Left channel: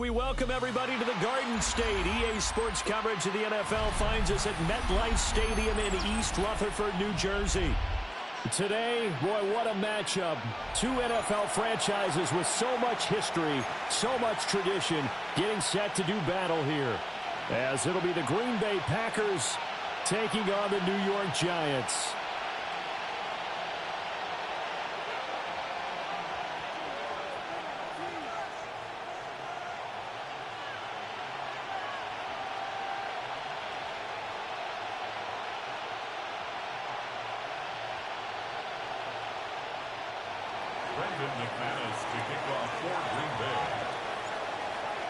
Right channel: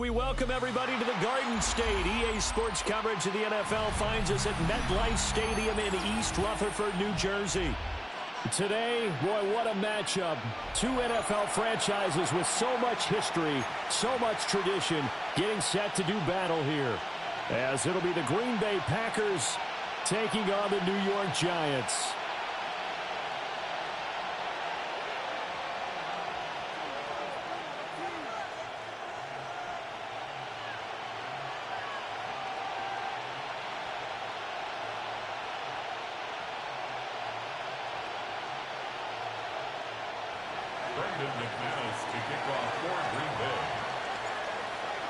We welcome everybody to the Garden State. EA Sports coverage of the NFL finds us at MetLife Stadium in East Rutherford, New Jersey. Today, boy, what a matchup. Two NFL franchises with so much history, so much tradition, getting set to do battle here. As it'll be the Green Bay Packers taking on the New York Giants.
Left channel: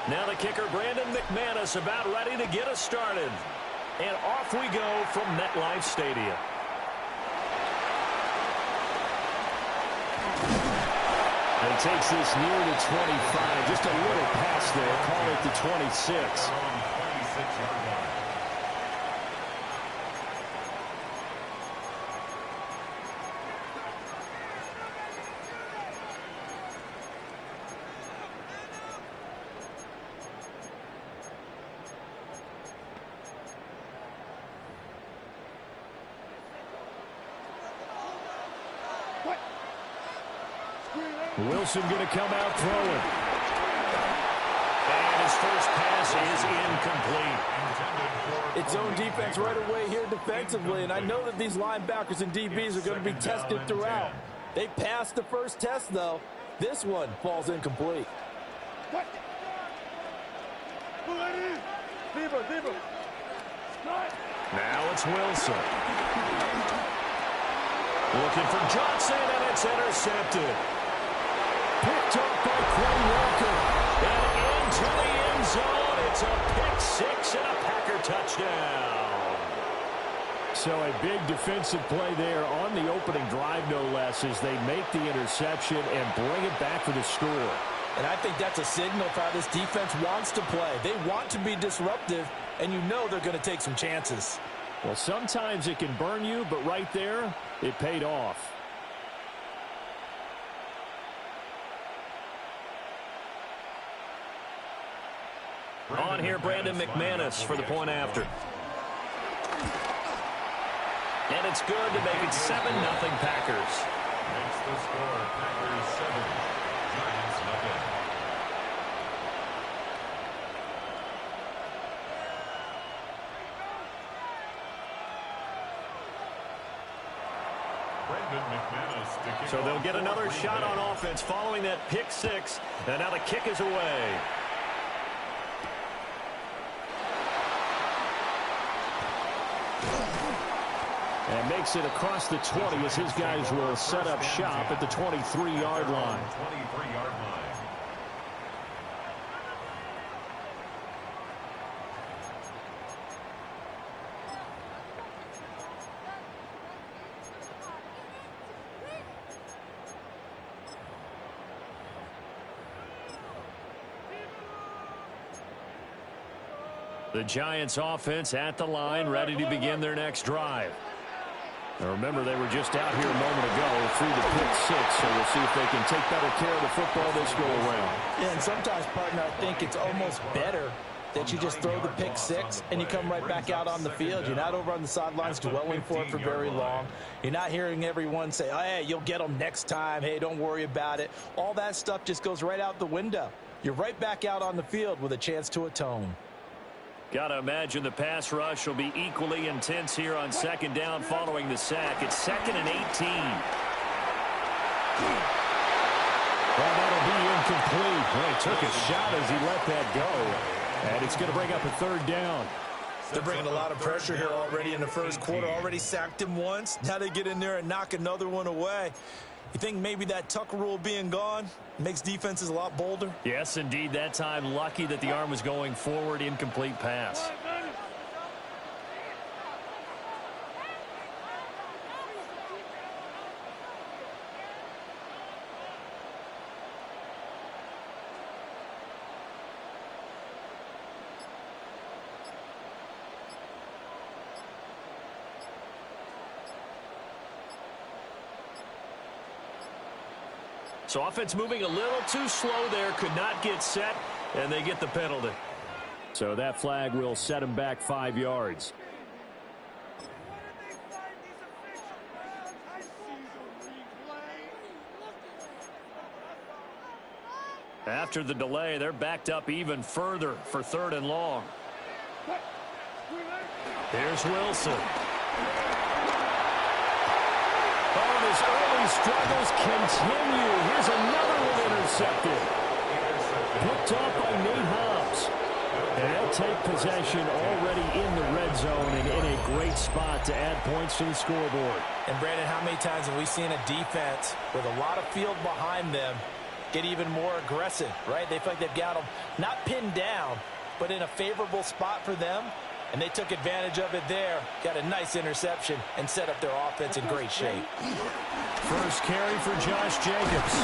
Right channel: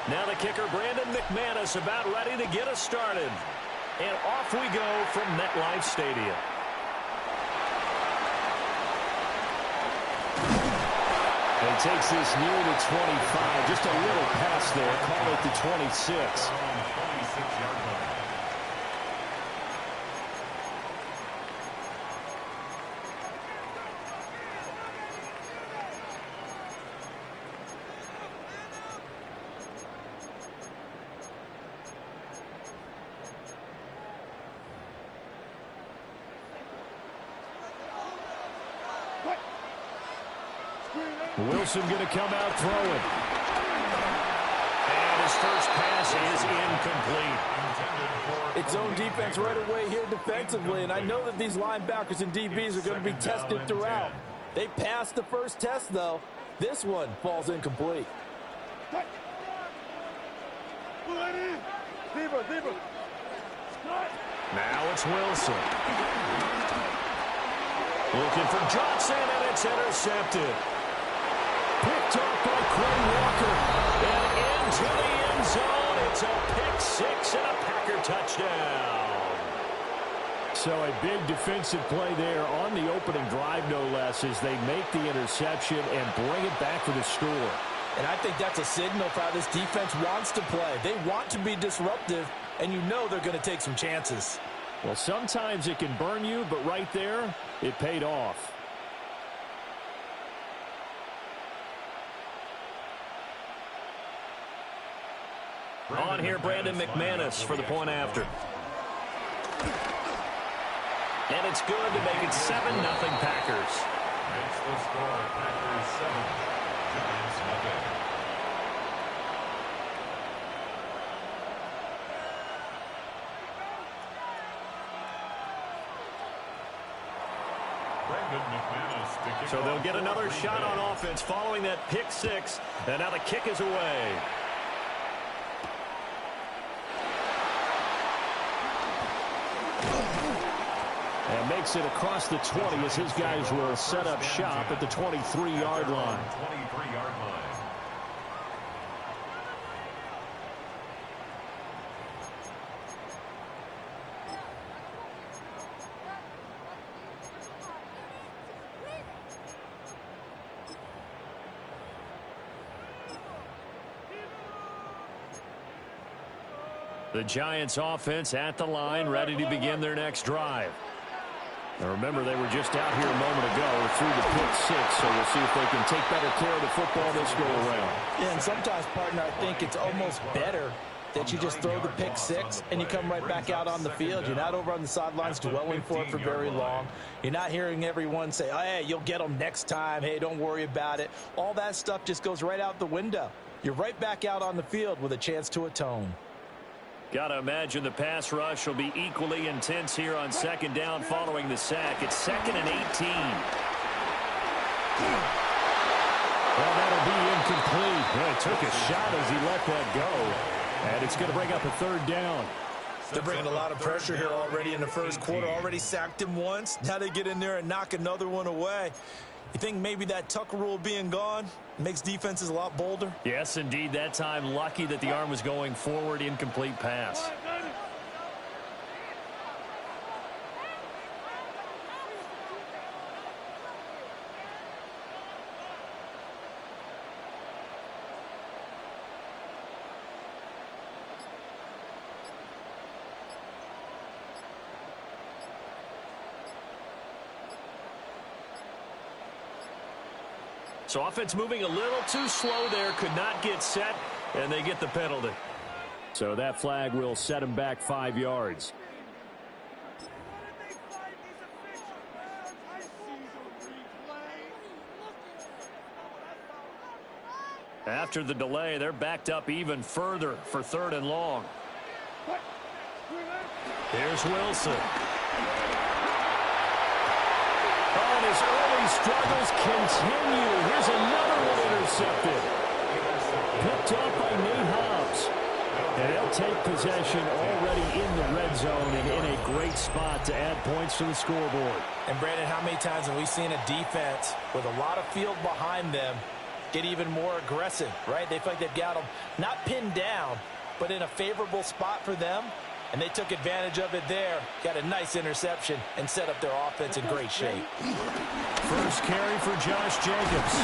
Now the kicker, Brandon McManus, about ready to get us started. And off we go from MetLife Stadium. And takes this near the 25. Just a little pass there. Call it the 26. 26-yard line. Wilson going to come out throwing. And his first pass is incomplete. It's zone defense right away here defensively, and I know that these linebackers and DBs are going to be tested throughout. They passed the first test, though. This one falls incomplete. Now it's Wilson. Looking for Johnson, and it's intercepted. Picked off by Quay Walker. And into the end zone. It's a pick six and a Packer touchdown. So a big defensive play there on the opening drive, no less, as they make the interception and bring it back for the score. And I think that's a signal for how this defense wants to play. They want to be disruptive, and you know they're going to take some chances. Well, sometimes it can burn you, but right there, it paid off. On here, Brandon McManus for the point after. And it's good to make it 7-0 Packers. Makes the score Packers 7, Giants 0. So they'll get another shot on offense following that pick six. And now the kick is away. And makes it across the 20 as his guys will set up shop at the 23-yard line. 23-yard line. The Giants offense at the line, ready to begin their next drive. Now remember, they were just out here a moment ago through the pick six, so we'll see if they can take better care of the football this go around. Yeah, and sometimes, partner, I think it's almost better that you just throw the pick six and you come right back out on the field. You're not over on the sidelines dwelling for it for very long. You're not hearing everyone say, oh, hey, you'll get them next time. Hey, don't worry about it. All that stuff just goes right out the window. You're right back out on the field with a chance to atone. Got to imagine the pass rush will be equally intense here on second down following the sack. It's 2nd and 18. Well, that'll be incomplete. Well, he took a shot as he let that go. And it's going to bring up a third down. They're bringing a lot of pressure here already in the first quarter. Already sacked him once. Now they get in there and knock another one away. You think maybe that Tucker rule being gone makes defenses a lot bolder? Yes, indeed. That time, lucky that the arm was going forward. Incomplete pass. So offense moving a little too slow there. Could not get set. And they get the penalty. So that flag will set him back 5 yards. After the delay, they're backed up even further for 3rd and long. Here's Wilson. Oh, and his early struggles continue. Here's another one intercepted. Picked off by Nate Hobbs. And they'll take possession already in the red zone and in a great spot to add points to the scoreboard. And, Brandon, how many times have we seen a defense with a lot of field behind them get even more aggressive, right? They feel like they've got them not pinned down, but in a favorable spot for them. And they took advantage of it there. Got a nice interception and set up their offense in great shape. First carry for Josh Jacobs.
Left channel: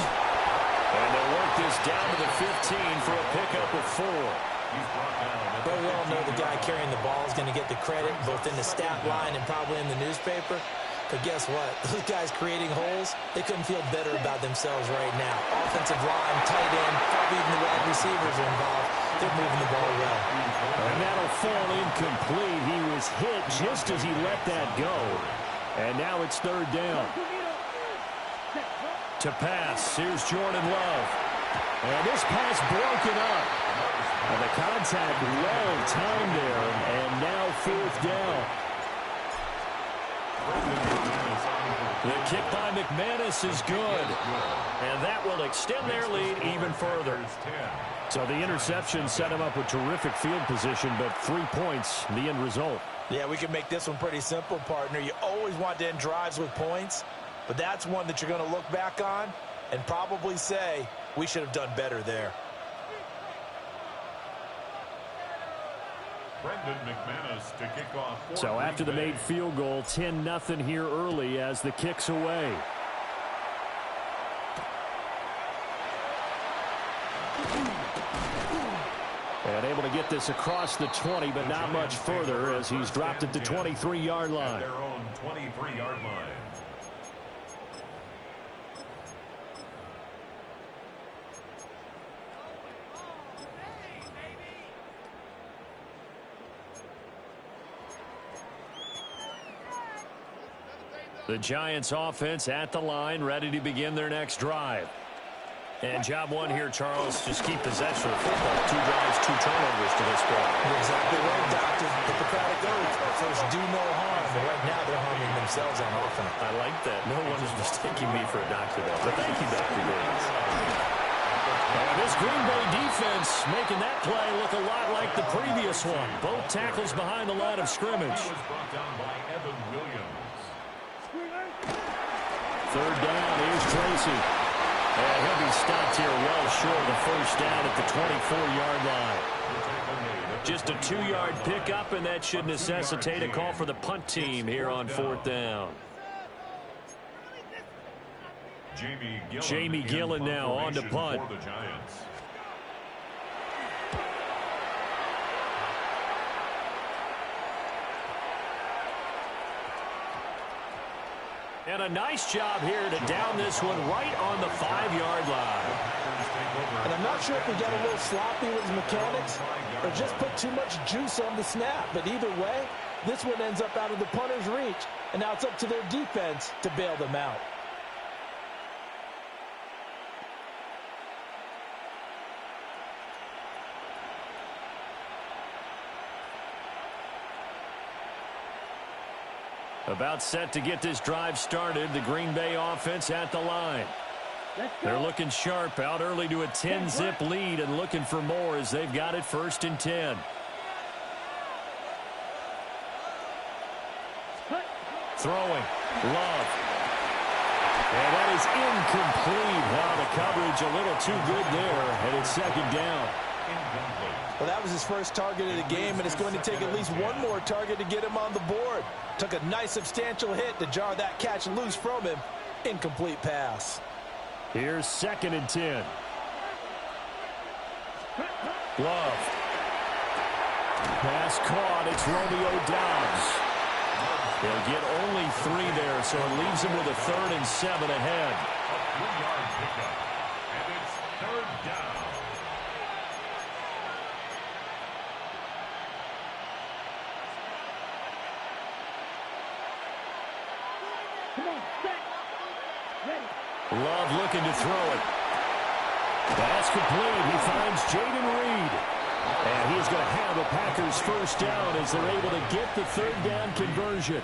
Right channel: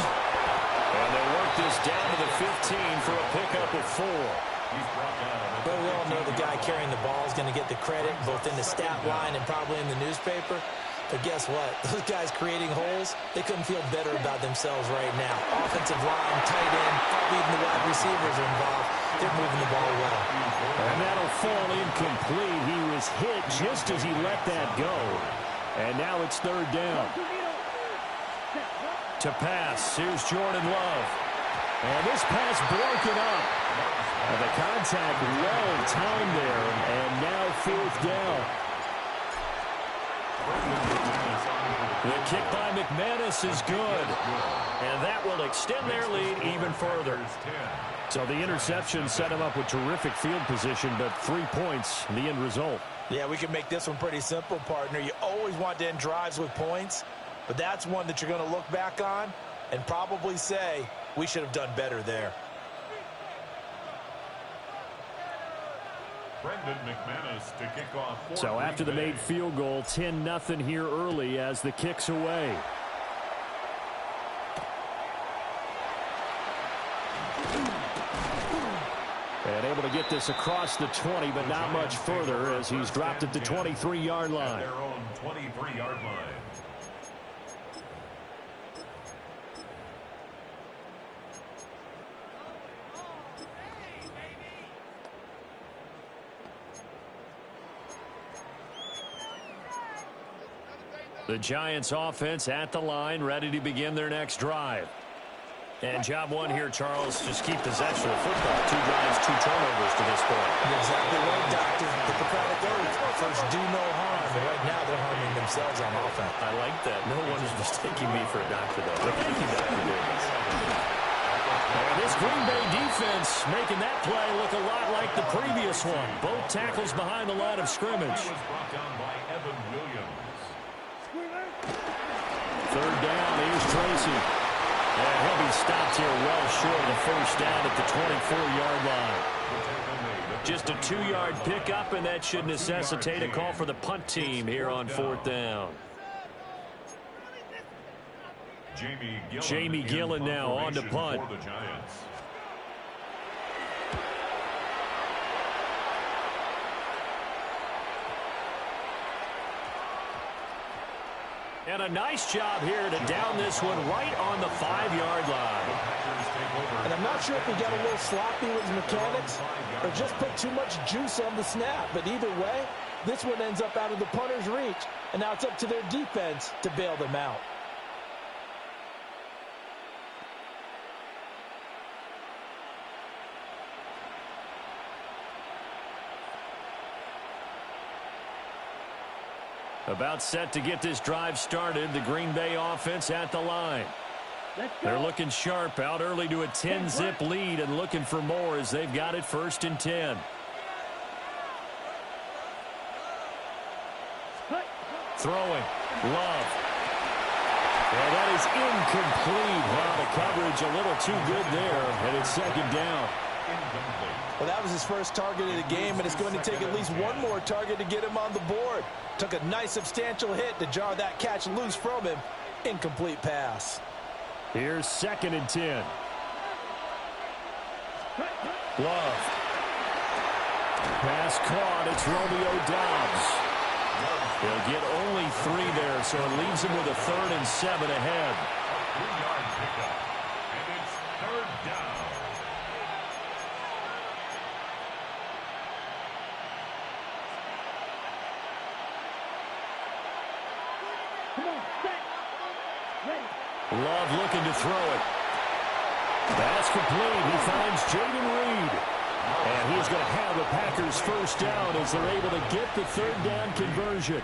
And they'll work this down to the 15 for a pickup of 4. But we all know the guy carrying the ball is going to get the credit both in the stat line and probably in the newspaper. But guess what? Those guys creating holes, they couldn't feel better about themselves right now. Offensive line, tight end, probably even the wide receivers are involved. They're moving the ball well. And that'll fall incomplete. He was hit just as he let that go. And now it's 3rd down. To pass, here's Jordan Love. And this pass broken up. And the contact well timed there. And now 4th down. The kick by McManus is good. And that will extend their lead even further. So the interception set him up with terrific field position, but 3 points, the end result. Yeah, we can make this one pretty simple, partner. You always want to end drives with points, but that's one that you're going to look back on and probably say, we should have done better there. Brendan McManus to kick off. So after the made field goal, 10-0 here early as the kick's away. And able to get this across the 20, but not much further as he's dropped at the 23-yard line. Their own 23-yard line. The Giants offense at the line, ready to begin their next drive. And job one here, Charles, just keep possession of the football. 2 drives, 2 turnovers to this point. You're exactly right, Doctor. Hippocratic oath. First, do no harm. And right now, they're harming themselves on offense. I like that. No one is mistaking me for a doctor, though. But thank you, Dr. Davis. And this Green Bay defense making that play look a lot like the previous one. Both tackles behind the line of scrimmage. Was brought down by Evan Williams. 3rd down, here's Tracy. And he'll be stopped here well short of the first down at the 24-yard line. Just a 2-yard pickup, and that should necessitate a call for the punt team here on 4th down. Jamie Gillen now on to punt. For the Giants. And a nice job here to down this one right on the 5-yard line. And I'm not sure if he got a little sloppy with his mechanics or just put too much juice on the snap. But either way, this one ends up out of the punter's reach. And now it's up to their defense to bail them out. About set to get this drive started. The Green Bay offense at the line. They're looking sharp, out early to a 10-zip lead and looking for more as they've got it 1st and 10. Throwing. Love. And that is incomplete. Wow, the coverage a little too good there, and it's 2nd down. Well, that was his first target of the game, and it's going to take at least one more target to get him on the board. Took a nice substantial hit to jar that catch loose from him. Incomplete pass. Here's 2nd and 10. Love. Pass caught. It's Romeo Doubs. He'll get only 3 there, so it leaves him with a 3rd and 7 ahead. A 3-yard pickup, and it's 3rd down. Love looking to throw it. That's complete. He finds Jaden Reed. And he's going to have a Packers first down as they're able to get the third down conversion.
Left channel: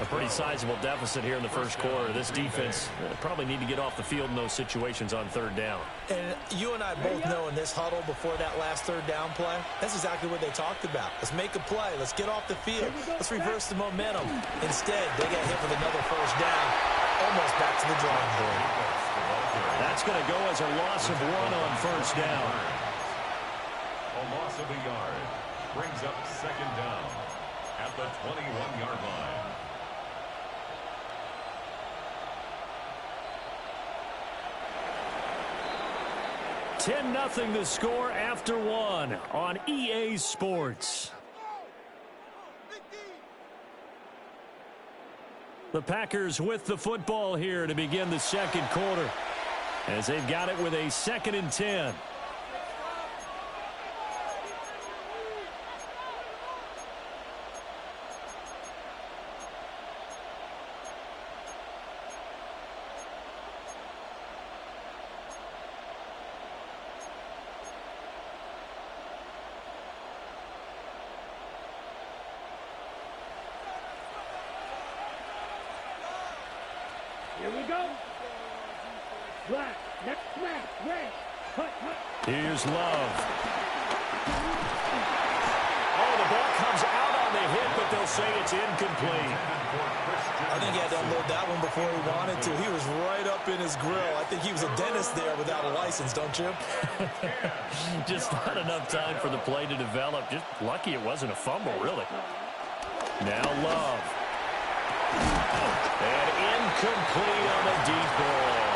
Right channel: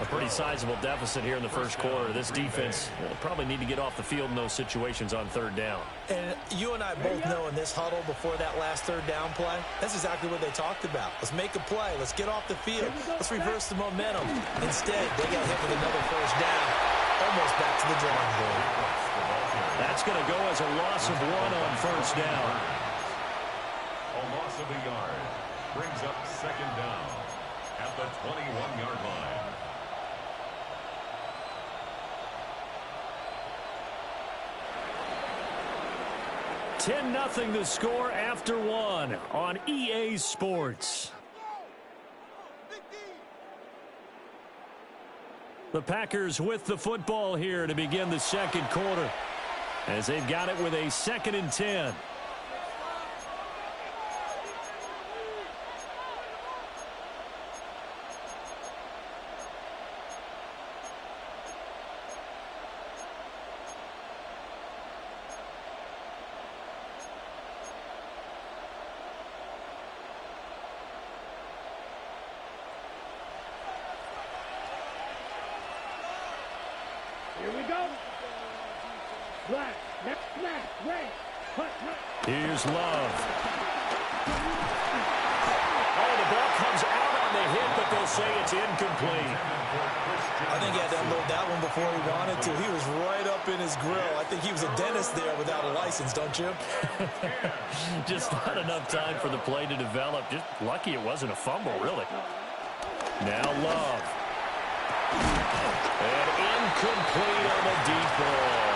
A pretty sizable deficit here in the first quarter. This defense probably need to get off the field in those situations on third down. And you and I both know in this huddle before that last third down play, that's exactly what they talked about. Let's make a play. Let's get off the field. Let's reverse the momentum. Instead, they got hit with another first down, almost back to the drawing board. That's going to go as a loss of 1 on first down. A loss of a yard brings up second down at the 21-yard line. $10-0 the score after 1 on EA Sports. The Packers with the football here to begin the second quarter, as they've got it with a 2nd and 10. Here we go. Black, red, hut. Here's Love. Oh, the ball comes out on the hit, but they'll say it's incomplete. I think he had to unload that one before he wanted to. He was right up in his grill. I think he was a dentist there without a license, don't you? Just not enough time for the play to develop. Just lucky it wasn't a fumble, really. Now Love. And incomplete on the deep ball.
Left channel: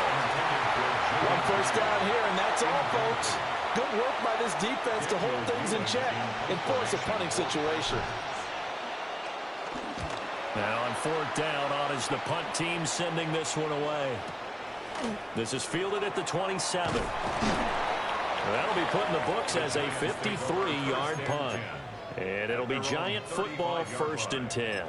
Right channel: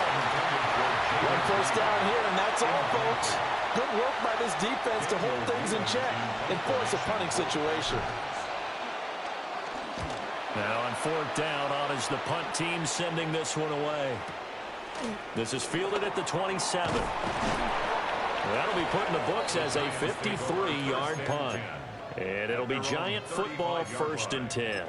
1 first down here, and that's all, folks. Good work by this defense to hold things in check and force a punting situation. Now on 4th down, on is the punt team sending this one away. This is fielded at the 27. That'll be put in the books as a 53-yard punt. And it'll be Giant football 1st and 10.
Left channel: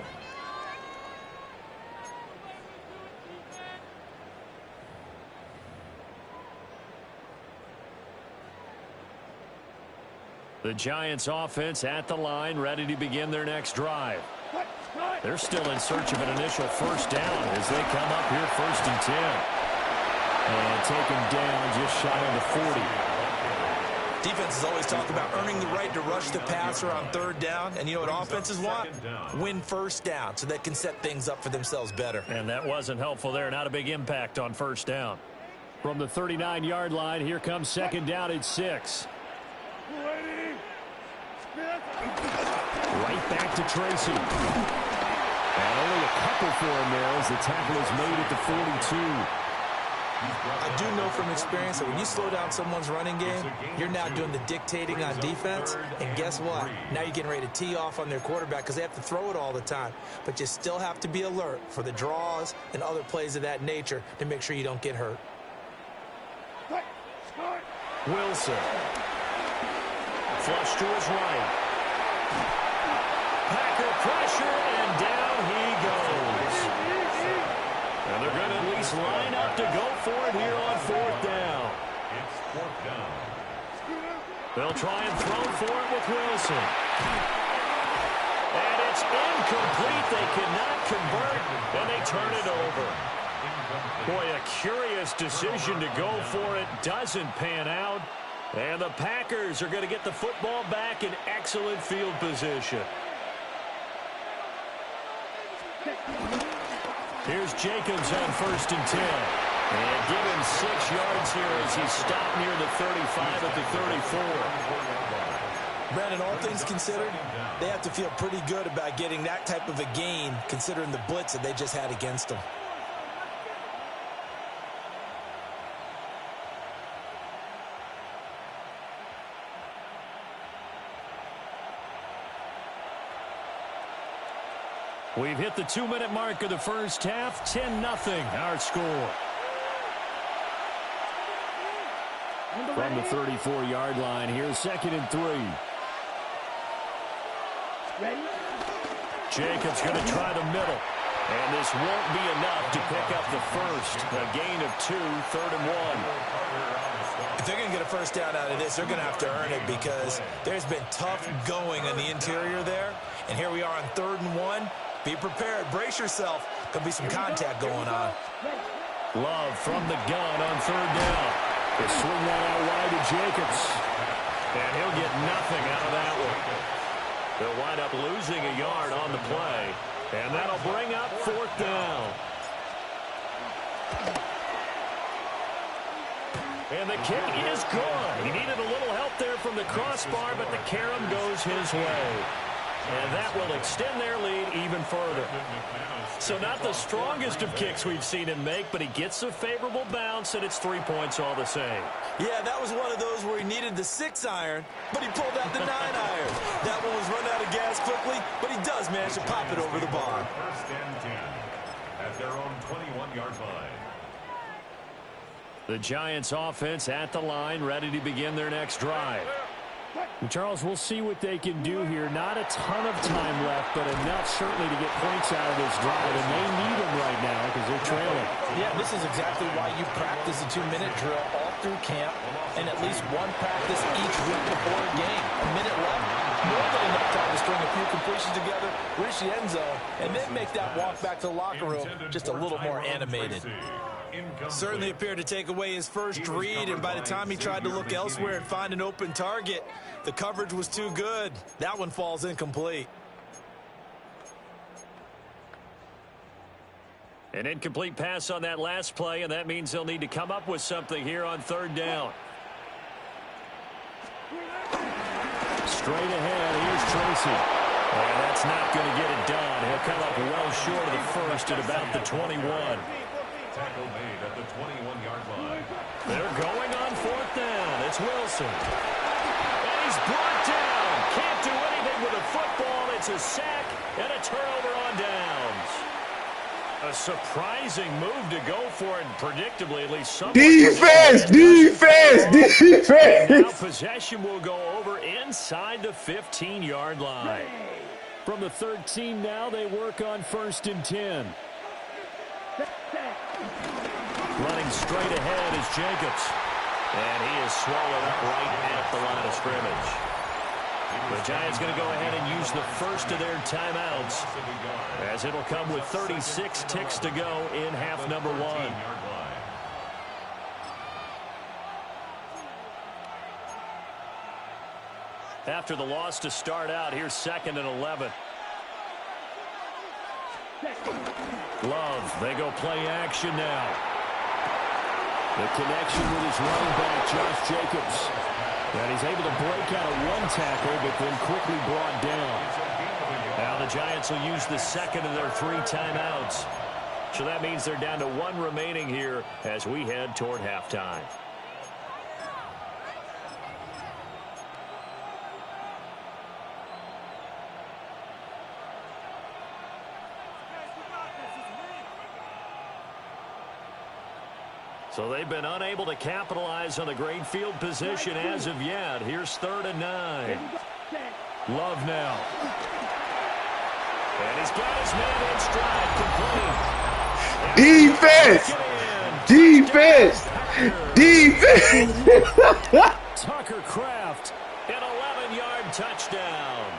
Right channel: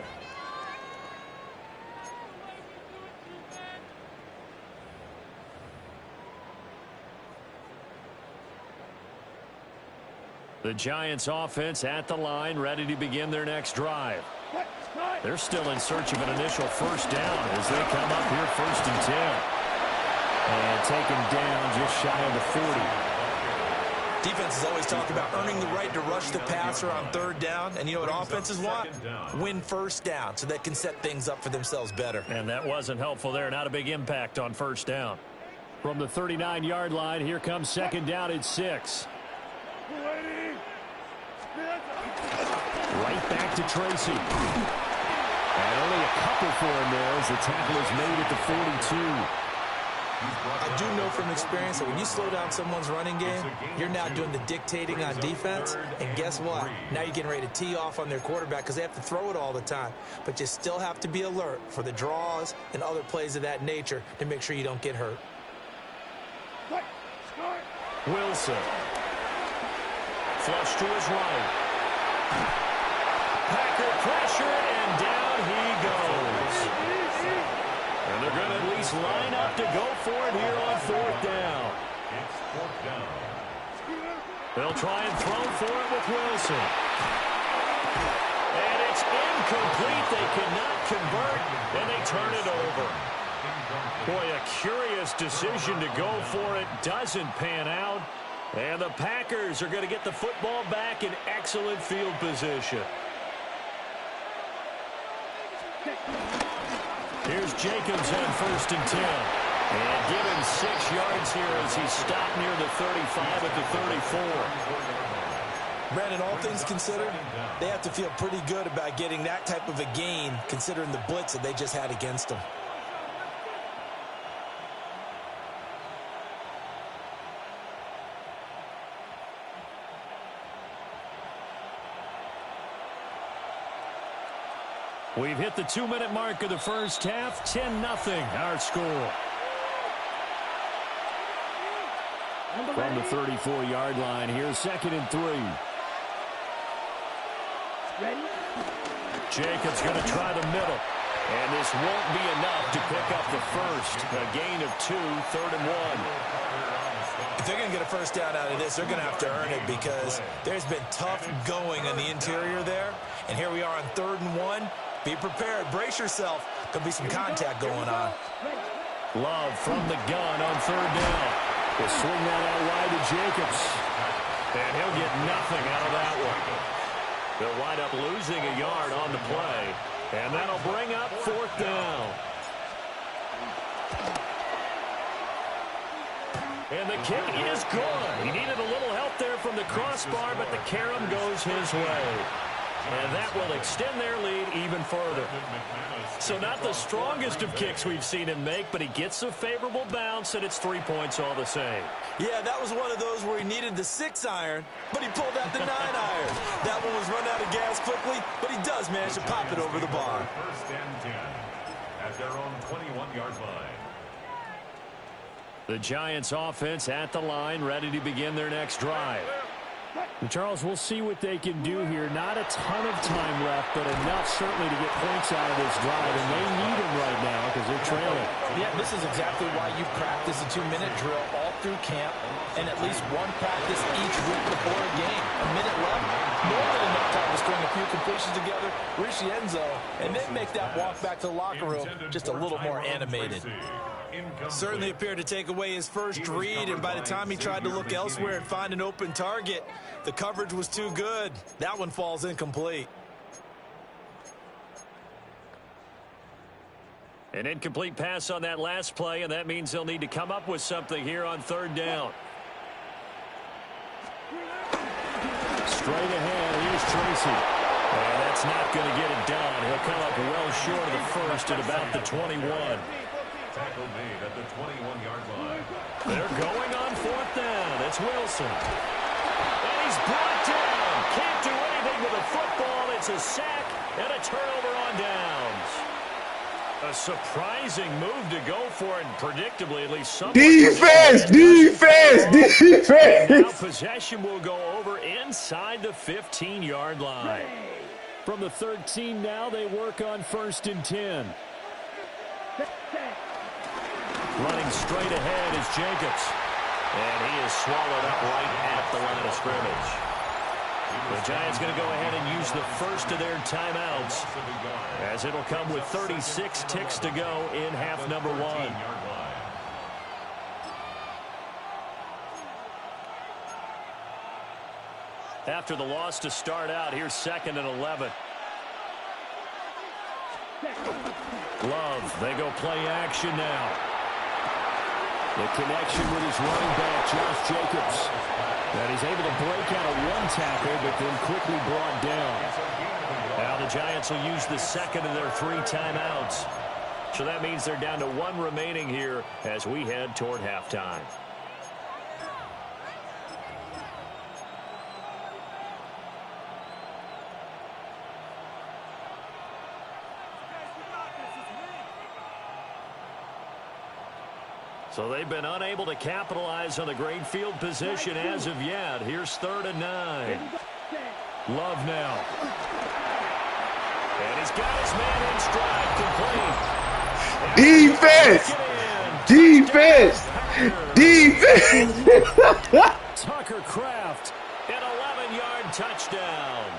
The Giants offense at the line, ready to begin their next drive. They're still in search of an initial first down as they come up here 1st and 10. And taken down just shy of the 40. Defenses always talk about earning the right to rush the passer on 3rd down. And you know what offenses want? Win first down so they can set things up for themselves better. And that wasn't helpful there. Not a big impact on 1st down. From the 39-yard line, here comes 2nd down at 6. Right back to Tracy. And only a couple for him there as the tackle is made at the 42. I do know from experience that when you slow down someone's running game, you're now doing the dictating on defense. And guess what? Now you're getting ready to tee off on their quarterback because they have to throw it all the time. But you still have to be alert for the draws and other plays of that nature to make sure you don't get hurt. Wilson. Flush to his right. Packer pressure, and down he goes. And they're going to at least line up to go for it here on 4th down. It's 4th down. They'll try and throw for it with Wilson. And it's incomplete. They cannot convert, and they turn it over. Boy, a curious decision to go for it. Doesn't pan out. And the Packers are going to get the football back in excellent field position. Here's Jacobs on 1st and 10. And given 6 yards here as he stopped near the 35 at the 34. Brandon, all things considered, they have to feel pretty good about getting that type of a gain considering the blitz that they just had against them. We've hit the 2-minute mark of the first half. 10-0 our score. From the 34-yard line, here's 2nd and 3. Ready? Jacobs going to try the middle. And this won't be enough to pick up the first. A gain of 2, 3rd and 1. If they're going to get a first down out of this, they're going to have to earn it because there's been tough going on the interior there. And here we are on 3rd and 1. Be prepared. Brace yourself. Could be some contact going on. Love from the gun on 3rd down. He'll swing that out wide to Jacobs. And he'll get nothing out of that one. They'll wind up losing a yard on the play. And that'll bring up 4th down. And the kick is good. He needed a little help there from the crossbar, but the carom goes his way. And that will extend their lead even further. So not the strongest of kicks we've seen him make, but he gets a favorable bounce, and it's 3 points all the same. Yeah, that was one of those where he needed the 6-iron, but he pulled out the 9-iron. That one was run out of gas quickly, but he does manage to pop it over the bar. 1st and 10 at their own 21-yard line. The Giants offense at the line, ready to begin their next drive. Charles, we'll see what they can do here. Not a ton of time left, but enough certainly to get points out of this drive, and they need them right now because they're trailing. Yeah, this is exactly why you practice a 2-minute drill all through camp and at least one practice each week before a game. A minute left, more than enough time to string a few completions together, reach the end zone, and then make that walk back to the locker room just a little more animated. Certainly appeared to take away his first read, and by the time he tried to look elsewhere and find an open target, the coverage was too good. That one falls incomplete. An incomplete pass on that last play, and that means they'll need to come up with something here on 3rd down. Straight ahead, here's Tracy. And that's not going to get it done. He'll come up well short of the first at about the 21. Tackle made at the 21-yard line. They're going on 4th down. It's Wilson. And he's brought down. Can't do anything with a football. It's a sack and a turnover on downs. A surprising move to go for it, and predictably, at least some defense. And now possession will go over inside the 15-yard line. From the 13 now, they work on 1st and 10. Running straight ahead is Jacobs. And he is swallowed up right at the line of scrimmage. The Giants going to go ahead and use the first of their timeouts, as it'll come with 36 ticks to go in half number 1. After the loss to start out, here's 2nd and 11. Love, they go play action now. The connection with his running back, Josh Jacobs. And he's able to break out of one tackle, but then quickly brought down. Now the Giants will use the 2nd of their 3 timeouts. So that means they're down to 1 remaining here as we head toward halftime. So they've been unable to capitalize on the great field position as of yet. Here's 3rd and 9. Love now. And he's got his man in stride, complete. Defense! Tucker Kraft, an 11-yard touchdown.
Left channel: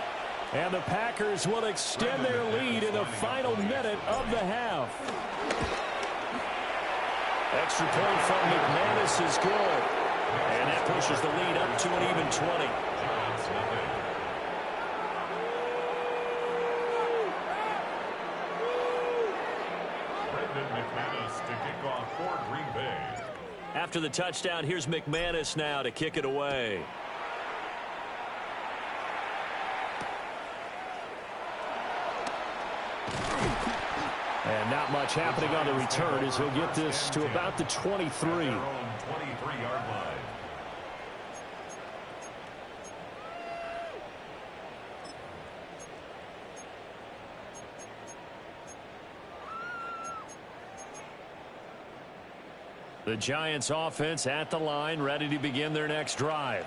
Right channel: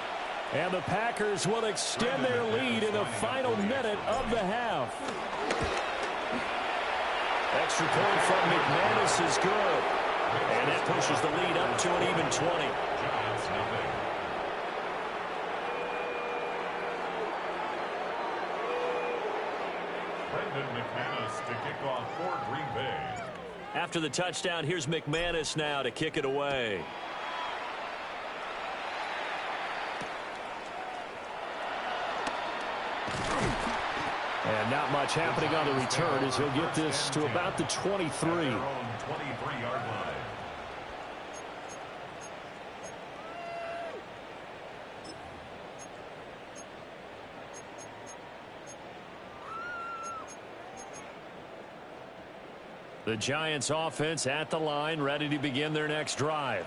And the Packers will extend their lead in the final minute of the half. Extra point from McManus is good. And that pushes the lead up to an even 20. Giants nothing. Brendan McManus to kick off for Green Bay. After the touchdown, here's McManus now to kick it away. And not much happening on the return as he'll get this to about the 23. Their own 23-yard line. The Giants offense at the line, ready to begin their next drive.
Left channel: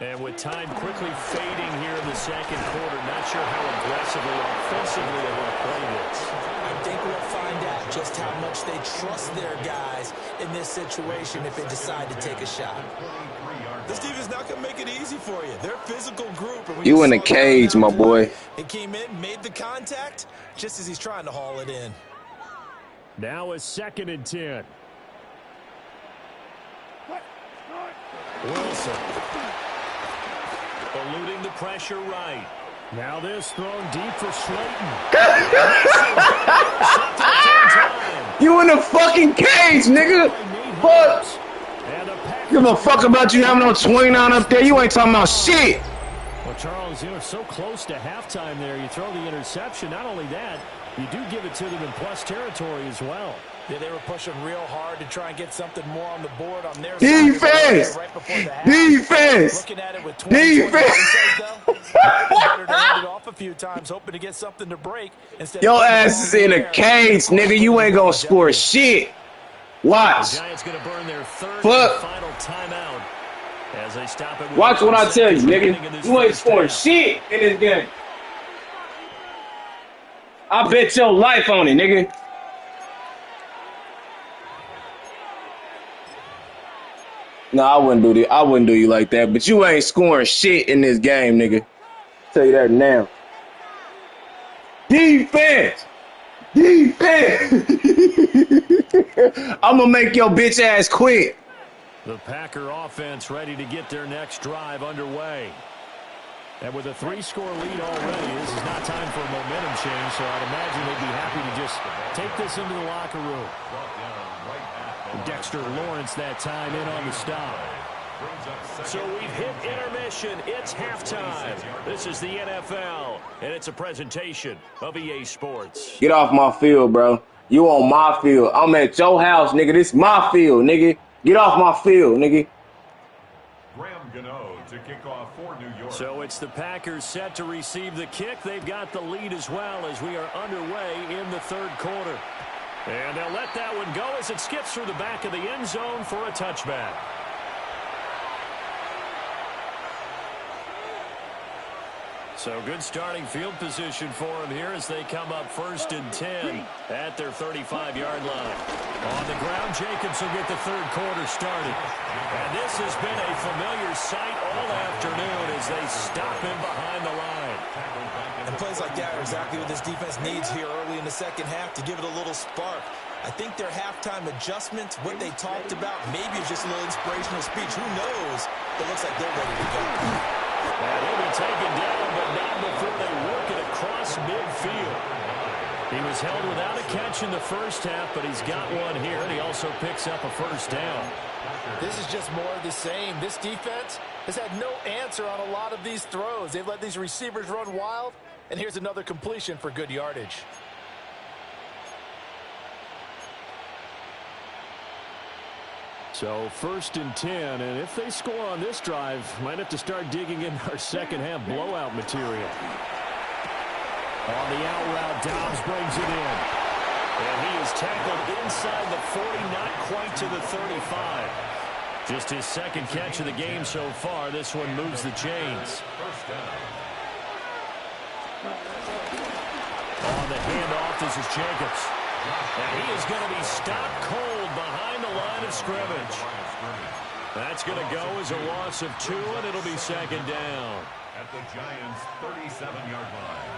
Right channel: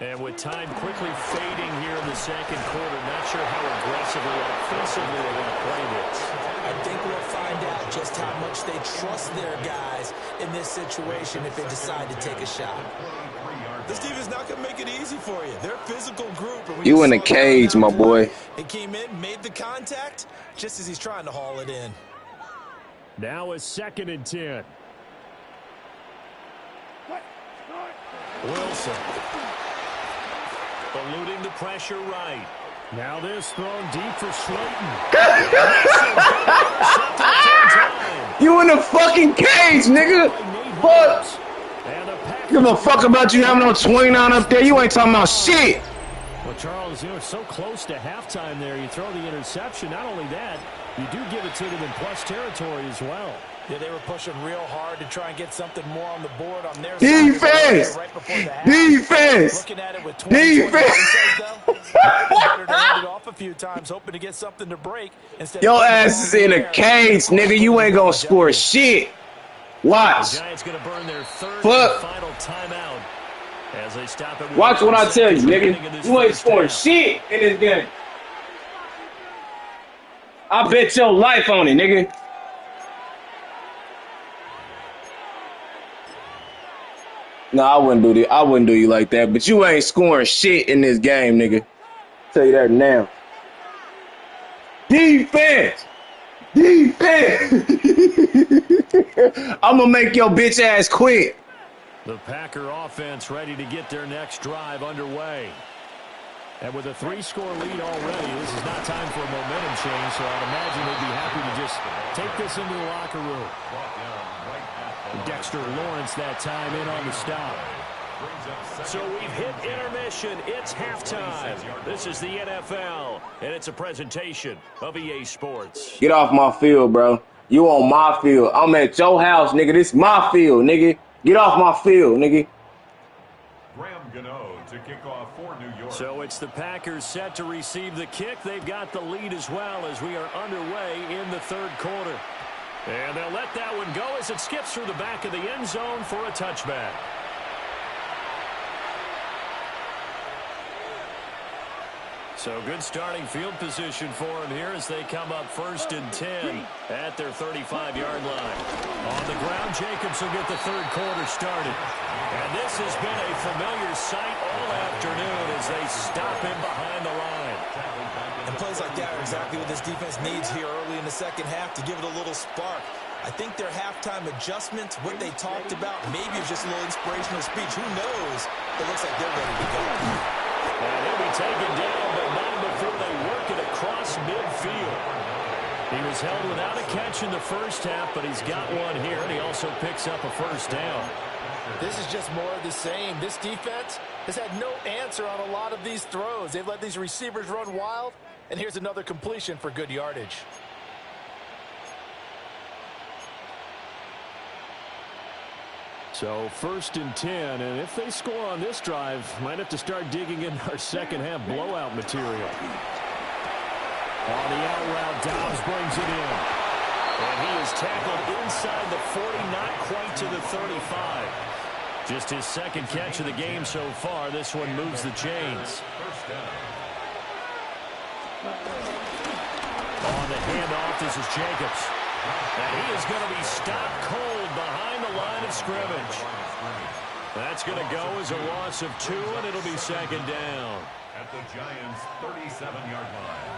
And with time quickly fading here in the second quarter, not sure how aggressively, offensively they want to play this. I think we'll find out just how much they trust their guys in this situation if they decide to take a shot. This team is not going to make it easy for you. They're a physical group. And you in the cage, my boy. He came in, made the contact, just as he's trying to haul it in. Now a 2nd and 10. Wilson. Eluding the pressure right. Now this thrown deep for Slayton. You in the fucking cage, nigga. Fuck. Give a fuck about you having no 29 up there. You ain't talking about shit. Well, Charles, you know, it's so close to halftime there. You throw the interception. Not only that, you do give it to them in plus territory as well. Yeah, they were pushing real hard to try and get something more on the board on their defense. Side right before the half. Defense. Looking at it with 20 defense. Though, better to hand it off a few times, hoping to get something to break. Your ass is in a cage, nigga. You ain't gonna score shit. Watch. The Giants gonna burn their 3rd and final timeout as they stop it. Watch what I tell you, nigga. You ain't scoring shit in this game. I bet your life on it, nigga. No, I wouldn't do that. I wouldn't do you like that. But you ain't scoring shit in this game, nigga. Tell you that now. Defense. Defense. I'm gonna make your bitch ass quit. The Packer offense ready to get their next drive underway. And with a 3-score lead already, this is not time for a momentum change, so I'd imagine they'd be happy to just take this into the locker room. Dexter Lawrence that time in on the stop. So we've hit intermission. It's halftime. This is the NFL, and it's a presentation of EA Sports. Get off my field, bro. You on my field. I'm at your house, nigga. This my field, nigga. Get off my field, nigga. To kick off for New York. So it's the Packers set to receive the kick. They've got the lead as well as we are underway in the 3rd quarter. And they'll let that one go as it skips through the back of the end zone for a touchback. So good starting field position for them here as they come up 1st and 10 at their 35-yard line. On the ground, Jacobs will get the 3rd quarter started. And this has been a familiar sight all afternoon as they stop him behind the line. And plays like that are exactly what this defense needs here early in the second half to give it a little spark. I think their halftime adjustments, what they talked about, maybe it's just a little inspirational speech. Who knows? It looks like they're ready to go. And he'll be taken down, but not before they work it across midfield. He was held without a catch in the first half, but he's got one here, and he also picks up a 1st down. This is just more of the same. This defense has had no answer on a lot of these throws. They've let these receivers run wild, and here's another completion for good yardage. So 1st and 10, and if they score on this drive, might have to start digging in our second half blowout material. On the out route, Dobbs brings it in. And he is tackled inside the 40, not quite to the 35. Just his 2nd catch of the game so far. This one moves the chains. On the handoff, this is Jacobs. And he is going to be stopped cold behind the line of scrimmage. That's going to go as a loss of 2, and it'll be 2nd down. At the Giants' 37-yard line.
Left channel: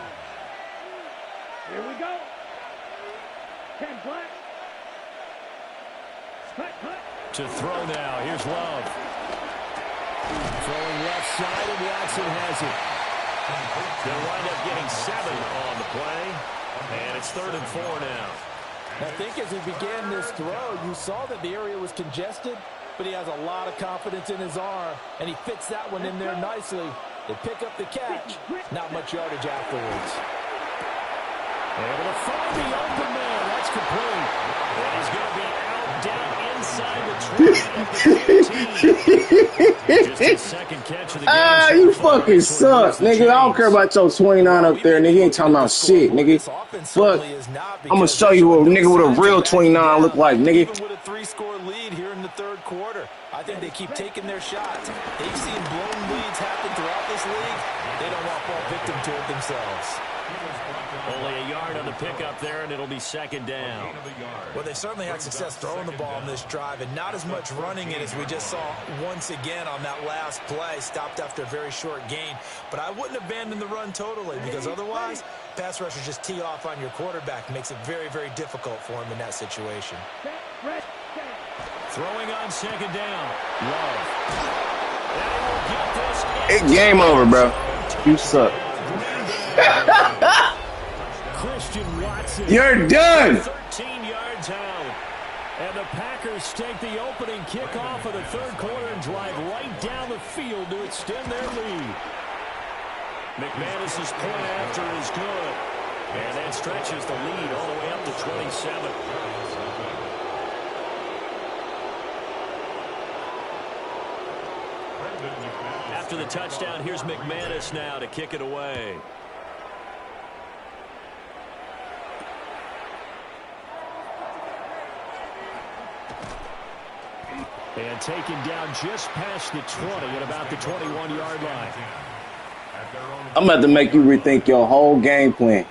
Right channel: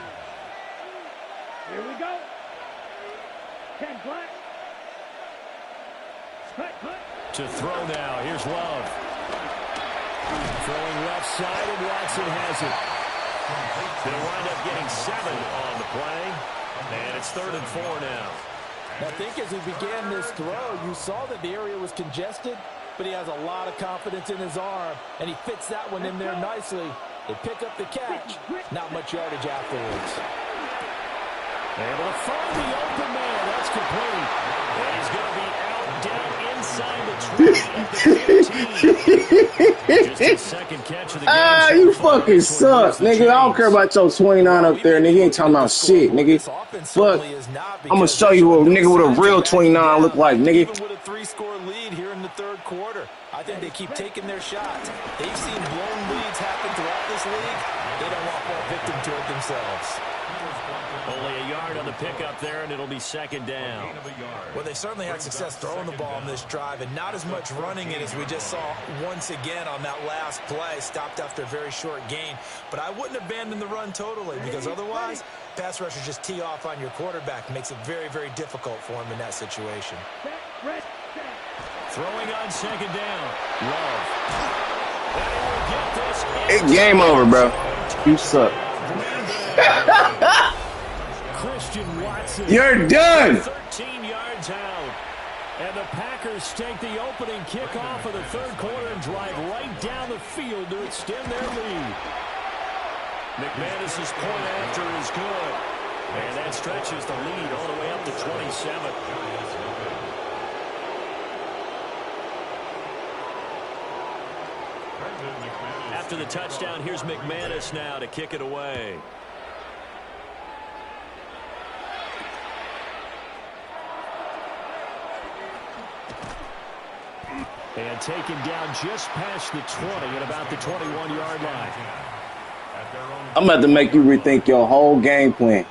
Here we go. 10 black. Cut. To throw now. Here's Love. Throwing left side, and Watson has it. They'll wind up getting 7 on the play. And it's 3rd and 4 now. I think as he began this throw, you saw that the area was congested, but he has a lot of confidence in his arm, and he fits that one in there nicely. They pick up the catch. Not much yardage afterwards. Able to find the open man. That's complete. And he's going to be out down inside the 20 at the 15. Just his 2nd catch of the game. You fucking suck, nigga. I don't care about your 29 up there, nigga. You ain't talking about shit, nigga. Fuck. I'm going to show you what a nigga with a real 29 look like, nigga. Even with a 3-score lead here in the 3rd quarter, I think they keep taking their shots. They've seen blown leads happen throughout this league. They don't want to fall victim to it themselves. Only a yard on the pickup there, and it'll be second down. Well, they certainly had success throwing the ball on this drive, and not as much running it as we just saw once again on that last play. Stopped after a very short gain. But I wouldn't abandon the run totally, because otherwise, pass rushers just tee off on your quarterback. Makes it very, very difficult for him in that situation. Throwing on second down. Love. And he will get this. It's game over, bro. You suck. Christian Watson. You're done. 13 yards out. And the Packers take the opening kickoff of the third quarter and drive right down the field to extend their lead. McManus's point after is good. And that stretches the lead all the way up to 27. After the touchdown, here's McManus now to kick it away. And taken down just past the 20 at about the 21-yard line. I'm about to make you rethink your whole game plan.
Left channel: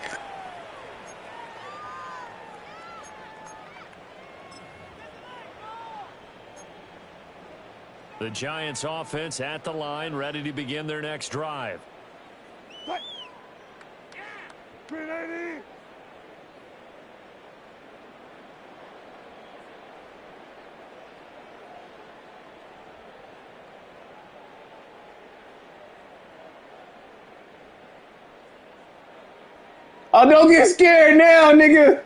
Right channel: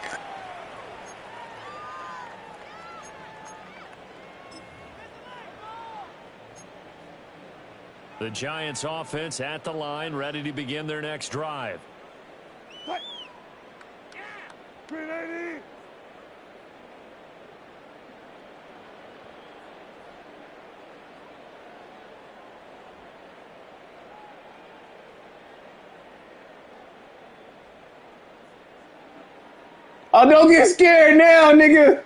The Giants offense at the line, ready to begin their next drive. 380. Oh, don't get scared now, nigga.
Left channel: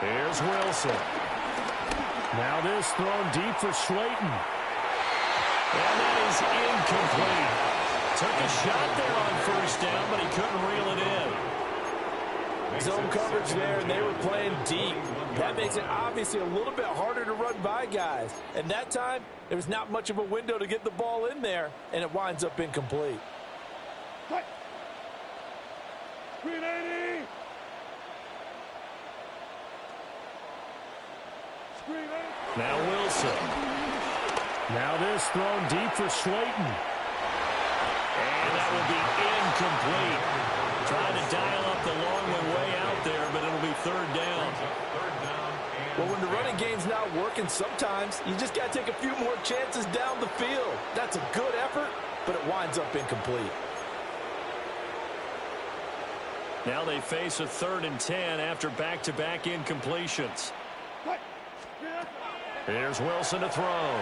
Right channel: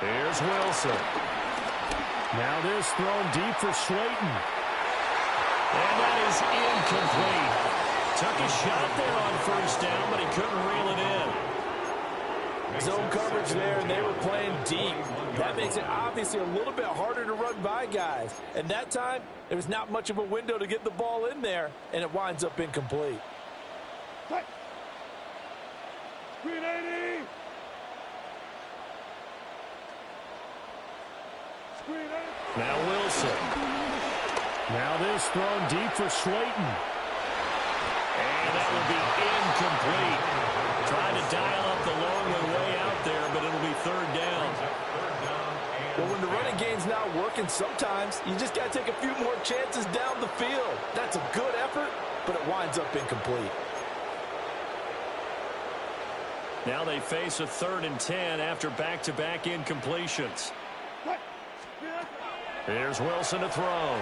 Here's Wilson. Now this thrown deep for Slayton. And that is incomplete. Took a shot there on first down, but he couldn't reel it in. Zone coverage there, and they were playing deep. That makes it obviously a little bit harder to run by guys. And that time, there was not much of a window to get the ball in there, and it winds up incomplete. 380. Now Wilson. Now this thrown deep for Slayton. And that will be incomplete. Trying to dial up the long one way out there, but it'll be third down. Well, when the running game's not working, sometimes you just got to take a few more chances down the field. That's a good effort, but it winds up incomplete. Now they face a 3rd and 10 after back-to-back incompletions. Here's Wilson to throw.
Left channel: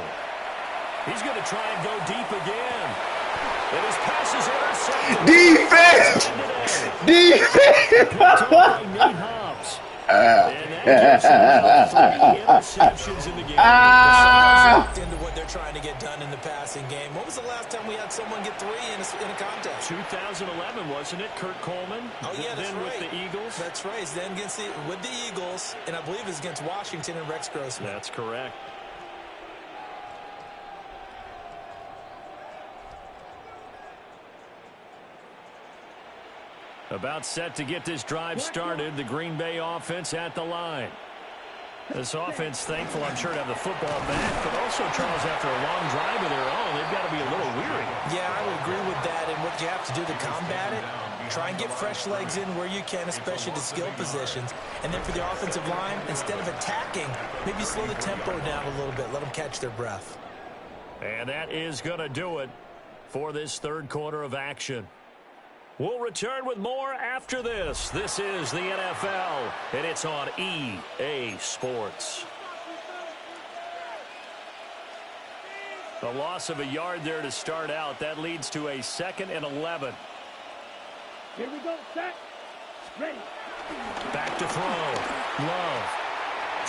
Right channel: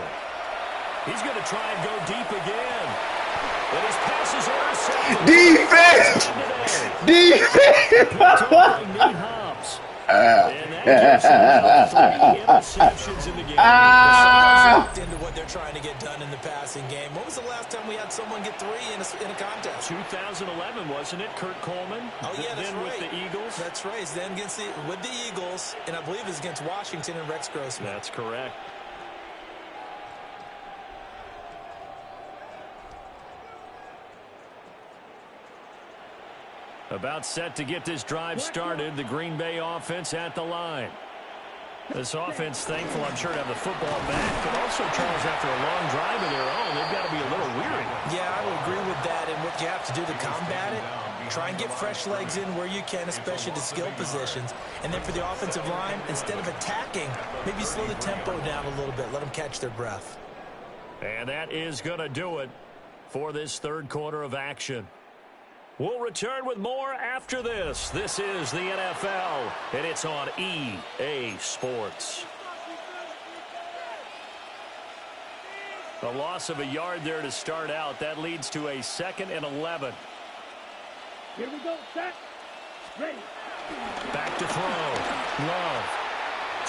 He's going to try and go deep again. And his pass is intercepted. Defense! Defense! And that gives him 3 interceptions in the game. Into what they're trying to get done in the passing game. When was the last time we had someone get 3 in a contest? 2011, wasn't it? Kurt Coleman. Oh yeah, that's then right. With the Eagles. That's right. Then against with the Eagles, and I believe it's against Washington and Rex Grossman. That's correct. About set to get this drive started, the Green Bay offense at the line. This offense, thankful, I'm sure, to have the football back, but also, Charles, after a long drive of their own, they've got to be a little weary. Yeah, I would agree with that, and what you have to do to combat it, try and get fresh legs in where you can, especially the skill positions. And then for the offensive line, instead of attacking, maybe slow the tempo down a little bit, let them catch their breath. And that is going to do it for this third quarter of action. We'll return with more after this. This is the NFL, and it's on EA Sports. The loss of a yard there to start out. That leads to a 2nd and 11. Here we go, set, ready. Back to throw. Love.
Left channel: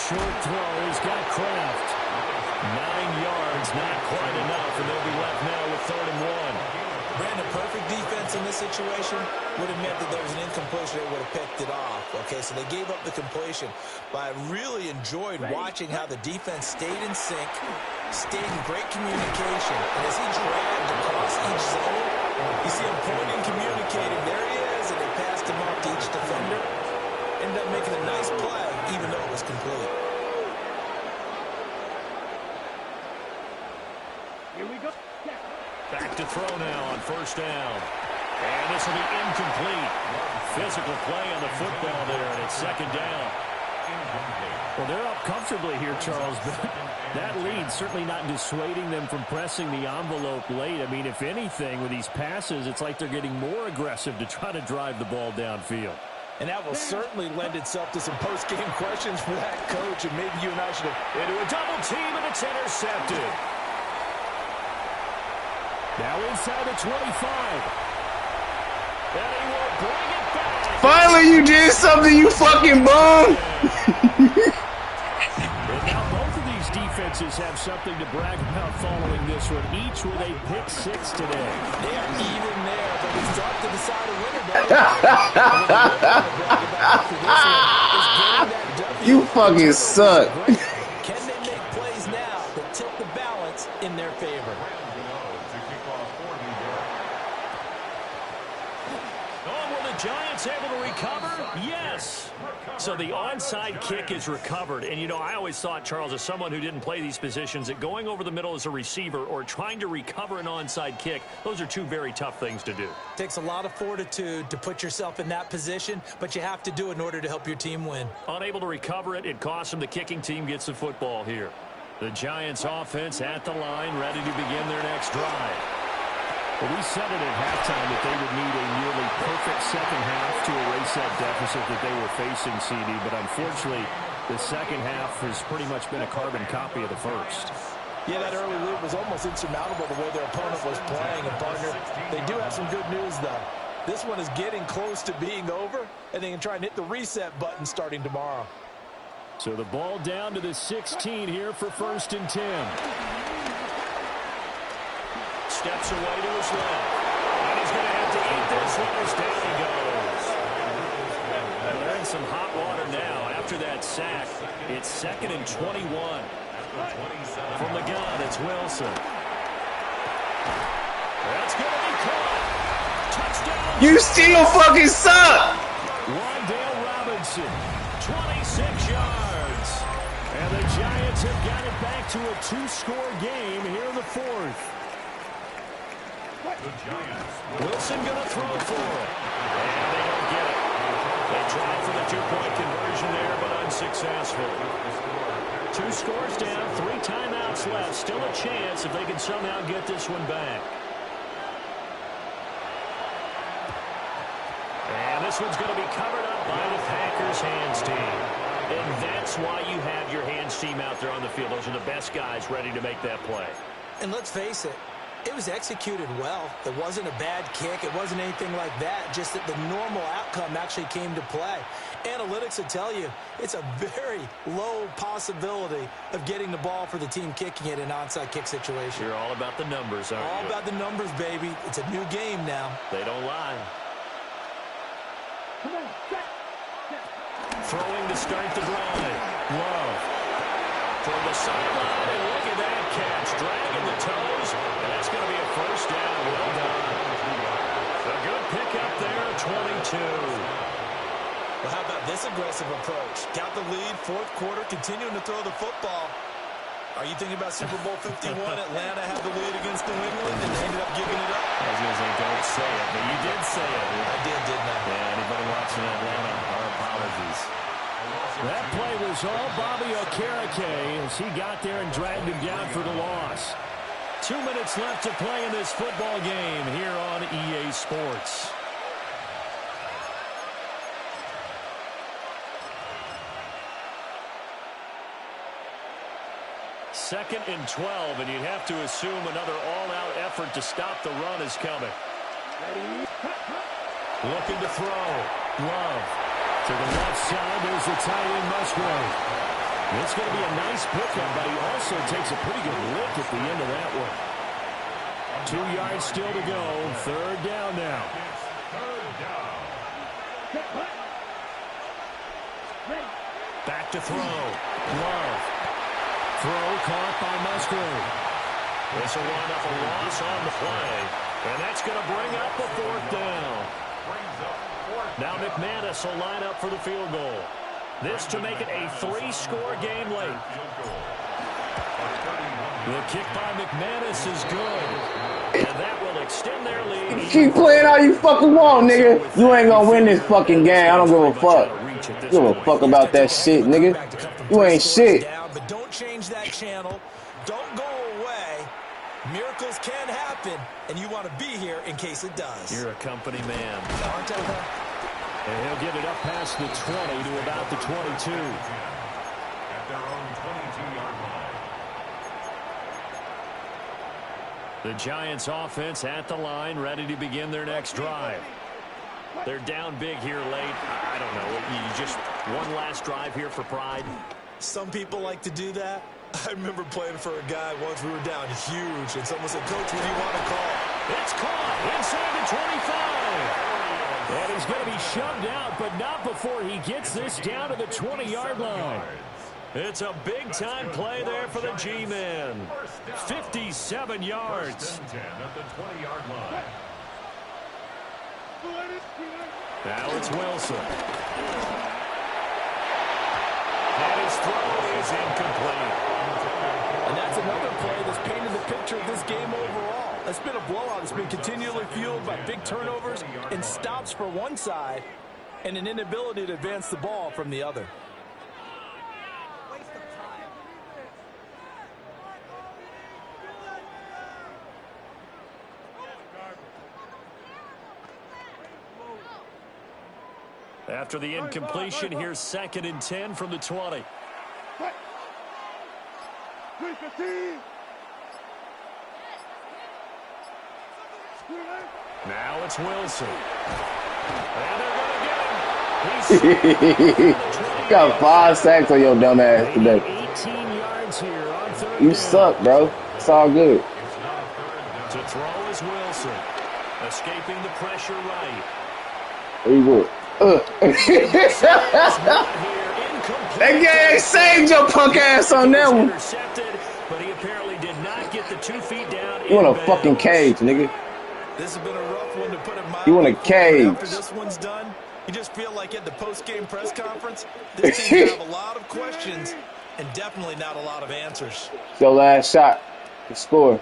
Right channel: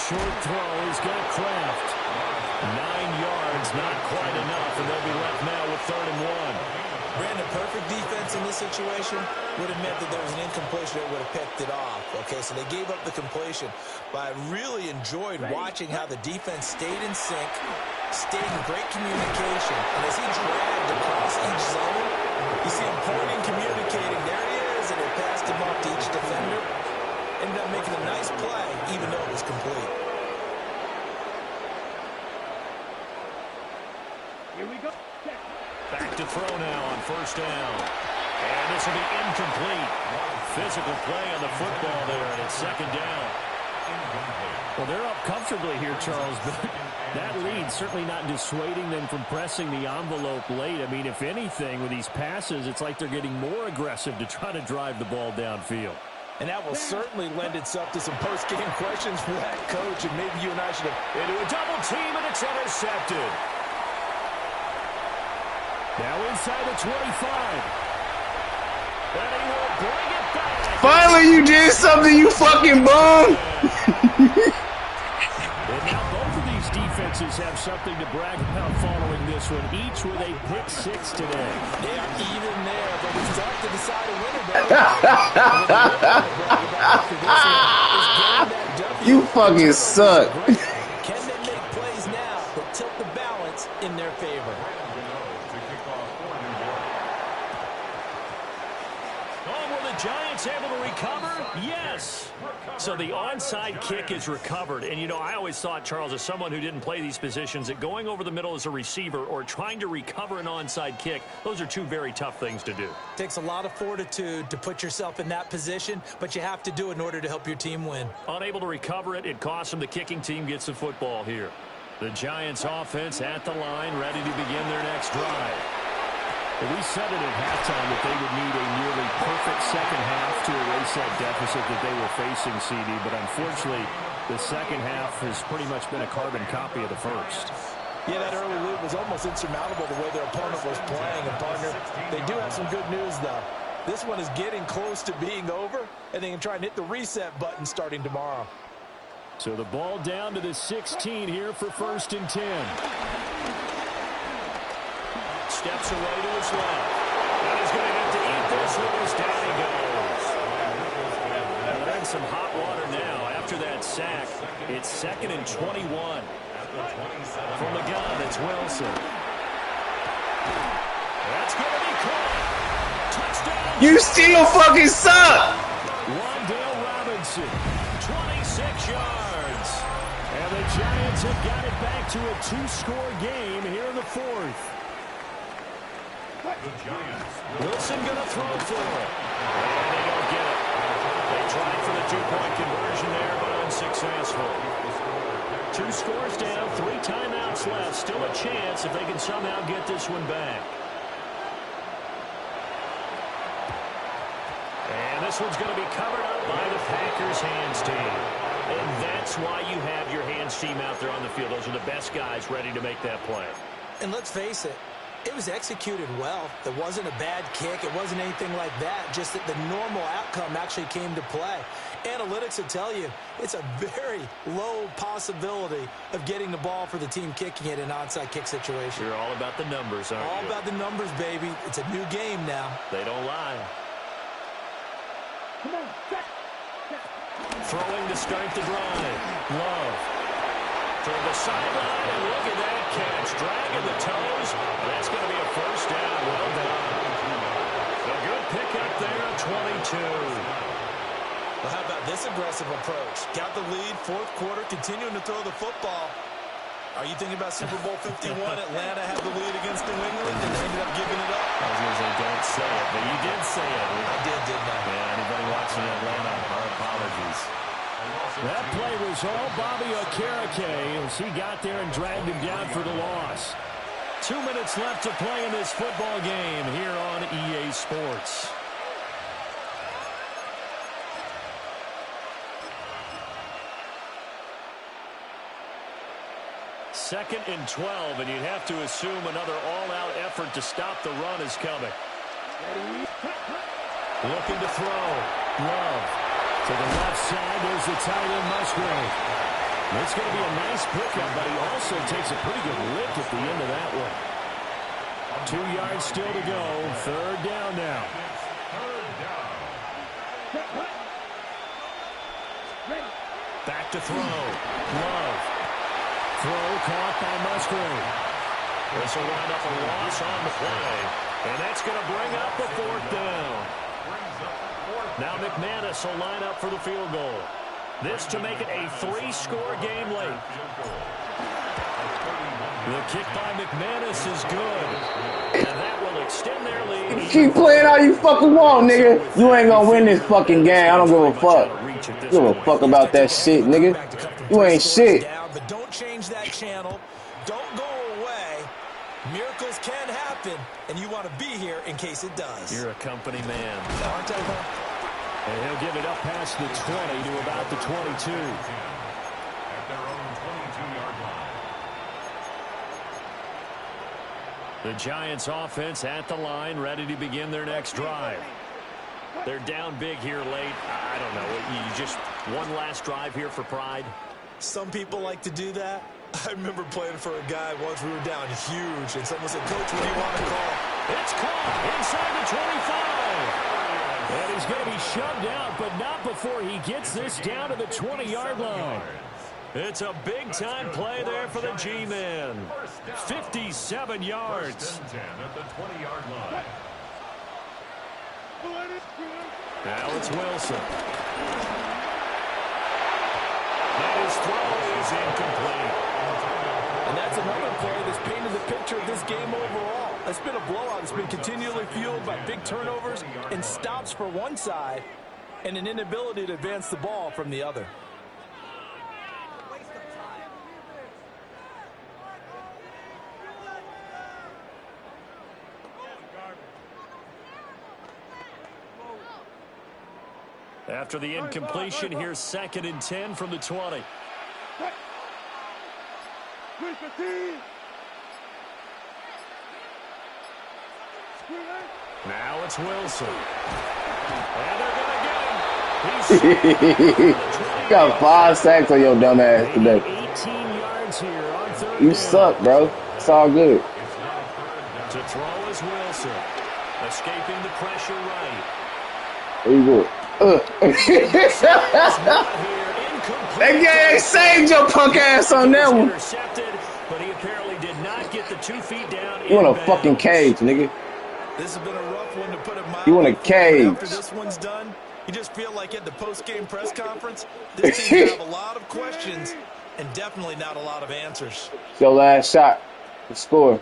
Short throw. He's got Kraft. 9 yards, not quite enough, and they'll be left now with 3rd and 1. Brandon, perfect defense in this situation would have meant that there was an incompletion that would have picked it off. Okay, so they gave up the completion. But I really enjoyed watching how the defense stayed in sync, stayed in great communication. And as he dragged across each zone, You see him pointing, communicating. There he is, and they passed him off to each defender. Ended up making a nice play, even though it was complete. Here we go. Back to throw now on first down. And this will be incomplete. Physical play on the football there, and it's second down. Well, they're up comfortably here, Charles, but that lead certainly not dissuading them from pressing the envelope late. I mean, if anything, with these passes, it's like they're getting more aggressive to try to drive the ball downfield. And that will certainly lend itself to some post-game questions for that coach, and maybe you and I should have... Into a double team, and it's intercepted. Now inside the 25. And he will bring it back. Finally, you did something, you fucking bum. And now both of these defenses have something to brag about following this one, each with a pick six today. They are even there, but it's tough to decide a winner, You fucking suck. Can they make plays now that tilt the balance in their favor? Giants able to recover? Yes. So the onside kick is recovered. And, you know, I always thought, Charles, as someone who didn't play these positions, that going over the middle as a receiver or trying to recover an onside kick, those are two very tough things to do. It takes a lot of fortitude to put yourself in that position, but you have to do it in order to help your team win. Unable to recover it, it costs them. The kicking team gets the football here. The Giants offense at the line, ready to begin their next drive. Well, we said it at halftime that they would need a nearly perfect second half to erase that deficit that they were facing, CD. But unfortunately, the second half has pretty much been a carbon copy of the first. Yeah, that early lead was almost insurmountable the way their opponent was playing. And, partner, they do have some good news, though. This one is getting close to being over, and they can try and hit the reset button starting tomorrow. So the ball down to the 16 here for 1st and 10. Steps away to his left. And he's going to have to eat this one as down he goes. Well, they're in some hot water now. After that sack, it's 2nd and 21. From the gun, it's Wilson. That's going to be caught. Touchdown. You still fucking suck. Wandale Robinson, 26 yards. And the Giants have got it back to a 2-score game here in the 4th. Wilson going to throw for it. And they don't get it. They tried for the 2-point conversion there, but unsuccessful. 2 scores down, 3 timeouts left. Still a chance if they can somehow get this one back. And this one's going to be covered up by the Packers hands team. And that's why you have your hands team out there on the field. Those are the best guys ready to make that play. And let's face it, it was executed well. It wasn't a bad kick. It wasn't anything like that. Just that the normal outcome actually came to play. Analytics will tell you it's a very low possibility of getting the ball for the team kicking it in an onside kick situation. You're all about the numbers, aren't you? All about the numbers, baby. It's a new game now. They don't lie. Come on, set. Throwing to start the drive. Love. Toward the sideline, and look at that catch. Dragging the toes, and that's going to be a 1st down. Well done. A good pickup there at 22. Well, how about this aggressive approach? Got the lead, 4th quarter, continuing to throw the football. Are you thinking about Super Bowl 51? Atlanta had the lead against New England, and they ended up giving it up. I was going to say, don't say it, but you did say it. I did, didn't I? Yeah, anybody watching Atlanta, our apologies. That play was all Bobby Okereke as he got there and dragged him down for the loss. 2 minutes left to play in this football game here on EA Sports. Second and 12, and you'd have to assume another all-out effort to stop the run is coming. Looking to throw. Love. To the left side, there's the tight end, Musgrave. It's going to be a nice pickup, but he also takes a pretty good lick at the end of that one. 2 yards still to go. 3rd down now. Back to throw. Love. Throw caught by Musgrave. This will wind up a loss on the play. And that's going to bring up the 4th down. Now McManus will line up for the field goal. This to make it a 3-score game late. The kick by McManus is good. And that will extend their lead. Keep playing all you fucking want, nigga. You ain't gonna win this fucking game. I don't give a fuck. Give a fuck about that shit, nigga. You ain't shit. But don't change that channel. Don't go away. Miracles can happen, and you want to be here in case it does. You're a company man. And he'll get it up past the 20 to about the 22. At their own 22-yard line. The Giants offense at the line, ready to begin their next drive. They're down big here late. I don't know. You just one last drive here for pride. Some people like to do that. I remember playing for a guy once. We were down huge, and someone said, "Coach, what do you want to call?" It's caught inside the 25. And he's going to be shoved out, but not before he gets this down to the 20-yard line. It's a big-time play there for the G-Man. 57 yards. At the 20-yard line. Now it's Wilson. And his throw is incomplete. And that's another play that's painted the picture of this game overall. It's been a blowout. It's been continually fueled by big turnovers and stops for one side and an inability to advance the ball from the other. After the incompletion, here's 2nd and 10 from the 20. Now it's Wilson. And they're going to get him. You got 5 sacks on your dumb ass today. 18 yards here on 3rd You down. suck, bro. It's all good. To throw is Wilson. Escaping the pressure right. There you go. That guy saved your punk ass on that one. But he apparently did not get the 2 feet down. You in a fucking cage, nigga. This has been a rough one to put it mildly. You in a cage. After this one's done, you just feel like at the post-game press conference, this team have a lot of questions and definitely not a lot of answers. Your last shot to score.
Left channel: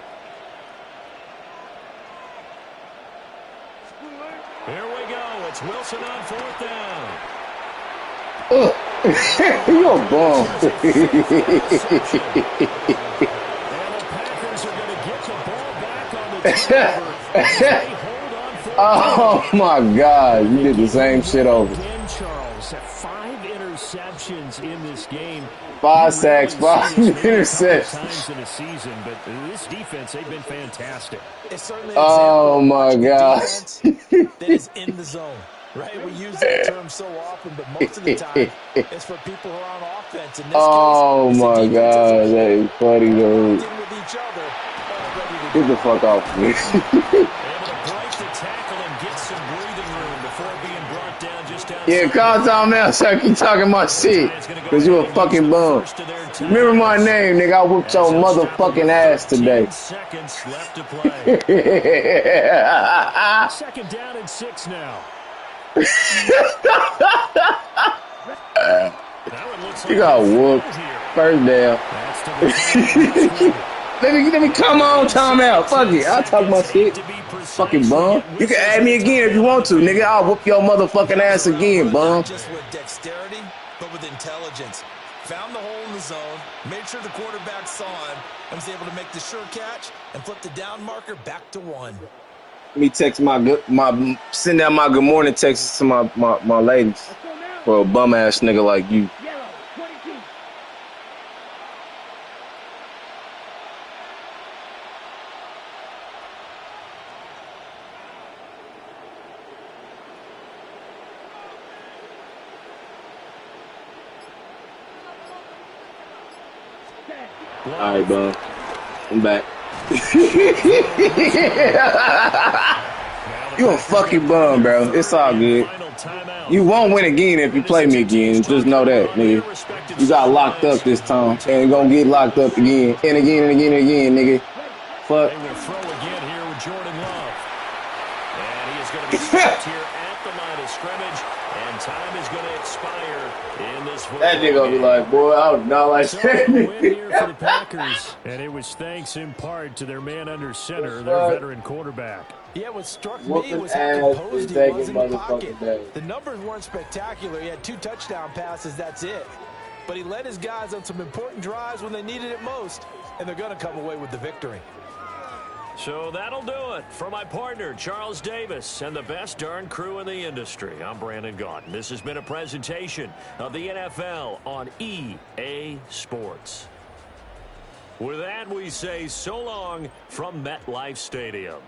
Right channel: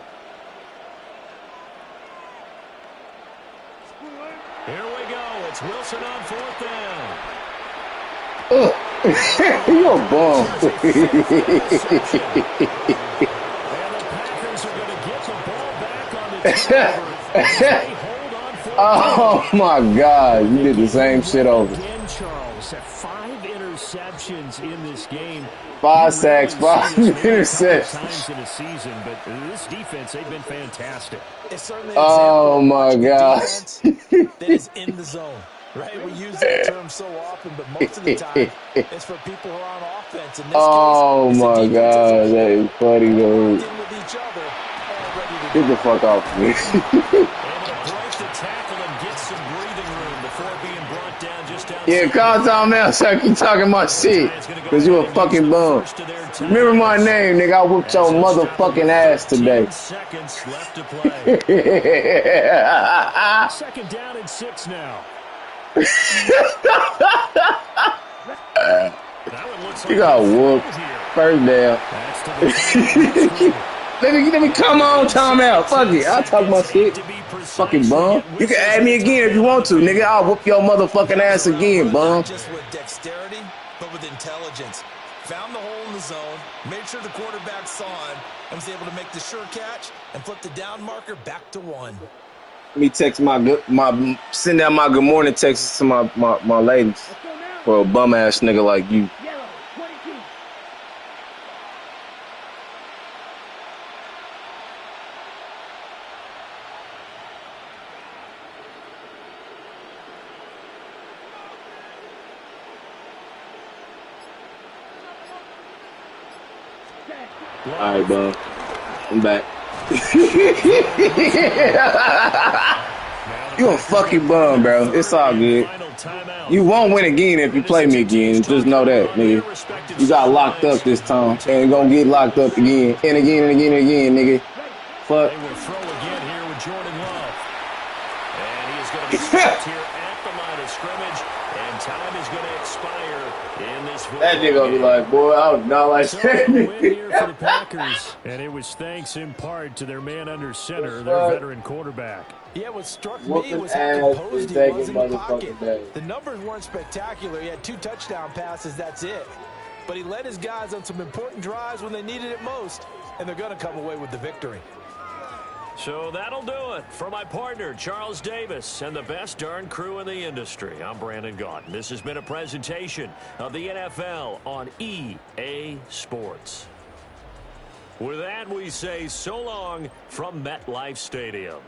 Here we go. It's Wilson on 4th down. You a bum. And the Packers are going to get the ball back on the turnover. They hold on for Oh my God, you did the same shit over. Again, Charles, 5 interceptions in this game. 5 sacks, 5 interceptions. Times in a season, but this defense, they've been fantastic. It's certainly Oh my God. That is in the zone, right? We use that term so often, but most of the time it's for people who are on offense. In this Oh case, my God, that is funny, dude. with each other, all ready to Get the fuck off me. Able to break the tackle and get some breathing room before being brought down just outside. Yeah, call timeout so I keep talking my shit. Cause you a fucking bum. Remember my name, nigga. I whooped your motherfucking ass today. 10 seconds left to play. 2nd down and 6 now. That one looks like You got a whooped. foul here. 1st down. That's to the Let me come on, timeout. Fuck it. I'll talk my shit. Fucking bum. You can add me again if you want to, nigga. I'll whoop your motherfucking ass again, bum. not just with dexterity, but with intelligence. Found the hole in the zone, made sure the quarterback saw him, and was able to make the sure catch and flip the down marker back to 1. Let me text send out my good morning texts to my ladies for a bum ass nigga like you. Yellow, 22. All right, bum. I'm back. You a fucking bum, bro. It's all good. You won't win again if you play me again. Just know that, nigga. You got locked up this time. And you're gonna get locked up again. And again and again and again, nigga. Fuck. They will throw again here with Jordan Love. is going to be stopped here at the line of scrimmage, and time is going to expire in this football That nigga gonna be like, boy, I was not like so that. a win here for the Packers, and it was thanks in part to their man under center, their veteran quarterback. Yeah, what struck me Whooping was how ass composed and he was in taking the pocket. motherfucking days. The numbers weren't spectacular. He had 2 touchdown passes, that's it. But he led his guys on some important drives when they needed it most, and they're going to come away with the victory. So that'll do it for my partner, Charles Davis, and the best darn crew in the industry. I'm Brandon Gaudin. This has been a presentation of the NFL on EA Sports. With that, we say so long from MetLife Stadium.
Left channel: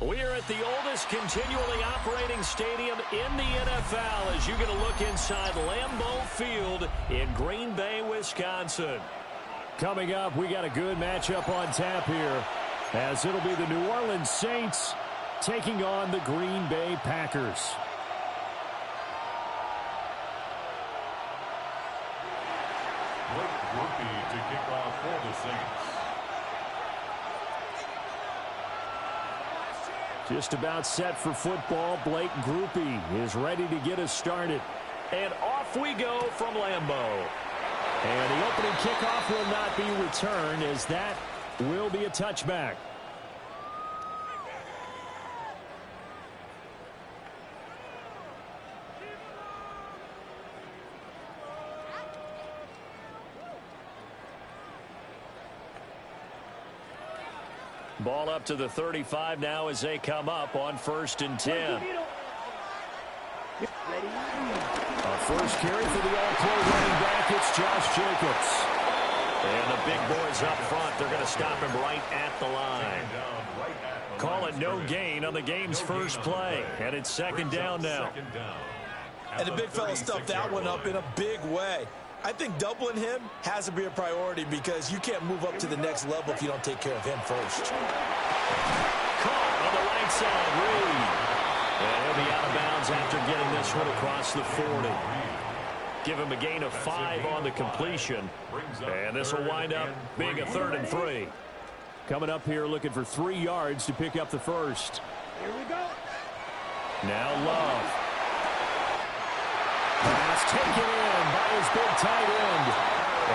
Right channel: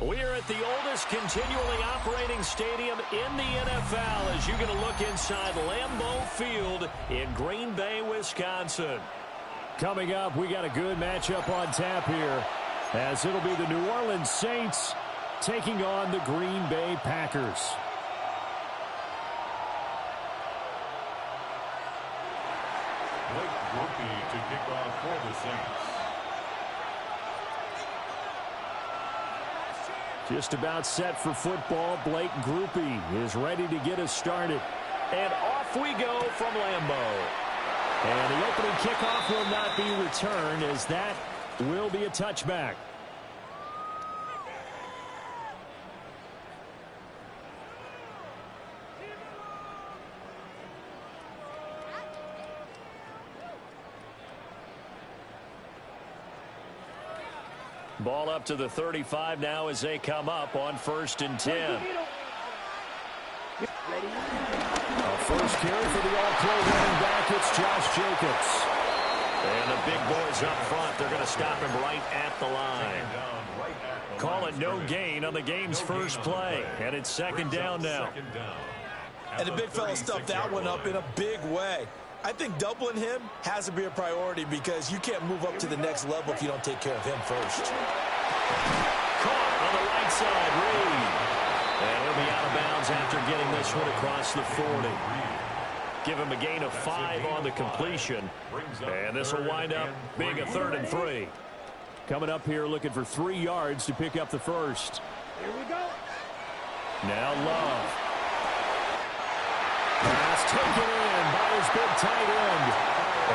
We're at the oldest continually operating stadium in the NFL as you get a look inside Lambeau Field in Green Bay, Wisconsin. Coming up, we got a good matchup on tap here as it'll be the New Orleans Saints taking on the Green Bay Packers. Blake Grupe to kick off for the Saints. Just about set for football. Blake Grupe is ready to get us started. And off we go from Lambeau. And the opening kickoff will not be returned as that will be a touchback. Ball up to the 35 now as they come up on 1st and 10. A first carry for the all-pro running back. It's Josh Jacobs. And the big boys up front, they're going to stop him right at the line. Call it no gain on the game's first play. And it's 2nd down now. And the big fella stuffed that one up in a big way. I think doubling him has to be a priority because you can't move up to the next level if you don't take care of him first. Caught on the right side, Reed. And he'll be out of bounds after getting this one across the 40. Give him a gain of 5 on the completion. And this will wind up being a 3rd and 3. Coming up here looking for 3 yards to pick up the first. Here we go. Now Love. Pass taken in by his big tight end.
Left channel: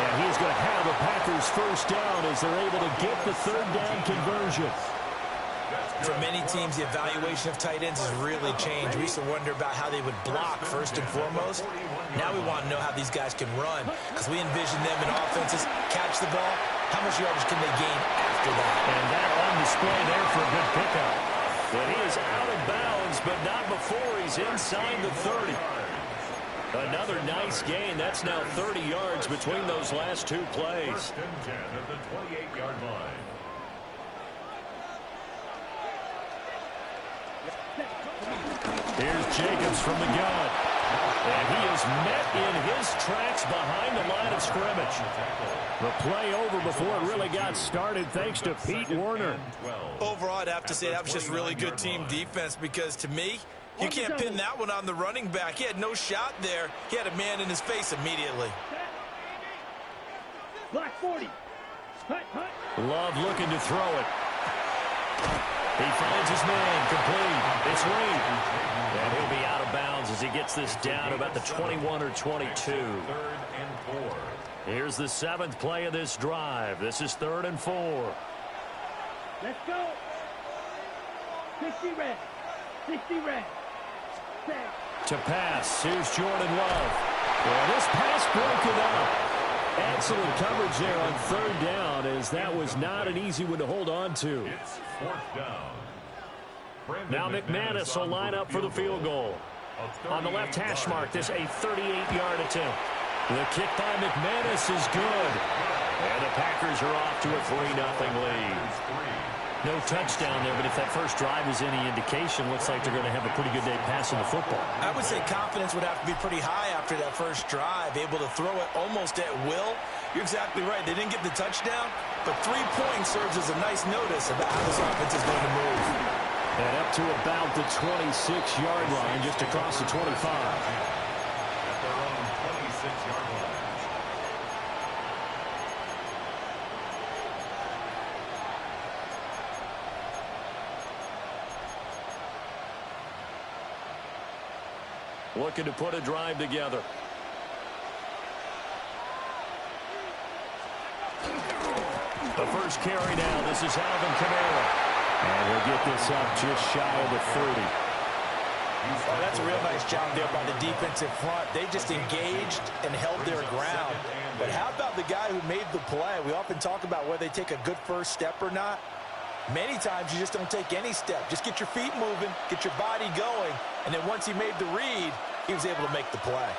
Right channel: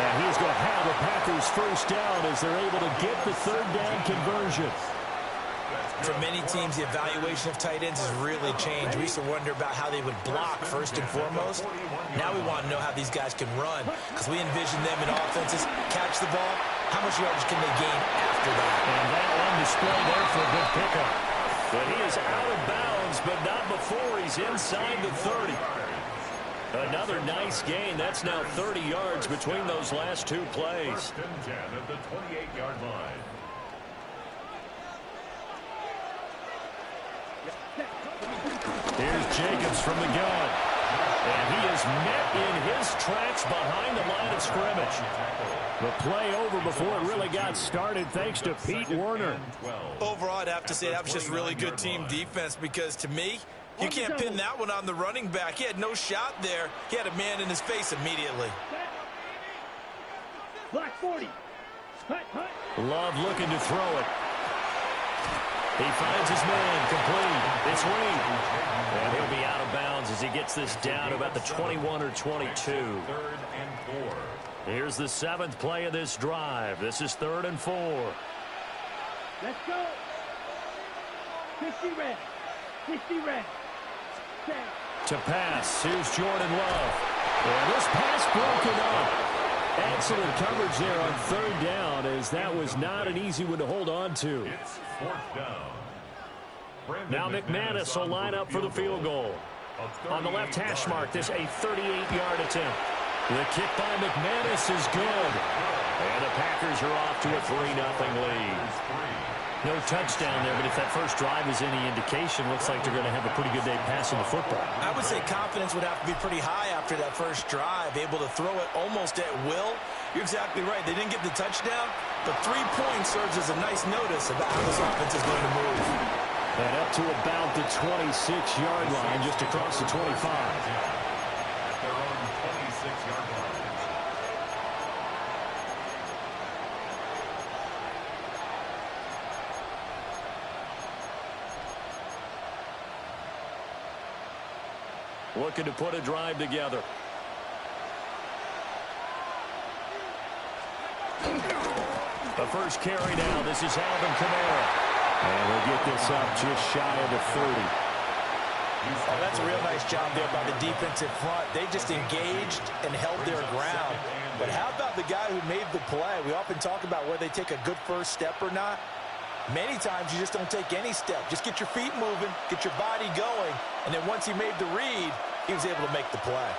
And he's going to have a Packers first down as they're able to get the 3rd down conversion. For many teams, the evaluation of tight ends has really changed. We used to wonder about how they would block first and foremost. Now we want to know how these guys can run because we envision them in offenses, catch the ball. How much yardage can they gain after that? And that on display there for a good pickup. But he is out of bounds, but not before he's inside the 30. Another nice gain. That's now 30 yards between those last 2 plays. 1st and 10 at the 28-yard line. Here's Jacobs from the gun. And he is met in his tracks behind the line of scrimmage. The play over before it really got started thanks to Pete Werner. Overall, I'd have to say that was just really good team defense because to me, you can't pin that one on the running back. He had no shot there. He had a man in his face immediately. Black 40. Hut, hut. Love looking to throw it. He finds his man complete. It's Reed. And he'll be out of bounds as he gets this down about the 21 or 22. 3rd and 4. Here's the 7th play of this drive. This is 3rd and 4. Let's go. 60 red. 60 red. To pass, here's Jordan Love. And this pass broken up. Excellent coverage there on 3rd down as that was not an easy one to hold on to. It's 4th down. Now McManus will line up for the field goal. On the left hash mark, this a 38-yard attempt. The kick by McManus is good. And the Packers are off to a 3-0 lead. No touchdown there, but if that first drive is any indication, looks like they're going to have a pretty good day passing the football. I would say confidence would have to be pretty high after that first drive, able to throw it almost at will. You're exactly right. They didn't get the touchdown, but 3 points serves as a nice notice about how this offense is going to move. And up to about the 26-yard line, just across the 25. At their own 26-yard line. Looking to put a drive together. The first carry now. This is Alvin Kamara. And he'll get this up just shy of the 30. Oh, that's a real nice job there by the defensive front. They just engaged and held their ground. But how about the guy who made the play? We often talk about whether they take a good first step or not. Many times you just don't take any step. Just get your feet moving, get your body going, and then once he made the read, he was able to make the play.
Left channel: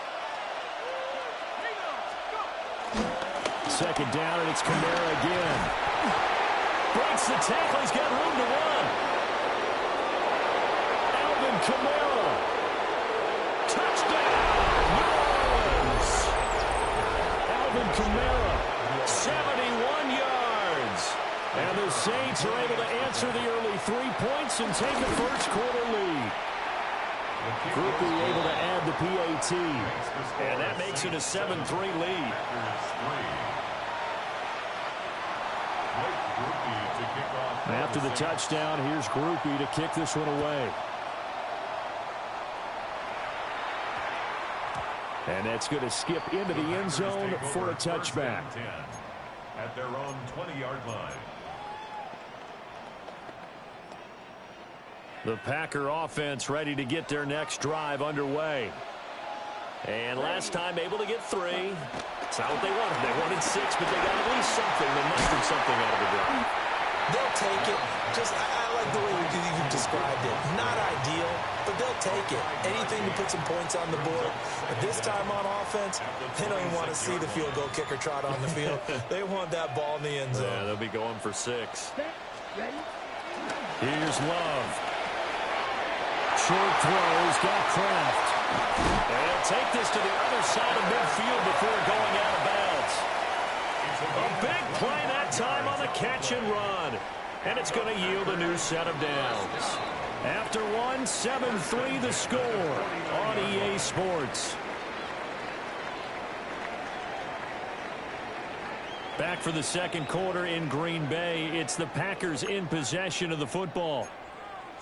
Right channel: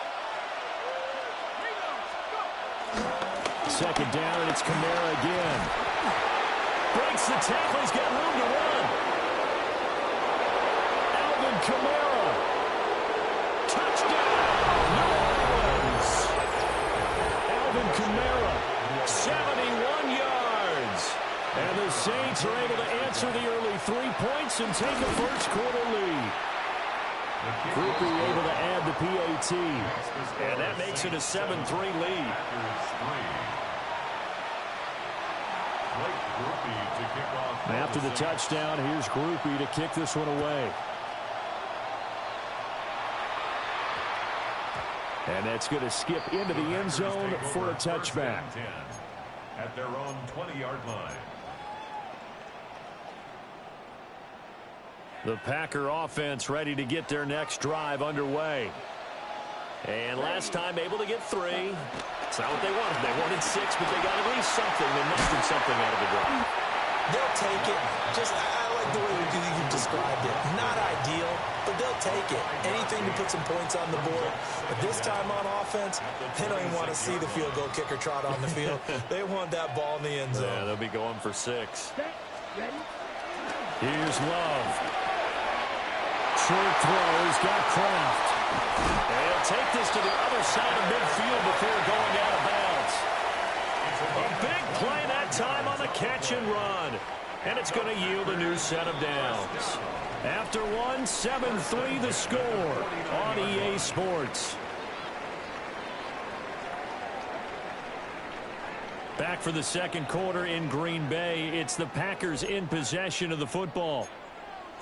2nd down, and it's Kamara again. Breaks the tackle. He's got room to run. Kamara. Touchdown, New Orleans. Alvin Kamara, 71 yards. And the Saints are able to answer the early 3 points and take a first-quarter lead. Groupie able to add the PAT. And that makes it a 7-3 lead. After the touchdown, here's Groupie to kick this one away. And that's going to skip into the end zone for a touchback. At their own 20-yard line. The Packer offense ready to get their next drive underway. And last time able to get 3. It's not what they wanted. They wanted 6, but they got at least something. They mustered something out of the drive. They'll take it. I like the way you described it. Not ideal, but they'll take it. Anything to put some points on the board. But this time on offense, they don't even want to see the field goal kicker trot on the field. They want that ball in the end zone. Yeah, they'll be going for 6. Here's Love. Short throw. He's got Kraft. And he'll take this to the other side of midfield before going out of bounds. A big play that time on the catch and run. And it's going to yield a new set of downs. After one, 7-3 the score on EA Sports. Back for the second quarter in Green Bay. It's the Packers in possession of the football,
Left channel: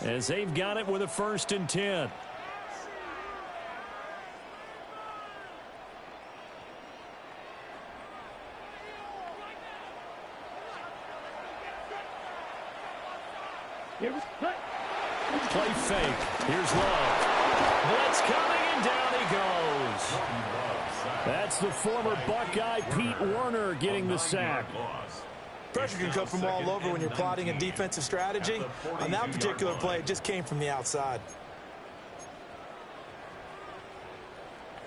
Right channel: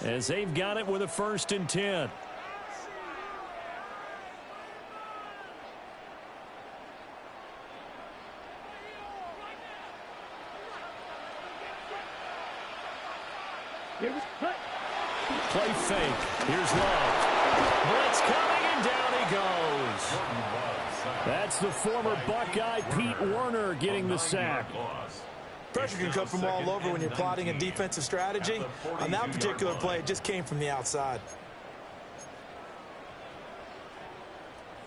as they've got it with a 1st and 10. Play fake. Here's Love. Blitz coming, and down he goes. That's the former Buckeye Pete Werner getting the sack. Pressure can come from all over when you're plotting a defensive strategy. On that particular play, it just came from the outside.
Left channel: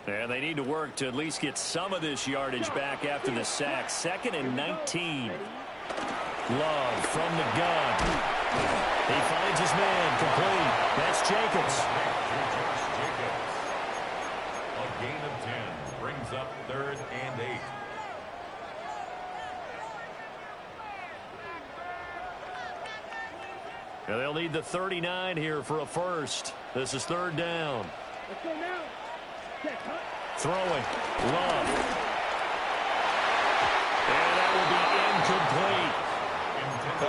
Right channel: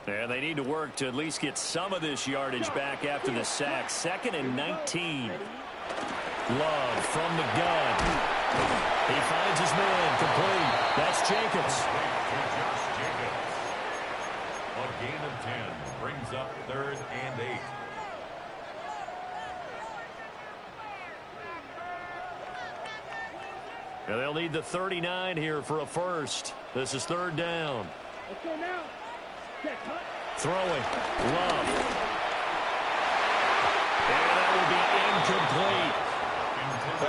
And they need to work to at least get some of this yardage back after the sack. 2nd and 19. Love from the gun. He finds his man complete. That's Jacobs. A gain of 10 brings up 3rd and 8. Now they'll need the 39 here for a first. This is 3rd down. Let's go now. Throwing. Love. And that will be incomplete.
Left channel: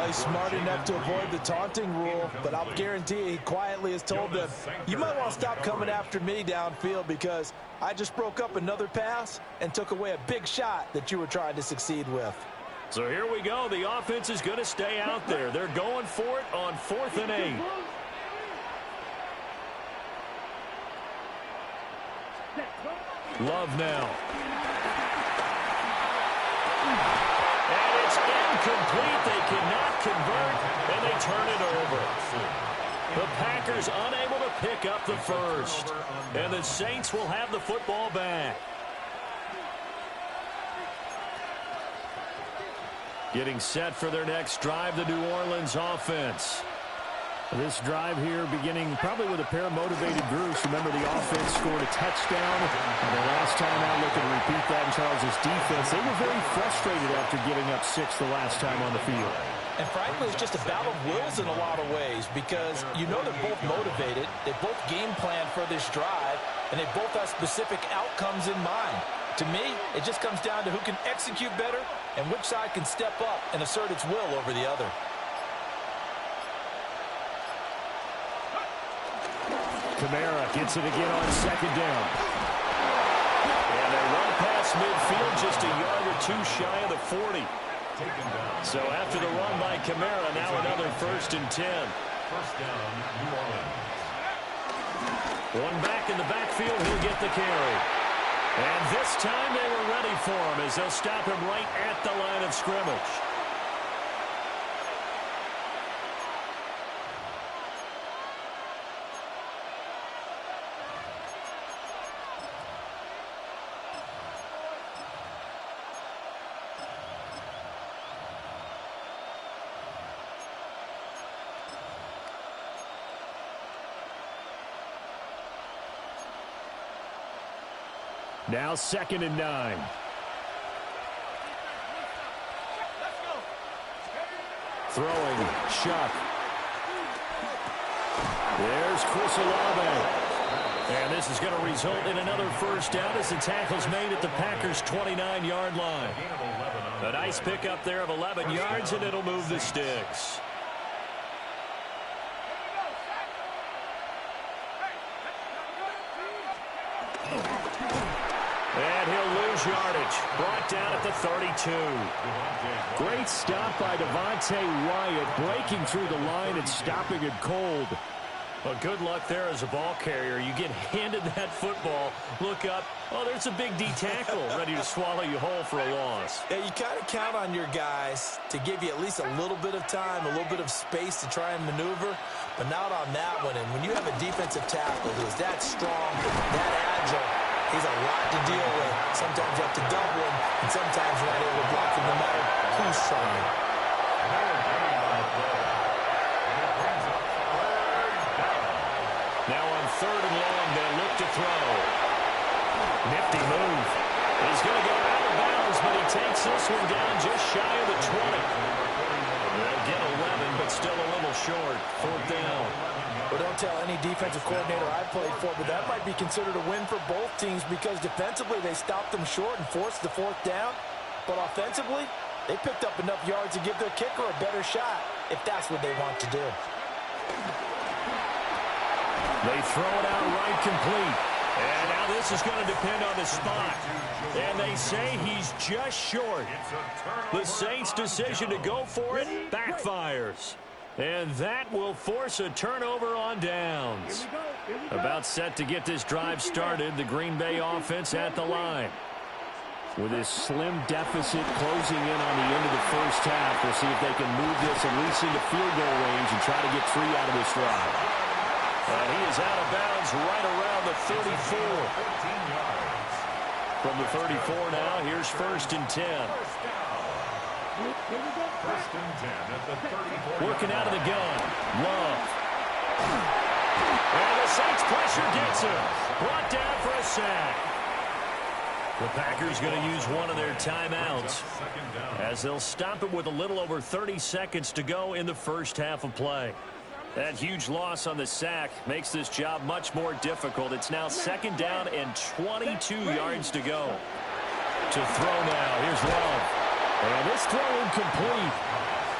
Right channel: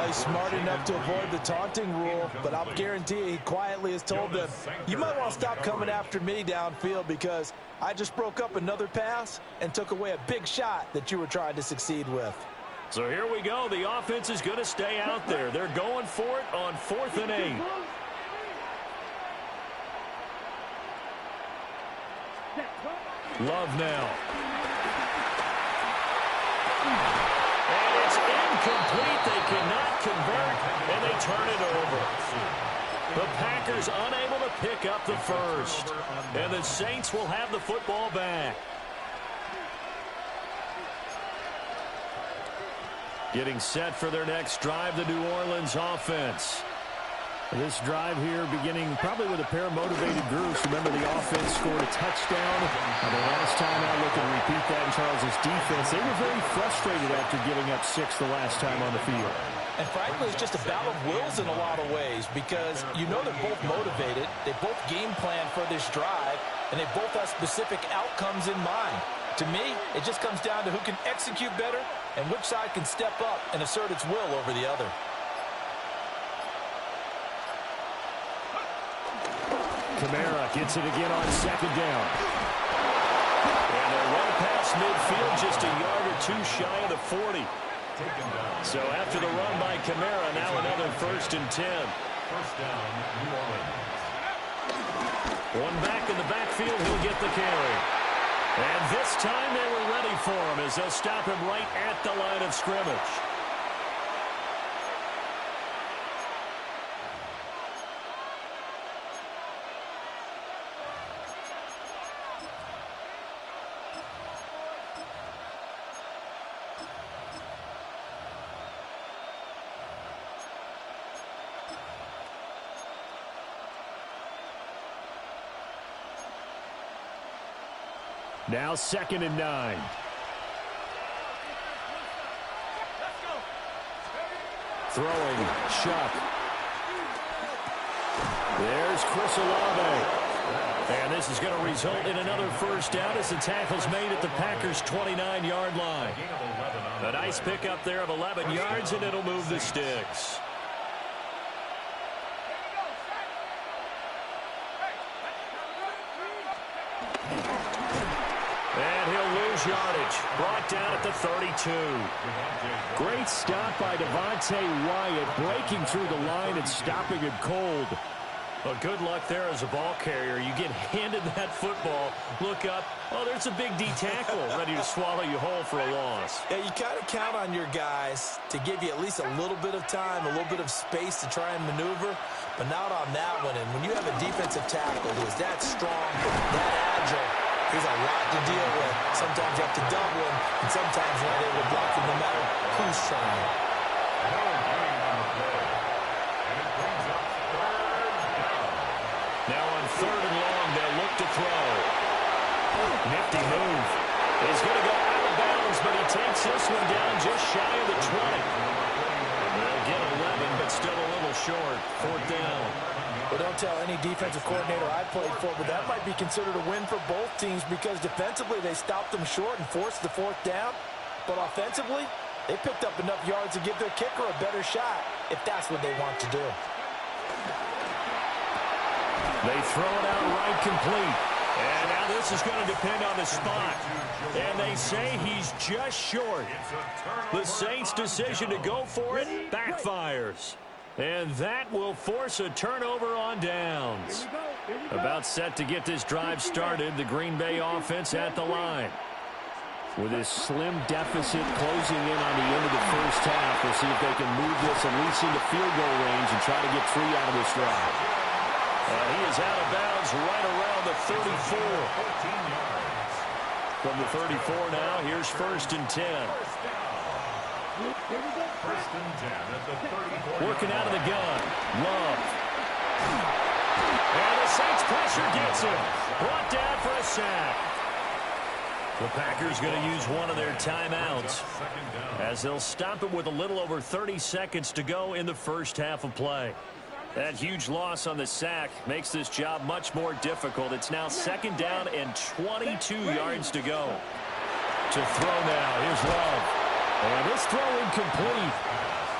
He's smart enough to avoid the taunting rule, but I'll guarantee he quietly has told them, you might want to stop coming after me downfield because I just broke up another pass and took away a big shot that you were trying to succeed with. So here we go. The offense is going to stay out there. They're going for it on 4th and 8. Love now. And it's incomplete. They cannot convert, and they turn it over. The Packers unable to pick up the first. And the Saints will have the football back. Getting set for their next drive, the New Orleans offense. This drive here beginning probably with a pair of motivated groups. Remember, the offense scored a touchdown. And the last time out, looking to repeat that in Charles's defense. They were very frustrated after giving up 6 the last time on the field. And frankly, it's just a battle of wills in a lot of ways because you know they're both motivated. They both game plan for this drive, and they both have specific outcomes in mind. To me, it just comes down to who can execute better and which side can step up and assert its will over the other. Kamara gets it again on 2nd down. And they're run past midfield, just a yard or 2 shy of the 40. So after the run by Kamara, now another 1st and 10. 1st down, New Orleans. One back in the backfield, he'll get the carry. And this time they were ready for him as they'll stop him right at the line of scrimmage. Now 2nd and 9. Throwing, Chuck. There's Chris Olave. And this is going to result in another first down as the tackle's made at the Packers' 29-yard line. A nice pickup there of 11 yards, and it'll move the sticks. And he'll lose yardage. Brought down at the 32. Great stop by Devontae Wyatt, breaking through the line and stopping it cold. Well, good luck there as a ball carrier. You get handed that football, look up, oh, there's a big D tackle ready to swallow you whole for a loss. Yeah, you kind of count on your guys to give you at least a little bit of time, a little bit of space to try and maneuver, but not on that one. And when you have a defensive tackle who is that strong, that agile, he's a lot to deal with. Sometimes you have to double him, and sometimes you're not able to block him no matter who's trying. No gain on the play. And it brings up 3rd down. Now on 3rd and long, they'll look to throw. Nifty move. He's going to go out of bounds, but he takes this one down just shy of the 20. They'll get 11, but still a little short. 4th down. Well, don't tell any defensive coordinator I played for, but that might be considered a win for both teams because defensively they stopped them short and forced the 4th down. But offensively, they picked up enough yards to give their kicker a better shot if that's what they want to do. They throw it out right complete. And now this is going to depend on the spot. And they say he's just short. The Saints' decision to go for it backfires. And that will force a turnover on downs. About set to get this drive started, the Green Bay offense at the line. With this slim deficit closing in on the end of the first half, we'll see if they can move this at least into field goal range and try to get 3 out of this drive. And he is out of bounds right around the 34. 14 yards. From the 34 now, here's 1st and 10. First and 10 at the 34. Working out of the gun. Love. And the Saints pressure gets him. Brought down for a sack. The Packers going to use one of their timeouts as they'll stop it with a little over 30 seconds to go in the first half of play. That huge loss on the sack makes this job much more difficult. It's now 2nd down and 22 yards to go. To throw now. Here's Love. And this throw incomplete.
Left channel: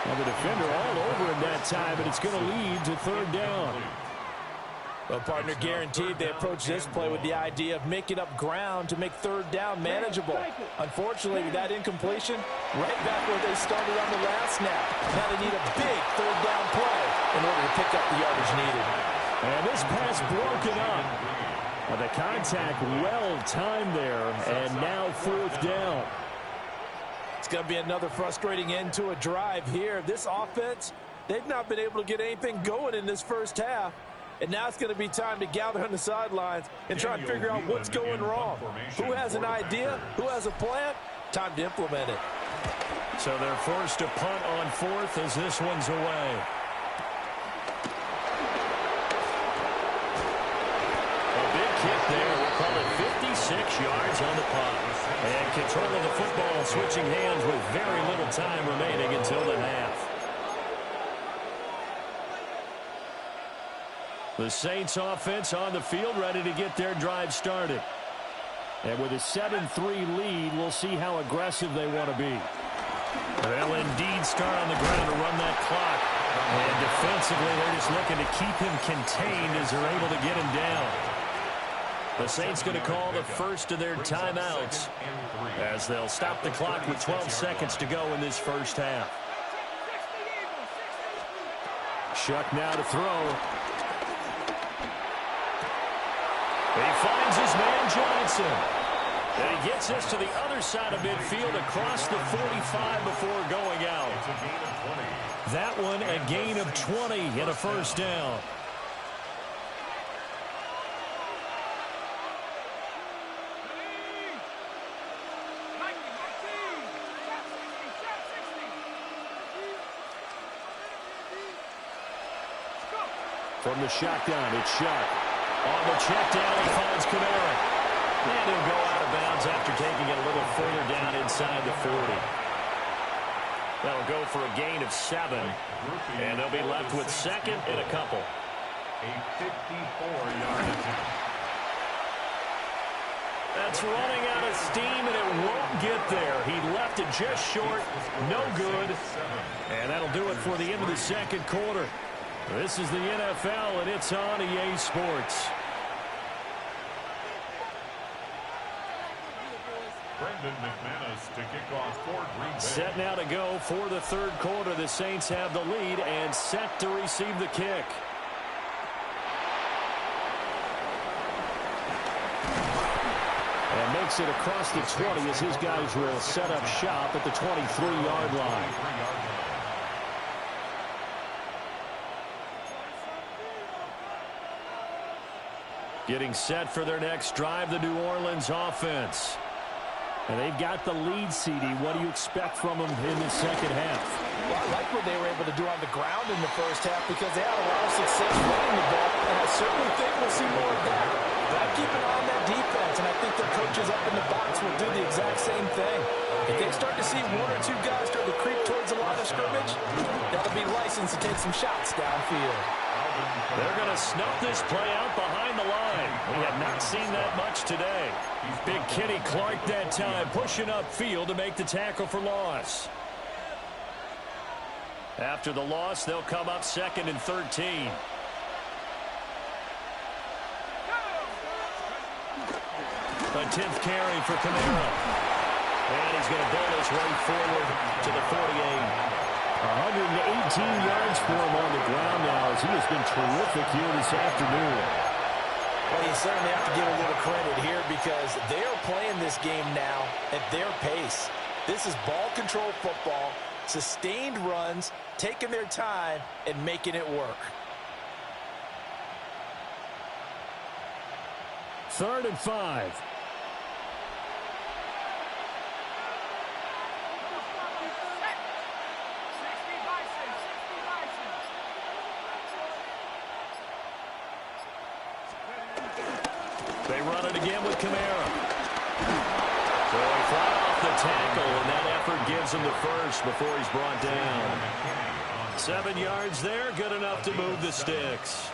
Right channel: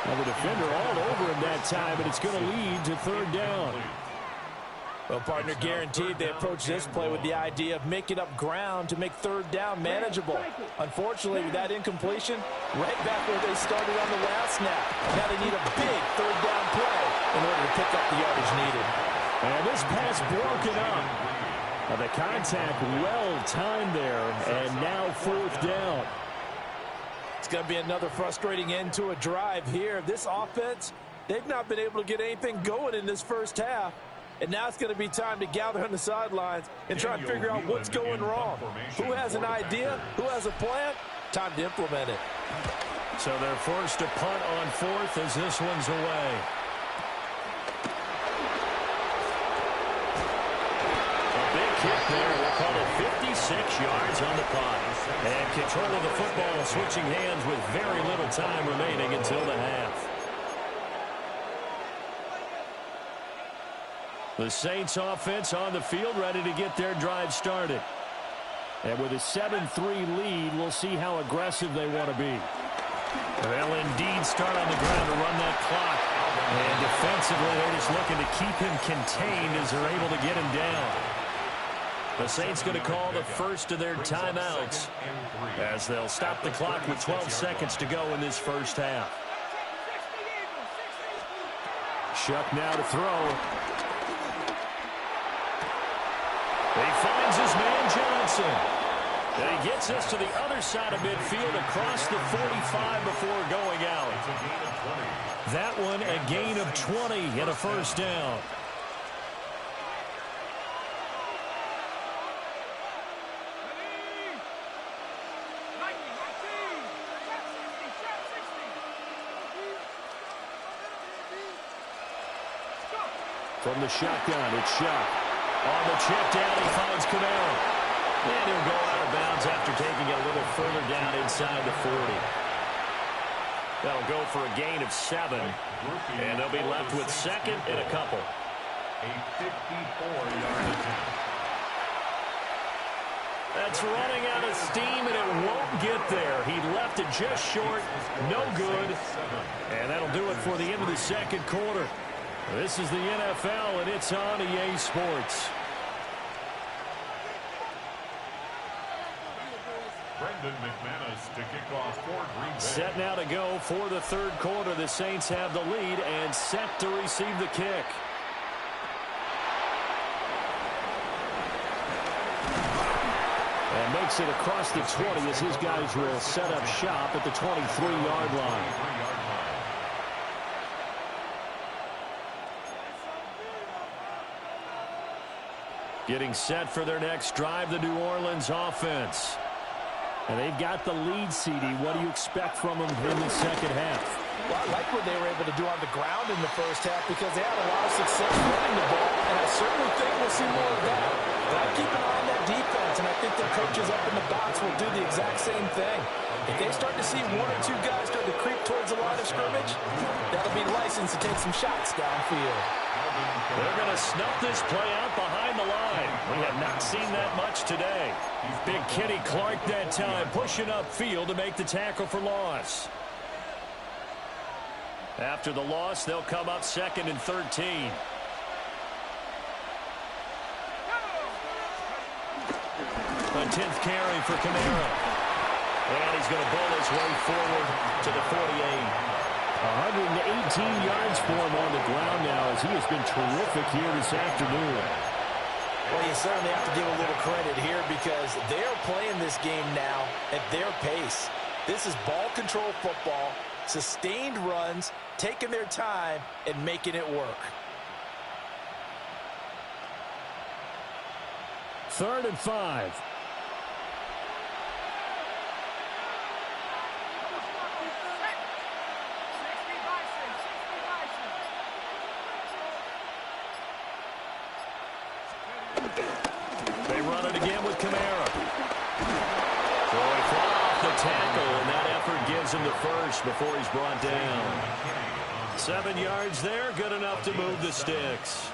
Well, the defender all over him that time, and it's going to lead to 3rd down. Well, partner, guaranteed they approach this play with the idea of making up ground to make 3rd down manageable. Unfortunately, with that incompletion, right back where they started on the last snap. Now they need a big 3rd down play in order to pick up the yardage needed. And this pass broken up. The contact well timed there, and now 4th down. It's going to be another frustrating end to a drive here. This offense, they've not been able to get anything going in this first half. And now it's going to be time to gather on the sidelines and try and figure out what's going wrong. Who has an idea? Who has a plan? Time to implement it. So they're forced to punt on 4th as this one's away. A big kick there. We'll call it 56 yards on the punt. And control of the football switching hands with very little time remaining until the half. The Saints offense on the field ready to get their drive started. And with a 7-3 lead, we'll see how aggressive they want to be. They'll indeed start on the ground to run that clock. And defensively, they're just looking to keep him contained as they're able to get him down. The Saints going to call the first of their timeouts as they'll stop the clock with 12 seconds to go in this first half. Shuck now to throw. He finds his man Johnson. And he gets this to the other side of midfield across the 45 before going out. It's a gain of 20. That one a gain of 20 and a first down. From the shotgun, it's Shuck. On the check down, he finds Kamara. And he'll go out of bounds after taking it a little further down inside the 40. That'll go for a gain of 7. And they'll be left with second and a couple. A 54-yard attempt. That's running out of steam, and it won't get there. He left it just short. No good. And that'll do it for the end of the second quarter. This is the NFL, and it's on EA Sports. Brendan McManus to kick off for Green Bay. Set now to go for the third quarter. The Saints have the lead and set to receive the kick. And makes it across the 20 as his guys will set up shop at the 23-yard line. Getting set for their next drive, the New Orleans offense. And they've got the lead, CD. What do you expect from them in the second half? Well, I like what they were able to do on the ground in the first half because they had a lot of success running the ball, and I certainly think we'll see more of that. But I keep an eye on that defense, and I think their coaches up in the box will do the exact same thing. If they start to see one or two guys start to creep towards the line of scrimmage, that'll be licensed to take some shots downfield. They're going to snuff this play out behind the line. We have not seen that much today. Big Kenny Clark that time pushing upfield to make the tackle for loss. After the loss, they'll come up second and 13. A 10th carry for Kamara. And he's going to bull his way forward to the 48. 118 yards for him on the ground now as he has been terrific here this afternoon. Well, you certainly have to give a little credit here because they're playing this game now at their pace. This is ball control football, sustained runs, taking their time, and making it work. 3rd and 5. They run it again with Kamara. So he fly off the tackle, and that effort gives him the first before he's brought down. 7 yards there, good enough to move the sticks.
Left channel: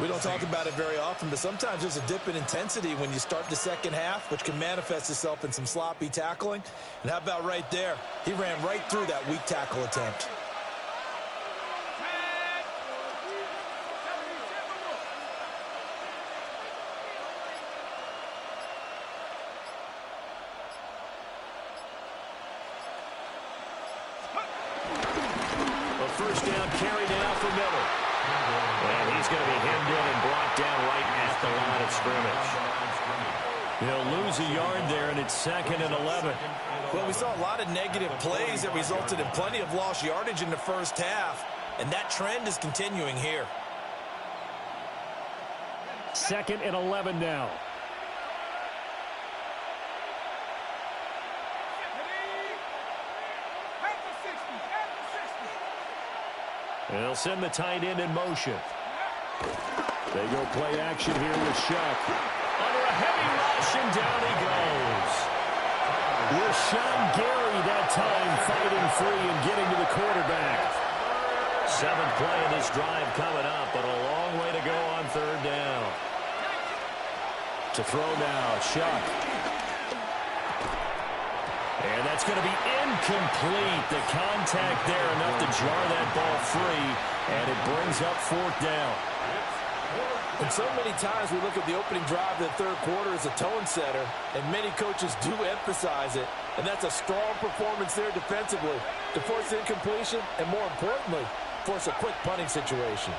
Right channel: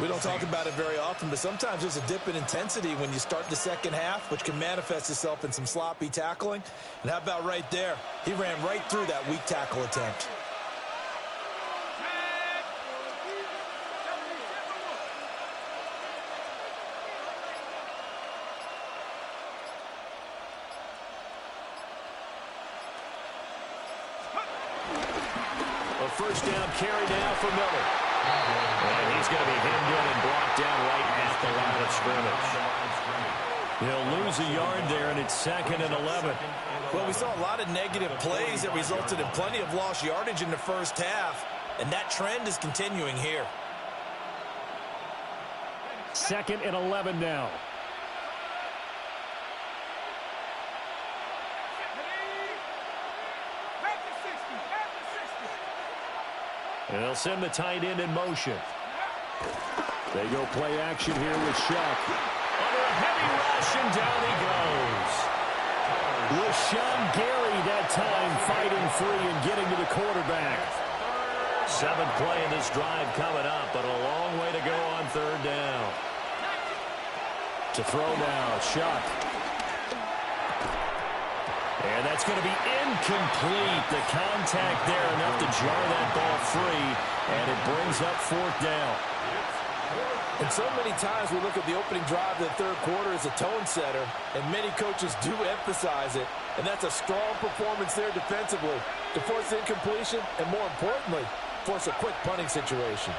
We don't talk about it very often, but sometimes there's a dip in intensity when you start the second half, which can manifest itself in some sloppy tackling. And how about right there? He ran right through that weak tackle attempt. A first down carry now for Miller. And he's going to be hemmed in and brought down right at the line of scrimmage. He'll lose a yard there, and it's 2nd and 11. Well, we saw a lot of negative plays that resulted in plenty of lost yardage in the first half, and that trend is continuing here. 2nd and 11 now. And they'll send the tight end in motion. They go play action here with Shuck. Under a heavy rush, and down he goes. Rashawn Gary that time fighting free and getting to the quarterback. 7th play in this drive coming up, but a long way to go on 3rd down. To throw now, Shuck. And that's going to be incomplete. The contact there enough to jar that ball free, and it brings up 4th down. And so many times we look at the opening drive of the third quarter as a tone setter, and many coaches do emphasize it, and that's a strong performance there defensively to force incompletion and, more importantly, force a quick punting situation.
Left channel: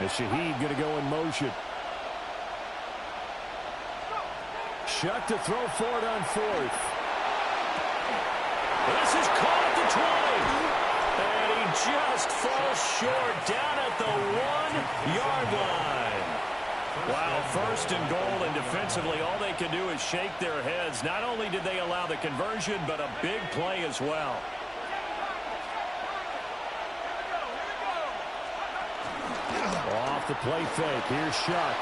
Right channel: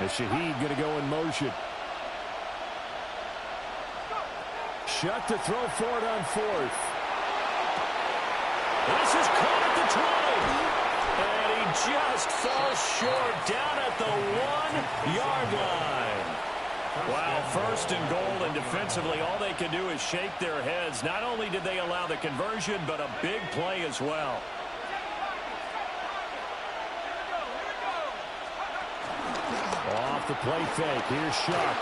And Shaheed going to go in motion. Shuck to throw for it on 4th. This is caught at the 20. And he just falls short down at the 1-yard line. Wow, 1st and goal, and defensively all they can do is shake their heads. Not only did they allow the conversion, but a big play as well. Off the play fake, here's Shuck.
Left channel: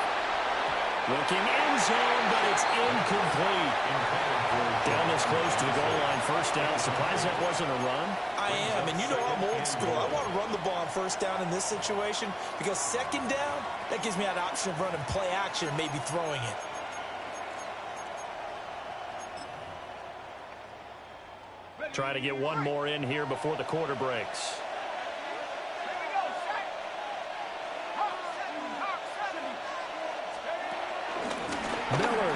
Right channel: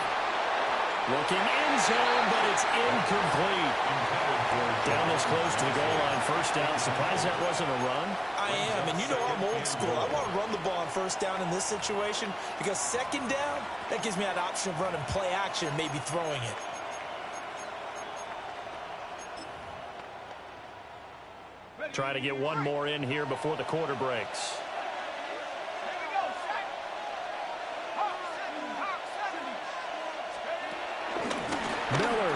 Looking end zone, but it's incomplete. Down this close to the goal line, first down. Surprised that wasn't a run? I am, and you know I'm old school. I want to run the ball on first down in this situation because second down, that gives me an option of running play action and maybe throwing it. Try to get one more in here before the quarter breaks. Miller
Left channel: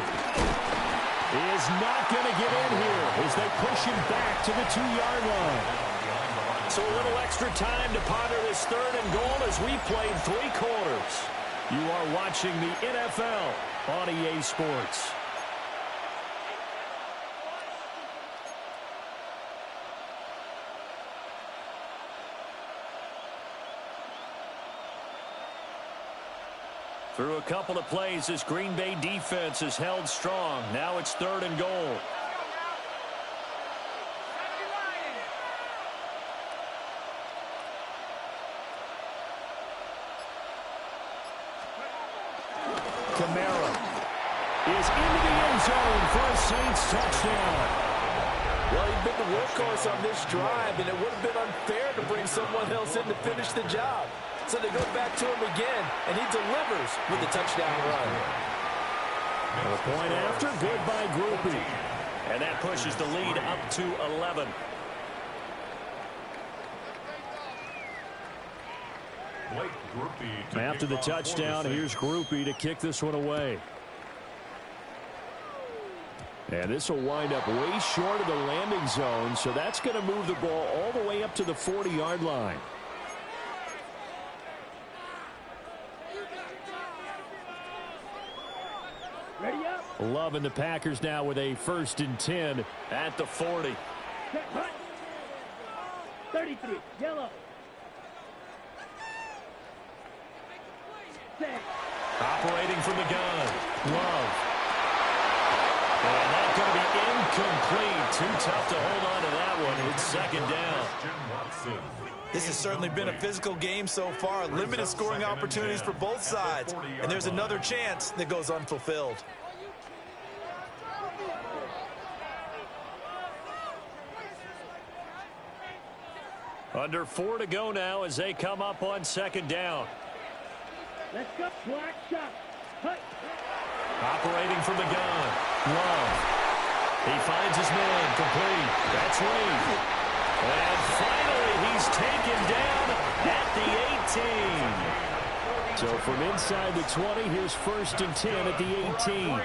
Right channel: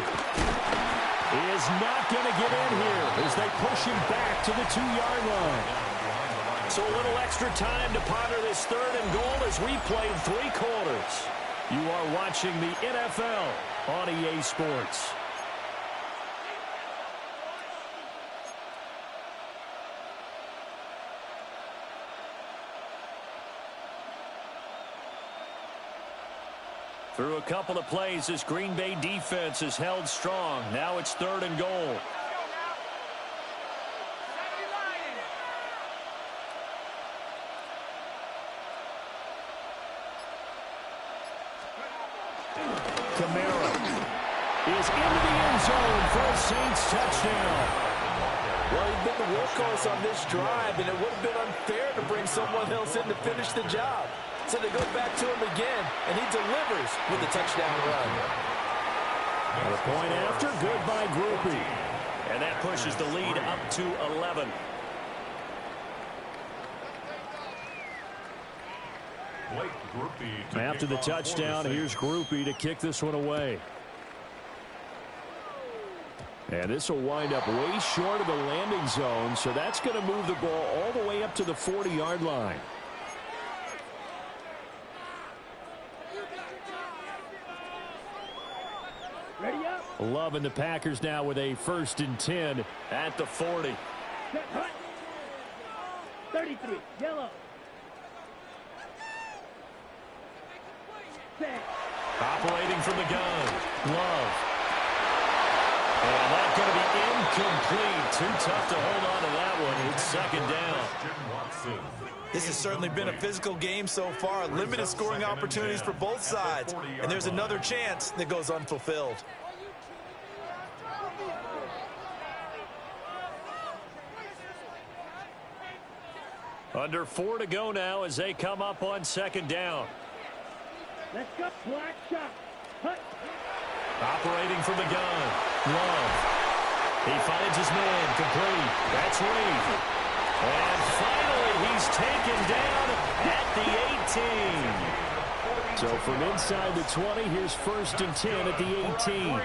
is not going to get in here as they push him back to the 2-yard line. So a little extra time to ponder this third and goal as we played 3 quarters. You are watching the NFL on EA Sports. Through a couple of plays, this Green Bay defense is held strong. Now it's third and goal. Kamara is into the end zone for a Saints touchdown. Well, he'd been the workhorse on this drive, and it would have been unfair to bring someone else in to finish the job. So they go back to him again, and he delivers with the touchdown run. A point after, good by Groupie. And that pushes the lead up to 11. After the touchdown, here's Groupie to kick this one away. And this will wind up way short of the landing zone, so that's going to move the ball all the way up to the 40-yard line. Ready up. Loving the Packers now with a 1st and 10 at the 40. Set, hut. 33, yellow. Set. Operating from the gun. Love. And that's going to be incomplete. Too tough to hold on to that one. It's second down. This has certainly been a physical game so far. Limited scoring opportunities for both sides. And there's another chance that goes unfulfilled. Under 4 to go now as they come up on second down. Let's go. Black shot. Hut. Operating from the gun. Love. He finds his man. Complete. That's Reed. And finally, he's taken down at the 18. So from inside the 20, here's 1st and 10 at the 18.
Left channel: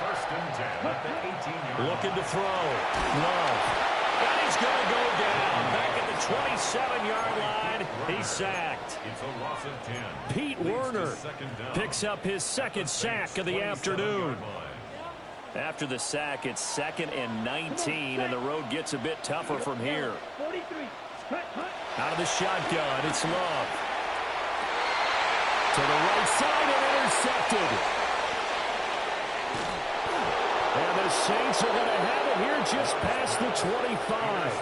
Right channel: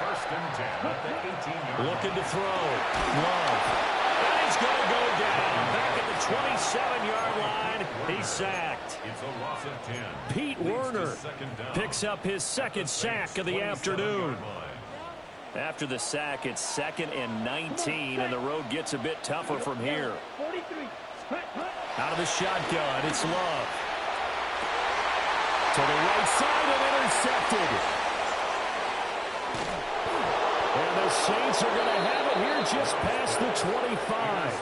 First and 10 at the 18-yard line. Looking to throw. Love. And he's going to go down. Back at the 27-yard line. He's sacked. It's a loss of 10. Pete Werner picks up his 2nd sack of the afternoon. After the sack, it's 2nd and 19, and the road gets a bit tougher from here. 43. Hut, hut. Out of the shotgun, it's Love. To the right side and intercepted. And the Saints are going to have it here just past the 25.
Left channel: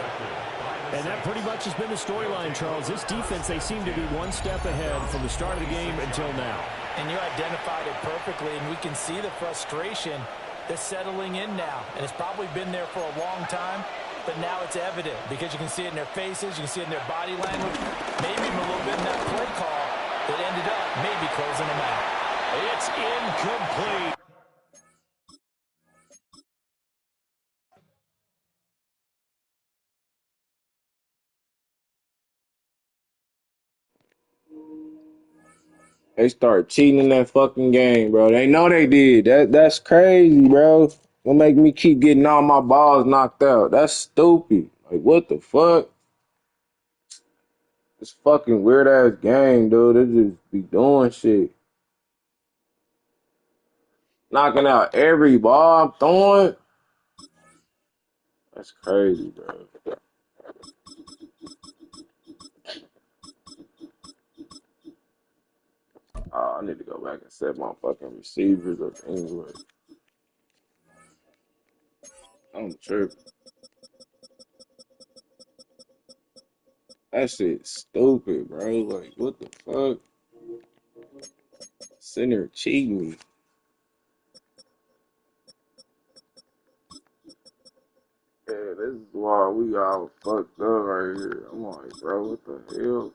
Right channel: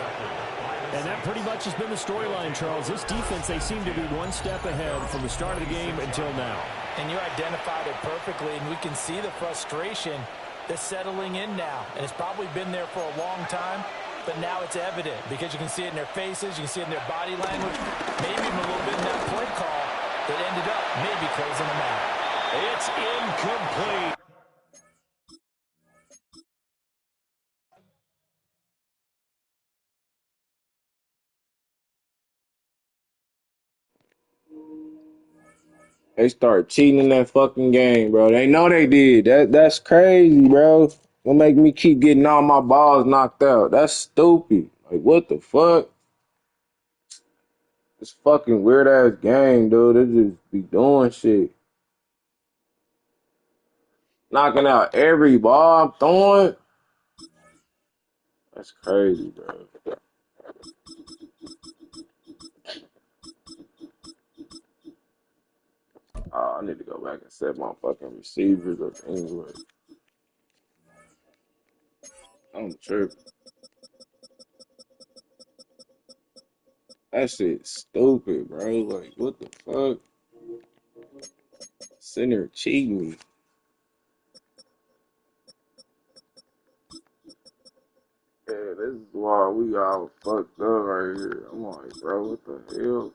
And that pretty much has been the storyline, Charles. This defense, they seem to be one step ahead from the start of the game until now. And you identified it perfectly, and we can see the frustration that's settling in now. And it's probably been there for a long time, but now it's evident because you can see it in their faces, you can see it in their body language, maybe even a little bit in that play call that ended up maybe closing them out. It's incomplete. They start cheating in that fucking game, bro. They know they did. That's crazy, bro. Gonna make me keep getting all my balls knocked out. That's stupid. Like, what the fuck? This fucking weird ass game, dude. They just be doing shit. Knocking out every ball I'm throwing. That's crazy, bro. Oh, I need to go back and set my fucking receivers up anyway. I'm tripping. That shit's stupid, bro. Like, what the fuck? Sitting there cheating me. Yeah, this is why we all fucked up right here. I'm like, bro, what the hell?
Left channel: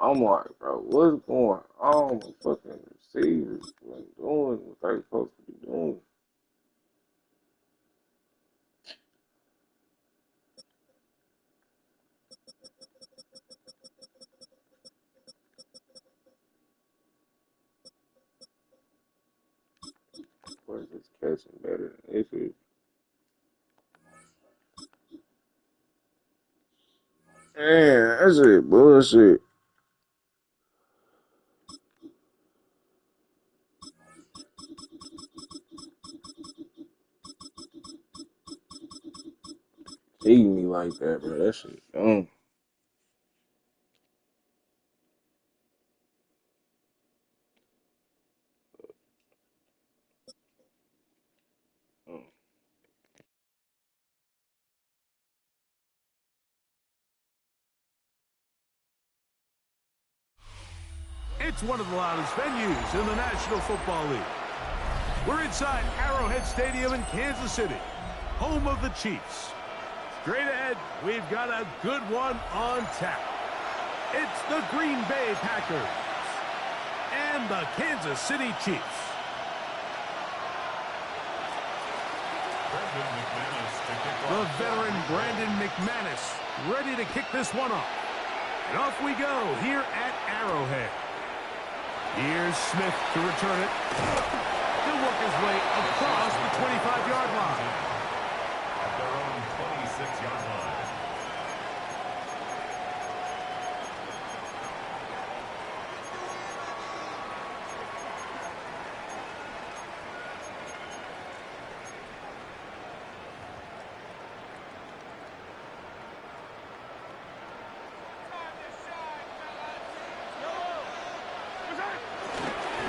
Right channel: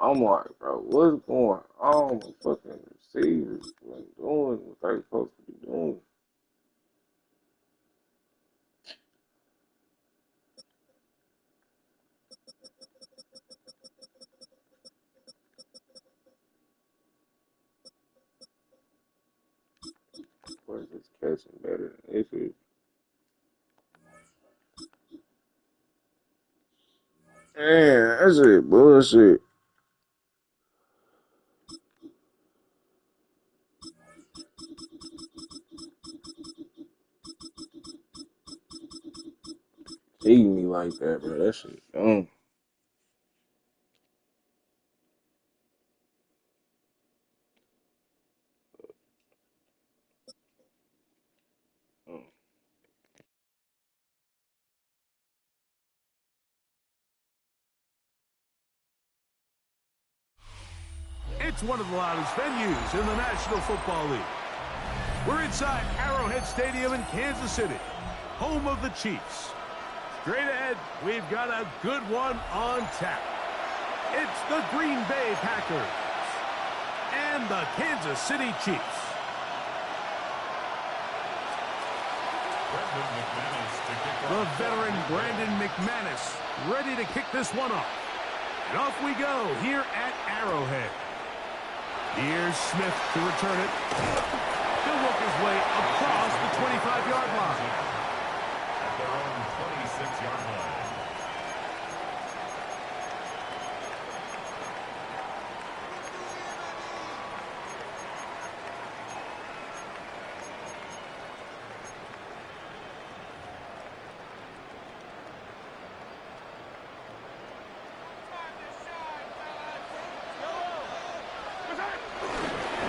I'm like, bro, what's going on? The fucking receivers ain't doing what they supposed to be doing. Where's this catching better than this is? Man, that's it, bullshit. Cheating me like that, bro. That shit dumb. It's one of the loudest venues in the National Football League. We're inside Arrowhead Stadium in Kansas City, home of the Chiefs. Straight ahead, we've got a good one on tap. It's the Green Bay Packers and the Kansas City Chiefs. The veteran Brandon McManus ready to kick this one off. And off we go here at Arrowhead. Here's Smith to return it. He'll work his way across the 25-yard line. At their own 26-yard line.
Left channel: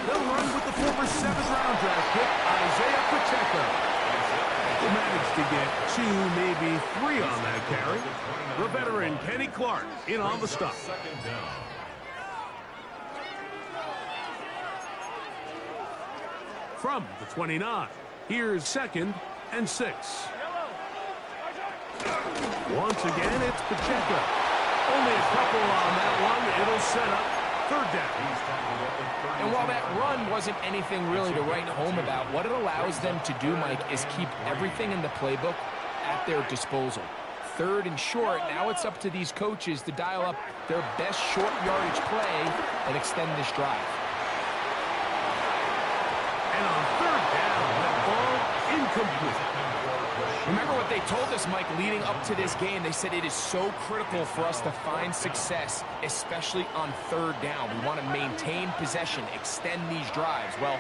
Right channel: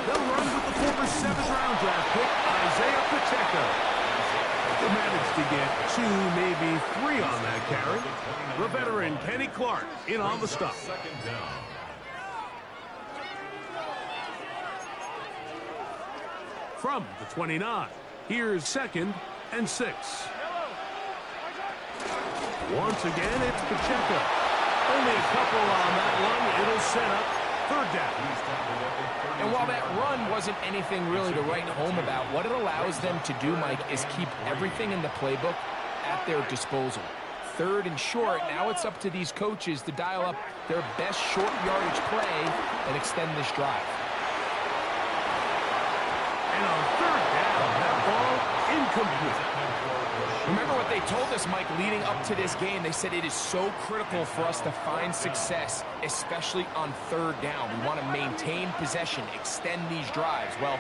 They'll run with the former 7th-round draft pick, Isaiah Pacheco. Will manage to get 2, maybe 3 on that carry. The veteran Kenny Clark in on the stop. From the 29, here's 2nd and 6. Once again, it's Pacheco. Only a couple on that one. It'll set up 3rd down. And while that run wasn't anything really to write home about, what it allows them to do, Mike, is keep everything in the playbook at their disposal. 3rd and short, now it's up to these coaches to dial up their best short yardage play and extend this drive. And on 3rd down, that ball incomplete. Remember what they told us, Mike, leading up to this game. They said it is so critical for us to find success, especially on 3rd down. We want to maintain possession, extend these drives. Well,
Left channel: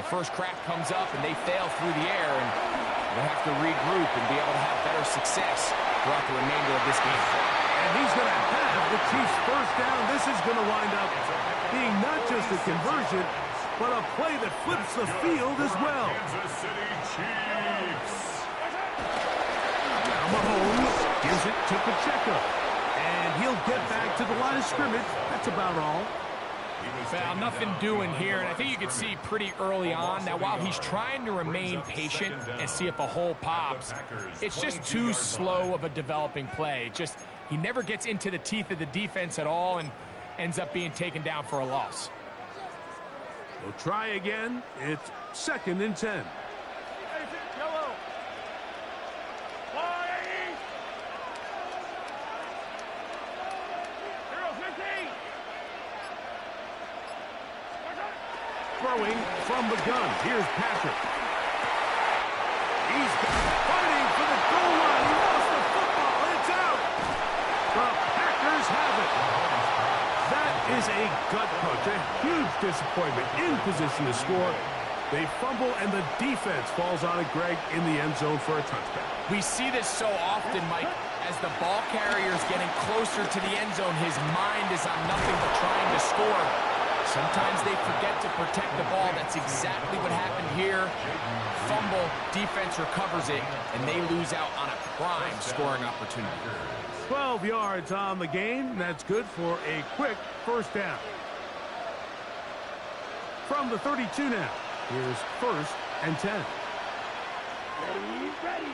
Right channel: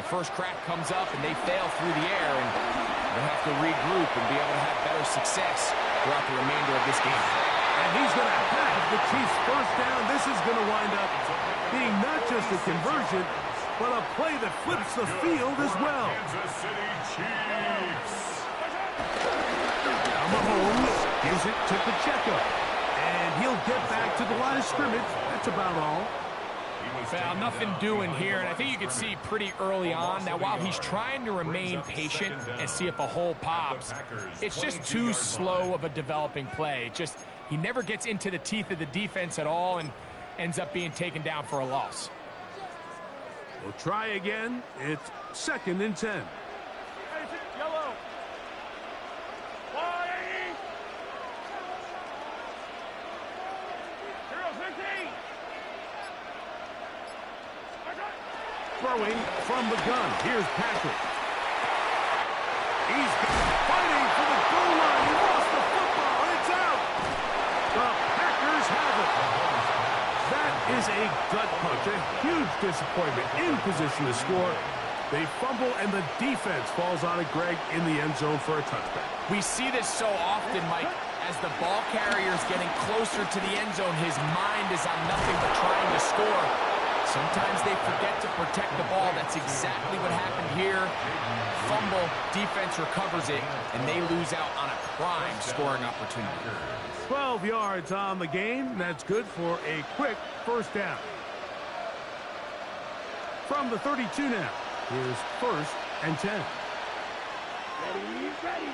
the first crack comes up, and they fail through the air, and they have to regroup and be able to have better success throughout the remainder of this game. And he's going to have the Chiefs' 1st down. This is going to wind up being not just a conversion, but a play that flips the field as well. Kansas City Chiefs. Now Mahomes gives it to Pacheco. And he'll get back to the line of scrimmage. That's about all. Well, nothing doing here, and I think you can see pretty early on. Now, while he's trying to remain patient and see if a hole pops, it's just too slow of a developing play. He never gets into the teeth of the defense at all and ends up being taken down for a loss. We'll try again. It's 2nd and 10. Yellow. Throwing from the gun. Here's Patrick. He's fighting for the goal line. He lost the football. It's out. The Packers have it. That is a gut punch. A huge disappointment in position to score. They fumble, and the defense falls on it, Greg, in the end zone for a touchback. We see this so often, Mike. As the ball carrier is getting closer to the end zone, his mind is on nothing but trying to score. Sometimes they forget to protect the ball. That's exactly what happened here. Fumble, defense recovers it, and they lose out on a prime scoring opportunity. 12 yards on the game. That's good for a quick first down. From the 32 now, here's 1st and 10. Ready.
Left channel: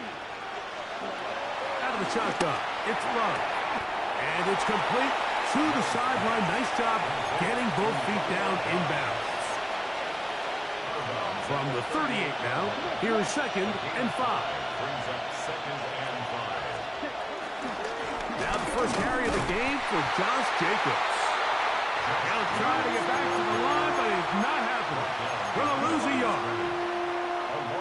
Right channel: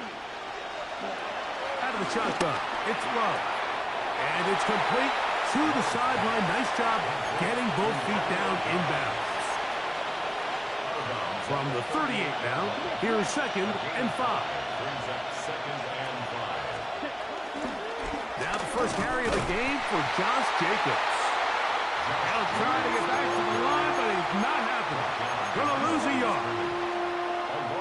Out of the shotgun, it's Love. And it's complete to the sideline. Nice job getting both feet down inbounds. From the 38 now, here's 2nd and 5. Brings up 2nd and 5. Now the first carry of the game for Josh Jacobs. He'll try to get back to the line, but it's not happening. Gonna lose a yard.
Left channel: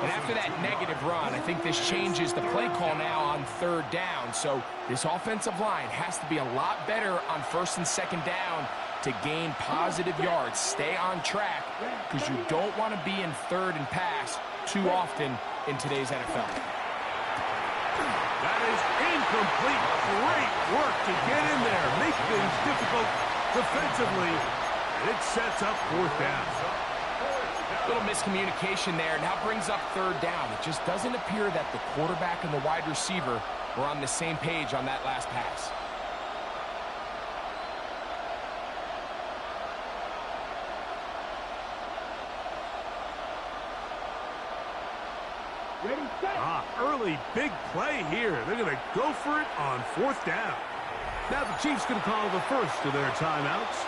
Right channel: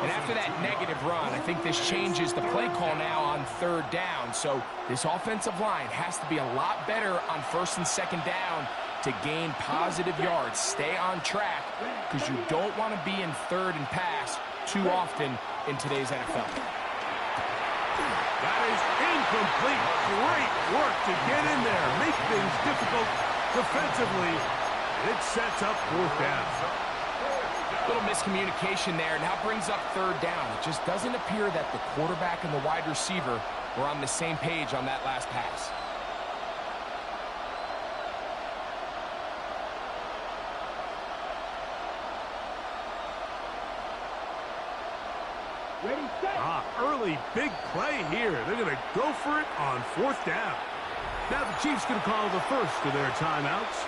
And after that negative run, I think this changes the play call now on 3rd down. So this offensive line has to be a lot better on 1st and 2nd down to gain positive yards. Stay on track, because you don't want to be in 3rd and pass too often in today's NFL. That is incomplete. Great work to get in there, make things difficult defensively. It sets up 4th down. Little miscommunication there. Now brings up 3rd down. It just doesn't appear that the quarterback and the wide receiver were on the same page on that last pass. Ready, set. Early big play here. They're going to go for it on 4th down. Now the Chiefs going to call the first of their timeouts.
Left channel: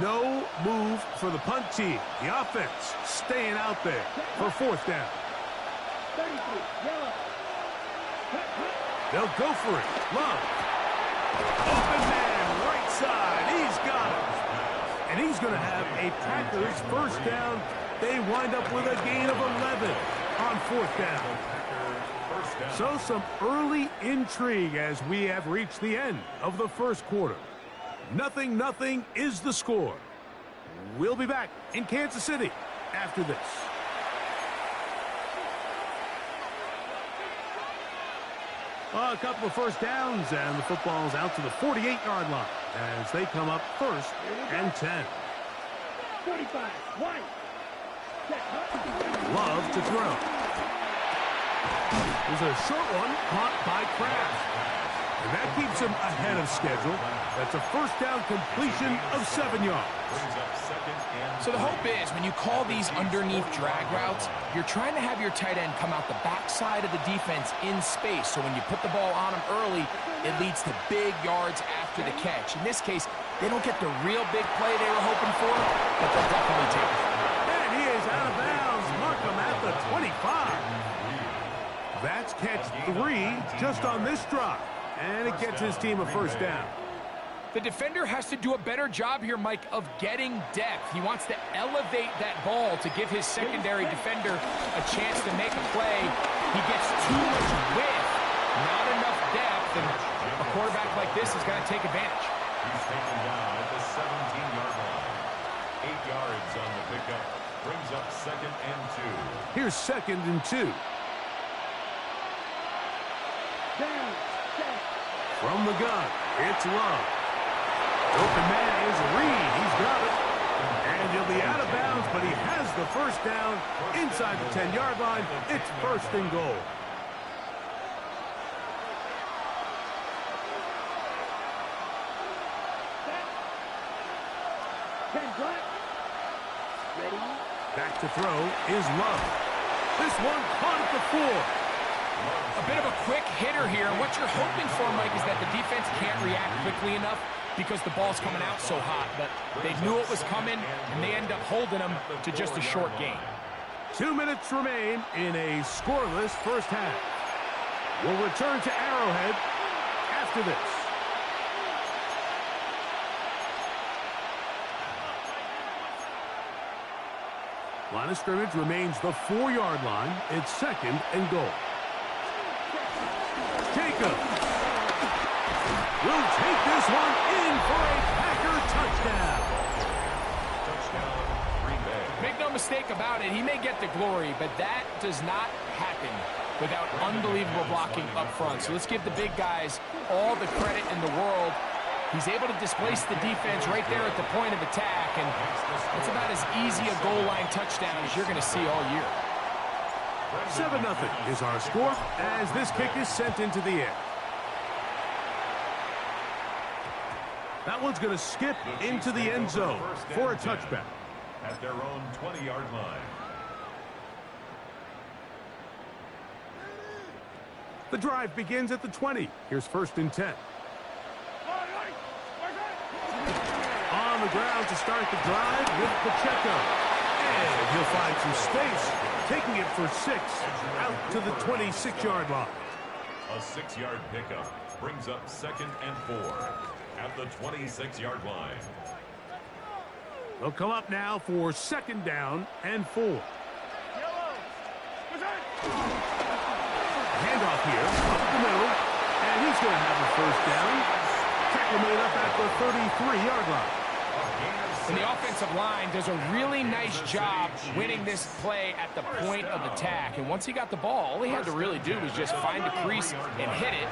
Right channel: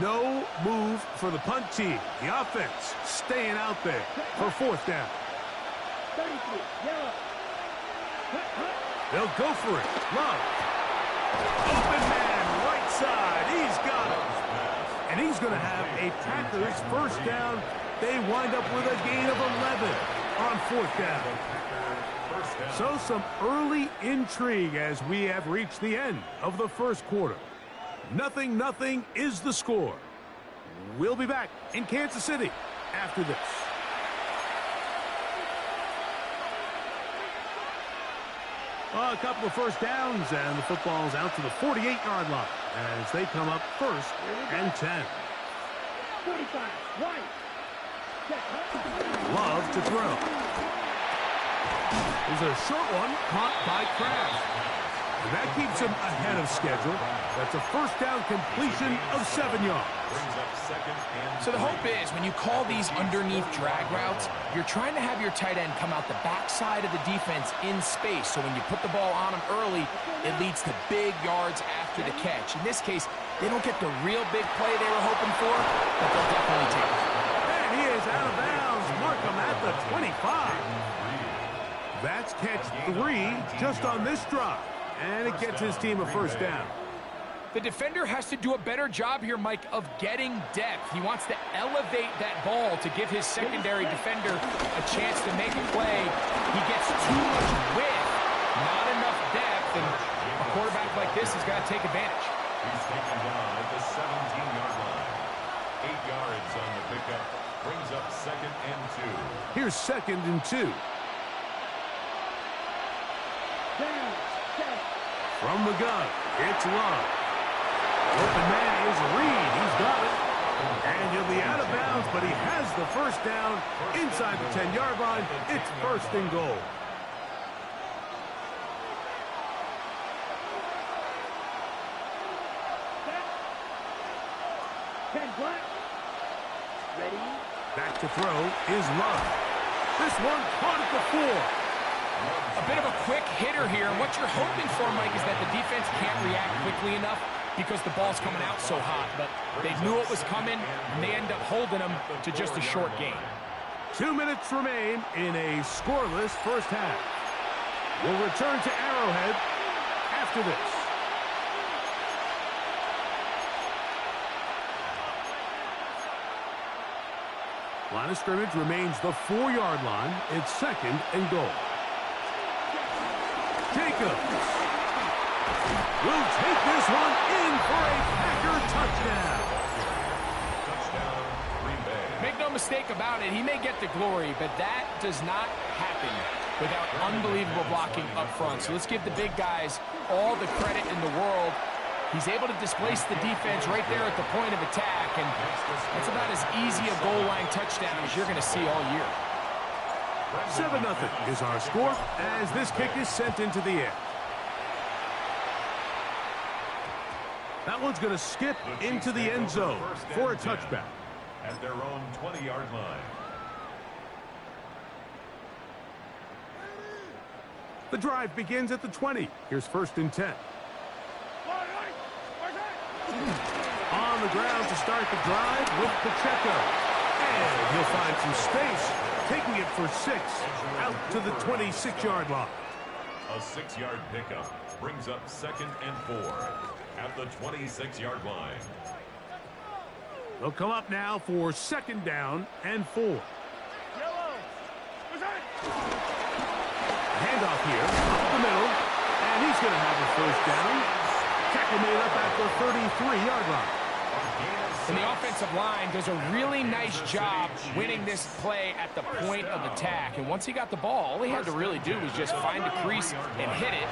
No move for the punt team. The offense staying out there for 4th down. 33, yellow. Cut. They'll go for it. Love. Open man, right side. He's got it. And he's going to have a Packers first down. They wind up with a gain of 11 on 4th down. So some early intrigue as we have reached the end of the first quarter. 0-0 is the score. We'll be back in Kansas City after this. A couple of first downs, and the football's out to the 48-yard line as they come up 1st and 10. 45, White. Love to throw. There's a short one caught by Kraft. And that keeps him ahead of schedule. That's a first down completion of 7 yards. So the hope is when you call these underneath drag routes, you're trying to have your tight end come out the backside of the defense in space. So when you put the ball on him early, it leads to big yards after the catch. In this case, they don't get the real big play they were hoping for, but they'll definitely take it. And he is out of bounds. Mark him at the 25. That's catch 3 just on this drive. And it gets his team a first down. The defender has to do a better job here, Mike, of getting depth. He wants to elevate that ball to give his secondary defender a chance to make a play. He gets too much width, not enough depth, and a quarterback like this is going to take advantage. He's taken down at the 17-yard line. 8 yards on the pickup. Brings up 2nd and 2. Here's 2nd and 2. Down, set. From the gun, it's Love. Open man is Reed. He's got it. And he'll be out of bounds, but he has the first down inside the 10-yard line. It's 1st and goal. Set. 10 black. Ready. Back to throw is Love. This one caught at the 4. A bit of a quick hitter here, and what you're hoping for, Mike, is that the defense can't react quickly enough because the ball's coming out so hot. But they knew it was coming, and they end up holding them to just a short gain. 2 minutes remain in a scoreless first half. We'll return to Arrowhead after this. Line of scrimmage remains the 4-yard line. It's 2nd and goal. Jacobs will take this one in for a Packer touchdown. Touchdown, Green Bay. Make no mistake about it, he may get the glory, but that does not happen without unbelievable blocking up front. So let's give the big guys all the credit in the world. He's able to displace the defense right there at the point of attack, and that's about as easy a goal line touchdown as you're going to see all year. 7-0 is our score as this kick is sent into the air. That one's going to skip into the end zone for a touchback. At their own 20-yard line. The drive begins at the 20. Here's 1st and 10. On the ground to start the drive with Pacheco. And he'll find some space, taking it for 6 out to the 26-yard line. A 6-yard pickup brings up 2nd and 4 at the 26-yard line. They'll come up now for 2nd down and 4. Handoff here, up the middle, and he's going to have a 1st down. Tackle made up at the 33-yard line. And the offensive line does a really nice job winning this play at the point of attack. And once he got the ball, all he had to really do was just find the crease and hit it.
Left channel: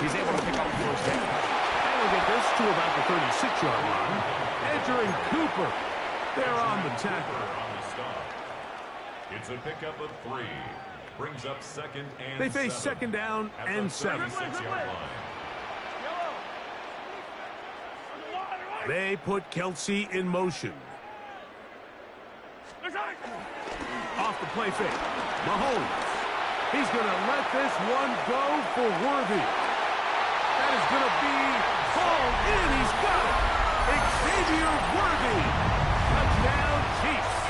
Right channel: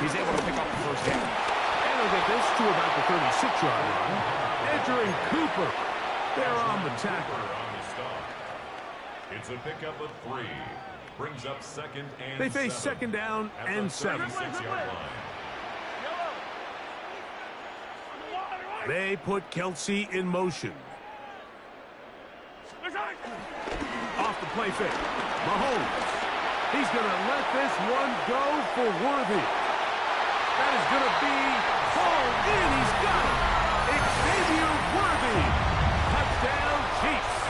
He's able to pick up the 1st down. And he'll get this to about the 36-yard line. Edger and Cooper, they're on the tackle. It's a pickup of 3. Brings up 2nd and They face 7 2nd down and 7. 36-yard line. They put Kelsey in motion. Off the play fake. Mahomes. He's going to let this one go for Worthy. That is going to be hauled in. He's got it. Xavier Worthy. Touchdown, Chiefs.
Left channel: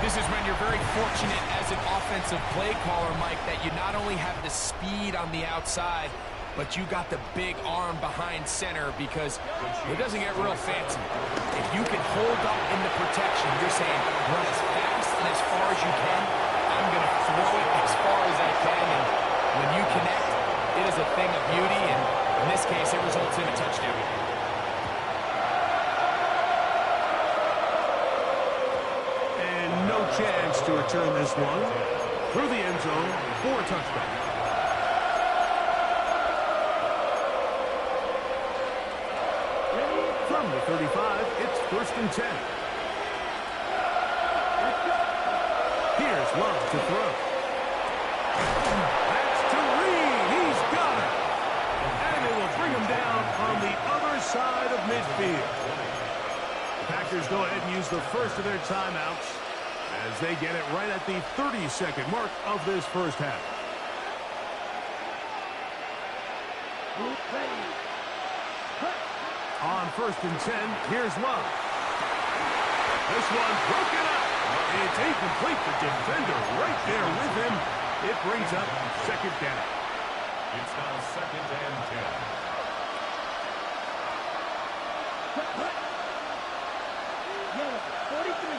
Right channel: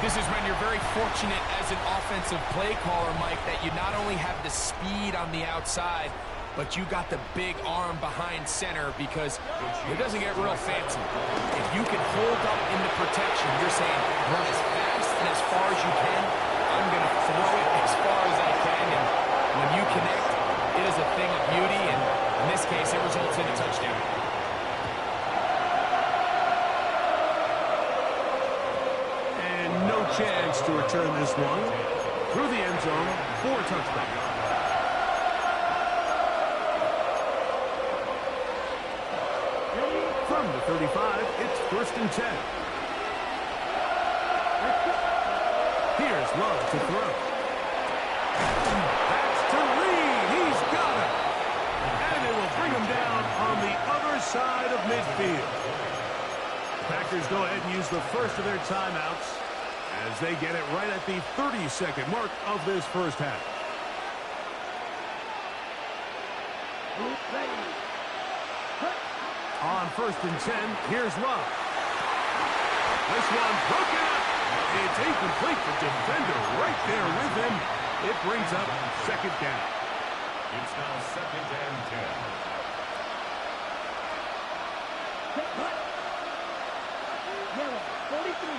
This is when you're very fortunate as an offensive play caller, Mike, that you not only have the speed on the outside, but you got the big arm behind center, because it doesn't get real fancy. If you can hold up in the protection, you're saying run as fast and as far as you can. I'm going to throw it as far as I can, and when you connect, it is a thing of beauty, and in this case, it results in a touchdown. And no chance to return this one through the end zone for a touchback. From the 35, it's 1st and 10. Here's Love to throw. That's to Reed. He's got it. And they will bring him down on the other side of midfield. The Packers go ahead and use the first of their timeouts as they get it right at the 30-second mark of this 1st half. On 1st and 10, here's Love. This one broken up. It's incomplete. The defender right there with him. It brings up 2nd down. It's now 2nd and 10. Yellow, 43.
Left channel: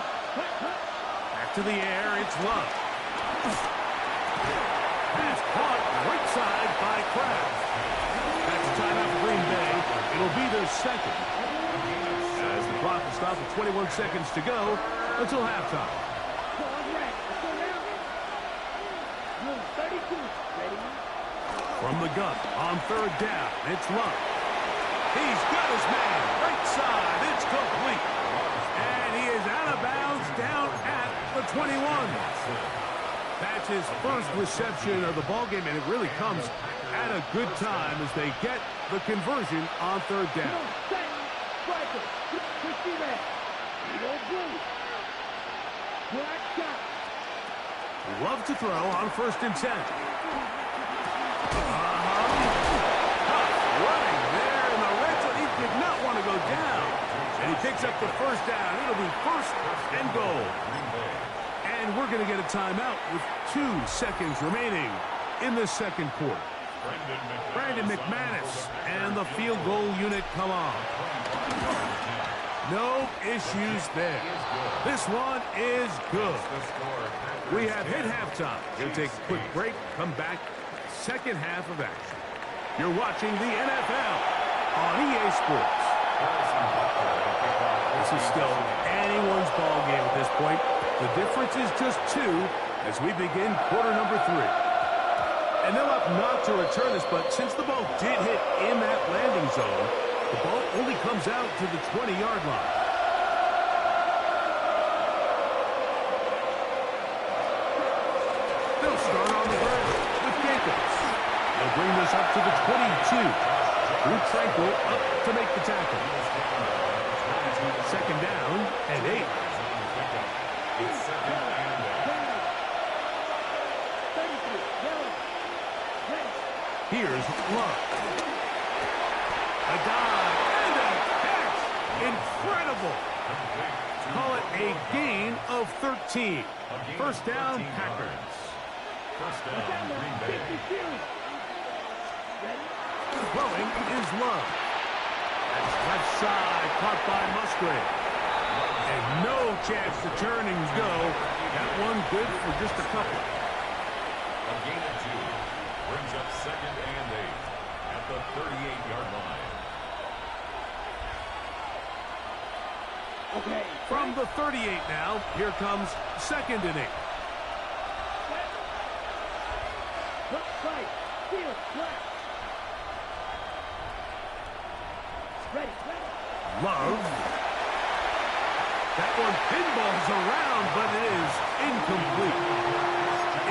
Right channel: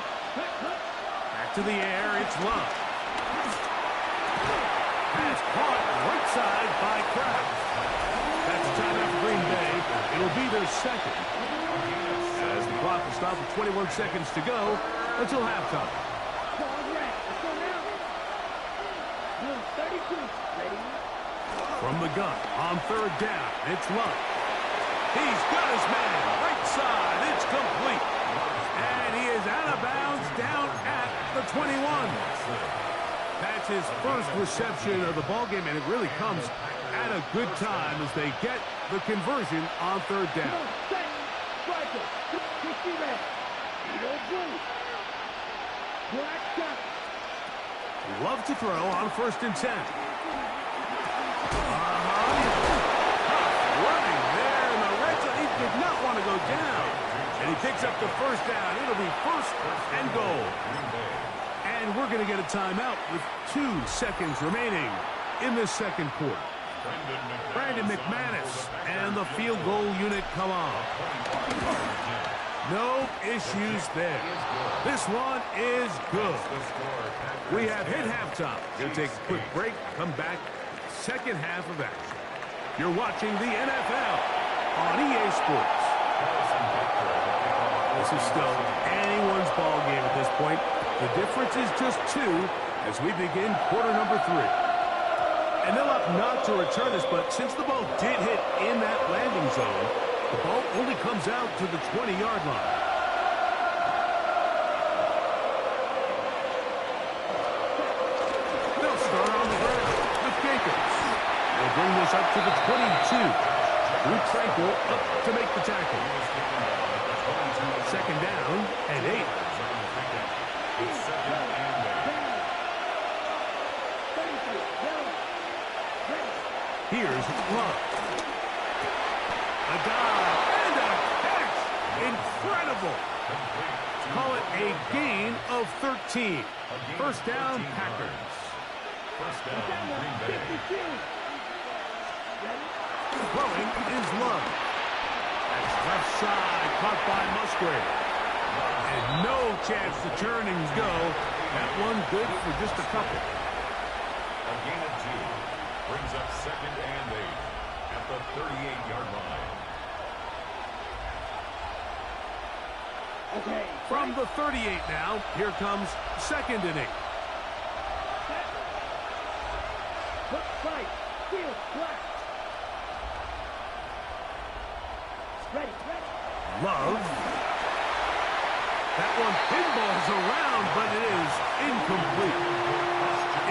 Back to the air, it's Love. Pass caught right side by Kraft. That's a timeout for Green Bay. It'll be their 2nd. As the clock will stop with 21 seconds to go until halftime. From the gun on 3rd down, it's Love. He's got his man right side. It's complete. And he is out of bounds down at the 21. That's his first reception of the ballgame, and it really comes at a good time as they get the conversion on 3rd down. Love to throw on 1st and 10. Running there in the red zone. He did not want to go down. And he picks up the 1st down. It'll be 1st and goal. And we're going to get a timeout with 2 seconds remaining in the 2nd quarter. Brandon McManus and the field goal unit come on. No issues there. This one is good. We have hit halftime. We'll take a quick break, come back, second half of action. You're watching the NFL on EA Sports. This is still anyone's ball game at this point. The difference is just 2 as we begin quarter number 3. And they'll opt not to return this, but since the ball did hit in that landing zone, the ball only comes out to the 20-yard line. They'll start on the ground with Jacobs. They'll bring this up to the 22. Drew Tranquil up to make the tackle. Second down and 8. Here's Love. A dive and a catch. Incredible. Call it a gain of 13. First down, Packers. First down, Green Bay. Throwing is Love. That's left side, caught by Musgrave. And no chance to turn and go. That one good for just a couple. A gain of 2. Brings up second and 8 at the 38-yard line. Okay. From the 38 now, here comes second and 8. Look right. Field black. Ready. Love. That one pinballs around, but it is incomplete.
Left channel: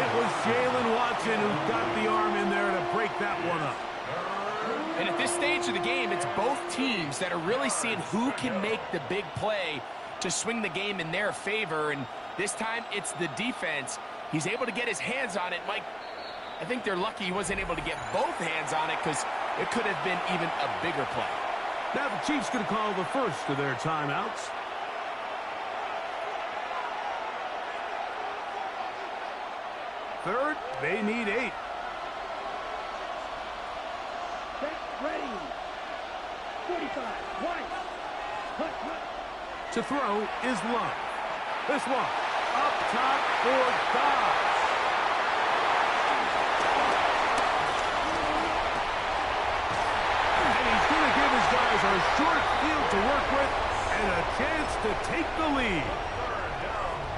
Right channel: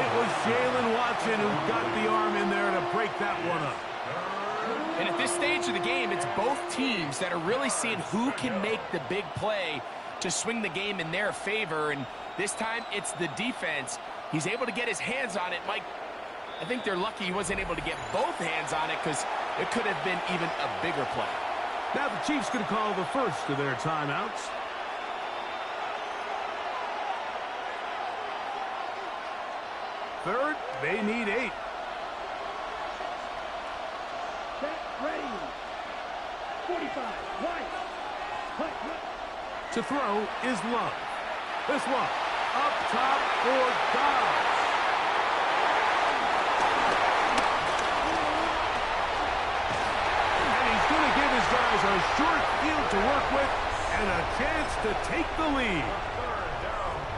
It was Jalen Watson who got the arm in there to break that one up. And at this stage of the game, it's both teams that are really seeing who can make the big play to swing the game in their favor. And this time, it's the defense. He's able to get his hands on it. Mike, I think they're lucky he wasn't able to get both hands on it because it could have been even a bigger play. Now the Chiefs going to call the first of their timeouts. Third, they need 8. Set, ready. 45, wide. Cut. To throw is Love. This one, up top for Dobbs. And he's going to give his guys a short field to work with and a chance to take the lead.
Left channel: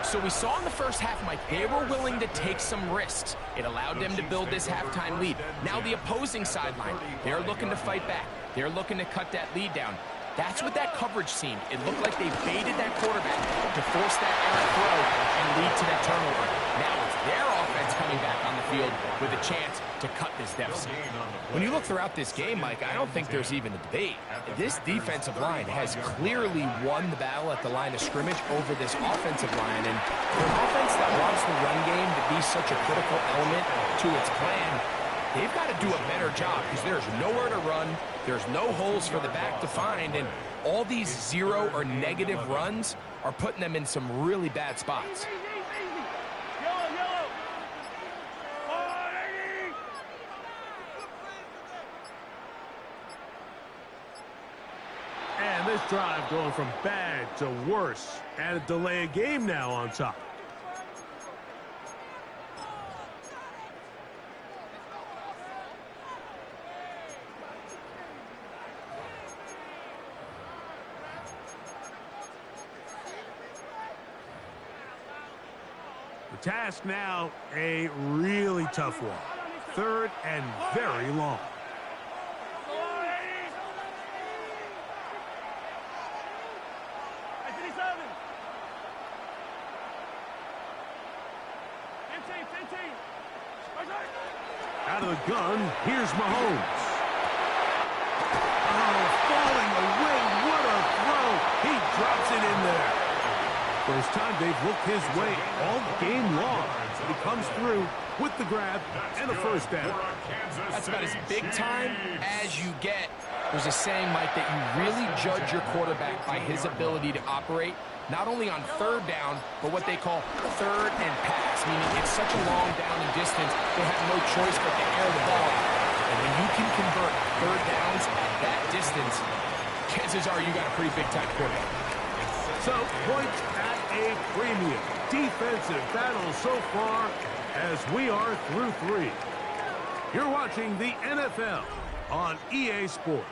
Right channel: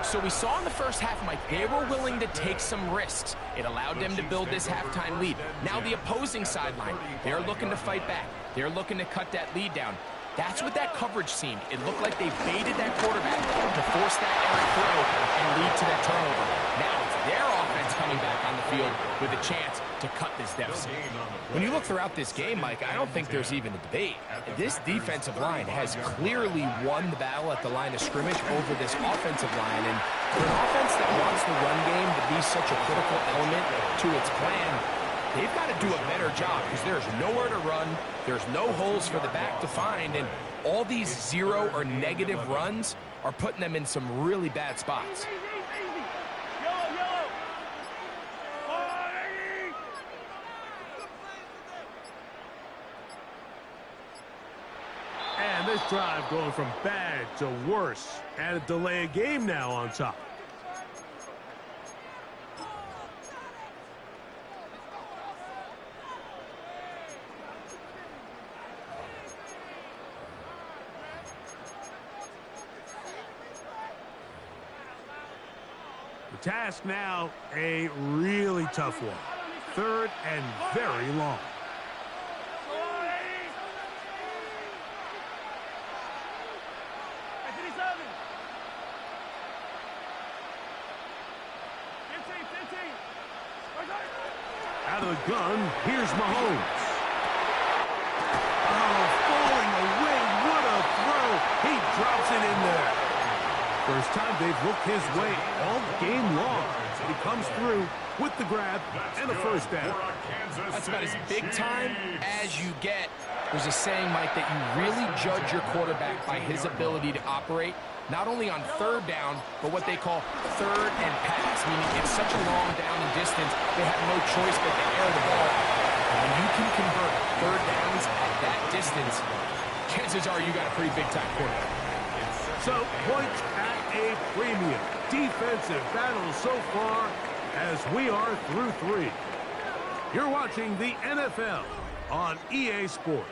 So we saw in the first half, Mike, they were willing to take some risks. It allowed them to build this halftime lead. Now the opposing sideline, they're looking to fight back. They're looking to cut that lead down. That's what that coverage seemed. It looked like they baited that quarterback to force that errant throw and lead to that turnover. Now it's their offense coming back on the field with a chance to cut this deficit. When you look throughout this game, Mike, I don't think there's even a debate. This defensive line has clearly won the battle at the line of scrimmage over this offensive line. And for an offense that wants the run game to be such a critical element to its plan, they've got to do a better job because there's nowhere to run. There's no holes for the back to find, and all these 0 or negative runs are putting them in some really bad spots. And this drive going from bad to worse, and a delay of game now on top. The task now, a really tough one. Third and very long. Out of the gun, here's Mahomes. Oh, falling away, what a throw. He drops it in there. First time they've looked his way all game long. He comes through with the grab and a first down. That's about as big time as you get. There's a saying, Mike, that you really judge your quarterback by his ability to operate, not only on third down, but what they call third and pass, meaning it's such a long down and distance, they have no choice but to air the ball out. And when you can convert third downs at that distance, chances are you got a pretty big-time quarterback. So, points at a premium. Defensive battle so far as we are through 3. You're watching the NFL on EA Sports.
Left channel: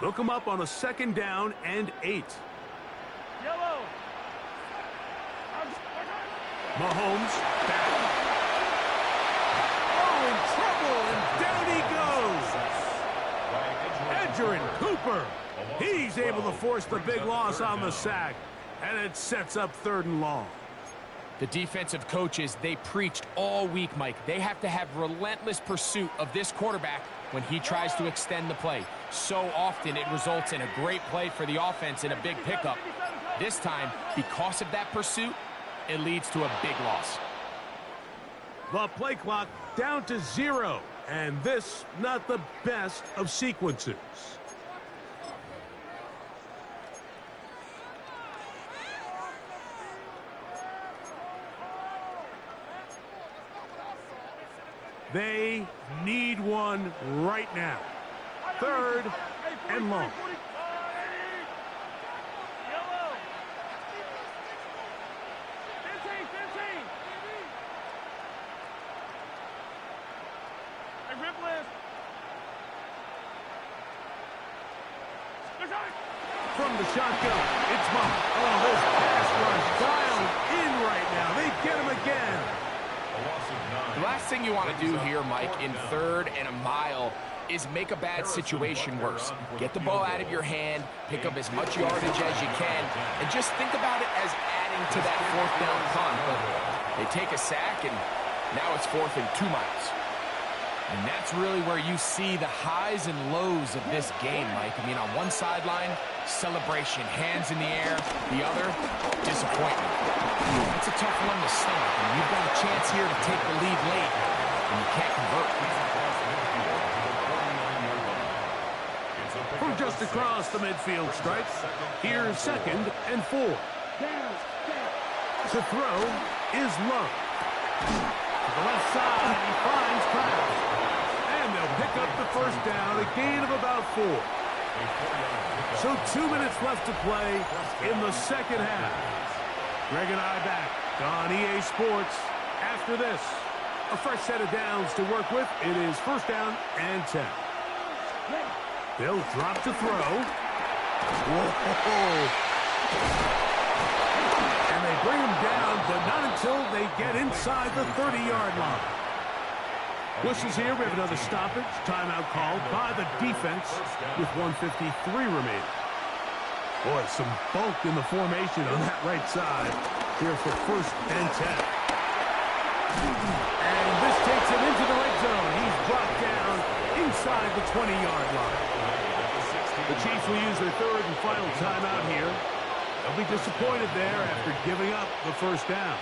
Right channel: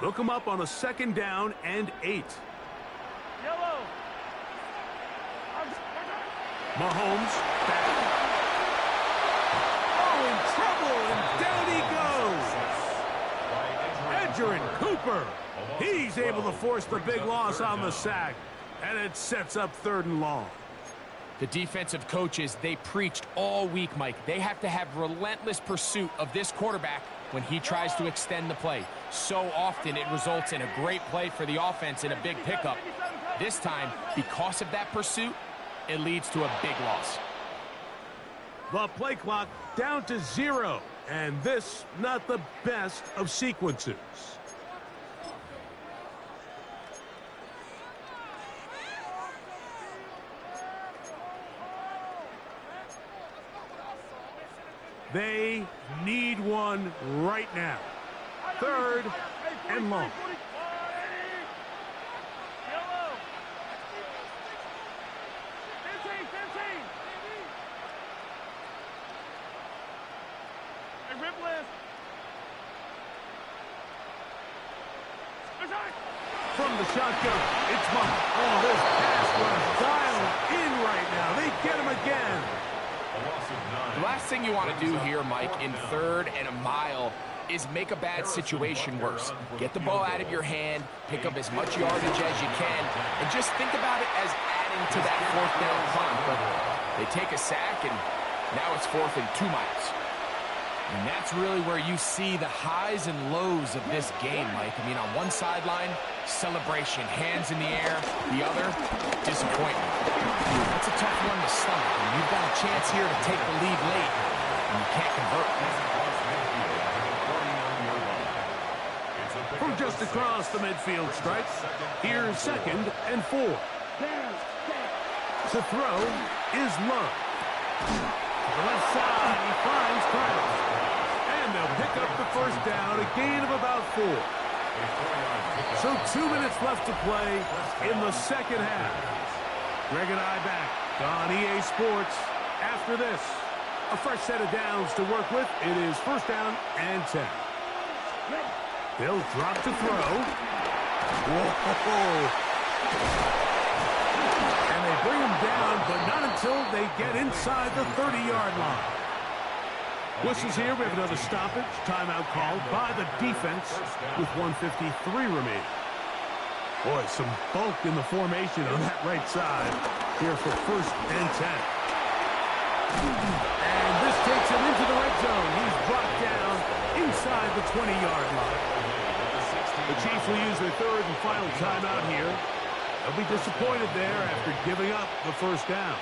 Look him up on a 2nd down and 8. Yellow. Mahomes back. Oh, in trouble, and down he goes. Edgerrin Cooper. He's able to force the big loss on the sack, and it sets up 3rd and long. The defensive coaches, they preached all week, Mike. They have to have relentless pursuit of this quarterback when he tries to extend the play. So often it results in a great play for the offense and a big pickup. This time, because of that pursuit, it leads to a big loss. The play clock down to 0, and this not the best of sequences. They need one right now. 3rd and long. Yellow. 15. Hey, rip list. From the shotgun, it's Mahomes. Oh, this pass rush dialed in right now. They get him again. The last thing you want to do here, Mike, in 3rd and a mile is make a bad situation worse. Get the ball out of your hand, pick up as much yardage as you can, and just think about it as adding to that 4th down punt. But they take a sack, and now it's 4th and 2 miles. And that's really where you see the highs and lows of this game, Mike. I mean, on one sideline, celebration, hands in the air. The other, disappointment. That's a tough one to stomach. And you've got a chance here to take the lead late, and you can't convert. From just across the midfield stripe, here's 2nd and 4. To throw is Love. To the left side, he finds Krabs. And they'll pick up the 1st down, a gain of about 4. So 2 minutes left to play in the 2nd half. Greg and I back on EA Sports after this. A fresh set of downs to work with. It is 1st down and 10. They'll drop to throw. Whoa. And they bring him down, but not until they get inside the 30-yard line. Whistles here. We have another stoppage. Timeout called by the defense with 1:53 remaining. Boy, some bulk in the formation on that right side here for 1st and 10. And this takes him into the red zone. He's brought down inside the 20-yard line. The Chiefs will use their 3rd and final timeout here. They'll be disappointed there after giving up the 1st down.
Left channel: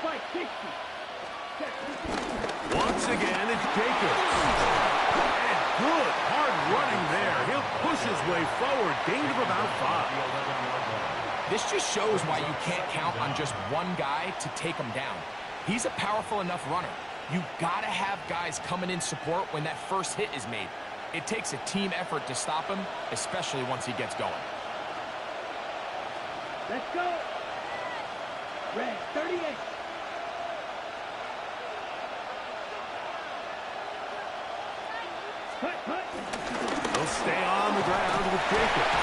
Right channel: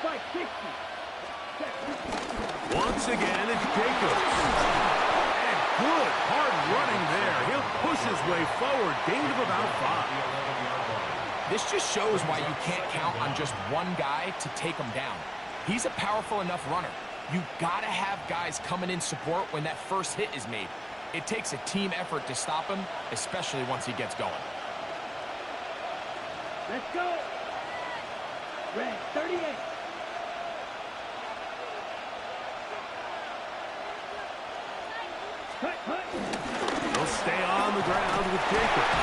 560. Once again, it's Jacobs. And good, hard running there. He'll push his way forward. Gain of about 5. This just shows why you can't count on just one guy to take him down. He's a powerful enough runner. You got to have guys coming in support when that first hit is made. It takes a team effort to stop him, especially once he gets going. Let's go. Red 38. They'll stay on the ground with Jacobs.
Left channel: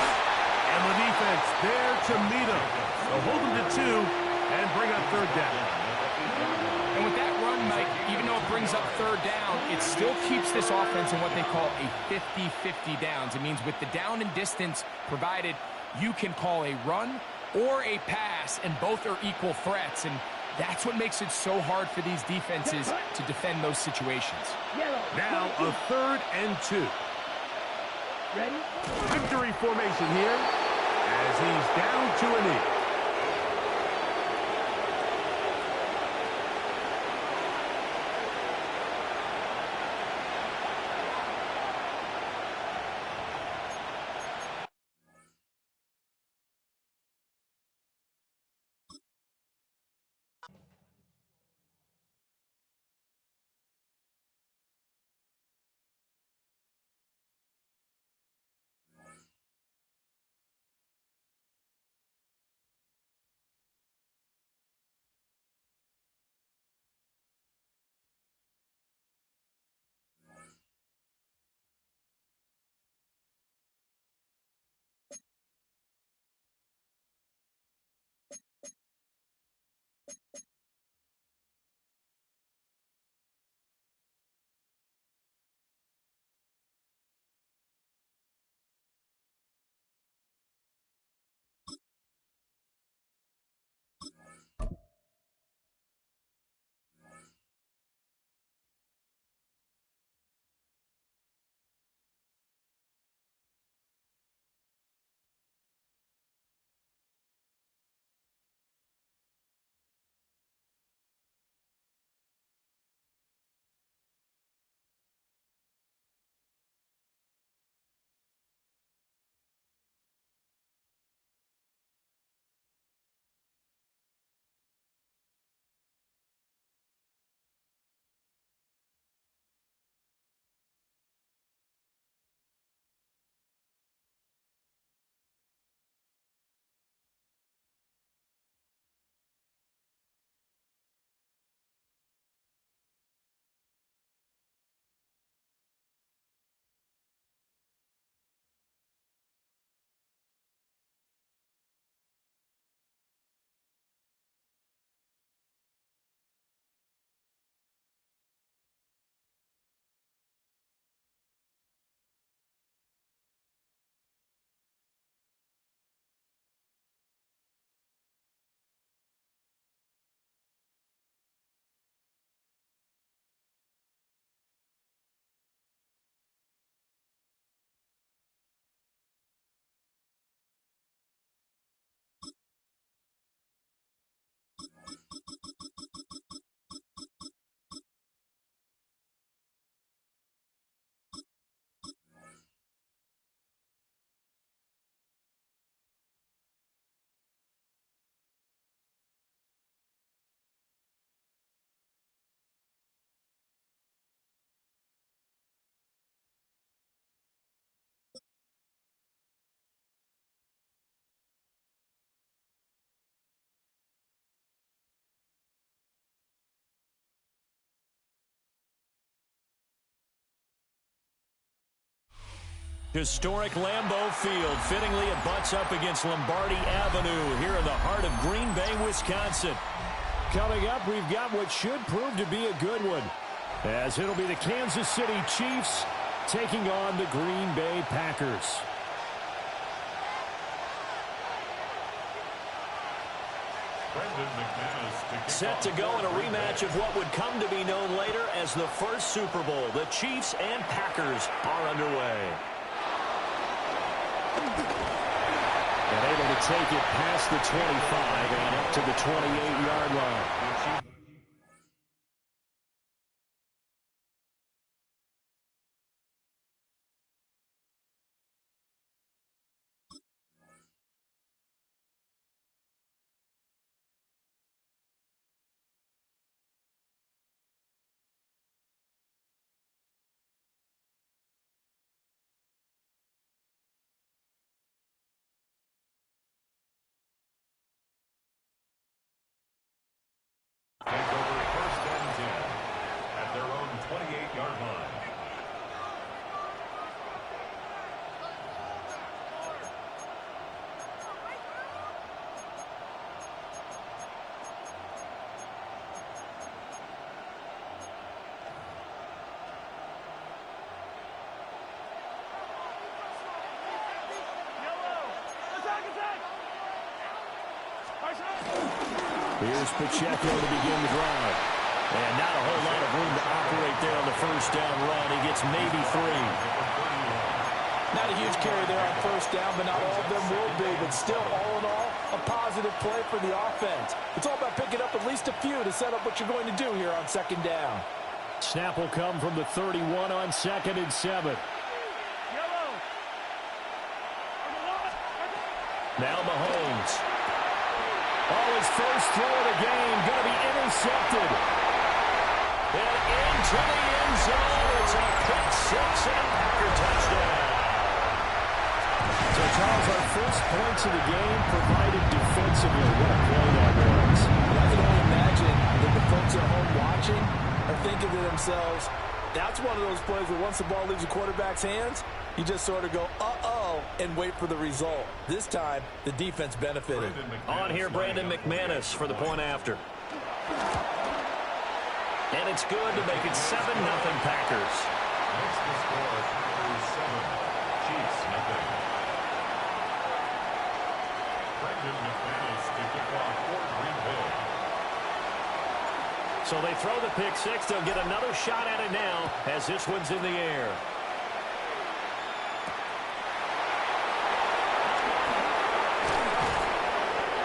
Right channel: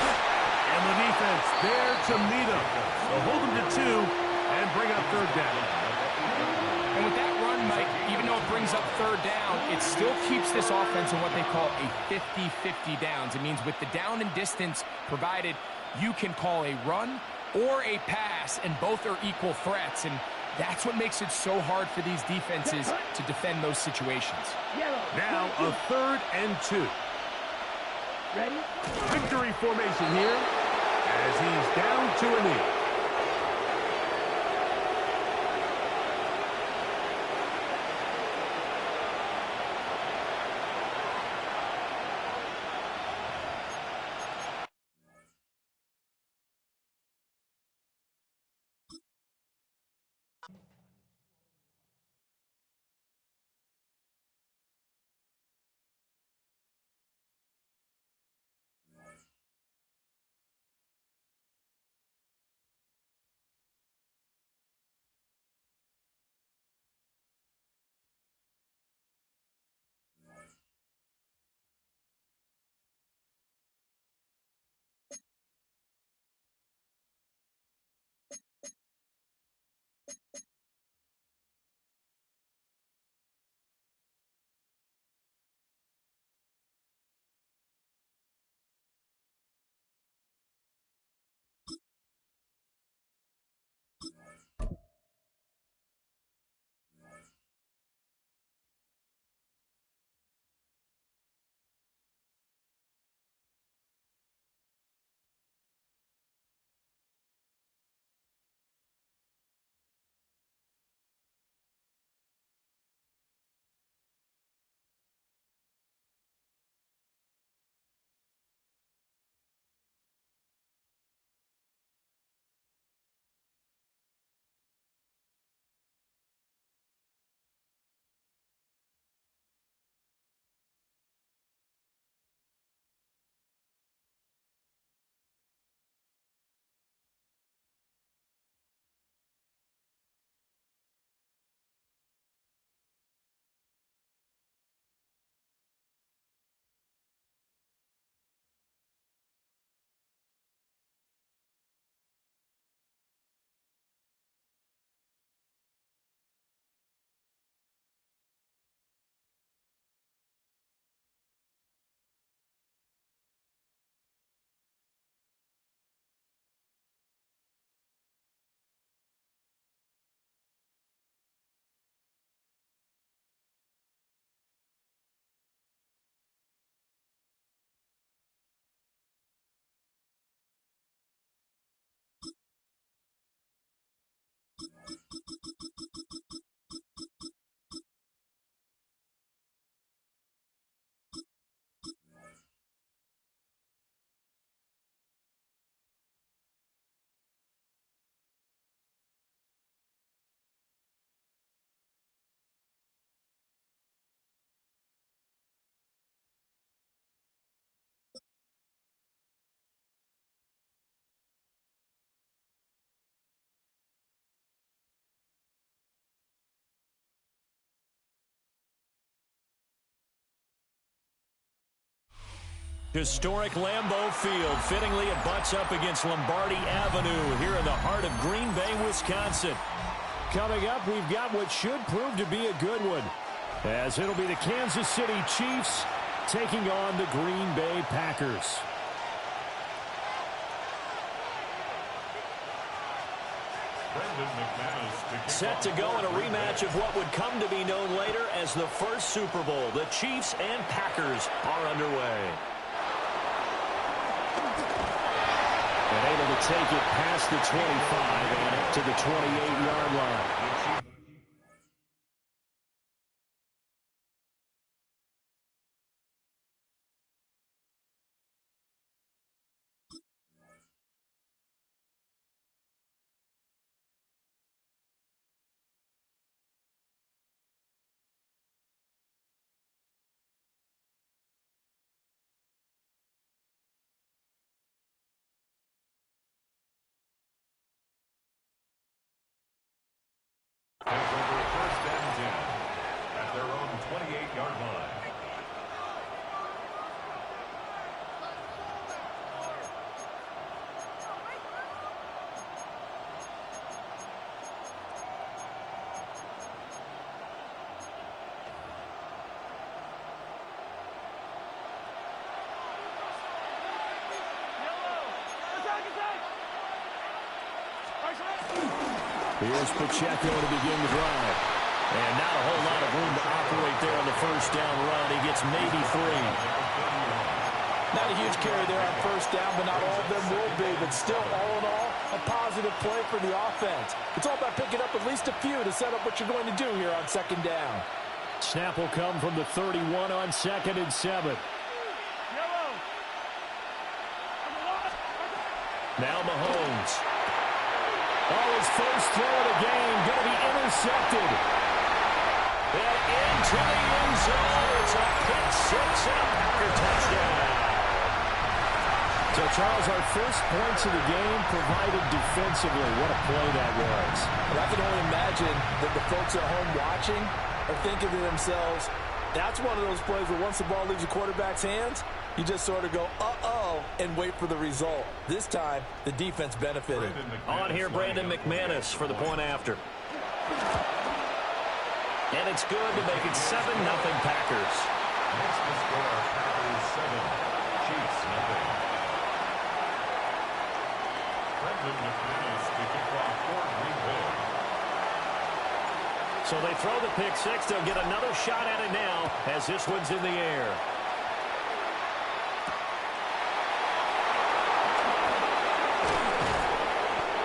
And the defense there to meet him. They'll hold him to 2 and bring up 3rd down. And with that run, Mike, even though it brings up 3rd down, it still keeps this offense in what they call a 50-50 downs. It means with the down and distance provided, you can call a run or a pass, and both are equal threats. And that's what makes it so hard for these defenses to defend those situations. Now a 3rd and 2. Ready? Victory formation here as he's down to a knee. Historic Lambeau Field. Fittingly, it butts up against Lombardi Avenue here in the heart of Green Bay, Wisconsin. Coming up, we've got what should prove to be a good one, as it'll be the Kansas City Chiefs taking on the Green Bay Packers. Set to go in a rematch of what would come to be known later as the first Super Bowl. The Chiefs and Packers are underway. And able to take it past the 25 and up to the 28-yard line. Take over first and 10 at their own 28-yard line. Here's Pacheco to begin the drive. And not a whole lot of room to operate there on the first down run. He gets maybe 3. Not a huge carry there on first down, but not all of them will be. But still, all in all, a positive play for the offense. It's all about picking up at least a few to set up what you're going to do here on second down. Snap will come from the 31 on 2nd and 7. Now Mahomes. Oh, his first throw of the game going to be intercepted. And into the end zone. It's a pick six and a Packer touchdown. So, Charles, our first points of the game provided defensively. What a play that was. But I can only imagine that the folks at home watching are thinking to themselves, that's one of those plays where once the ball leaves the quarterback's hands, you just sort of go, uh-oh, and wait for the result. This time, the defense benefited. On here, Brandon McManus for the point after. And it's good to make it 7-0 Packers. Next to score, Packers 7, Chiefs 0. Brandon McManus to kick off for Green Bay. So they throw the pick six. They'll get another shot at it now as this one's in the air.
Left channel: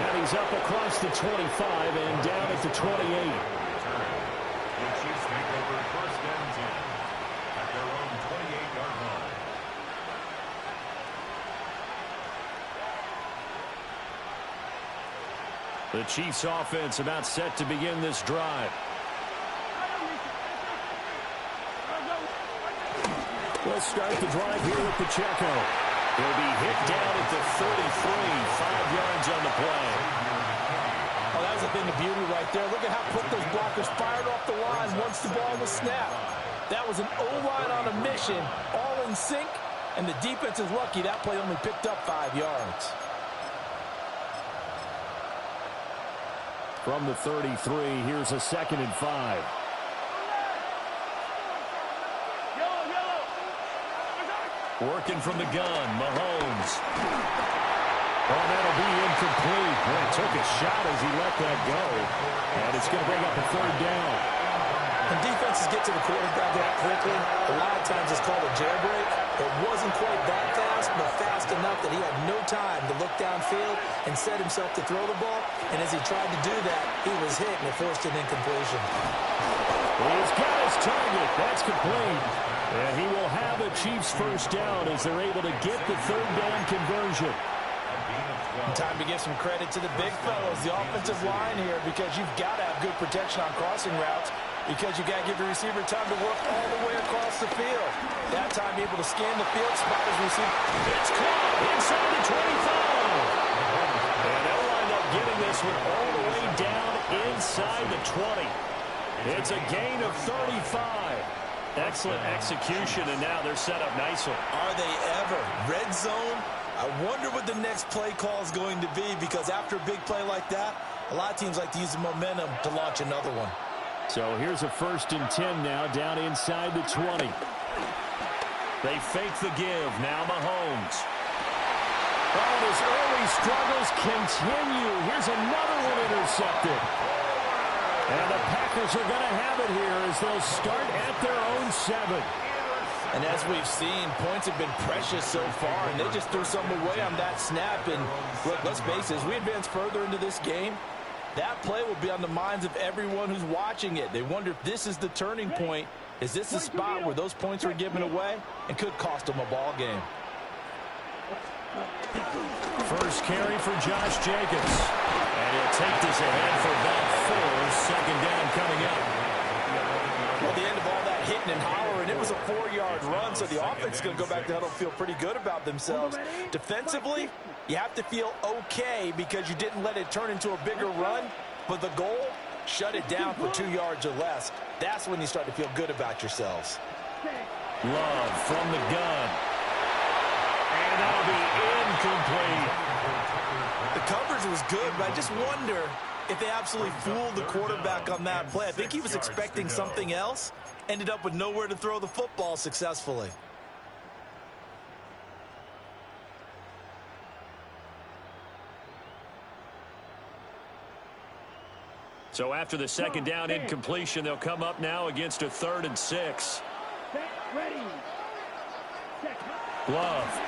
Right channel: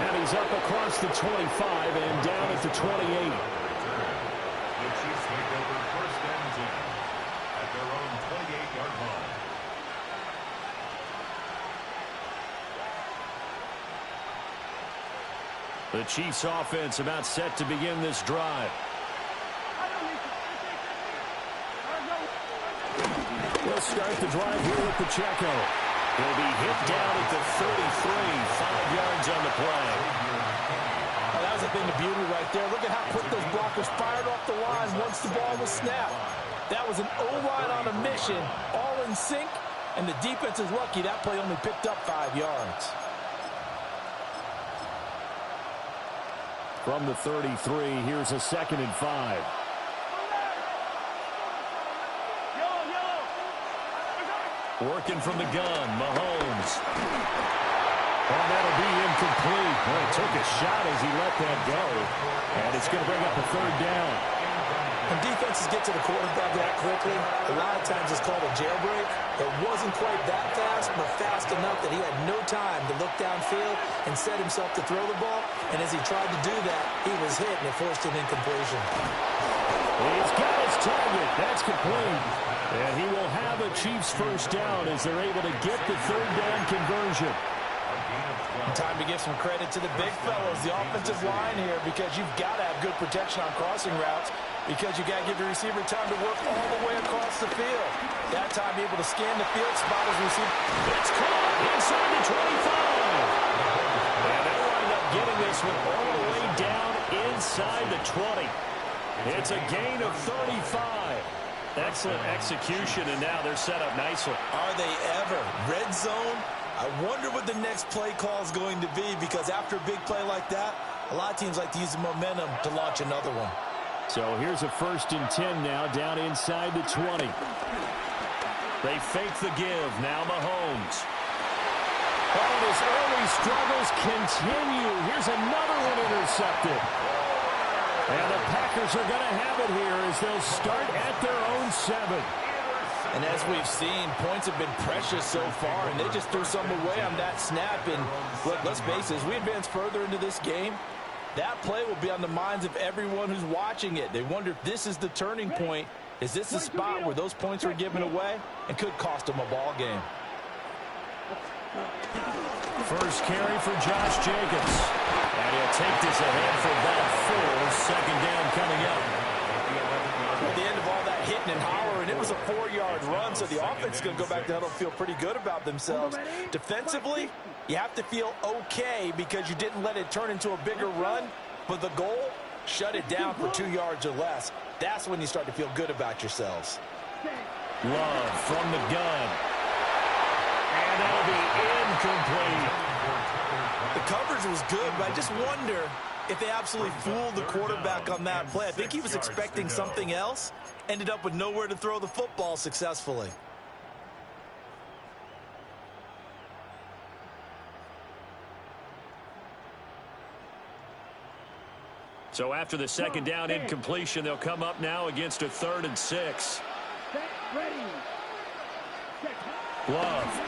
And he's up across the 25 and down at the 28. The Chiefs make over first and 10 at their own 28-yard line. The Chiefs offense about set to begin this drive. We'll start the drive here with Pacheco. He'll be hit down at the 33, 5 yards on the play. Oh, that was a thing of beauty right there. Look at how quick those blockers fired off the line once the ball was snapped. That was an O-line on a mission, all in sync, and the defense is lucky that play only picked up 5 yards. From the 33, here's a 2nd and 5. Working from the gun, Mahomes. Oh, that'll be incomplete. Boy, it took a shot as he let that go. And it's going to bring up a 3rd down. When defenses get to the quarterback that quickly, a lot of times it's called a jailbreak. It wasn't quite that fast, but fast enough that he had no time to look downfield and set himself to throw the ball. And as he tried to do that, he was hit, and it forced an incompletion. He's got his target. That's complete. And he will have a Chiefs first down as they're able to get the 3rd down conversion. Time to give some credit to the big fellows, the offensive line here, because you've got to have good protection on crossing routes, because you got to give your receiver time to work all the way across the field. That time, be able to scan the field, spot his receiver. It's caught inside the 25. And they'll wind up getting this one all the way down inside the 20. It's a gain of 35. Excellent execution, and now they're set up nicely. Are they ever? Red zone? I wonder what the next play call is going to be, because after a big play like that, a lot of teams like to use the momentum to launch another one. So here's a 1st and 10 now, down inside the 20. They fake the give. Now Mahomes. Oh, and his early struggles continue. Here's another one intercepted. And the Packers are going to have it here as they'll start at their own 7. And as we've seen, points have been precious so far, and they just threw some away on that snap. And look, let's face it, as we advance further into this game, that play will be on the minds of everyone who's watching it. They wonder if this is the turning point. Is this the spot where those points were given away and could cost them a ball game? First carry for Josh Jacobs. And he'll take this ahead for about 4. 2nd down coming up. Well, the end of all that hitting and hollering, it was a 4-yard run, so the offense is going to go back to huddle and feel pretty good about themselves. Defensively, you have to feel okay because you didn't let it turn into a bigger run, but the goal, shut it down for 2 yards or less. That's when you start to feel good about yourselves. Love from the gun. And that'll be incomplete. The coverage was good, but I just wonder if they absolutely fooled the quarterback on that play. I think he was expecting something else, ended up with nowhere to throw the football successfully. So after the 2nd down incompletion, they'll come up now against a 3rd and 6. Ready. Love.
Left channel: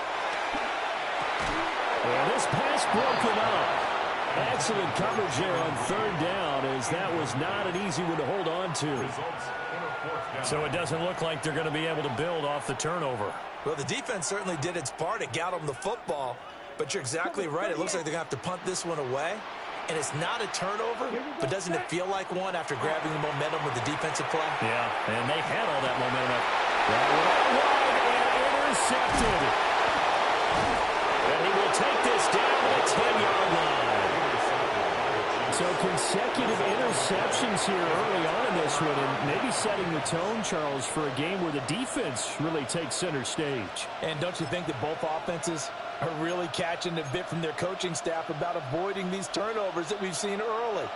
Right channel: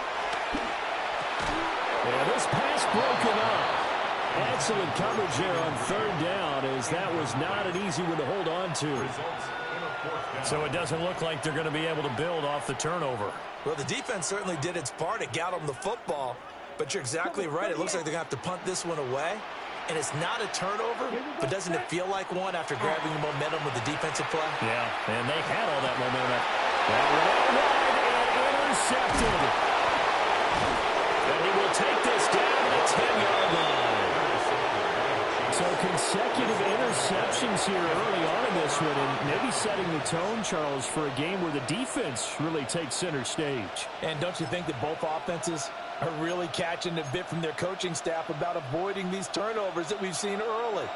Yeah, this pass broken up. Excellent coverage there on 3rd down, as that was not an easy one to hold on to. So it doesn't look like they're going to be able to build off the turnover. Well, the defense certainly did its part. It got them the football. But you're exactly right. It looks like they're going to have to punt this one away. and it's not a turnover, but doesn't it feel like one after grabbing the momentum with the defensive play? Yeah, and they had all that momentum. That went out wide and intercepted. And he will take this down to the 10-yard line. So consecutive interceptions here early on in this one, and maybe setting the tone, Charles, for a game where the defense really takes center stage. And don't you think that both offenses are really catching a bit from their coaching staff about avoiding these turnovers that we've seen early?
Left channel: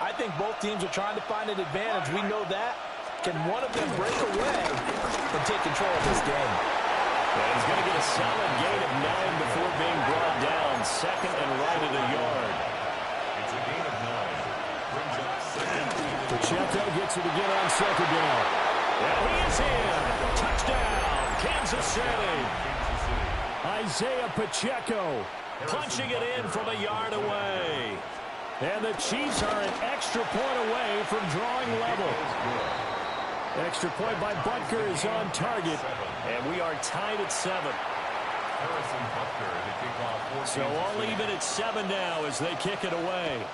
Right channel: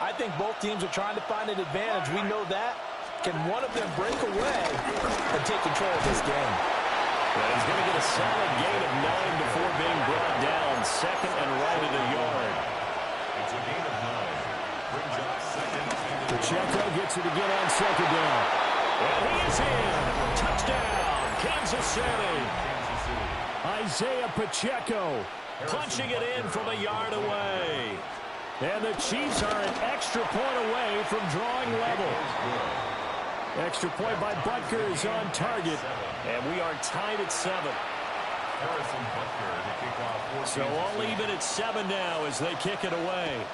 I think both teams are trying to find an advantage. We know that. Can one of them break away and take control of this game? And he's going to get a solid gain of 9 before being brought down. Second and right at a yard. It's a gain of 9. Brings up second. Pacheco gets it again on second down. And he is in. Touchdown, Kansas City. Kansas City. Isaiah Pacheco punching it in from a yard away. And the Chiefs are an extra point away from drawing level. Extra point by Butker is on target. And we are tied at 7. Harrison Butker to kick off. So all even at 7 now as they kick it away.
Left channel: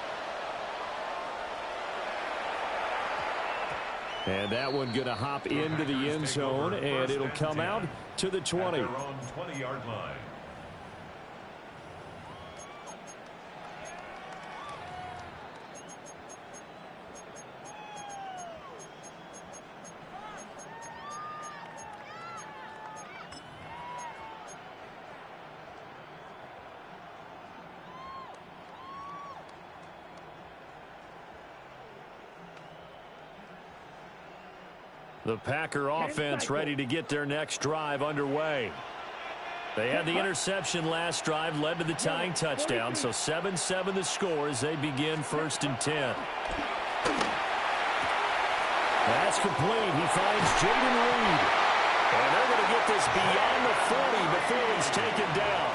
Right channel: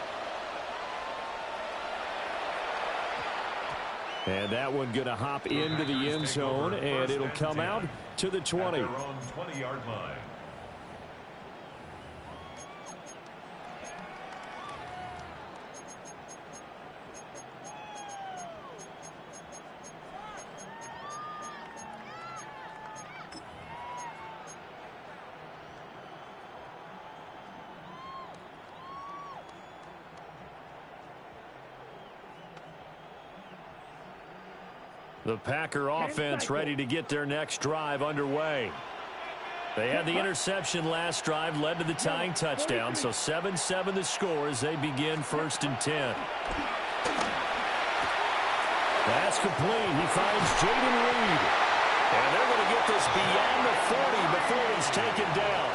And that one going to hop into the end zone, and it'll come out to the 20. At their own 20-yard line. The Packer offense ready to get their next drive underway. They had the interception last drive, led to the tying touchdown, so 7-7 the score as they begin 1st and 10. That's complete. He finds Jaden Reed. And they're going to get this beyond the 40 before he's taken down.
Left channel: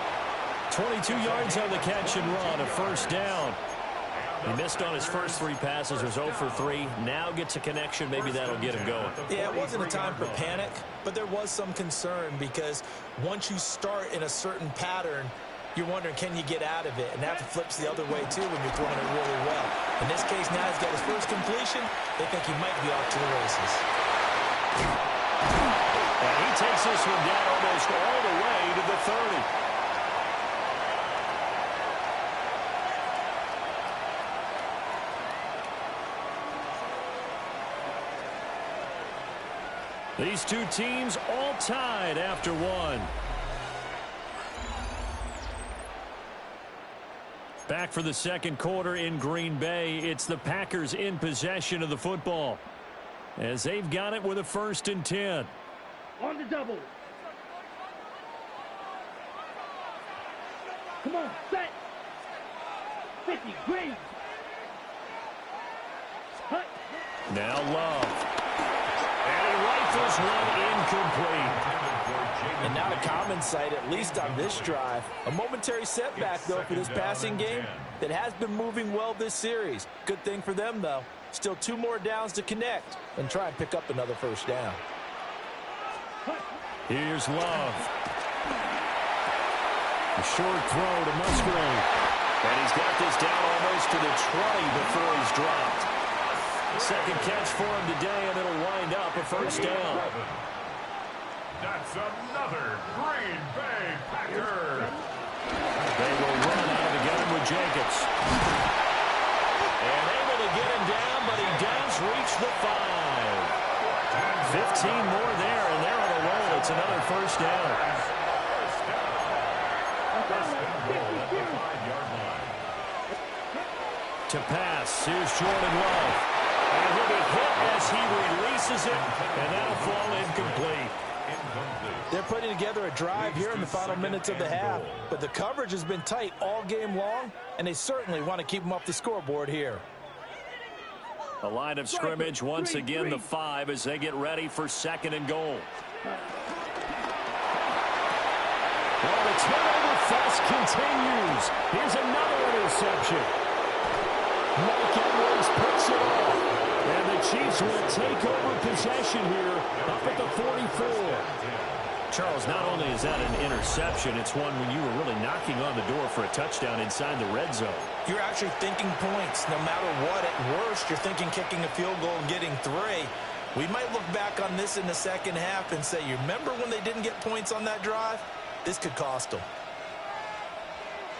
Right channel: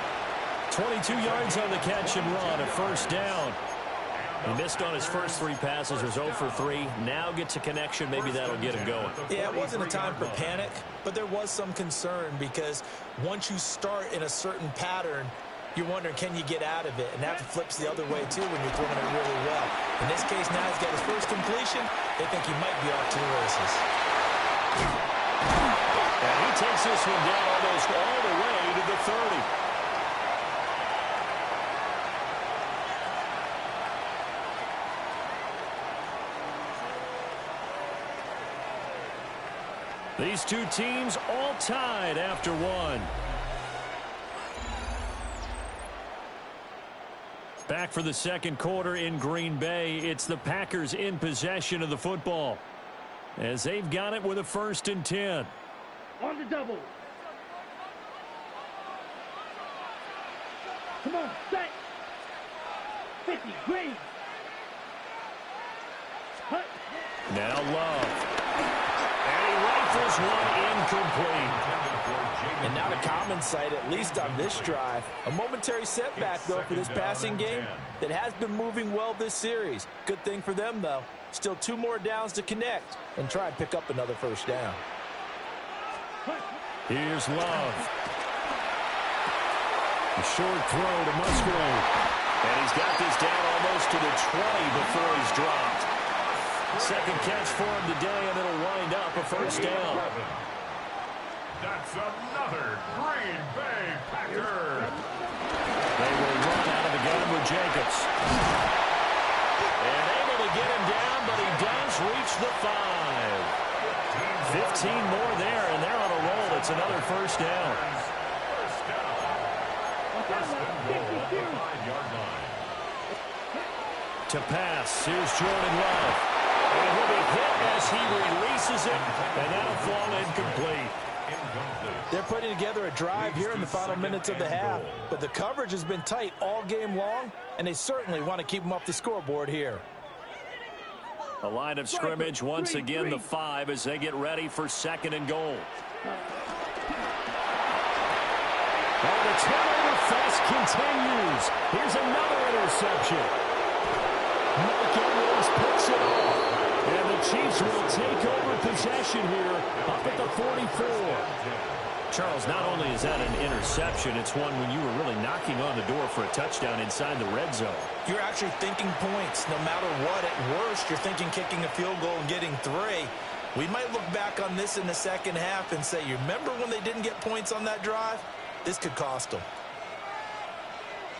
22 yards on the catch and run, a first down. He missed on his first 3 passes, was 0 for 3. Now gets a connection. Maybe that'll get him going. Yeah, it wasn't a time for panic, but there was some concern because once you start in a certain pattern, you're wondering, can you get out of it? And that flips the other way, too, when you're throwing it really well. In this case, now he's got his first completion. They think he might be off to the races. And he takes this one down almost all the way to the 30. These two teams all tied after 1. Back for the second quarter in Green Bay. It's the Packers in possession of the football as they've got it with a 1st and 10. On the double. Come on, set. 50, green. Hut. Now Love. And he rifles one incomplete. And not a common sight, at least on this drive. A momentary setback, though, for this passing game that has been moving well this series. Good thing for them, though. Still 2 more downs to connect and try and pick up another first down. Here's Love. A short throw to Musgrave. And he's got this down almost to the 20 before he's dropped. Second catch for him today, and it'll wind up a first down. That's another Green Bay Packer. They will run out of the gun with Jacobs. And able to get him down, but he does reach the 5. 15 more there, and they're on a roll. It's another first down. First down. First and goal at the 5-yard line. To pass, here's Jordan Love. And he'll be hit as he releases it, and that'll fall incomplete. They're putting together a drive here in the final minutes of the half, but the coverage has been tight all game long, and they certainly want to keep them off the scoreboard here. A line of scrimmage once again, the 5, as they get ready for 2nd and goal. Well, the turnover fest continues. Here's another interception. Mike Edwards picks it off. And the Chiefs will take over possession here up at the 44. Charles, not only is that an interception, it's one when you were really knocking on the door for a touchdown inside the red zone. You're actually thinking points. No matter what, at worst, you're thinking kicking a field goal and getting 3. We might look back on this in the second half and say, you remember when they didn't get points on that drive? This could cost them.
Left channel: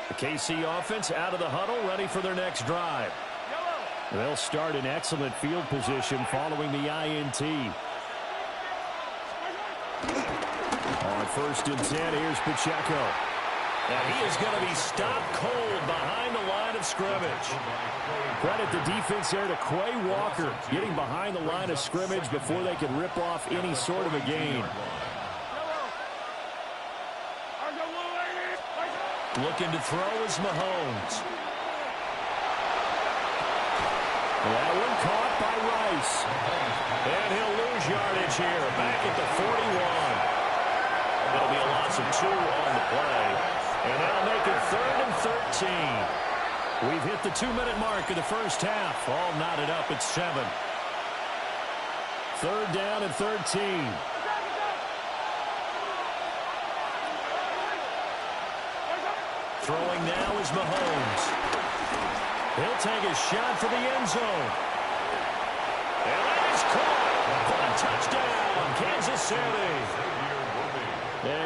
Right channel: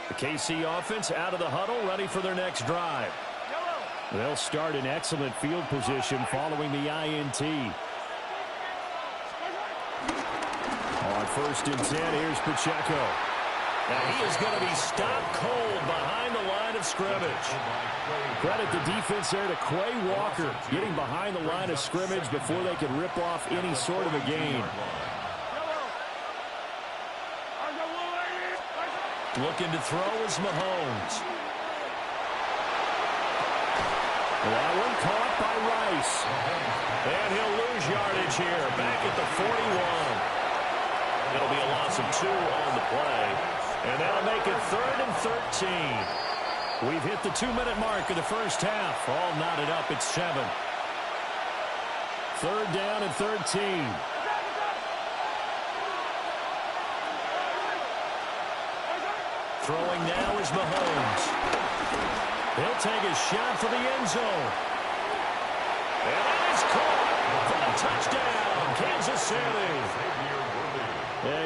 The KC offense out of the huddle, ready for their next drive. They'll start in excellent field position following the INT. On 1st and 10, here's Pacheco. Now he is going to be stopped cold behind the line of scrimmage. Credit the defense there to Quay Walker, getting behind the line of scrimmage before they could rip off any sort of a gain. Looking to throw is Mahomes. That one caught by Rice. And he'll lose yardage here, back at the 41. It'll be a loss of 2 on the play. And that'll make it 3rd and 13. We've hit the 2-minute mark of the first half. All knotted up at 7. 3rd down and 13. Throwing now is Mahomes. He'll take a shot for the end zone. And that is caught for a touchdown, Kansas City.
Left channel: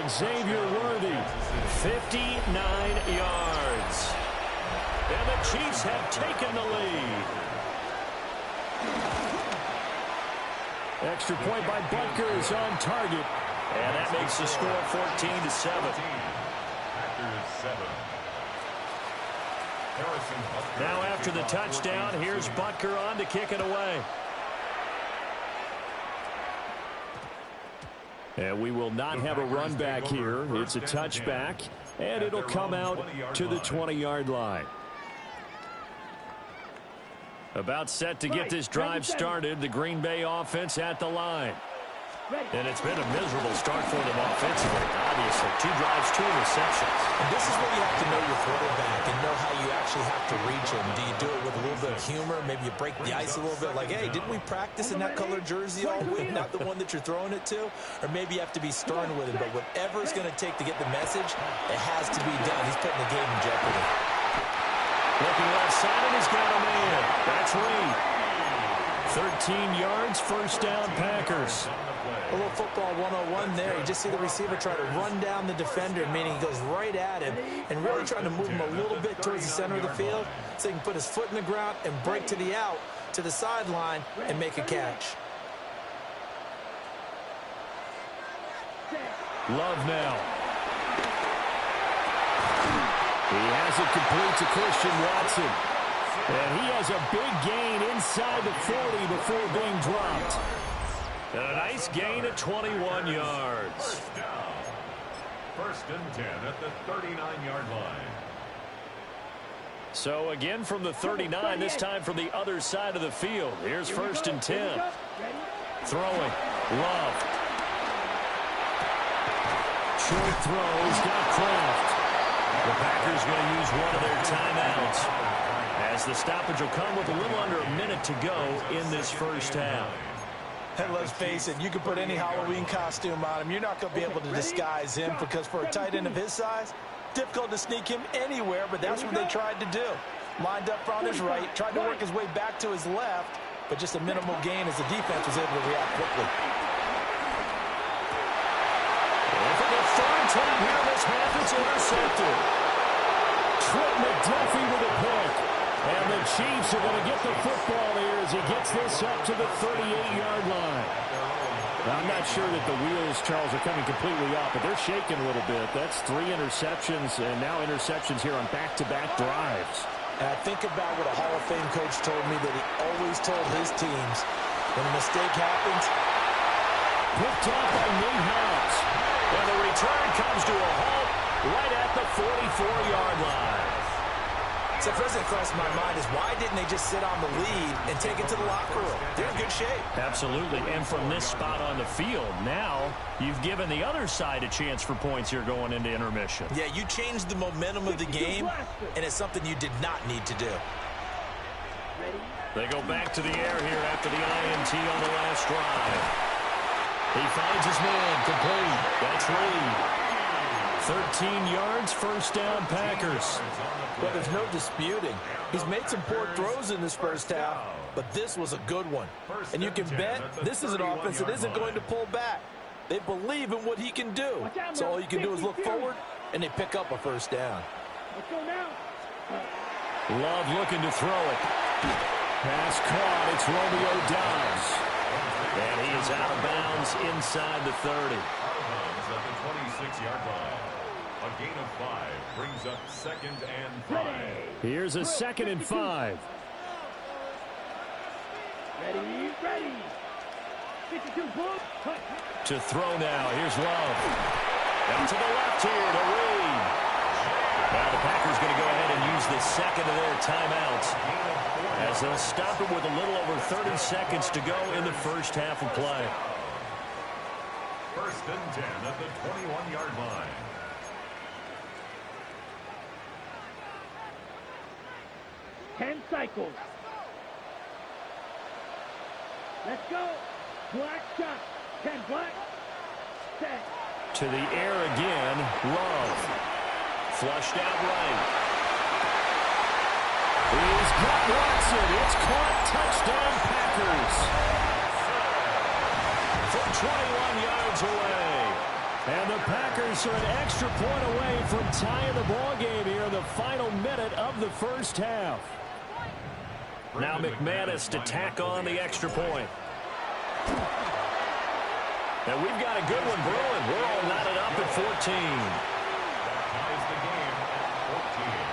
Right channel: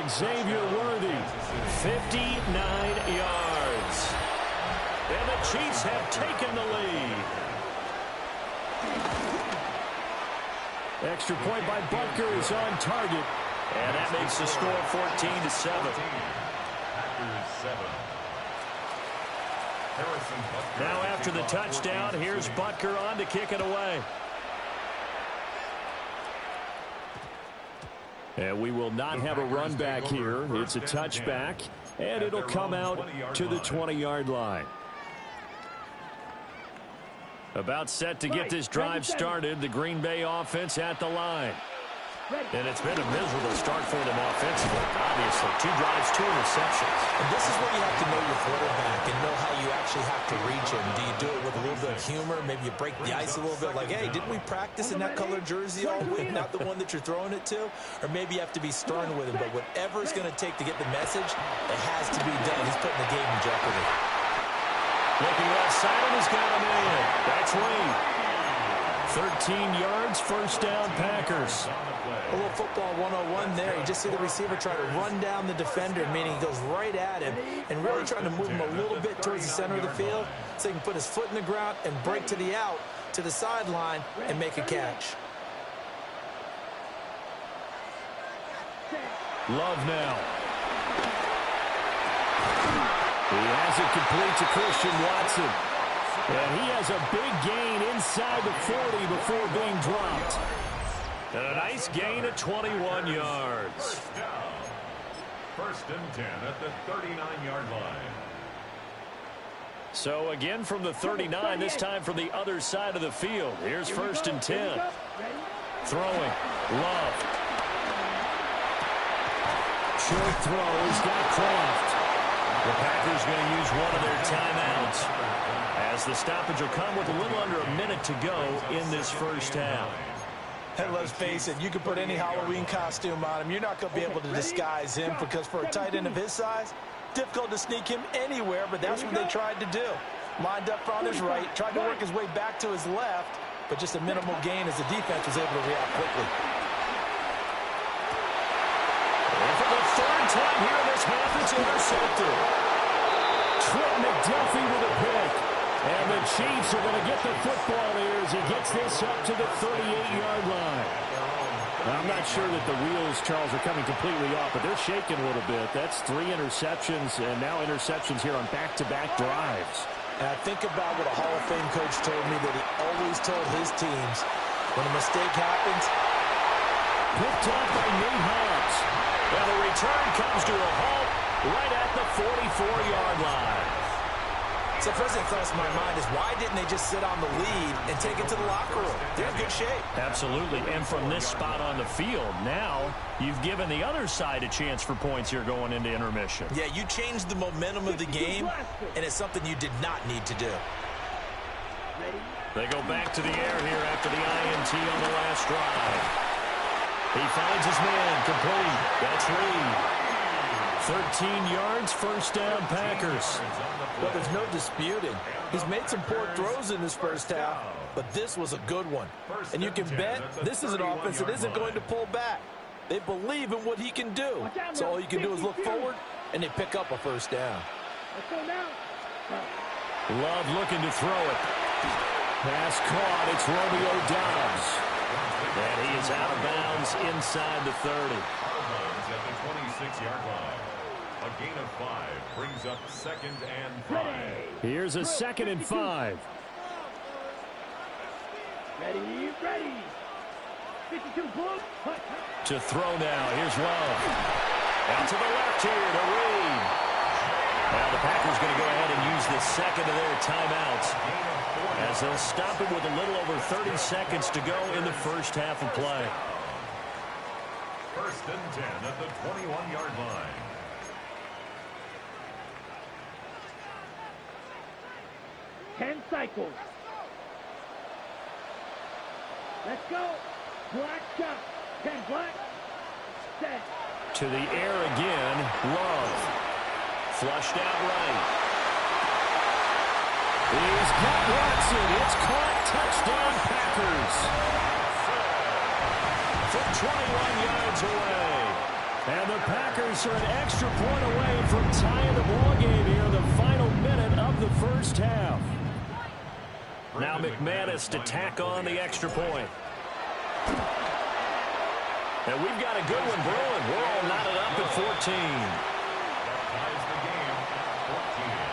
Xavier Worthy, 59 yards. And the Chiefs have taken the lead. Extra point by Butker is on target. And that makes the score 14-7. Now after the touchdown, here's Butker on to kick it away. And we will not have a run back here. It's a touchback, and it'll come out to the 20-yard line. About set to get this drive started, the Green Bay offense at the line. And it's been a miserable start for them offensively, obviously. 2 drives, 2 interceptions. And this is where you have to know your quarterback and know how you actually have to reach him. Do you do it with a little bit of humor? Maybe you break the ice a little bit, like, hey, didn't we practice in that colored jersey all week, not the one that you're throwing it to? Or maybe you have to be stern with him. But whatever it's going to take to get the message, it has to be done. He's putting the game in jeopardy. Looking left side, and he's got a man. That's Reed. 13 yards, first down, Packers. A little football 101 there. You just see the receiver try to run down the defender, meaning he goes right at him and really trying to move him a little bit towards the center of the field so he can put his foot in the ground and break to the out, to the sideline, and make a catch. Love now. He has it complete to Christian Watson. And he has a big gain inside the 40 before being dropped. And a nice gain at 21 yards. First and 10 at the 39-yard line. So again from the 39, this time from the other side of the field. Here's 1st and 10. Throwing. Love. Short throw. He's got Kraft. The Packers going to use one of their timeouts, as the stoppage will come with a little under a minute to go in this first half. And let's face it, you can put any Halloween costume on him. You're not going to be able to disguise him, because for a tight end of his size, difficult to sneak him anywhere, but that's what they tried to do. Lined up on his right, tried to work his way back to his left, but just a minimal gain as the defense was able to react quickly. And for the 3rd time here in this half, it's intercepted. Trent McDuffie with a pick. And the Chiefs are going to get the football here as he gets this up to the 38-yard line. Now, I'm not sure that the wheels, Charles, are coming completely off, but they're shaking a little bit. That's 3 interceptions, and now interceptions here on back-to-back drives. And I think about what a Hall of Fame coach told me that he always told his teams, when a mistake happens, picked off by Nate Hobbs. And the return comes to a halt right at the 44-yard line. So first thing that crossed my mind is, why didn't they just sit on the lead and take it to the locker room? They're in good shape. Absolutely. And from this spot on the field, now you've given the other side a chance for points here going into intermission. Yeah, you changed the momentum of the game, and it's something you did not need to do. They go back to the air here after the INT on the last drive. He finds his man, complete. That's Reed. 13 yards, first down, Packers. Well, there's no disputing. He's made some poor throws in this first half, but this was a good one. And you can bet this is an offense that isn't going to pull back. They believe in what he can do. So all you can do is look forward, and they pick up a first down. Let's go now. Love looking to throw it. Pass caught. It's Romeo Doubs. And he is out of bounds inside the 30. Out of bounds at the 26-yard line. A gain of 5 brings up 2nd and 5. Here's a 2nd and 5. Ready, ready. 52 Bulls. To throw now. Here's Love. Out to the left here to Reed. Now the Packers going to go ahead and use the second of their timeouts as they'll stop it with a little over 30 seconds to go in the first half of play. 1st and 10 at the 21-yard line. Ten cycles. Let's go. Black shot. 10 black. Set. To the air again. Love. Flushed out right. He's got Watson. It's caught. Touchdown, Packers. From 21 yards away. And the Packers are an extra point away from tying the ball game here in the final minute of the first half. Now McManus to tack on the extra point. And we've got a good one brewing. We're all knotted up at 14. That ties the game at 14.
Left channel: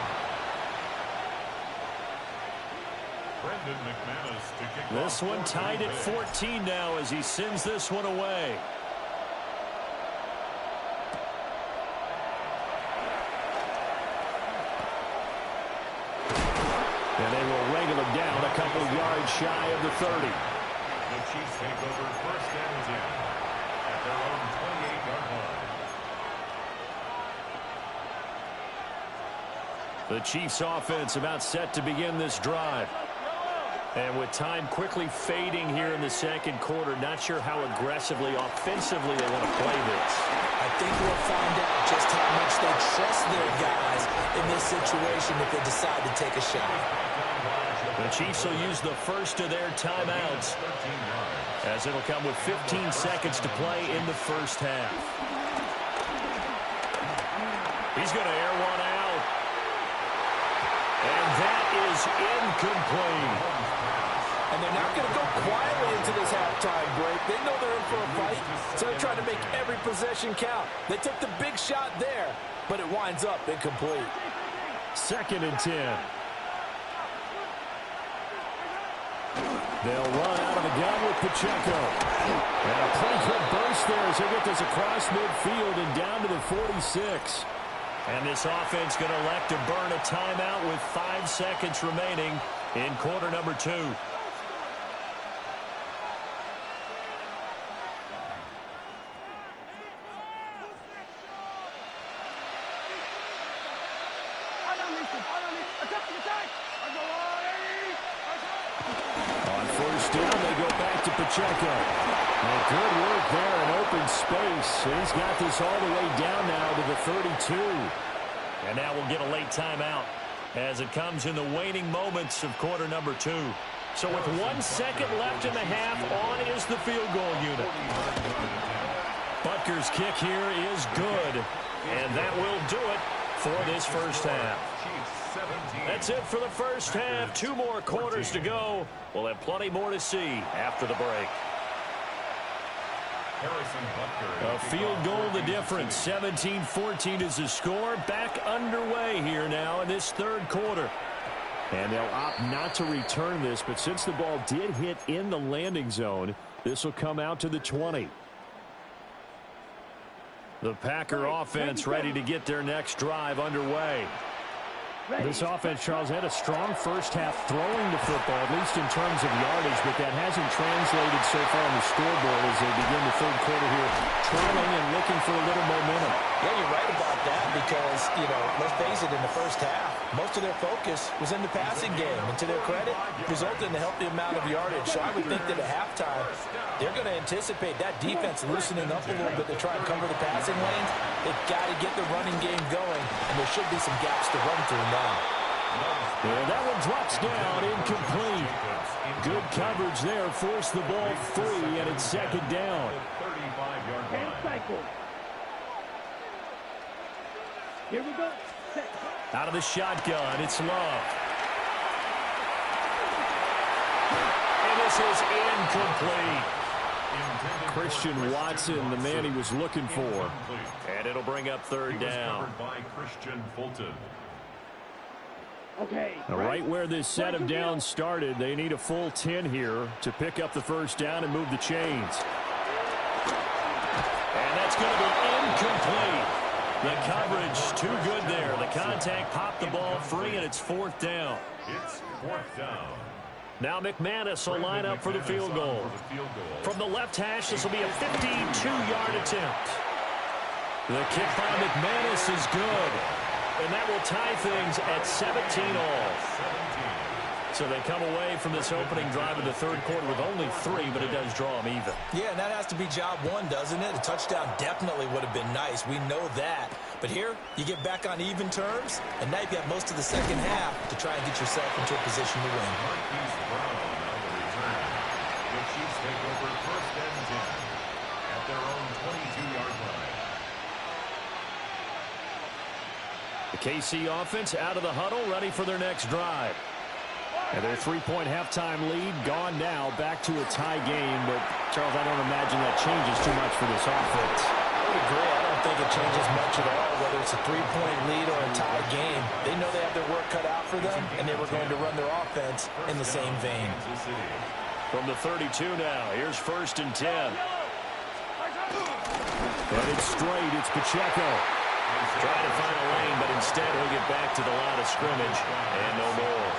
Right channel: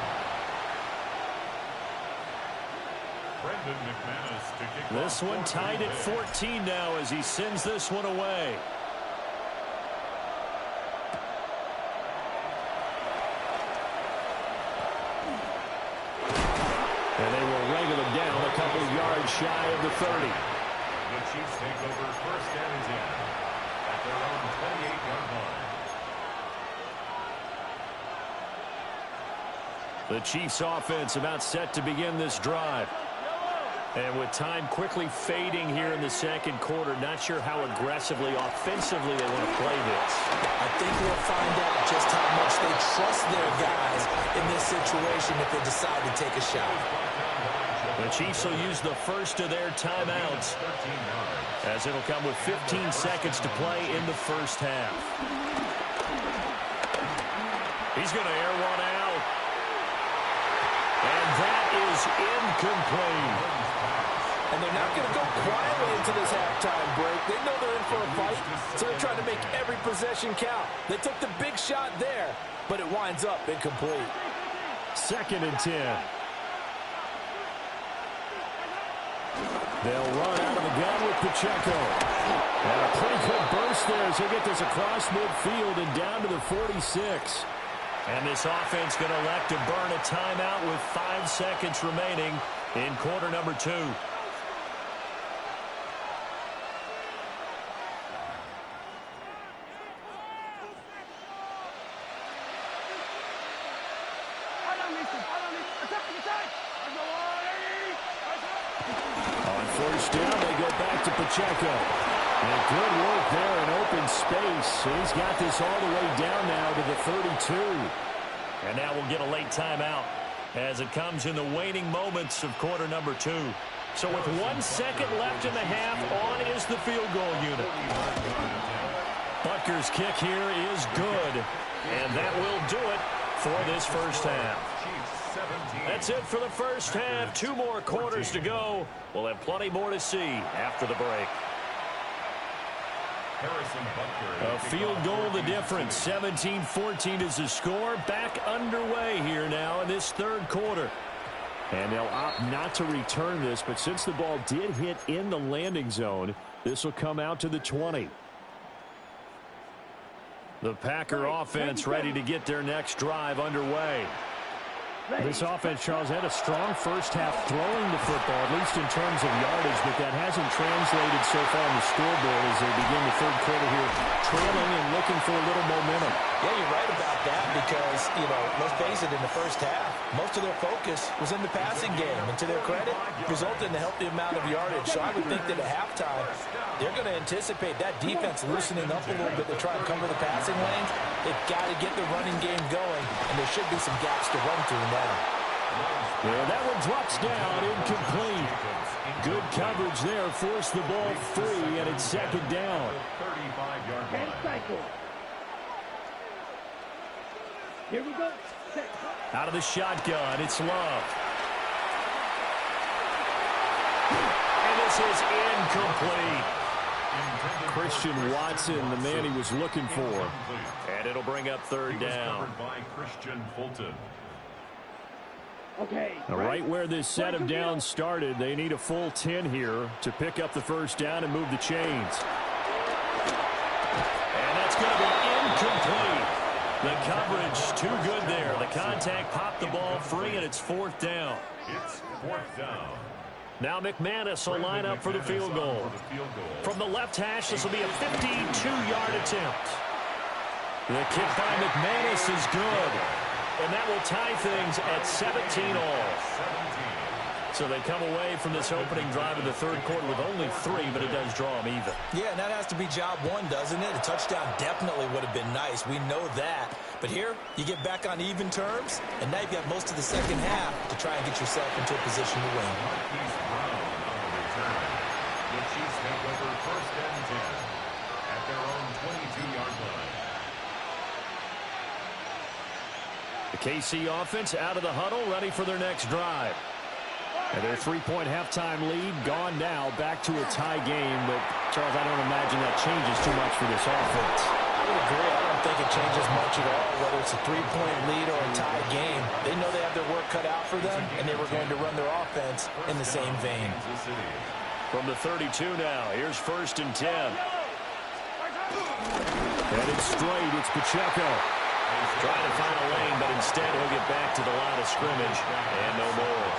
Brendan McManus to kick off. This one tied at 14 now as he sends this one away. And they will wrangle him down a couple yards shy of the 30. The Chiefs take over 1st and 10 at their own 28-yard line. The Chiefs offense about set to begin this drive. And with time quickly fading here in the second quarter, not sure how aggressively, offensively they want to play this. I think we'll find out just how much they trust their guys in this situation if they decide to take a shot. The Chiefs will use the first of their timeouts as it'll come with 15 seconds to play in the first half. He's going to air one out. And that is incomplete. And they're not going to go quietly into this halftime break. They know they're in for a fight, so they're trying to make every possession count. They took the big shot there, but it winds up incomplete. 2nd and 10. They'll run out of the gun with Pacheco. And a pretty good burst there as he'll get this across midfield and down to the 46. And this offense going to elect to burn a timeout with 5 seconds remaining in quarter number 2. On first down, they go back to Pacheco. And good work there in open space. He's got this all the way down now to the 32. And now we'll get a late timeout as it comes in the waning moments of quarter number 2. So with 1 second left in the half, on is the field goal unit. Butker's kick here is good. And that will do it for this first half. That's it for the first half. 2 more quarters to go. We'll have plenty more to see after the break. A field goal the difference. 17-14 is the score. Back underway here now in this third quarter. And they'll opt not to return this, but since the ball did hit in the landing zone, this will come out to the 20. The Packer offense ready to get their next drive underway. This offense, Charles, had a strong first half throwing the football, at least in terms of yardage, but that hasn't translated so far on the scoreboard as they begin the third quarter here, trailing and looking for a little momentum. Yeah, you're right about that because, let's face it, in the first half, most of their focus was in the passing game. And to their credit, resulted in a healthy amount of yardage. So I would think that at halftime, they're going to anticipate that defense loosening up a little bit to try and cover the passing lanes. They've got to get the running game going, and there should be some gaps to run through now. And that one drops down, incomplete. Good coverage there, forced the ball free, and it's second down. 35-yard line. Cycle. Here we go. Set. Out of the shotgun, it's Love. And this is incomplete. Christian Watson, the man he was looking for. And it'll bring up third down. By Christian Fulton. Okay. Now, right where this set of downs started, they need a full 10 here to pick up the first down and move the chains. And that's going to be incomplete. The coverage too good there. The contact popped the ball free, and it's fourth down. It's fourth down. Now McManus will line up for the field goal. From the left hash, this will be a 52-yard attempt. The kick by McManus is good. And that will tie things at 17 all. So they come away from this opening drive in the third quarter with only 3, but it does draw them even. Yeah, and that has to be job one, doesn't it? A touchdown definitely would have been nice. We know that. But here, you get back on even terms, and now you've got most of the second half to try and get yourself into a position to win. Marquise Brown on the return. The Chiefs take over first and 10 at their own 22-yard line. The KC offense out of the huddle, ready for their next drive. And their 3-point halftime lead gone now, back to a tie game. But, Charles, I don't imagine that changes too much for this offense. I would agree. I don't think it changes much at all, whether it's a 3-point lead or a tie game. They know they have their work cut out for them, and they were going to run their offense in the same vein. From the 32 now, here's first and 10. And it's straight. It's Pacheco. Trying to find a lane, but instead he'll get back to the line of scrimmage and no more.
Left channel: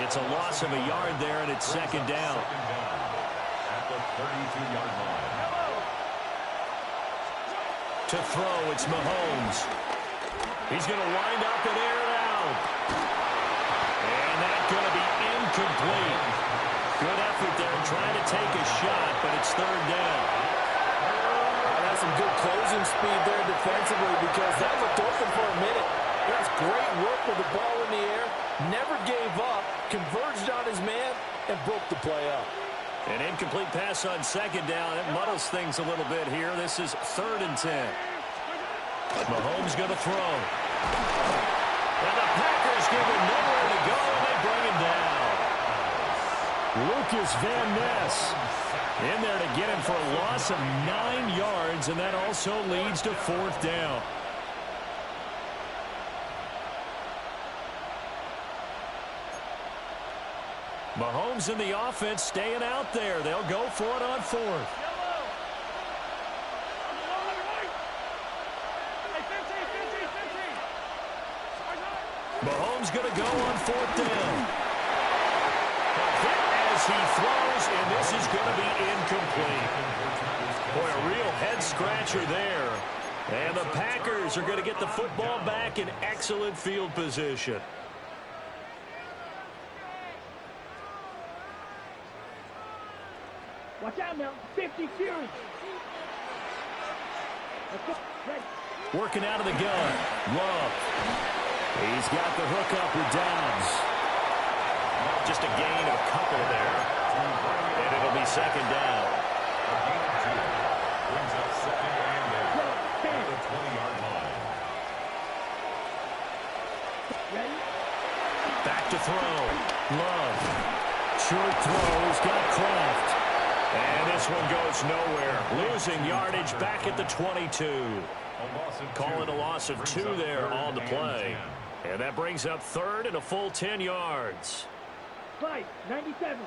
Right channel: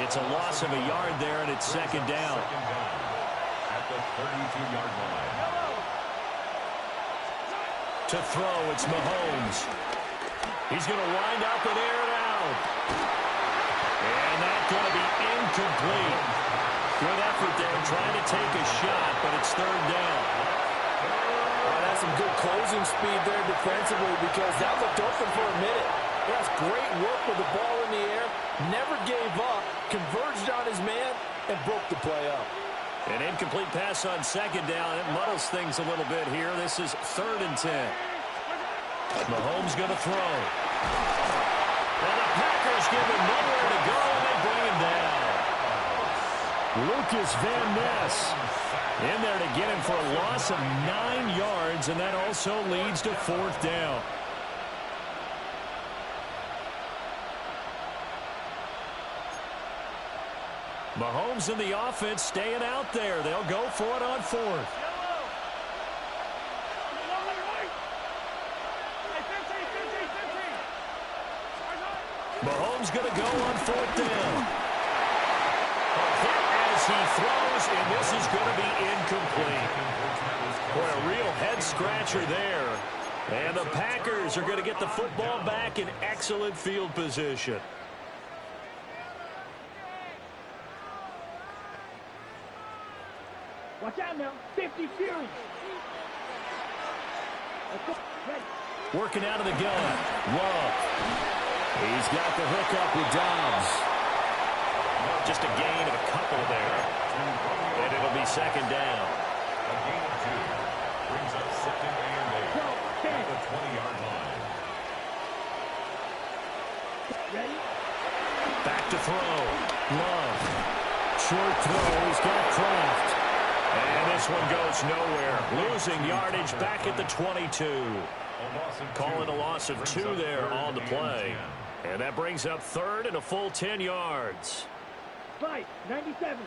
It's a loss of a yard there, and it's second down. At the 32-yard line. To throw, it's Mahomes. He's going to wind up and air it out. And that's going to be incomplete. Good effort there trying to take a shot, but it's third down. That's some good closing speed there defensively because that looked open for a minute. That's great work with the ball in the air. Never gave up, converged on his man, and broke the play up. An incomplete pass on second down. It muddles things a little bit here. This is third and 10. Mahomes going to throw. And the Packers give him nowhere to go, and they bring him down. Lucas Van Ness in there to get him for a loss of 9 yards, and that also leads to fourth down. Mahomes and the offense staying out there. They'll go for it on fourth. Mahomes going to go on fourth down. A hit as he throws, and this is going to be incomplete. Boy, a real head-scratcher there. And the Packers are going to get the football back in excellent field position. Watch out now. 50 Fury. Let's go. Ready. Working out of the gun. Love. He's got the hook up with Dobbs. Just a gain of a couple there. And it'll be second down. A gain of 2. Brings up second and 8 at the 20-yard line. Ready? Back to throw. Love. Short throw. He's got Kraft. And this one goes nowhere. Losing yardage back at the 22. Calling a loss of 2 there on the play. And that brings up third and a full 10 yards. 5, 97.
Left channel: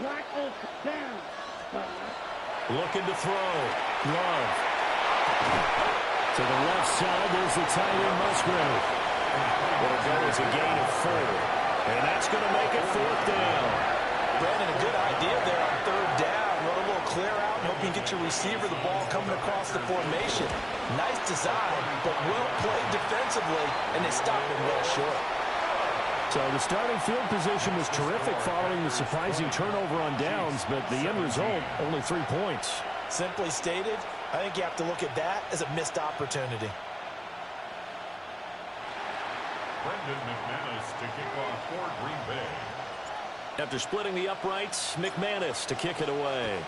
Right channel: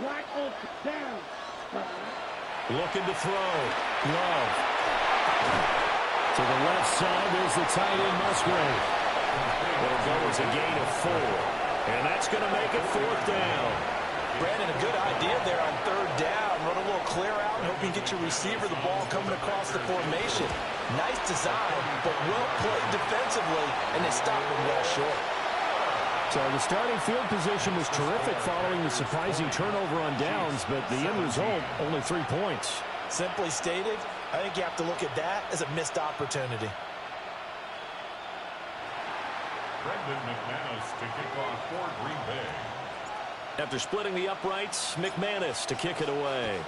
Black Oak down. Looking to throw. Love. To the left side, there's the tight end Musgrave. It'll go as a gain of 4. And that's going to make it fourth down. Brandon, a good idea there on third down. Run a little clear out and hope you can get your receiver the ball coming across the formation. Nice design, but well played defensively, and they stopped him well short. So the starting field position was terrific following the surprising turnover on downs, but the end result, only 3 points. Simply stated, I think you have to look at that as a missed opportunity. Brendan McManus to kick off for Green Bay. After splitting the uprights, McManus to kick it away.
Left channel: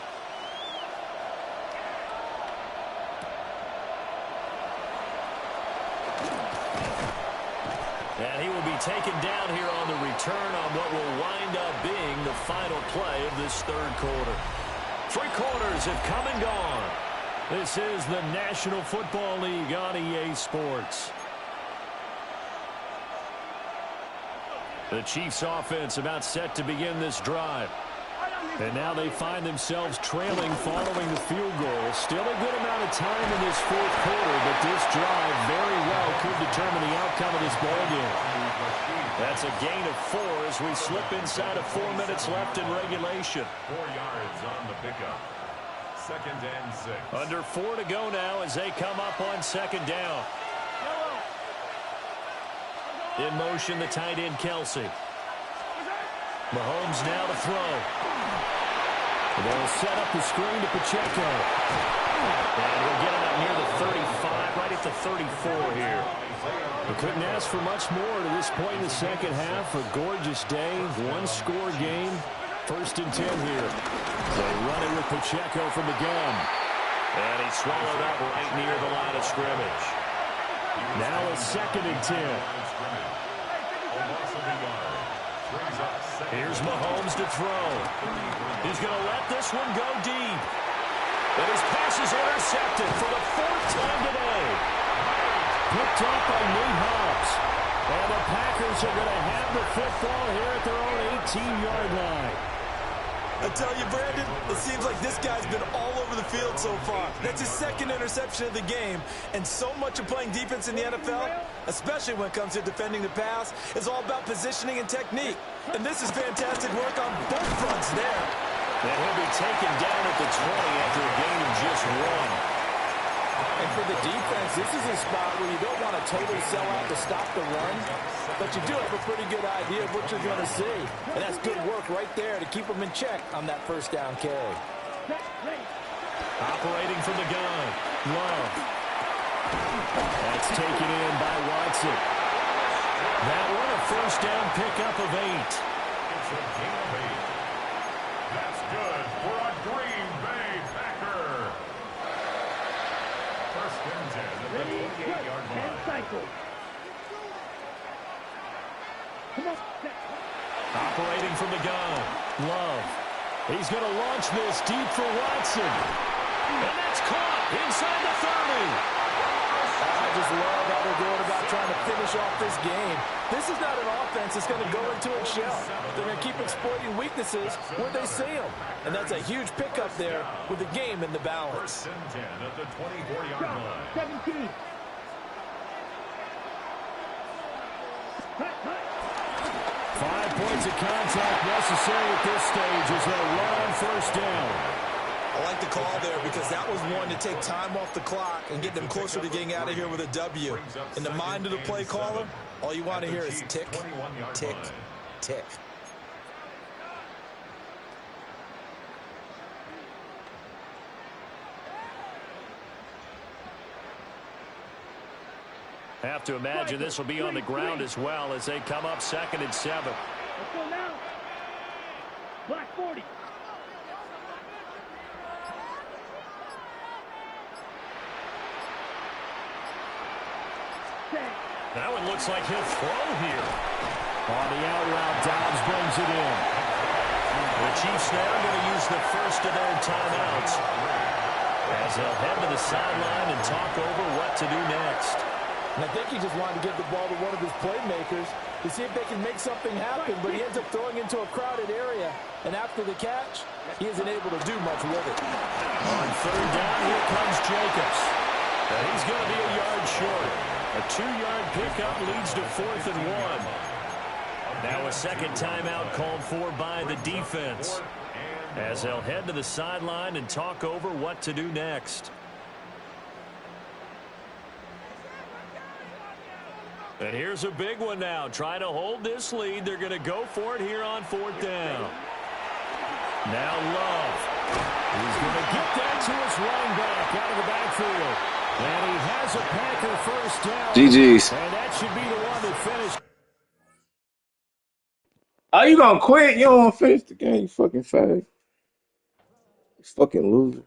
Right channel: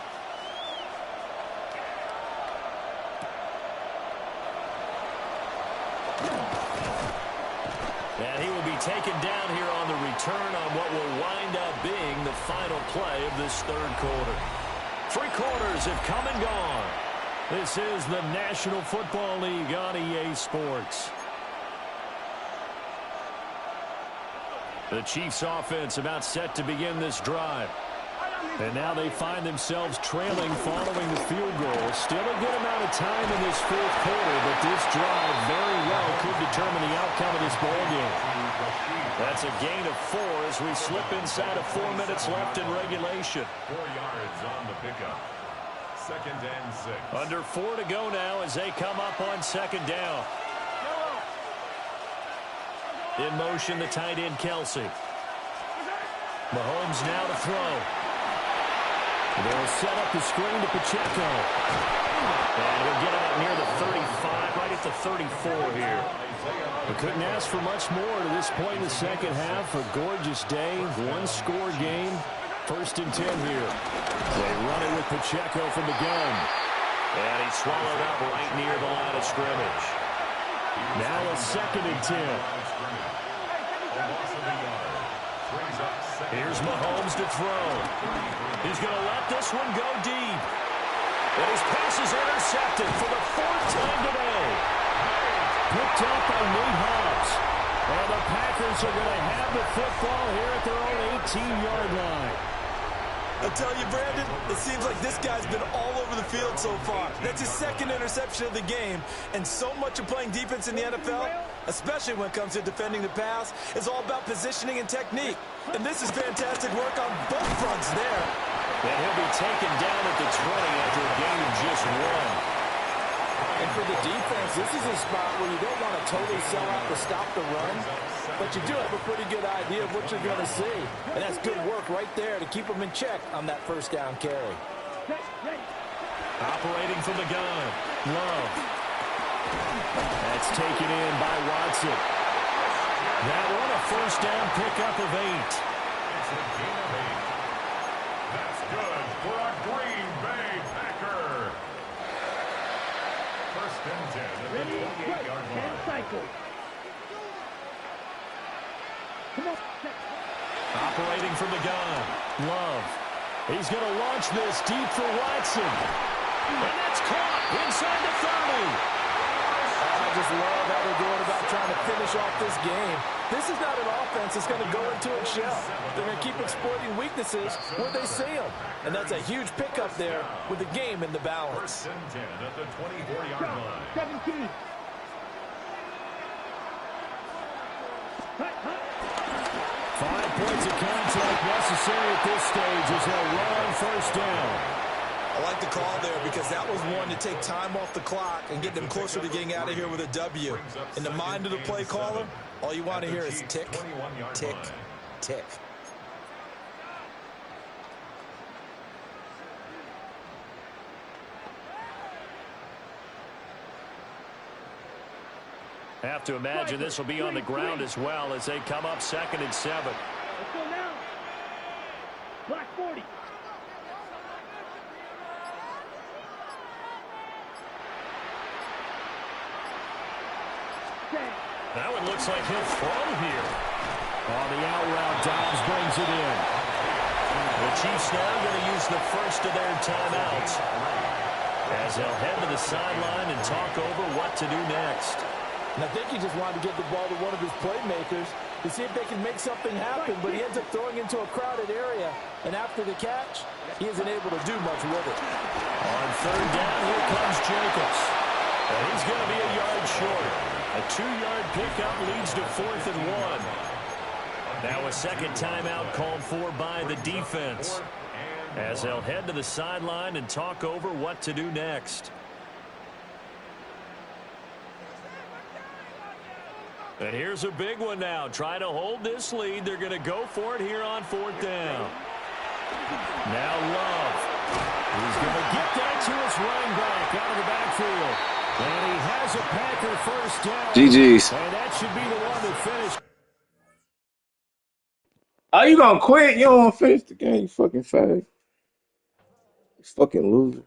And he will be taken down here on the return on what will wind up being the final play of this third quarter. 3 quarters have come and gone. This is the National Football League on EA Sports. The Chiefs offense about set to begin this drive. And now they find themselves trailing following the field goal. Still a good amount of time in this fourth quarter, but this drive very well could determine the outcome of this ball game. That's a gain of 4 as we slip inside of 4 minutes left in regulation. 4 yards on the pickup. 2nd and 6. Under 4 to go now as they come up on 2nd down. In motion, the tight end, Kelsey. Mahomes now to throw. They'll set up the screen to Pacheco. And he'll get it up near the 35, right at the 34 here. We couldn't ask for much more to this point in the second half. A gorgeous day, 1-score game. 1st and 10 here. They run it with Pacheco from the gun. And he's swallowed up right near the line of scrimmage. Now a 2nd and 10. Here's Mahomes to throw. He's going to let this one go deep. And his pass is intercepted for the 4th time today. Picked up by Nate Hobbs. And the Packers are going to have the football here at their own 18-yard line. I tell you, Brandon, it seems like this guy's been all over the field so far. That's his 2nd interception of the game. And so much of playing defense in the NFL, especially when it comes to defending the pass, is all about positioning and technique. And this is fantastic work on both fronts there. And he'll be taken down at the 20 after a gain of just 1. And for the defense, this is a spot where you don't want to totally sell out to stop the run, but you do have a pretty good idea of what you're going to see. And that's good work right there to keep them in check on that 1st down carry. Operating from the gun, Love. That's taken in by Watson. That one a 1st down pickup of 8. It's a gain of 8. That's good for a Green Bay Packer. 1st and 10 at the 28-yard line. Operating from the gun, Love. He's going to launch this deep for Watson. And that's caught inside the 30. I just love how they're going about trying to finish off this game. This is not an offense that's going to go into its shell. They're going to keep exploiting weaknesses where they see them. And that's a huge pickup there with the game in the balance. 1st and 10 at the 24-yard line. 17. 5 points of contact necessary at this stage as they'll run on 1st down. I like the call there because that was one to take time off the clock and get them closer to getting out of here with a W. In the mind of the play caller, all you want to hear is tick, tick, tick. Have to imagine this will be on the ground as well as they come up 2nd and 7. Let's go now. Black 40. That one looks like he'll throw here. On the out route, Dobbs brings it in. The Chiefs now going to use the 1st of their timeouts as they'll head to the sideline and talk over what to do next. And I think he just wanted to give the ball to one of his playmakers to see if they can make something happen, but he ends up throwing into a crowded area. And after the catch, he isn't able to do much with it. On 3rd down, here comes Jacobs. And he's going to be a yard short. A 2-yard pickup leads to 4th and 1. Now a second timeout called for by the defense, as they'll head to the sideline and talk over what to do next. And here's a big one now. Trying to hold this lead. They're going to go for it here on 4th down. Now Love. He's going to get that to his running back out of the backfield. And he has a Packer first down. GG's. And that should be the one that finished. Are you going to quit? You don't want to finish the game, you fucking fag. You fucking loser.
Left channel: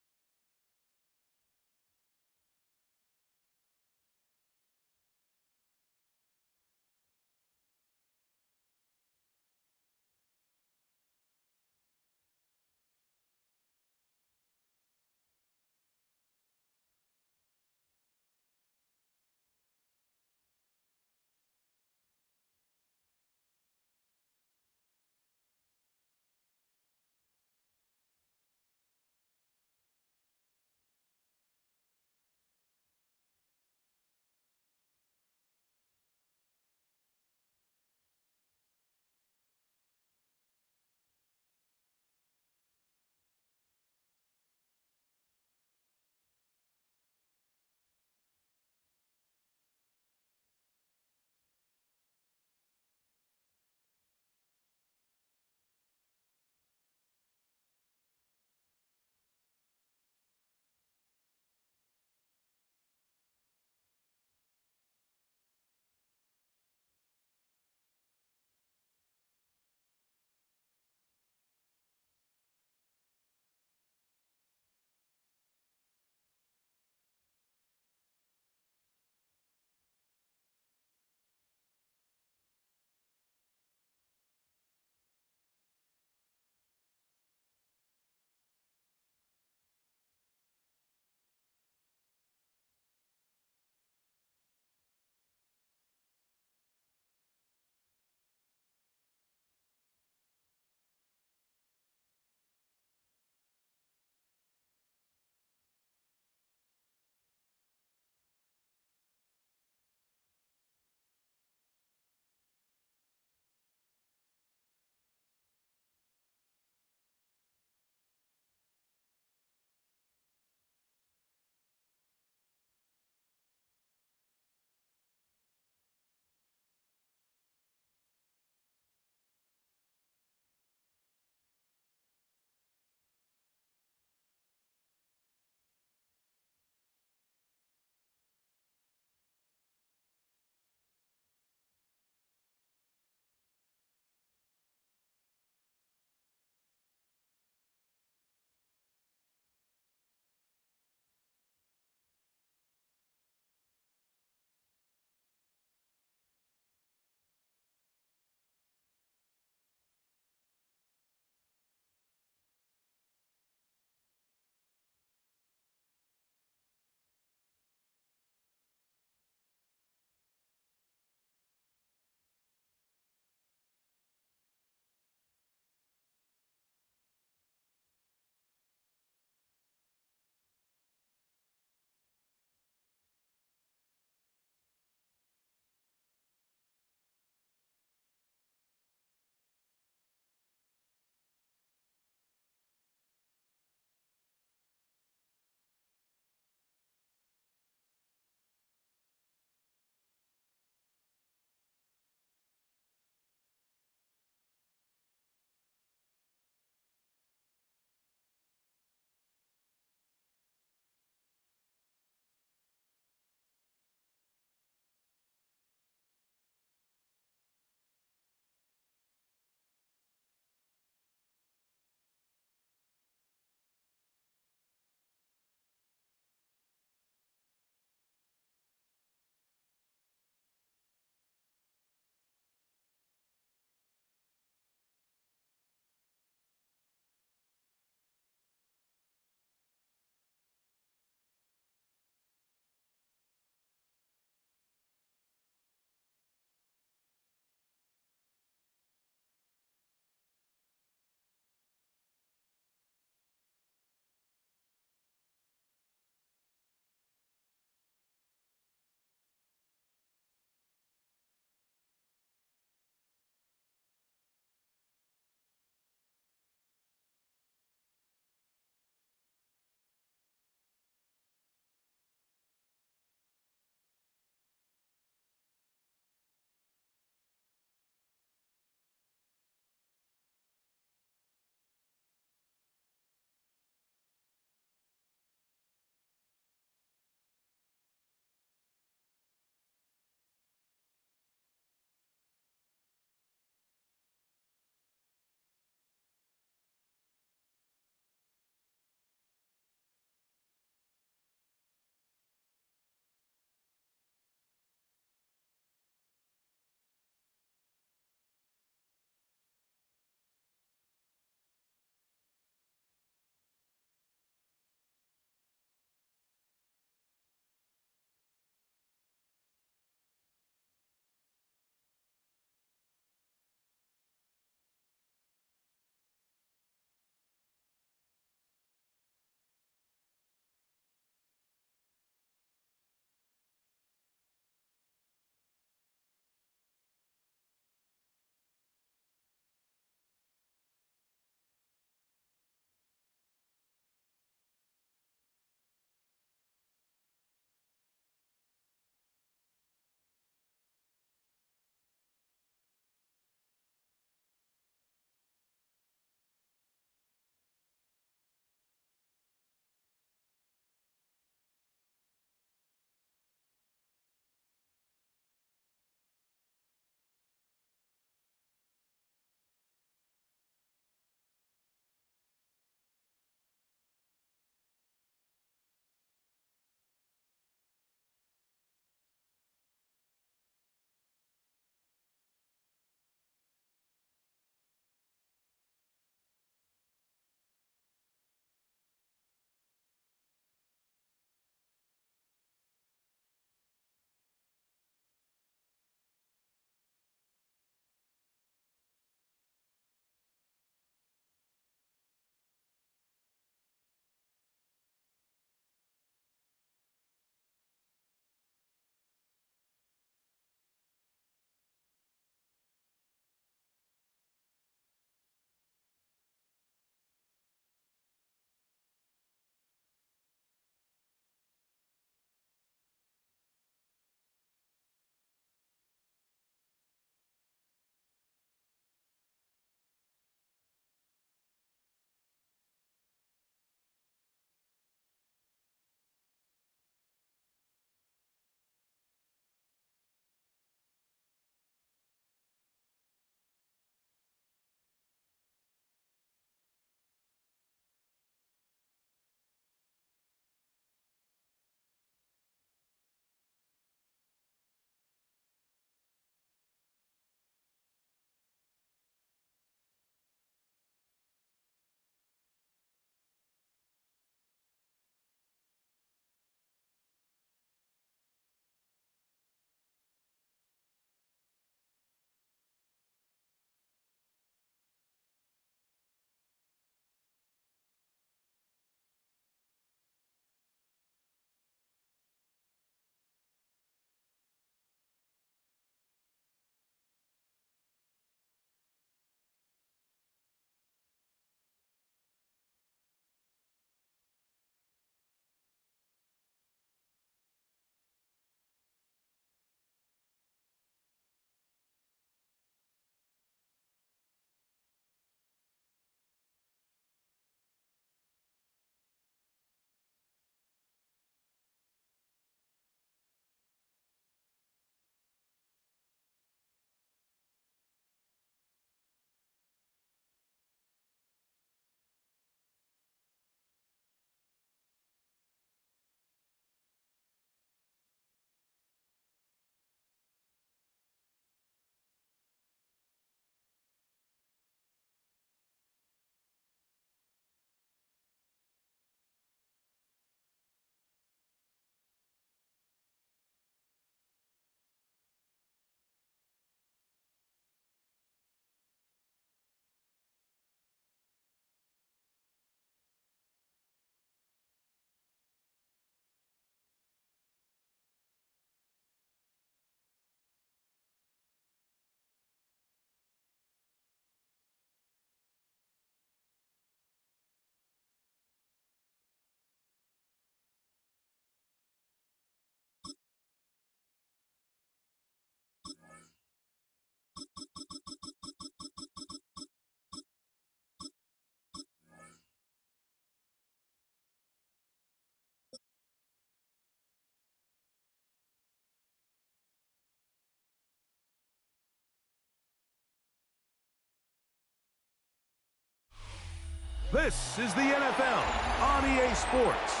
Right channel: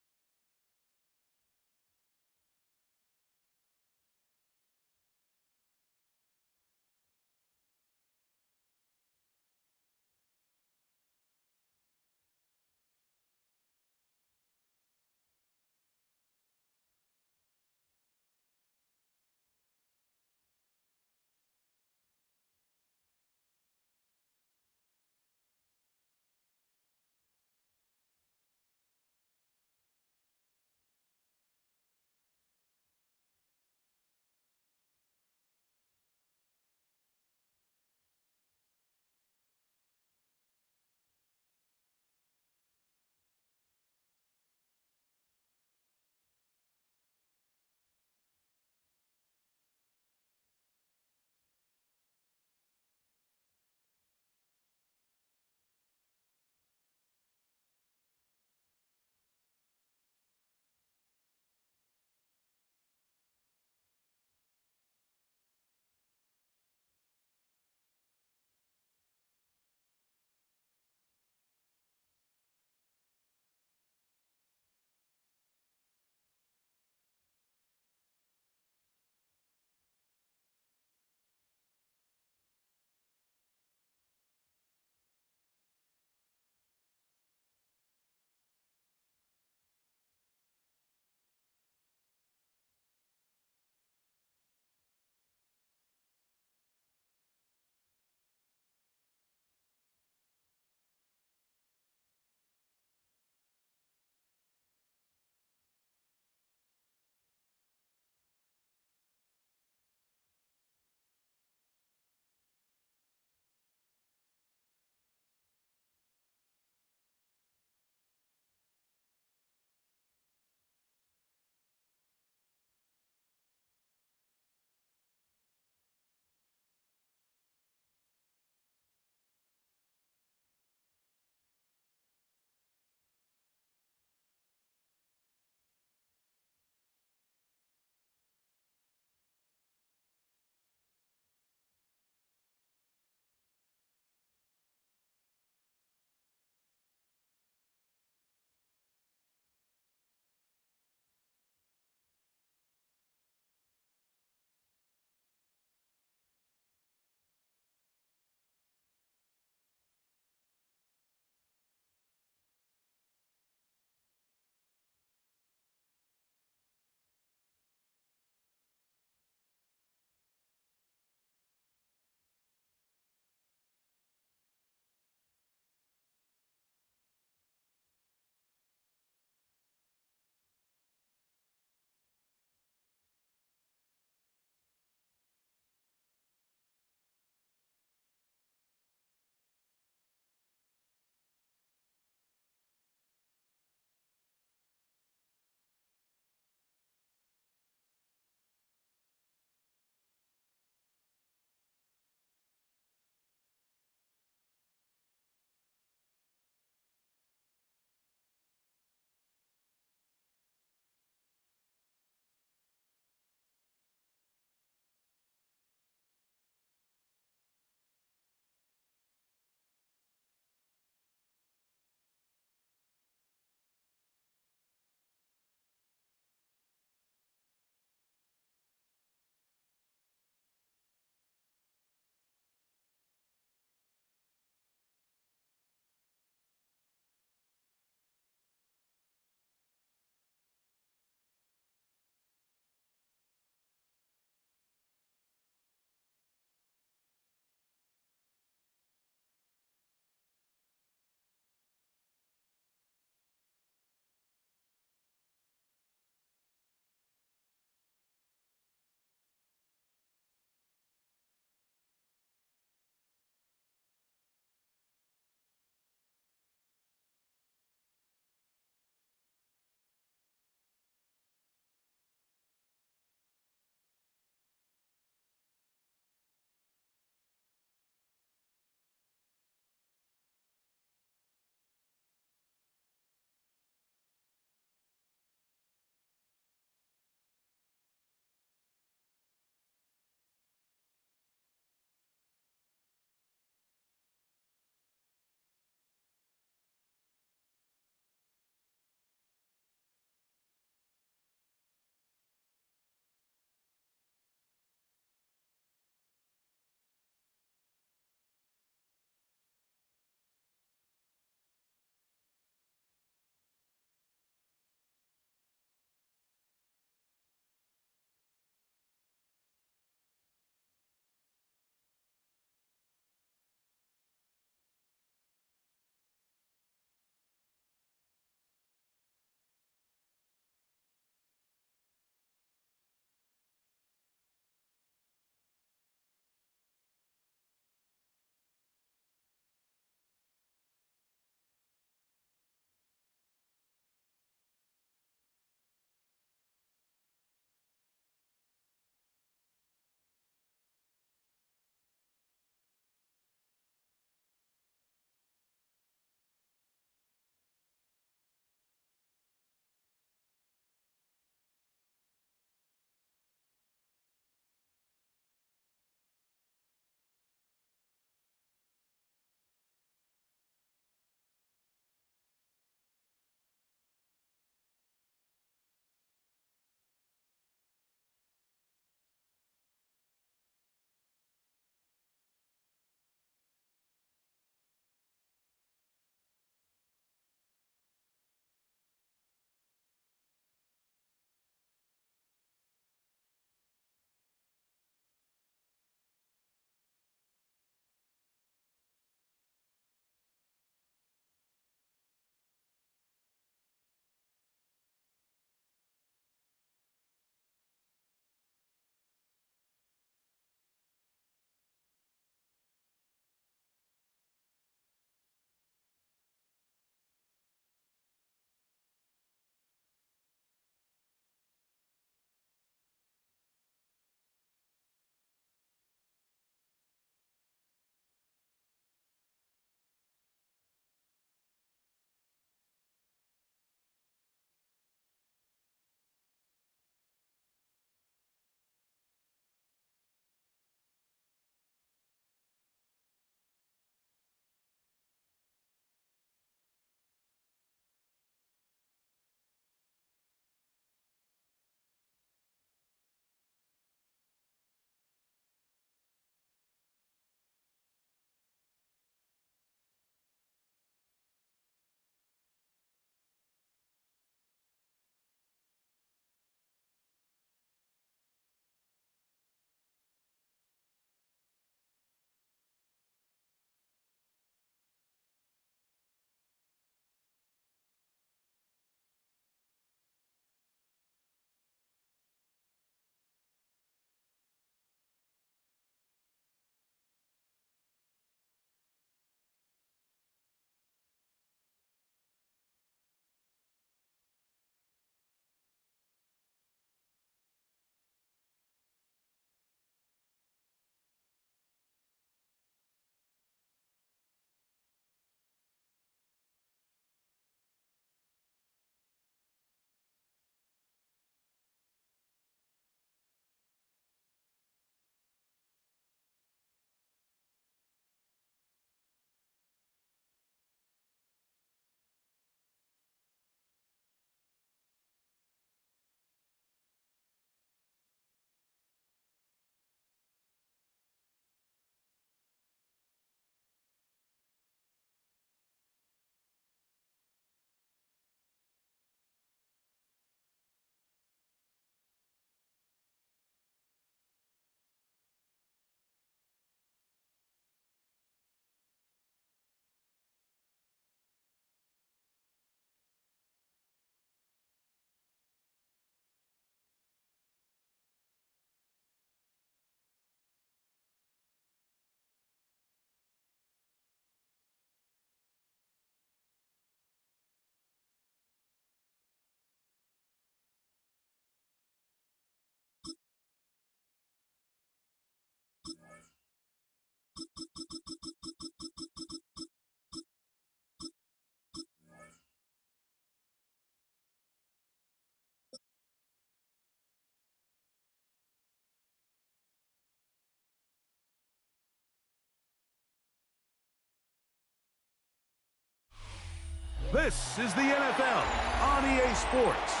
This is the NFL on EA Sports.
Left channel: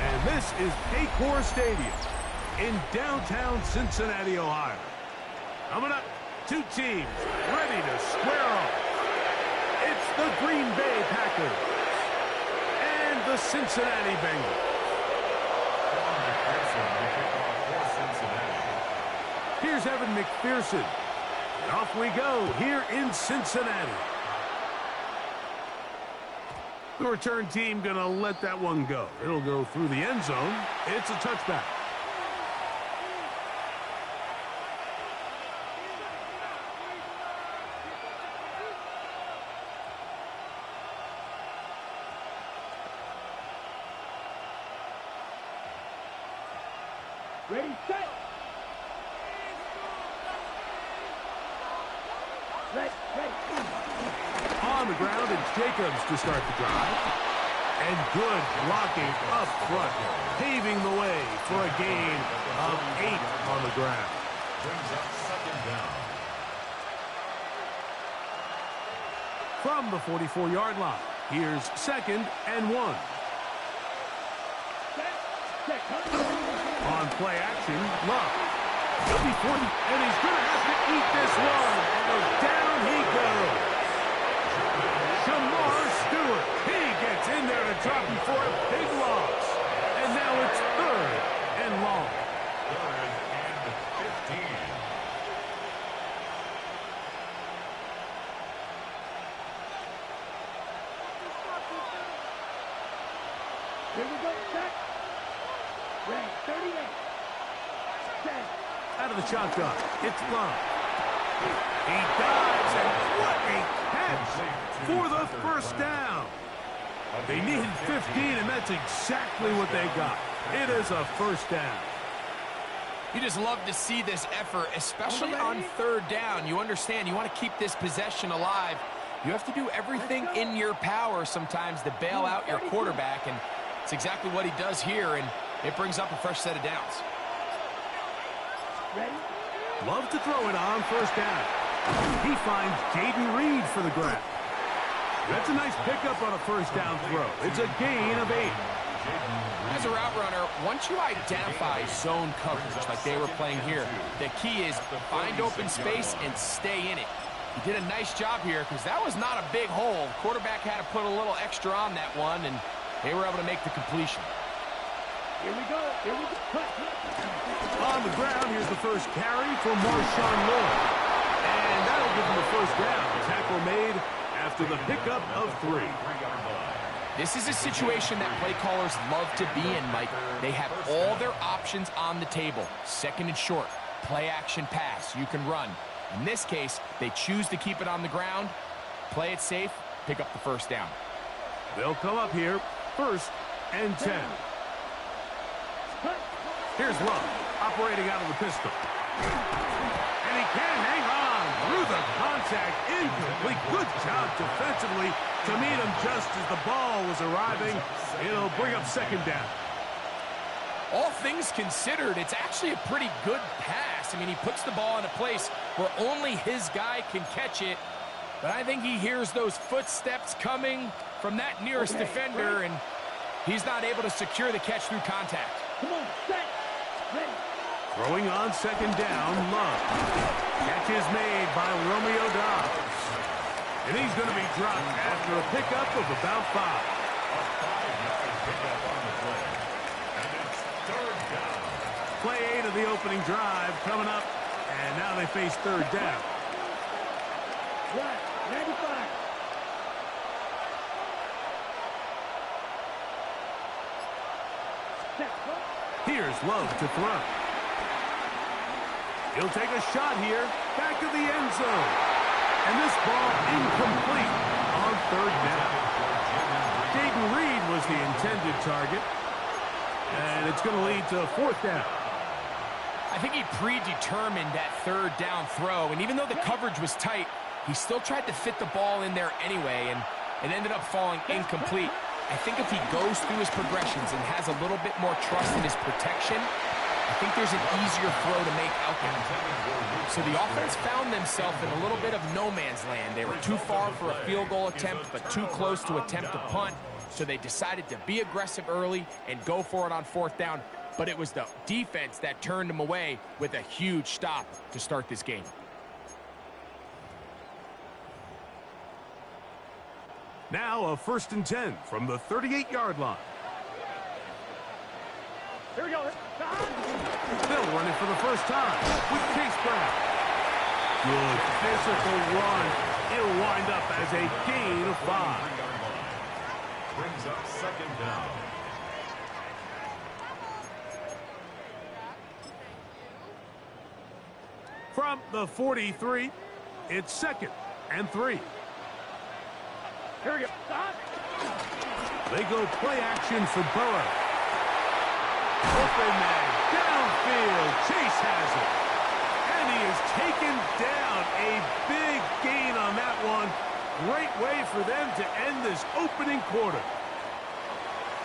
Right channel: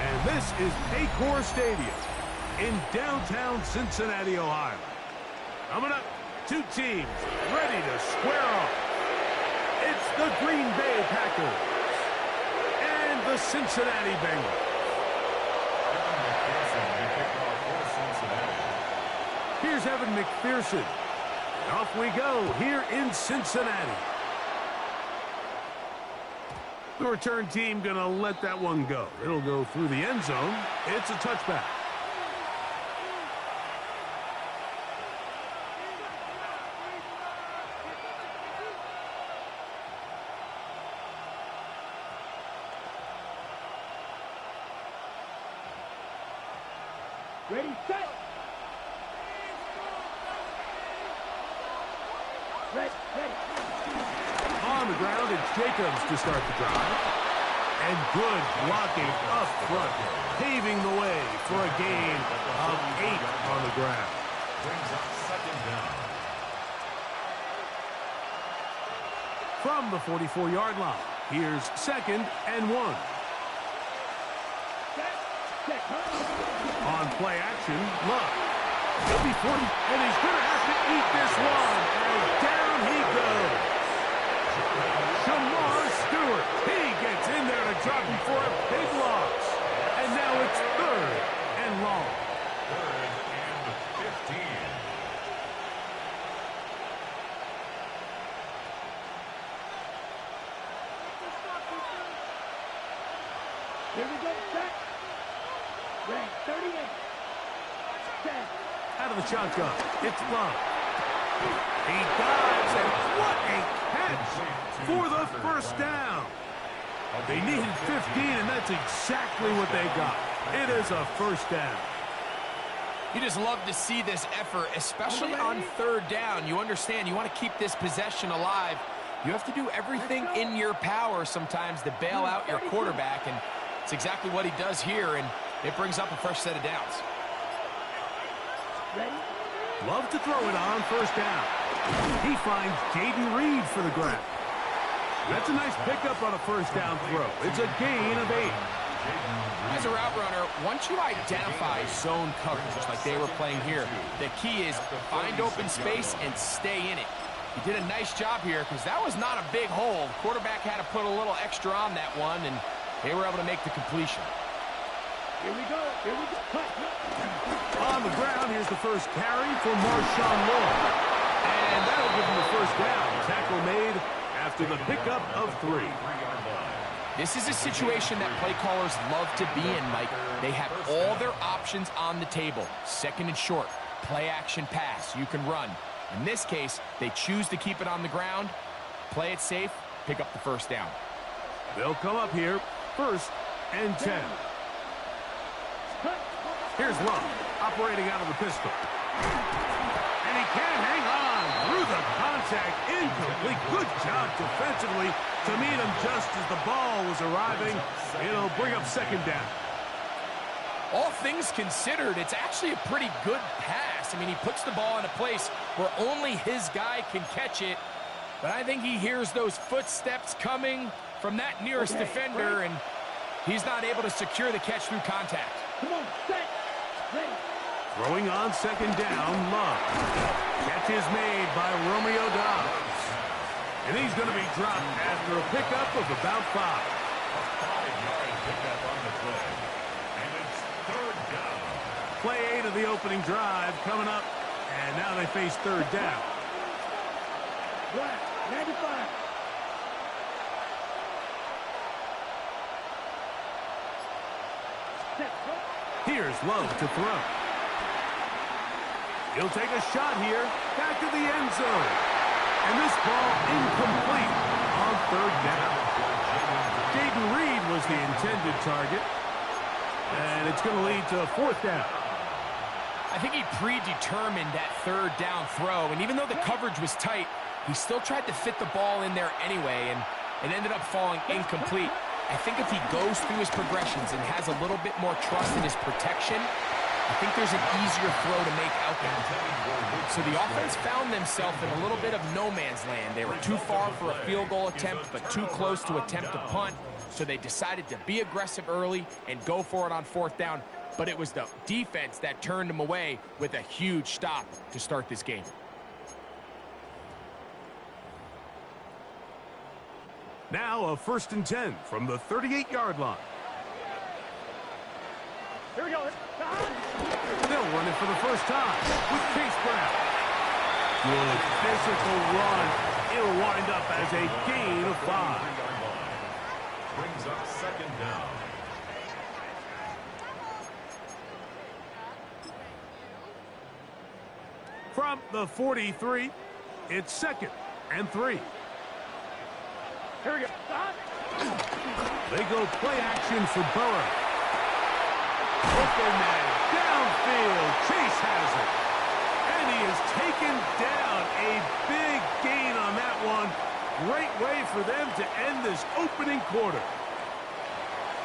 And this is Paycor Stadium in downtown Cincinnati, Ohio. Coming up, two teams ready to square off. It's the Green Bay Packers and the Cincinnati Bengals. Evan McPherson to kick off for Cincinnati. Here's Evan McPherson. And off we go here in Cincinnati. The return team going to let that one go. It'll go through the end zone. It's a touchback. Ready, set. Ready. On the ground, it's Jacobs to start the drive. And good blocking up front, paving the way for a gain of 8 on the ground. Brings up second down. From the 44-yard line, here's 2nd and 1. On play action, Love. He'll be 40, and he's going to have to eat this one, and down he goes. Shamar Stewart, he gets in there to drop before a big loss. And now it's 3rd and long. 3rd and 15. Here we go, set. Ready, 38. Set. Out of the shotgun, it's Love. He dives, and what a catch for the first down. They needed 15, and that's exactly what they got. It is a first down. You just love to see this effort, especially on 3rd down. You understand, you want to keep this possession alive. You have to do everything in your power sometimes to bail out your quarterback, and it's exactly what he does here, and it brings up a fresh set of downs. Ready. Love to throw it on 1st down. He finds Jaden Reed for the grab. That's a nice pickup on a 1st down throw. It's a gain of 8. As a route runner, once you identify zone coverage like they were playing here, the key is find open space and stay in it. He did a nice job here because that was not a big hole. Quarterback had to put a little extra on that one, and they were able to make the completion. Here we go. Cut. On the ground, here's the first carry for Marshawn Lloyd. And that'll give him the first down. Tackle made after the pickup of 3. This is a situation that play callers love to be in, Mike. They have all their options on the table. 2nd and short, play action pass, you can run. In this case, they choose to keep it on the ground, play it safe, pick up the first down. They'll come up here, 1st and 10. Here's Love, operating out of the pistol. And he can't hang on through the contact. Incomplete. Good job defensively to meet him just as the ball was arriving. It'll bring up 2nd down. All things considered, it's actually a pretty good pass. I mean, he puts the ball in a place where only his guy can catch it. But I think he hears those footsteps coming from that nearest defender, and he's not able to secure the catch through contact. Come on, set. Ready. Throwing on 2nd down, Love. Catch is made by Romeo Dobbs. And he's going to be dropped after a pickup of about 5. A 5-yard pickup on the play. And it's 3rd down. Play 8 of the opening drive coming up. And now they face 3rd down. Black, 95. Set. Here's Love to throw. He'll take a shot here. Back to the end zone. And this ball incomplete on 3rd down. Jaden Reed was the intended target. And it's going to lead to 4th down. I think he predetermined that 3rd down throw, and even though the coverage was tight, he still tried to fit the ball in there anyway, and it ended up falling incomplete. I think if he goes through his progressions and has a little bit more trust in his protection, I think there's an easier throw to make out there. So the offense found themselves in a little bit of no man's land. They were too far for a field goal attempt, but too close to attempt a punt. So they decided to be aggressive early and go for it on 4th down. But it was the defense that turned them away with a huge stop to start this game. Now a 1st and 10 from the 38-yard line. Here we go. They'll run it for the first time with Chase Brown. Good physical run. It'll wind up as a gain of 5. Brings up 2nd down. From the 43, it's 2nd and 3. Here we go. They go play action for Burrow. Open man, downfield, Chase has it. And he is taken down. A big gain on that one. Great way for them to end this opening quarter.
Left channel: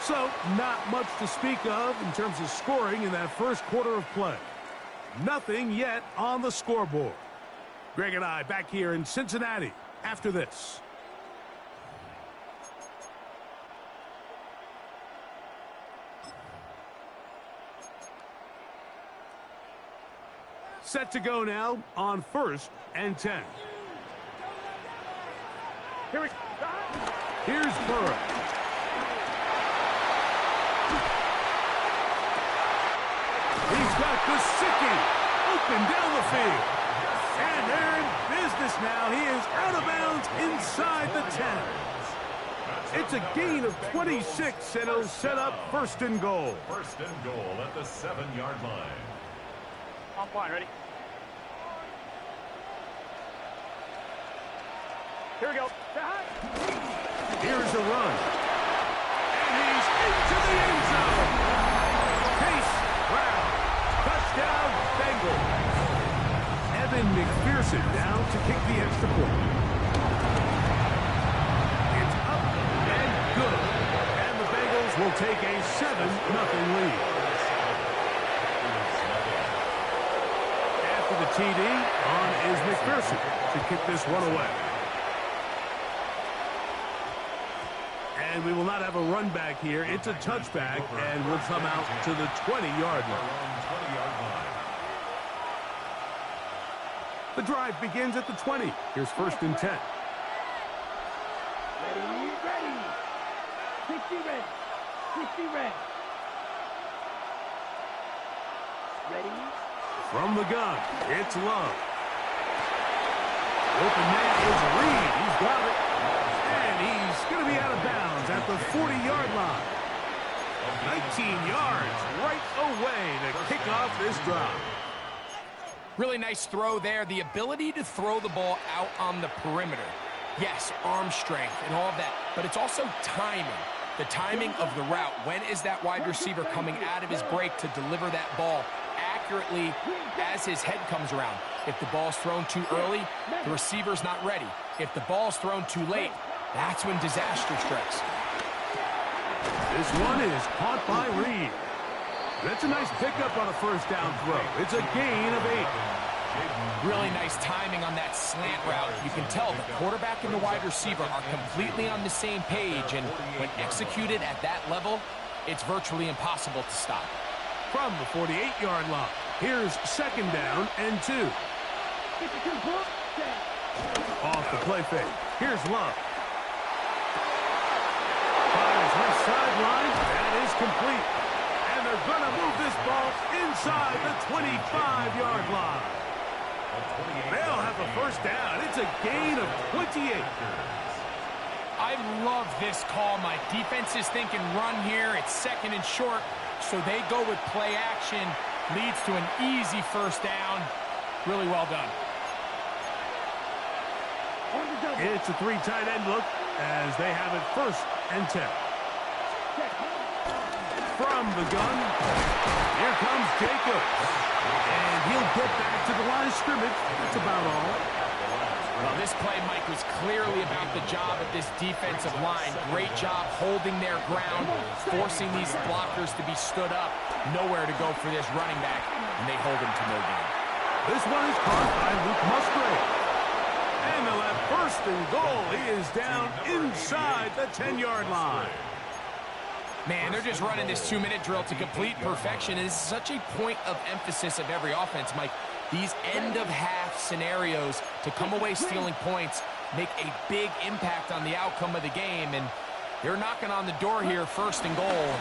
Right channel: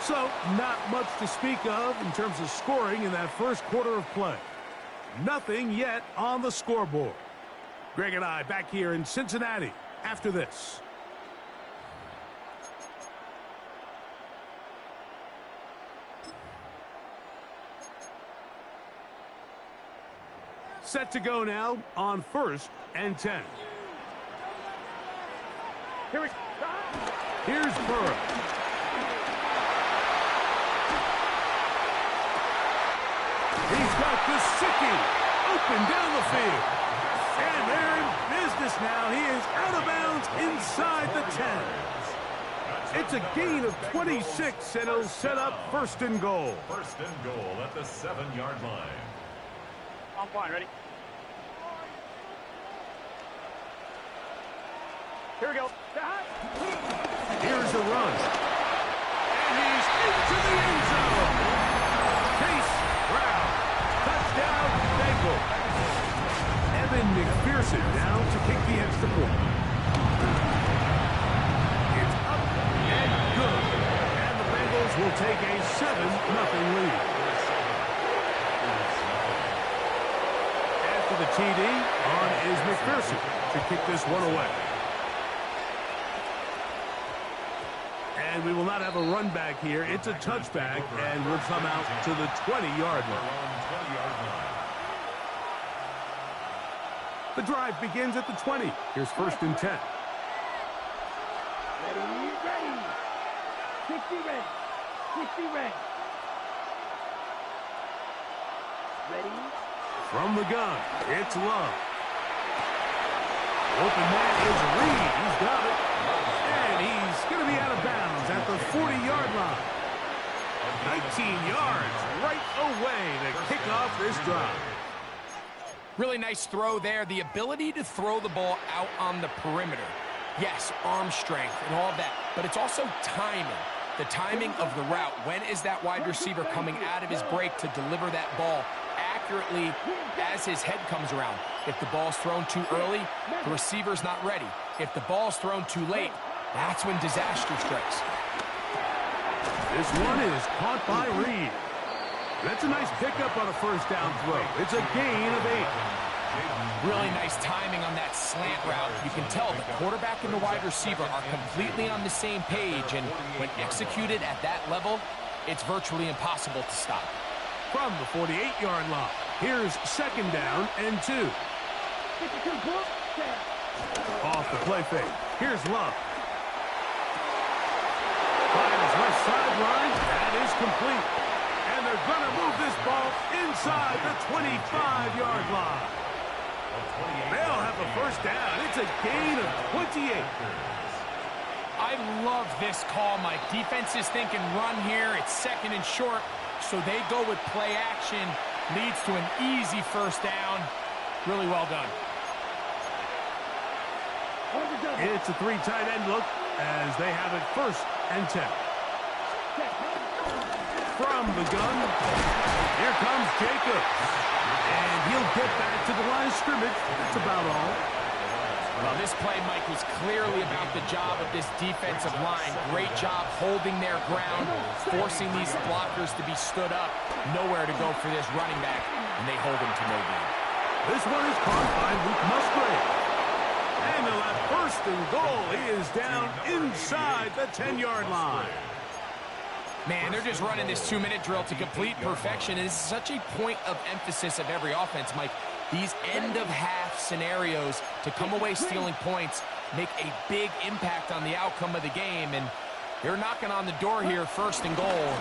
So, not much to speak of in terms of scoring in that first quarter of play. Nothing yet on the scoreboard. Greg and I back here in Cincinnati after this. Set to go now on 1st and 10. Here we go. Here's Burrow. He's got Gesicki open down the field. And they're in business now. He is out of bounds inside the 10. It's a gain of 26, and it'll set up 1st and goal. 1st and goal at the 7-yard line. On point, ready? Here we go. Here's a run. And he's into the end zone. Chase Brown. Touchdown, Bengals. Evan McPherson down to kick the extra point. It's up and good. And the Bengals will take a 7-0 lead. After the TD, on is McPherson to kick this one away. And we will not have a run back here. It's a touchback, and we'll come out to the 20-yard line. The drive begins at the 20. Here's 1st and 10. Ready, ready. 60 red. 60 red. Ready. From the gun, it's Love. Open man is Reed. He's got it. And he's going to be out of bounds at the 40-yard line. 19 yards right away to kick off this drive. Really nice throw there. The ability to throw the ball out on the perimeter. Yes, arm strength and all of that, but it's also timing. The timing of the route. When is that wide receiver coming out of his break to deliver that ball accurately as his head comes around? If the ball's thrown too early, the receiver's not ready. If the ball's thrown too late, that's when disaster strikes. This one is caught by Reed. That's a nice pickup on a 1st down throw. It's a gain of 8. Really nice timing on that slant route. You can tell the quarterback and the wide receiver are completely on the same page, and when executed at that level, it's virtually impossible to stop. From the 48-yard line, here's 2nd down and 2. Off the play fake. Here's Love. Fires left sideline. That is complete. And they're going to move this ball inside the 25-yard line. They'll have a 1st down. It's a gain of 28. I love this call. My defense is thinking run here. It's 2nd and short, so they go with play action. Leads to an easy 1st down. Really well done. It's a 3 tight end look as they have it 1st and 10. From the gun, here comes Jacobs. And he'll get back to the line of scrimmage. That's about all. Well, this play, Mike, was clearly about the job of this defensive line. Great job holding their ground, forcing these blockers to be stood up. Nowhere to go for this running back, and they hold him to no gain. This one is caught by Luke Musgrave. And they'll have first and goal. He is down inside the 10-yard line. Man, they're just running this 2-minute drill to complete perfection. It is such a point of emphasis of every offense, Mike. These end-of-half scenarios to come away stealing points make a big impact on the outcome of the game, and they're knocking on the door here, first and goal.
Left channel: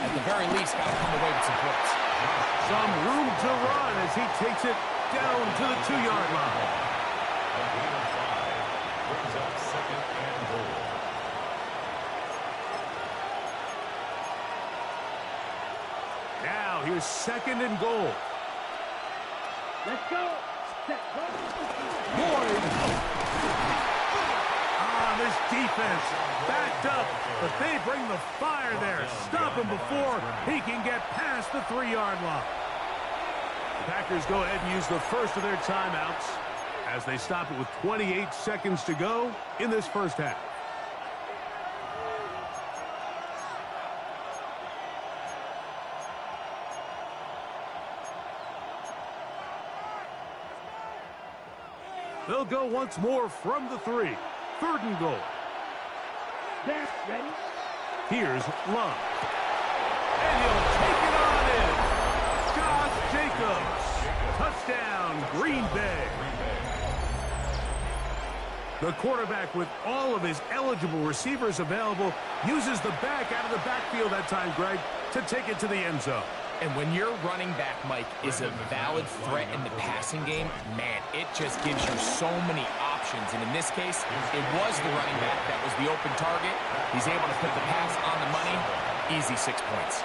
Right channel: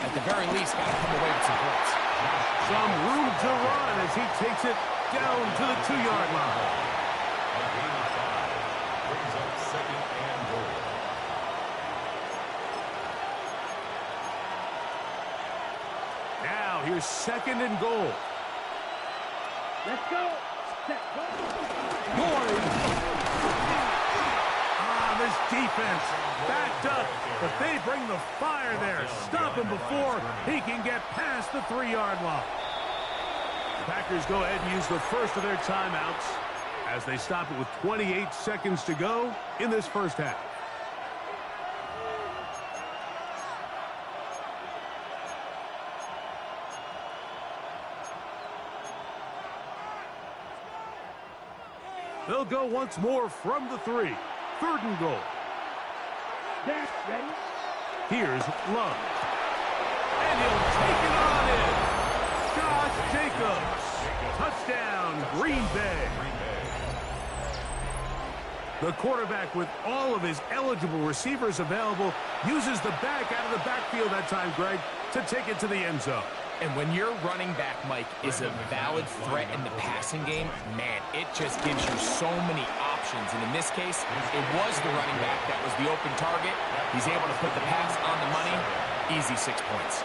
At the very least, got to come away with some points. Some room to run as he takes it down to the 2-yard line. A gain of 5 brings up second and goal. Now here's second and goal. Let's go. Set, go. Boyd. This defense backed up, but they bring the fire there. Stop him before he can get past the 3-yard line. The Packers go ahead and use the first of their timeouts as they stop it with 28 seconds to go in this first half. They'll go once more from the 3. Third and goal. There, ready? Here's Love. And he'll take it on in. Josh Jacobs. Touchdown, Green Bay. The quarterback, with all of his eligible receivers available, uses the back out of the backfield that time, Greg, to take it to the end zone. And when your running back, Mike, is a valid threat in the passing game, man, it just gives you so many options. And in this case, it was the running back that was the open target. He's able to put the pass on the money. Easy 6 points.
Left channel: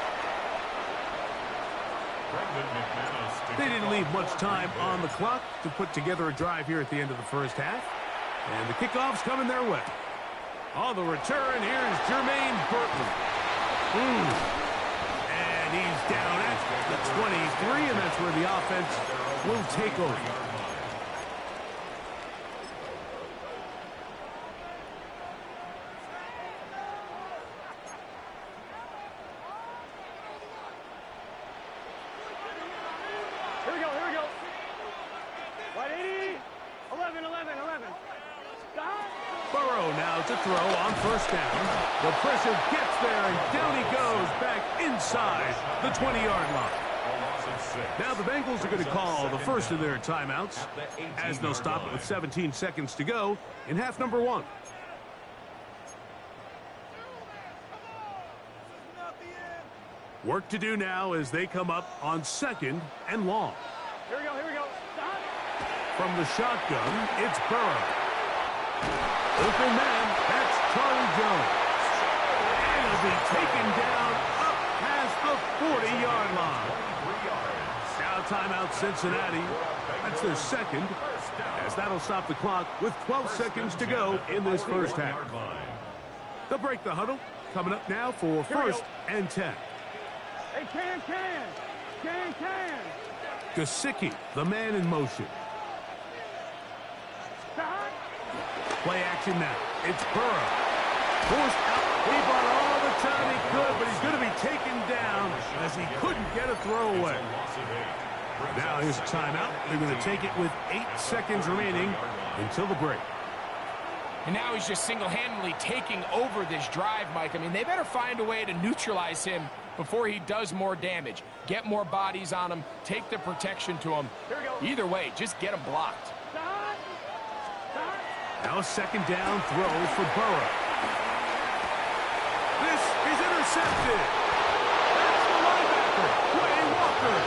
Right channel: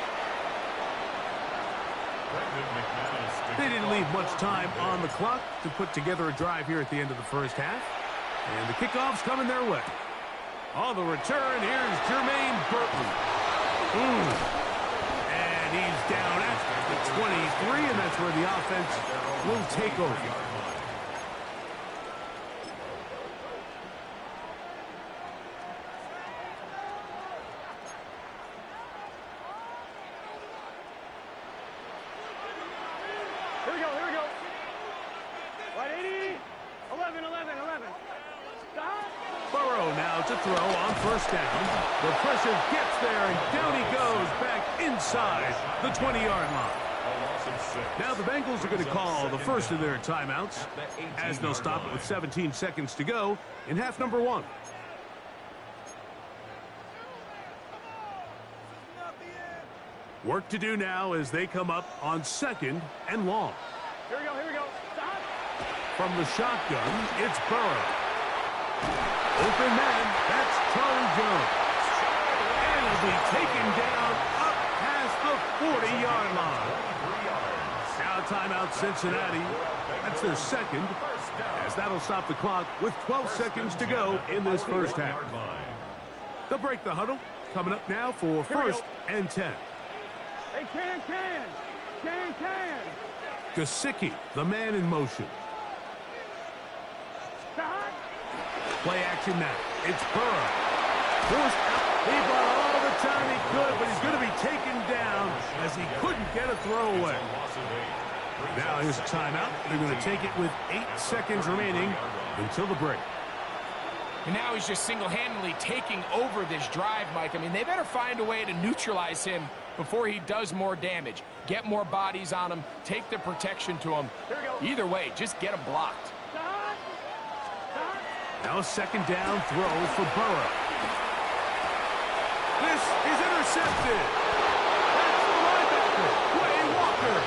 They didn't leave much time on the clock to put together a drive here at the end of the first half. And the kickoff's coming their way. On the return, here's Jermaine Burton. And he's down at the 23, and that's where the offense will take over. Here we go. Right, 80, 11. Stop. Burrow now to throw on first down. The pressure gets there, and down he goes back inside the 20-yard line. Now the Bengals are going to call the first of their timeouts as they'll stop it with 17 seconds to go in half number 1. Work to do now as they come up on second and long. Here we go. Stop. From the shotgun, it's Burrow. Open man, that's Charlie Jones. And he'll be taken down up past the 40-yard line. Now timeout Cincinnati. That's their second, as that'll stop the clock with 12 seconds to go in this first half. They'll break the huddle. Coming up now for first and 10. Hey, can. Gesicki, the man in motion. Stop. Play action now. It's Burrow. Forced out. He bought all the time he could, but he's going to be taken down as he couldn't get a throwaway. Now here's a timeout. They're going to take it with 8 seconds remaining until the break. And now he's just single-handedly taking over this drive, Mike. I mean, they better find a way to neutralize him before he does more damage. Get more bodies on him. Take the protection to him. Either way, just get him blocked. Now a second down throw for Burrow. This is intercepted. That's the linebacker, Quay Walker.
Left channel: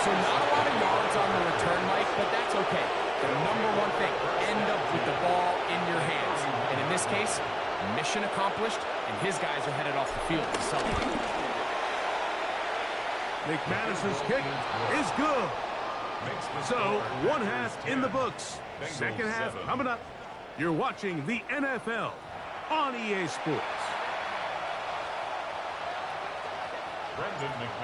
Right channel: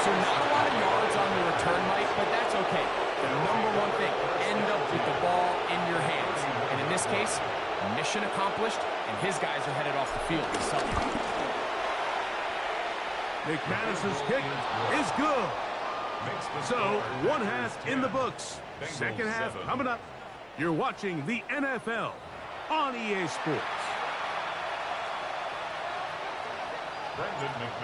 So not a lot of yards on the return, Mike, but that's okay. The number one thing, end up with the ball in your hands. And in this case, mission accomplished, and his guys are headed off the field to celebrate. McManus's kick is good. So, one half in the books. Second half coming up. You're watching the NFL on EA Sports.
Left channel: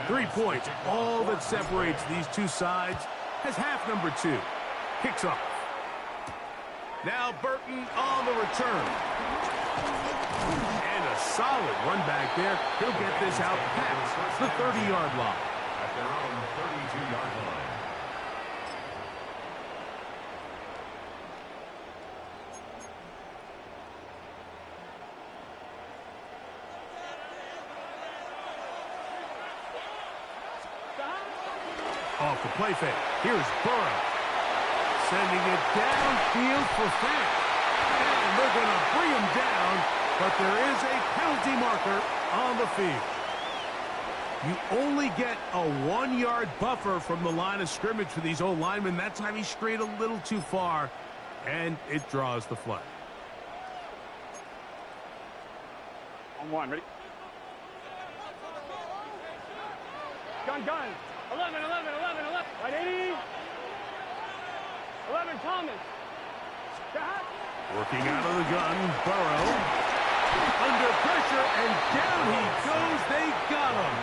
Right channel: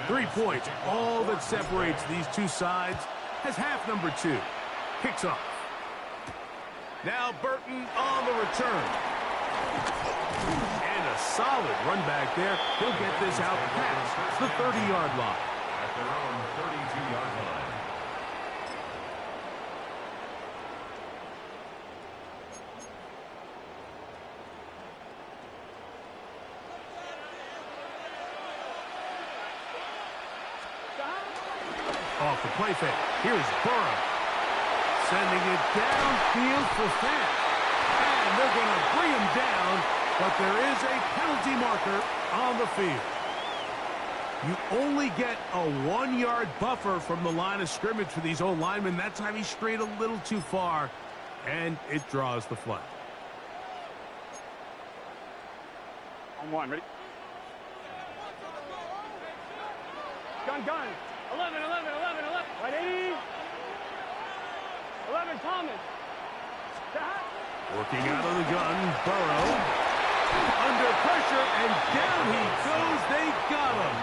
3 points, all that separates these two sides, as half number 2 kicks off. Now Burton on the return. And a solid run back there. He'll get this out past the 30-yard line. At their own 32-yard line. Off the play fake. Here's Burrow. Sending it downfield for Fant. And they're going to bring him down, but there is a penalty marker on the field. You only get a 1-yard buffer from the line of scrimmage for these old linemen. That time he strayed a little too far, and it draws the flag. On one, ready? Gun. 11. Right, 80. 11, Thomas. Stop. Working out of the gun, Burrow. Under pressure, and down he goes. They got him.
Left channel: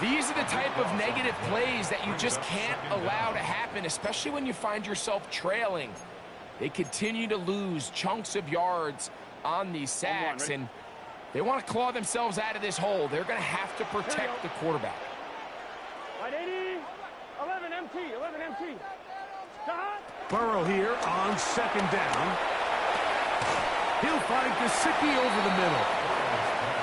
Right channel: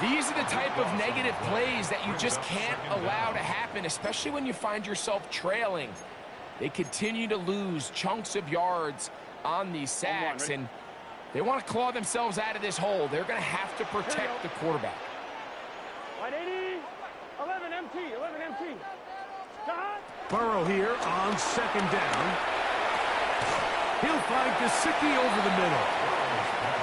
These are the type of negative plays that you just can't allow to happen, especially when you find yourself trailing. They continue to lose chunks of yards on these sacks, and they want to claw themselves out of this hole. They're going to have to protect the quarterback. Right, 80. 11 MT. Stop. Burrow here on second down. He'll find Gesicki over the middle.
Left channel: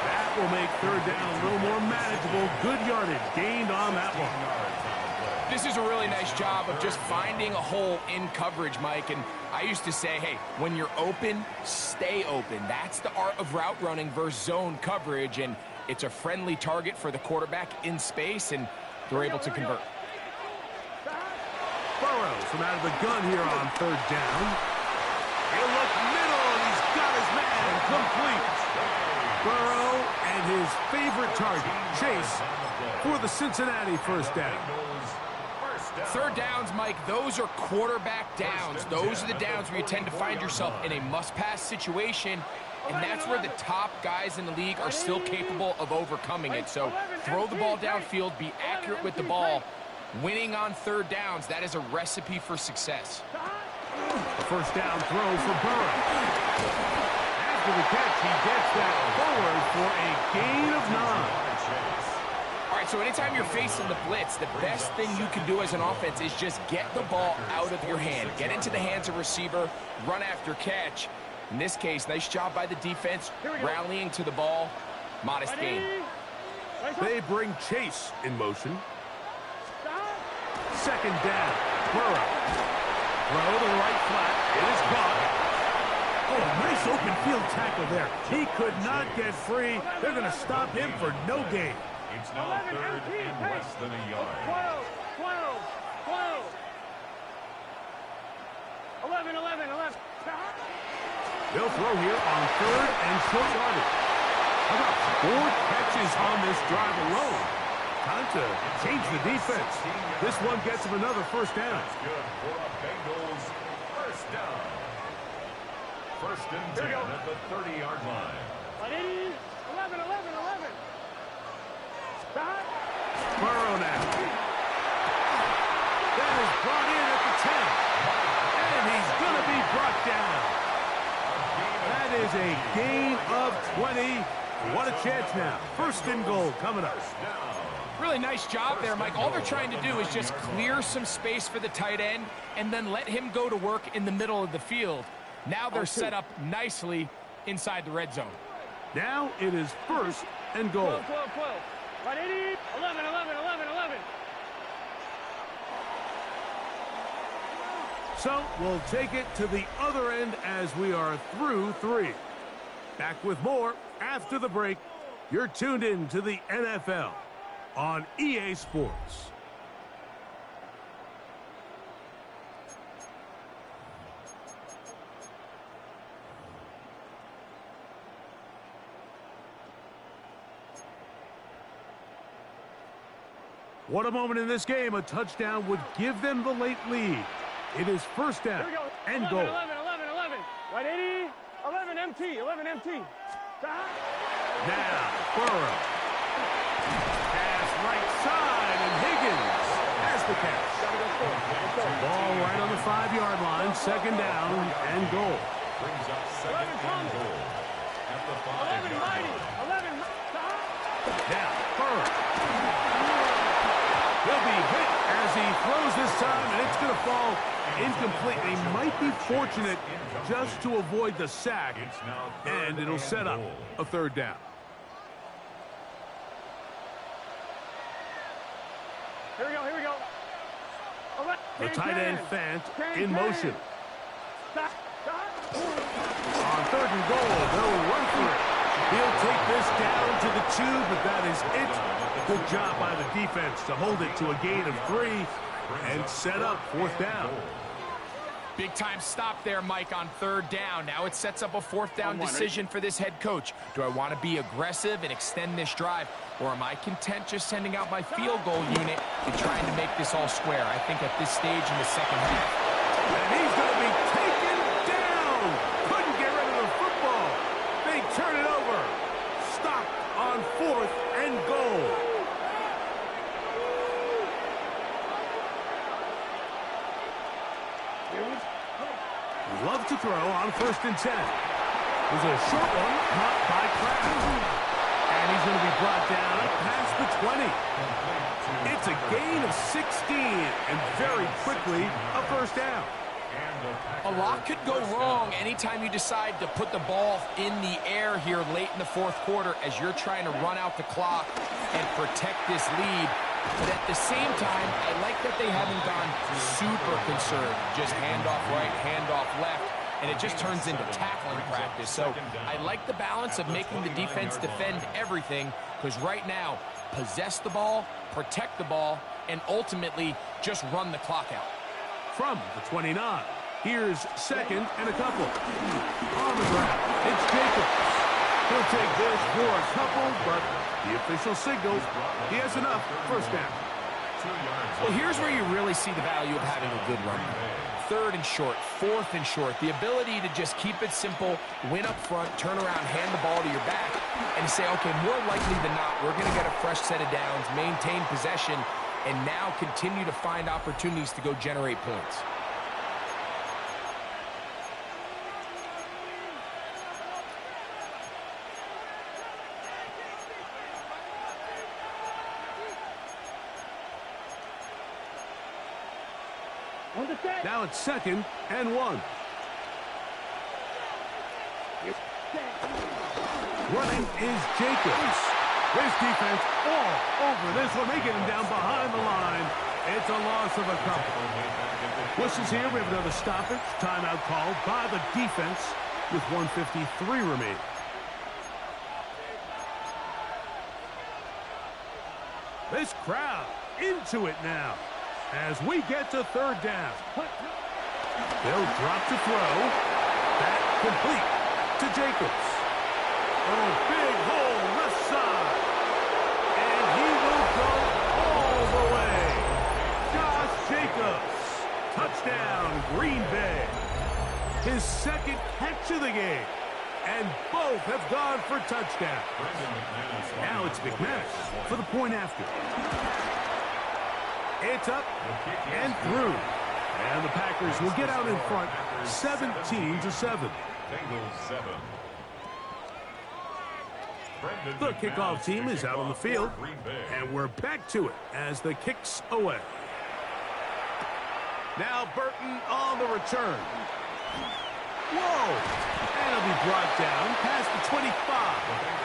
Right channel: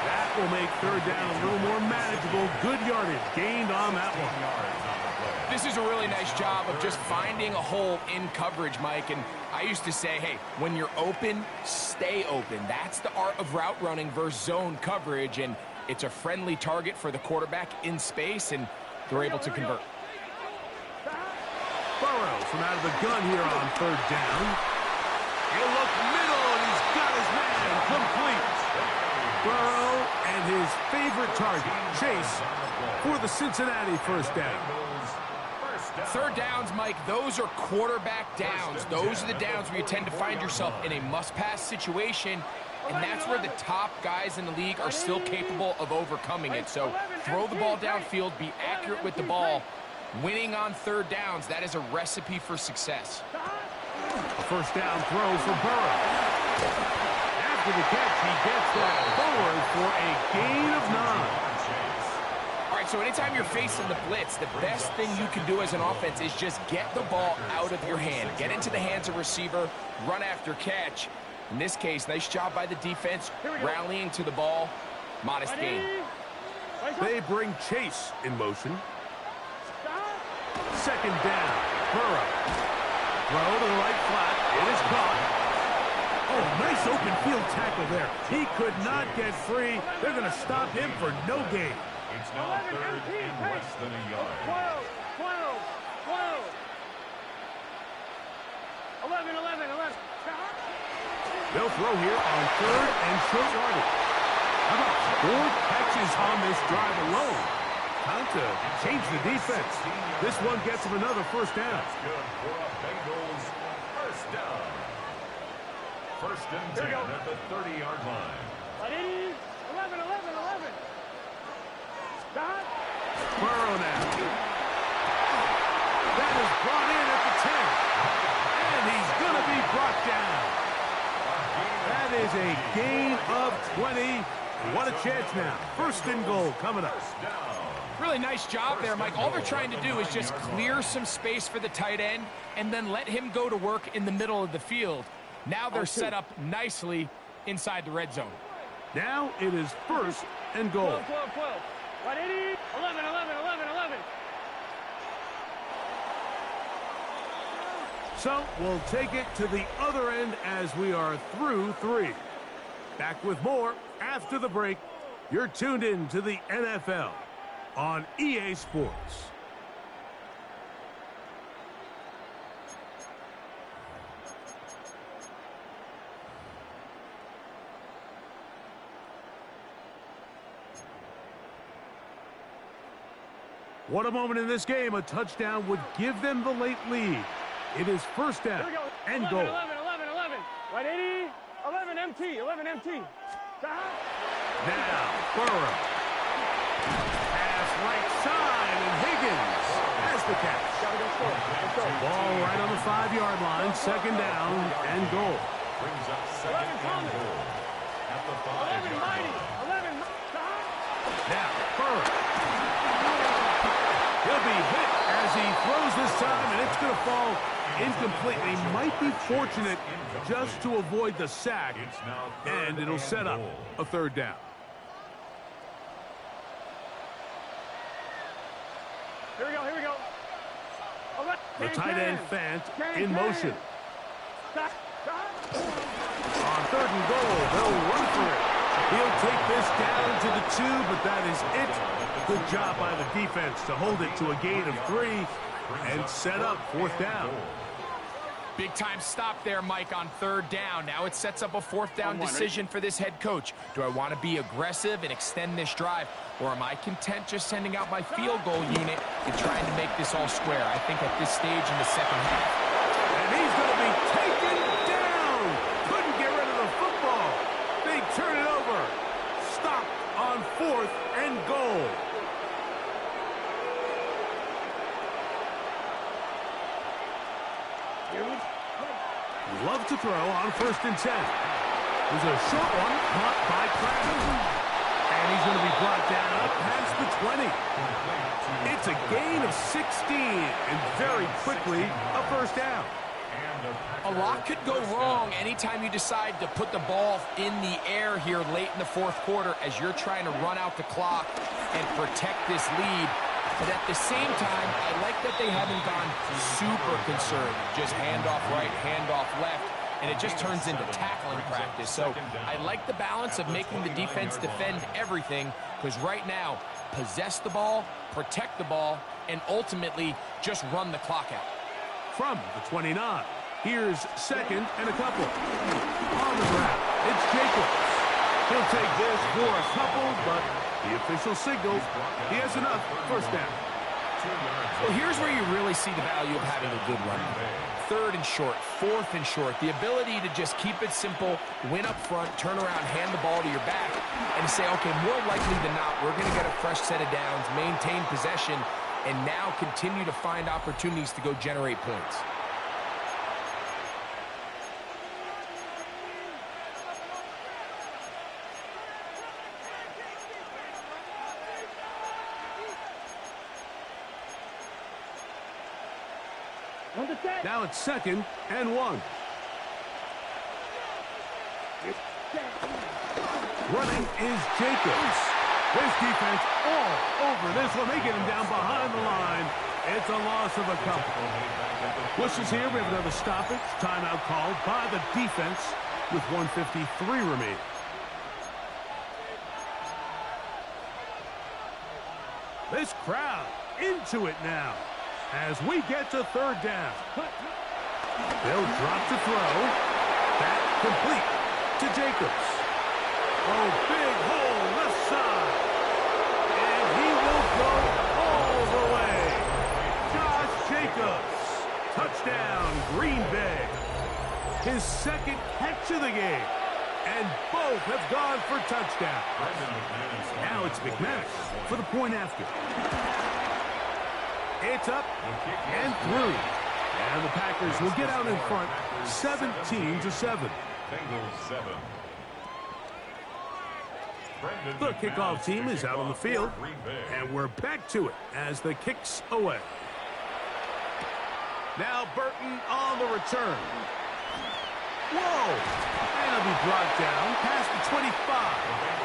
That will make third down a little more manageable. Good yardage gained on that one. This is a really nice job of just finding a hole in coverage, Mike. And I used to say, hey, when you're open, stay open. That's the art of route running versus zone coverage. And it's a friendly target for the quarterback in space, and they're able to convert. Burrow from out of the gun here on third down. He'll look middle, and he's got his man complete. Burrow and his favorite target, Chase, for the Cincinnati first down. Third downs, Mike, those are quarterback downs. Those are the downs where you tend to find yourself in a must-pass situation, and that's where the top guys in the league are still capable of overcoming it. So throw the ball downfield, be accurate with the ball. Winning on third downs, that is a recipe for success. A first down throw for Burrow. After the catch, he gets that forward for a gain of 9. All right, so anytime you're facing the blitz, the best thing you can do as an offense is just get the ball out of your hand. Get into the hands of receiver, run after catch. In this case, nice job by the defense, rallying to the ball. Modest gain. They bring Chase in motion. Second down, Burrow. Throw to the right flat. It is caught. Oh, nice open field tackle there. He could not get free. They're going to stop him for no gain. It's now third and less than a yard. 12. 11. They'll throw here on third and short yardage. How about 4 catches on this drive alone? Time to change the defense. This one gets them another first down. That's good for a Bengals first down. First and 10 at the 30-yard line. 11. Stop. Burrow now. That is brought in at the 10. And he's going to be brought down. That is a gain of 20. What a chance now. First and goal coming up. Really nice job there, Mike. All they're trying to do is just clear some space for the tight end and then let him go to work in the middle of the field. Now they're set up nicely inside the red zone. Now it is first and goal. 12. Right, 80. 11. So we'll take it to the other end as we are through 3. Back with more after the break. You're tuned in to the NFL on EA Sports. What a moment in this game. A touchdown would give them the late lead. It is first down and goal. 11. Right, 80. 11 MT. Stop. Now, Burrow. Pass right side, and Higgins has the catch. Ball right on the 5-yard line. Second down and goal. Brings up second and goal at the 5-yard line. Now, Burrow. He'll be hit as he throws this time, and it's going to fall incomplete. And he might be fortunate just to avoid the sack, and it'll set up a third down. Here we go. The tight end Fant in motion. On third and goal, they'll run for it. He'll take this down to the 2, but that is it. Good job by the defense to hold it to a gain of 3 and set up fourth down. Big time stop there, Mike, on third down. Now it sets up a fourth down decision for this head coach. Do I want to be aggressive and extend this drive, or am I content just sending out my field goal unit and trying to make this all square? I think at this stage in the second half. And he's going to be taken down. Couldn't get rid of the football. They turn it over. Stopped on fourth and goal. Love to throw on 1st and 10. It was a short one caught by Kraft. And he's going to be brought down up past the 20. It's a gain of 16, and very quickly a first down. A lot could go wrong anytime you decide to put the ball in the air here late in the fourth quarter as you're trying to run out the clock and protect this lead. But at the same time, I like that they haven't gone super conservative. Just handoff right, handoff left, and it just turns into tackling practice. So I like the balance of making the defense defend everything, because right now, possess the ball, protect the ball, and ultimately just run the clock out. From the 29, here's second and a couple. On the ground, it's Jacobs. He'll take this for a couple, but the official signals he has enough. First down. Well, here's where you really see the value of having a good run. Third and short, fourth and short. The ability to just keep it simple, win up front, turn around, hand the ball to your back, and say, okay, more likely than not, we're going to get a fresh set of downs, maintain possession, and now continue to find opportunities to go generate points. Now it's second and 1. Running is Jacobs. This defense all over this one. They get him down behind the line. It's a loss of a couple. Whistles here. We have another stoppage. Timeout called by the defense with 1:53 remaining. This crowd into it now as we get to third down. They'll drop to throw. That complete to Jacobs. Oh, big hole left side. And he will go all the way. Josh Jacobs. Touchdown, Green Bay. His second catch of the game. And both have gone for touchdown. Now it's McManus for the point after. It's up and through. And the Packers will get out in front 17-7. Bengals 7. The kickoff team is out on the field. And we're back to it as the kick's away. Now Burton on the return. Whoa! And he'll be brought down past the 25.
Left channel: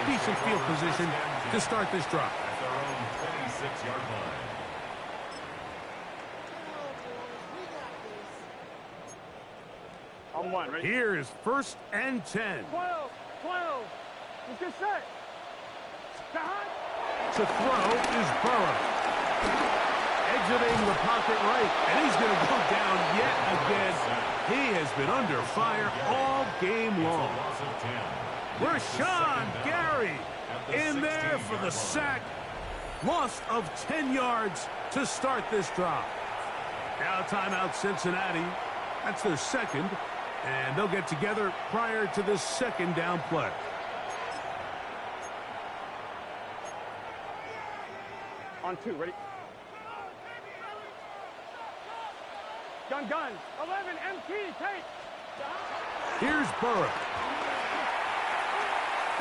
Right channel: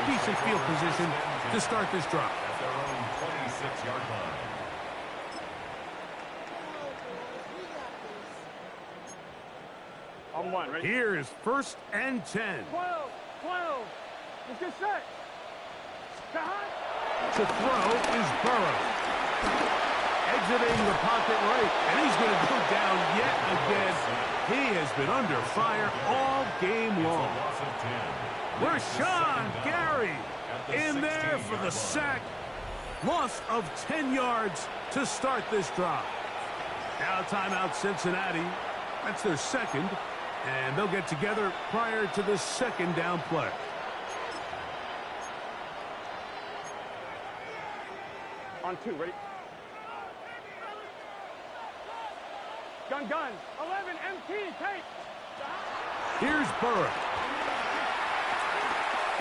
Decent field position to start this drive. At their own 26-yard line. On 1, ready? Here's 1st and 10. 12. Let's get set. To throw is Burrow. Exiting the pocket right, and he's going to go down yet again. He has been under fire all game long. Rashawn Gary in there for the sack. Loss of 10 yards to start this drive. Now timeout Cincinnati. That's their second, and they'll get together prior to the second down play. On 2, ready? Gun. 11 MT tape. Here's Burrow.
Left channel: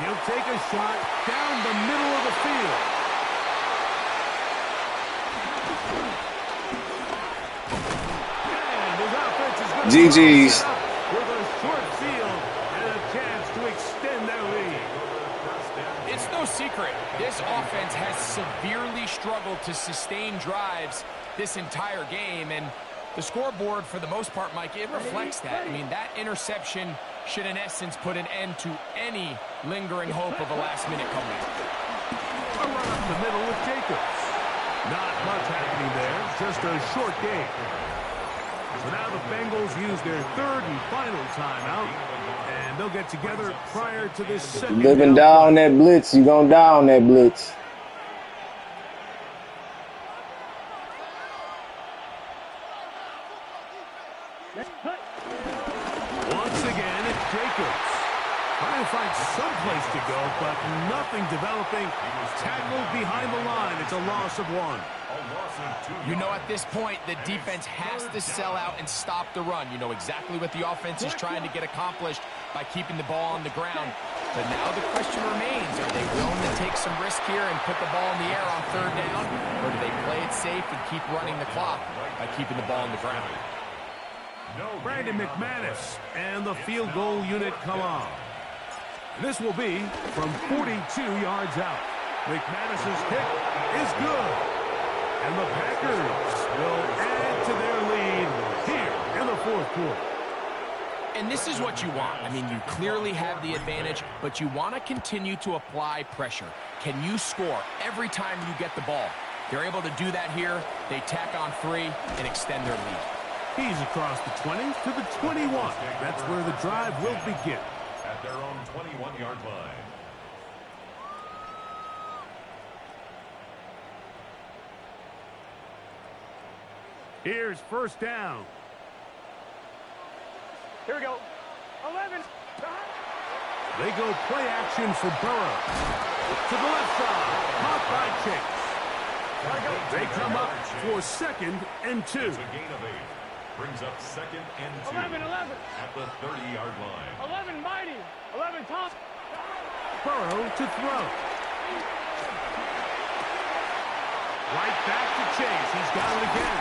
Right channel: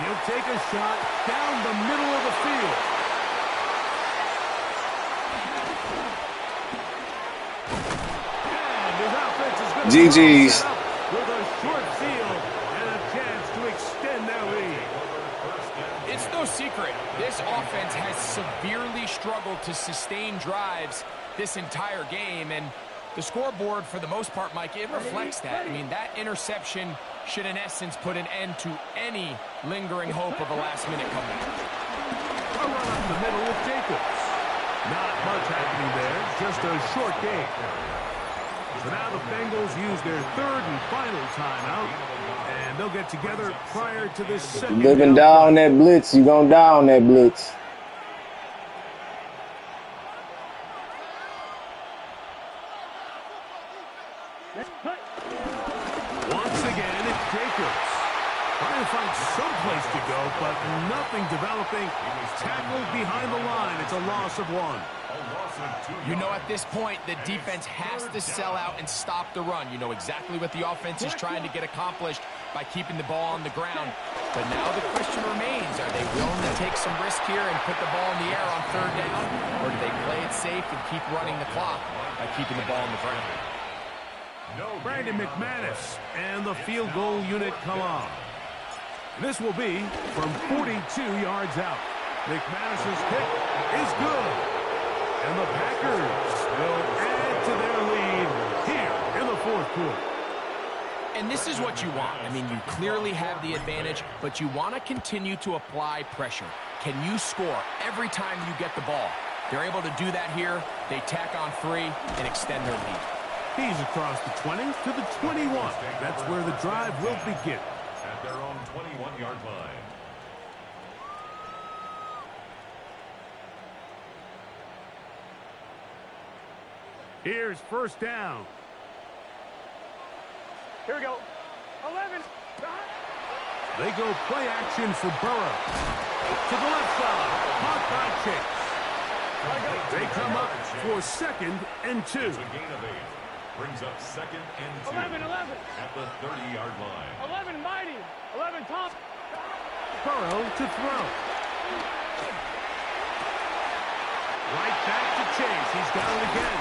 He'll take a shot down the middle of the field. And his offense is going to GG's. with a short field and a chance to extend their lead. It's no secret, this offense has severely struggled to sustain drives this entire game, and the scoreboard, for the most part, Mike, it reflects that. I mean, that interception should, in essence, put an end to any lingering hope of a last-minute comeback. A run up the middle with Jacobs. Not much happening there, just a short game. So now the Bengals use their third and final timeout, and they'll get together prior to this second. Living down that blitz, you gonna down that blitz. Once again, it's Jacobs. Trying to find some place to go, but nothing developing. Tackled behind the line. It's a loss of 1. You know, at this point, the defense has to sell out and stop the run. You know exactly what the offense is trying to get accomplished by keeping the ball on the ground. But now the question remains, are they willing to take some risk here and put the ball in the air on third down? Or do they play it safe and keep running the clock by keeping the ball on the ground? Brandon McManus and the field goal unit come on. And this will be from 42 yards out. McManus's kick is good. And the Packers will add to their lead here in the fourth quarter. And this is what you want. I mean, you clearly have the advantage, but you want to continue to apply pressure. Can you score every time you get the ball? They're able to do that here. They tack on 3 and extend their lead. He's across the 20 to the 21. That's where the drive will begin. At their own 21-yard line. Here's first down. Here we go. 11. They go play action for Burrow. To the left side. Caught by Chase. They come up for 2nd and 2. It's a gain of 8. Brings up 2nd and 2. 11. At the 30-yard line. 11 mighty. 11 top. Burrow to throw. Right back to Chase. He's got it again.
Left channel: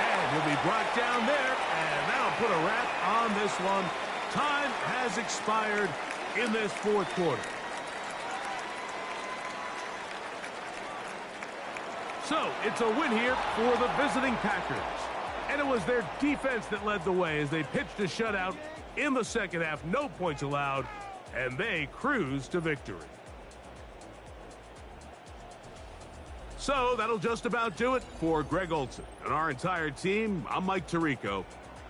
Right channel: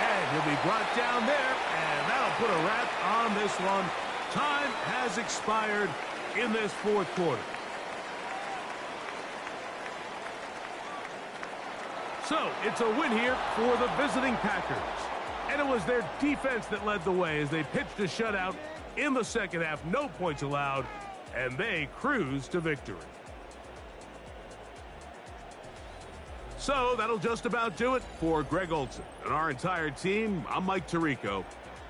And he'll be brought down there, and that'll put a wrap on this one. Time has expired in this fourth quarter. So, it's a win here for the visiting Packers. And it was their defense that led the way as they pitched a shutout in the second half. No points allowed, and they cruised to victory. So that'll just about do it for Greg Olson and our entire team. I'm Mike Tirico.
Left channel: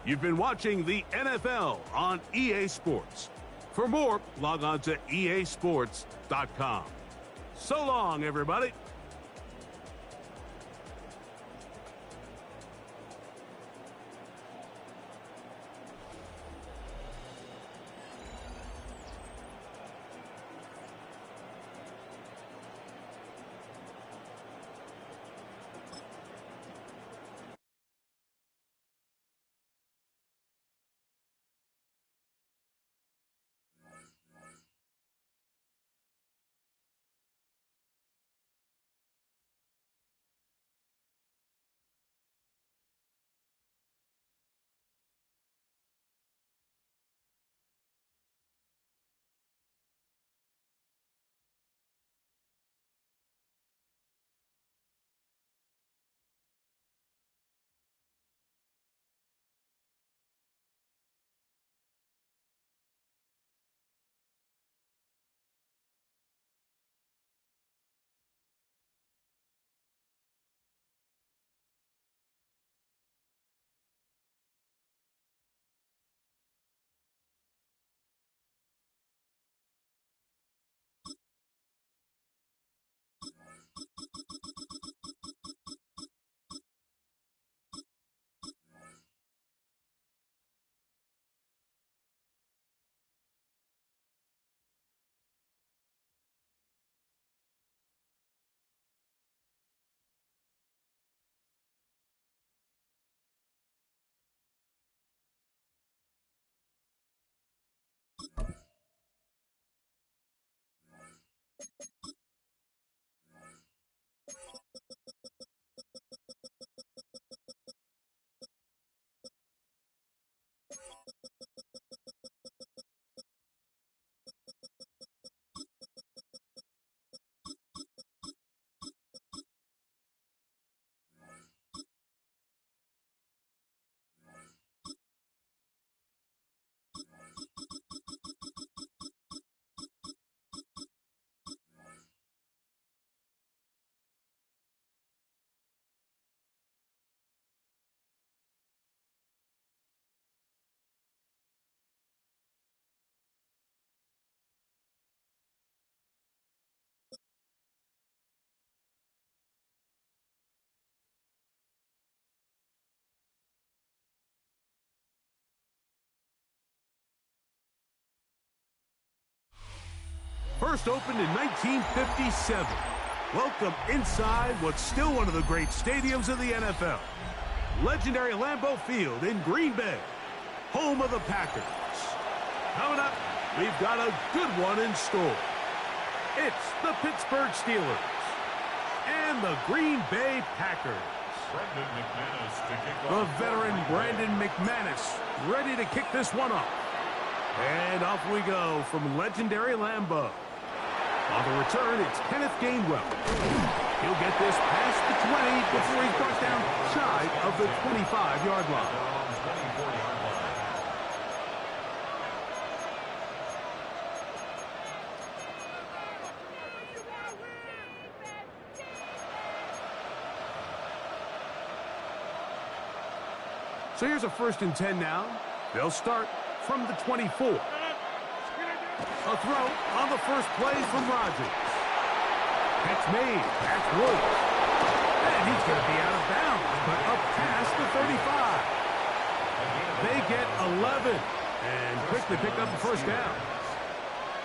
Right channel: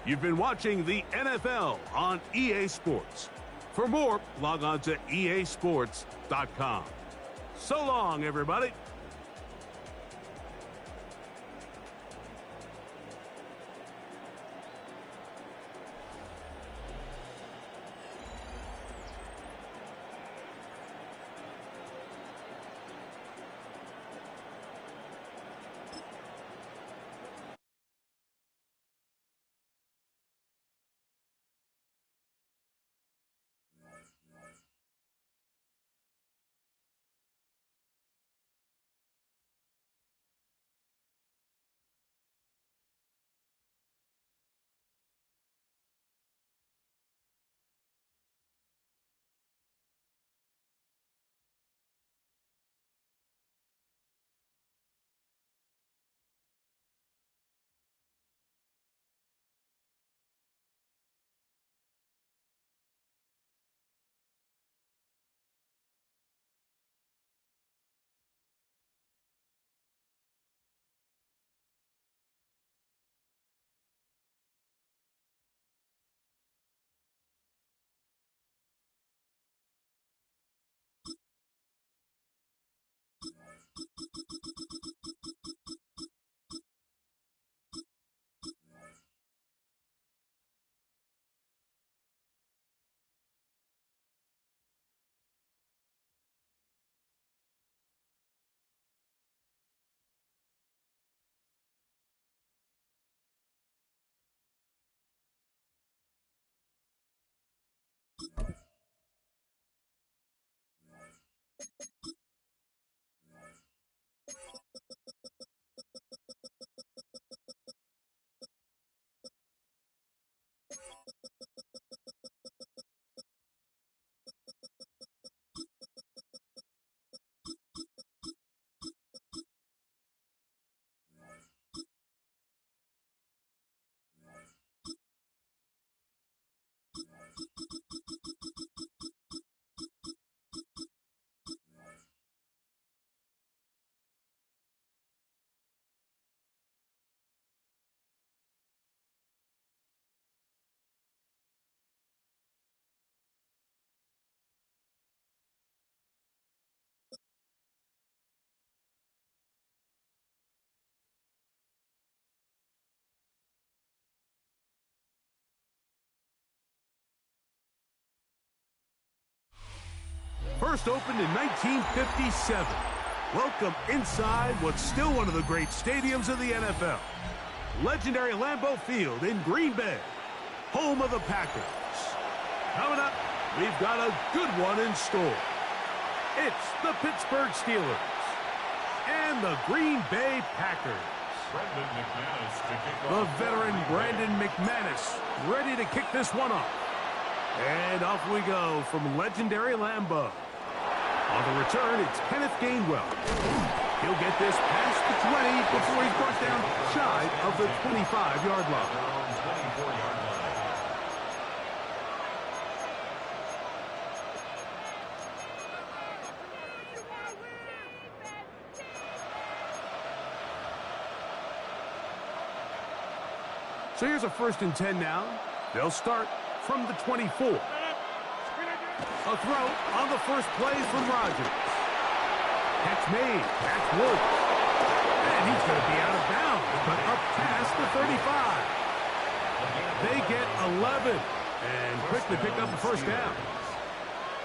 You've been watching the NFL on EA Sports. For more, log on to easports.com. So long, everybody. First opened in 1957. Welcome inside what's still one of the great stadiums of the NFL. Legendary Lambeau Field in Green Bay, home of the Packers. Coming up, we've got a good one in store. It's the Pittsburgh Steelers and the Green Bay Packers. Brandon McManus to kick The off. veteran Brandon McManus ready to kick this one off. And off we go from legendary Lambeau. On the return, it's Kenneth Gainwell. He'll get this past the 20 before he's brought down shy of the 25-yard line. Their own 24-yard line. So here's a 1st and 10 now. They'll start from the 24. A throw on the first play from Rodgers. Catch made. That's Woods. And he's going to be out of bounds, but up past the 35. They get 11 and quickly pick up the first down.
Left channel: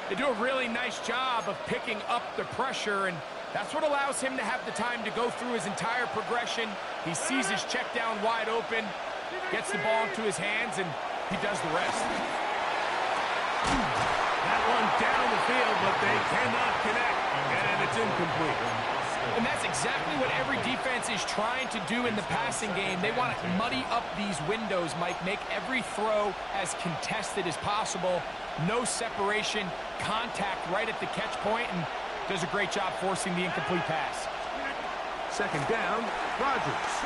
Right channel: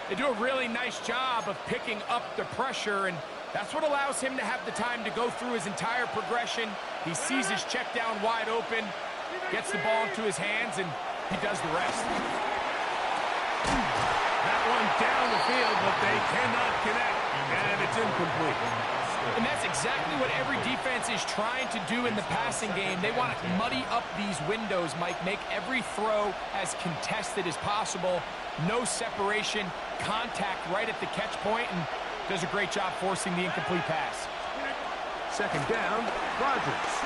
They do a really nice job of picking up the pressure, and that's what allows him to have the time to go through his entire progression. He sees his check down wide open, gets the ball into his hands, and he does the rest. That one down the field, but they cannot connect, and it's incomplete. And that's exactly what every defense is trying to do in the passing game. They want to muddy up these windows, Mike, make every throw as contested as possible. No separation, contact right at the catch point, and does a great job forcing the incomplete pass. 2nd down, Rodgers.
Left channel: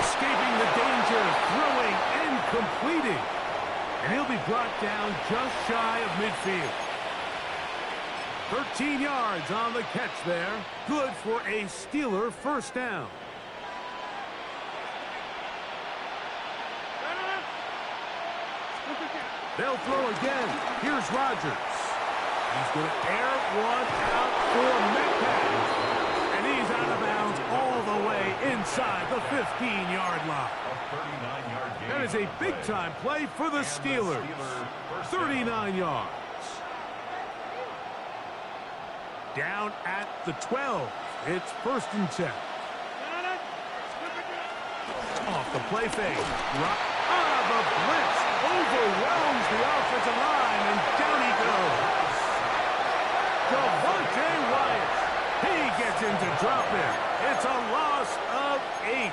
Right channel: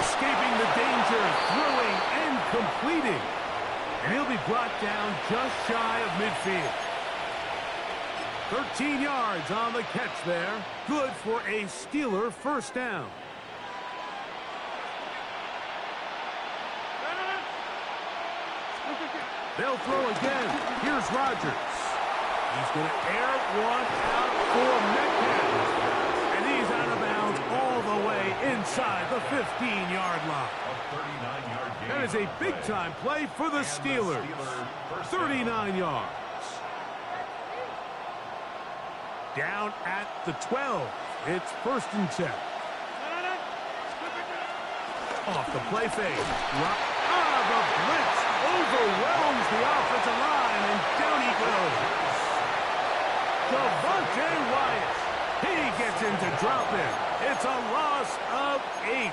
Escaping the danger, throwing and completing. And he'll be brought down just shy of midfield. 13 yards on the catch there. Good for a Steeler 1st down. They'll throw again. Here's Rodgers. He's going to air one out for Metcalf. And he's out of bounds all the way inside the 15-yard line. A 39-yard gain. That is a big-time play for the Steelers. 39 yards. Down at the 12. It's 1st and 10. Off the play fake. The blitz overwhelms the offensive line, and down he goes. Devontae Wyatt. He gets in to drop him. It's a loss of 8.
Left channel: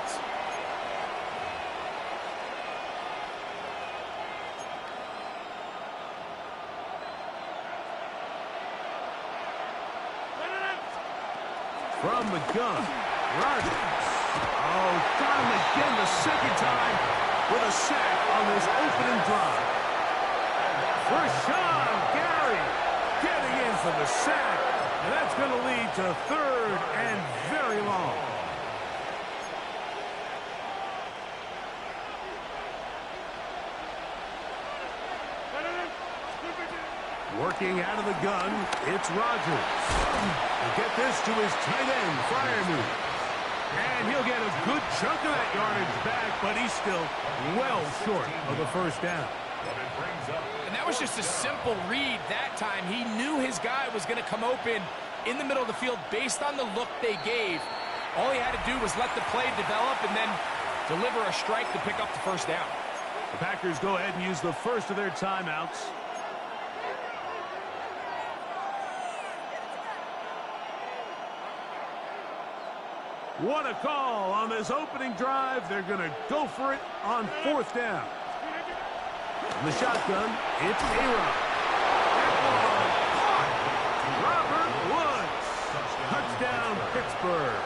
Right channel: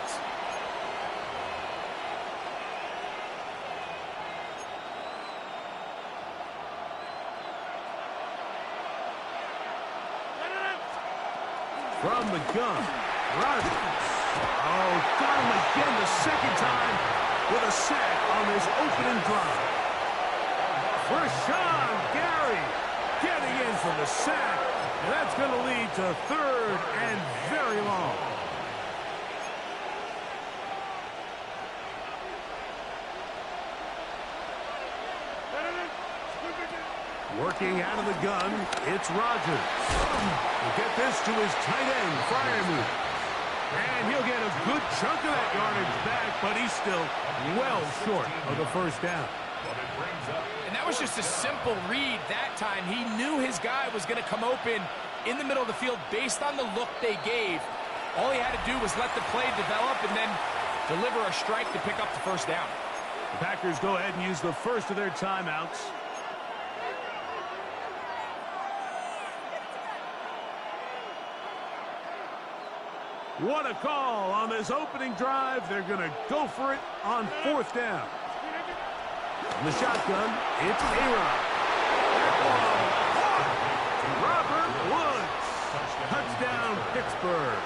From the gun, Rodgers. Oh, got him again the 2nd time with a sack on this opening drive. Rashawn Gary getting in for the sack, and that's going to lead to 3rd and very long. Working out of the gun, it's Rodgers. He'll get this to his tight end, Freiermuth. And he'll get a good chunk of that yardage back, but he's still well short of the 1st down. And that was just a simple read that time. He knew his guy was going to come open in the middle of the field based on the look they gave. All he had to do was let the play develop and then deliver a strike to pick up the 1st down. The Packers go ahead and use the first of their timeouts. What a call on this opening drive. They're going to go for it on 4th down. From the shotgun, it's A-Rod. That ball caught. Robert Woods. Touchdown, Pittsburgh.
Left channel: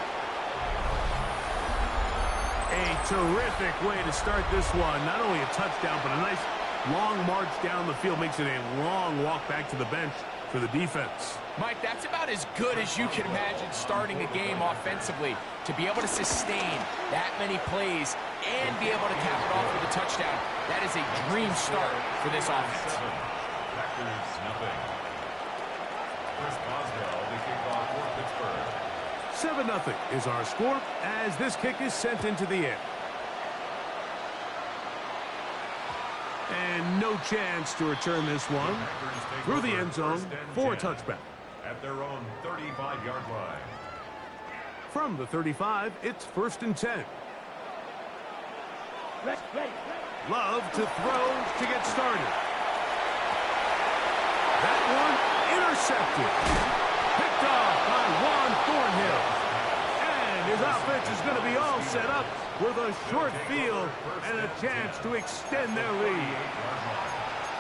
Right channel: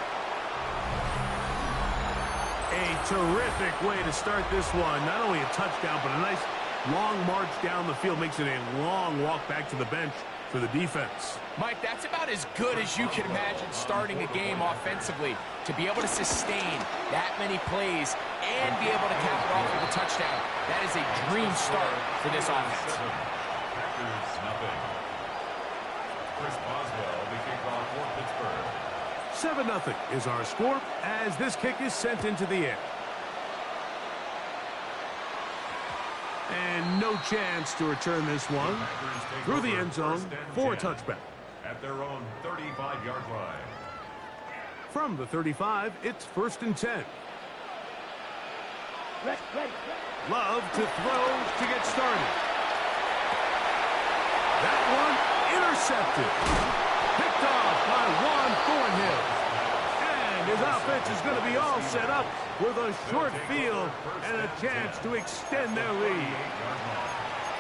A terrific way to start this one. Not only a touchdown, but a nice long march down the field. Makes it a long walk back to the bench for the defense. Mike, that's about as good as you can imagine starting a game offensively. To be able to sustain that many plays and be able to cap it off with a touchdown, that is a dream start for this offense. Packers nothing. Chris Boswell, the kickoff for Pittsburgh. 7-0 is our score as this kick is sent into the air. And no chance to return this one through the end zone for a touchback. At their own 35-yard line. From the 35, it's 1st and 10. Love to throw to get started. That one intercepted. Picked off by Juan Thornhill. And his offense is going to be all set up with a short field and a chance to extend their lead.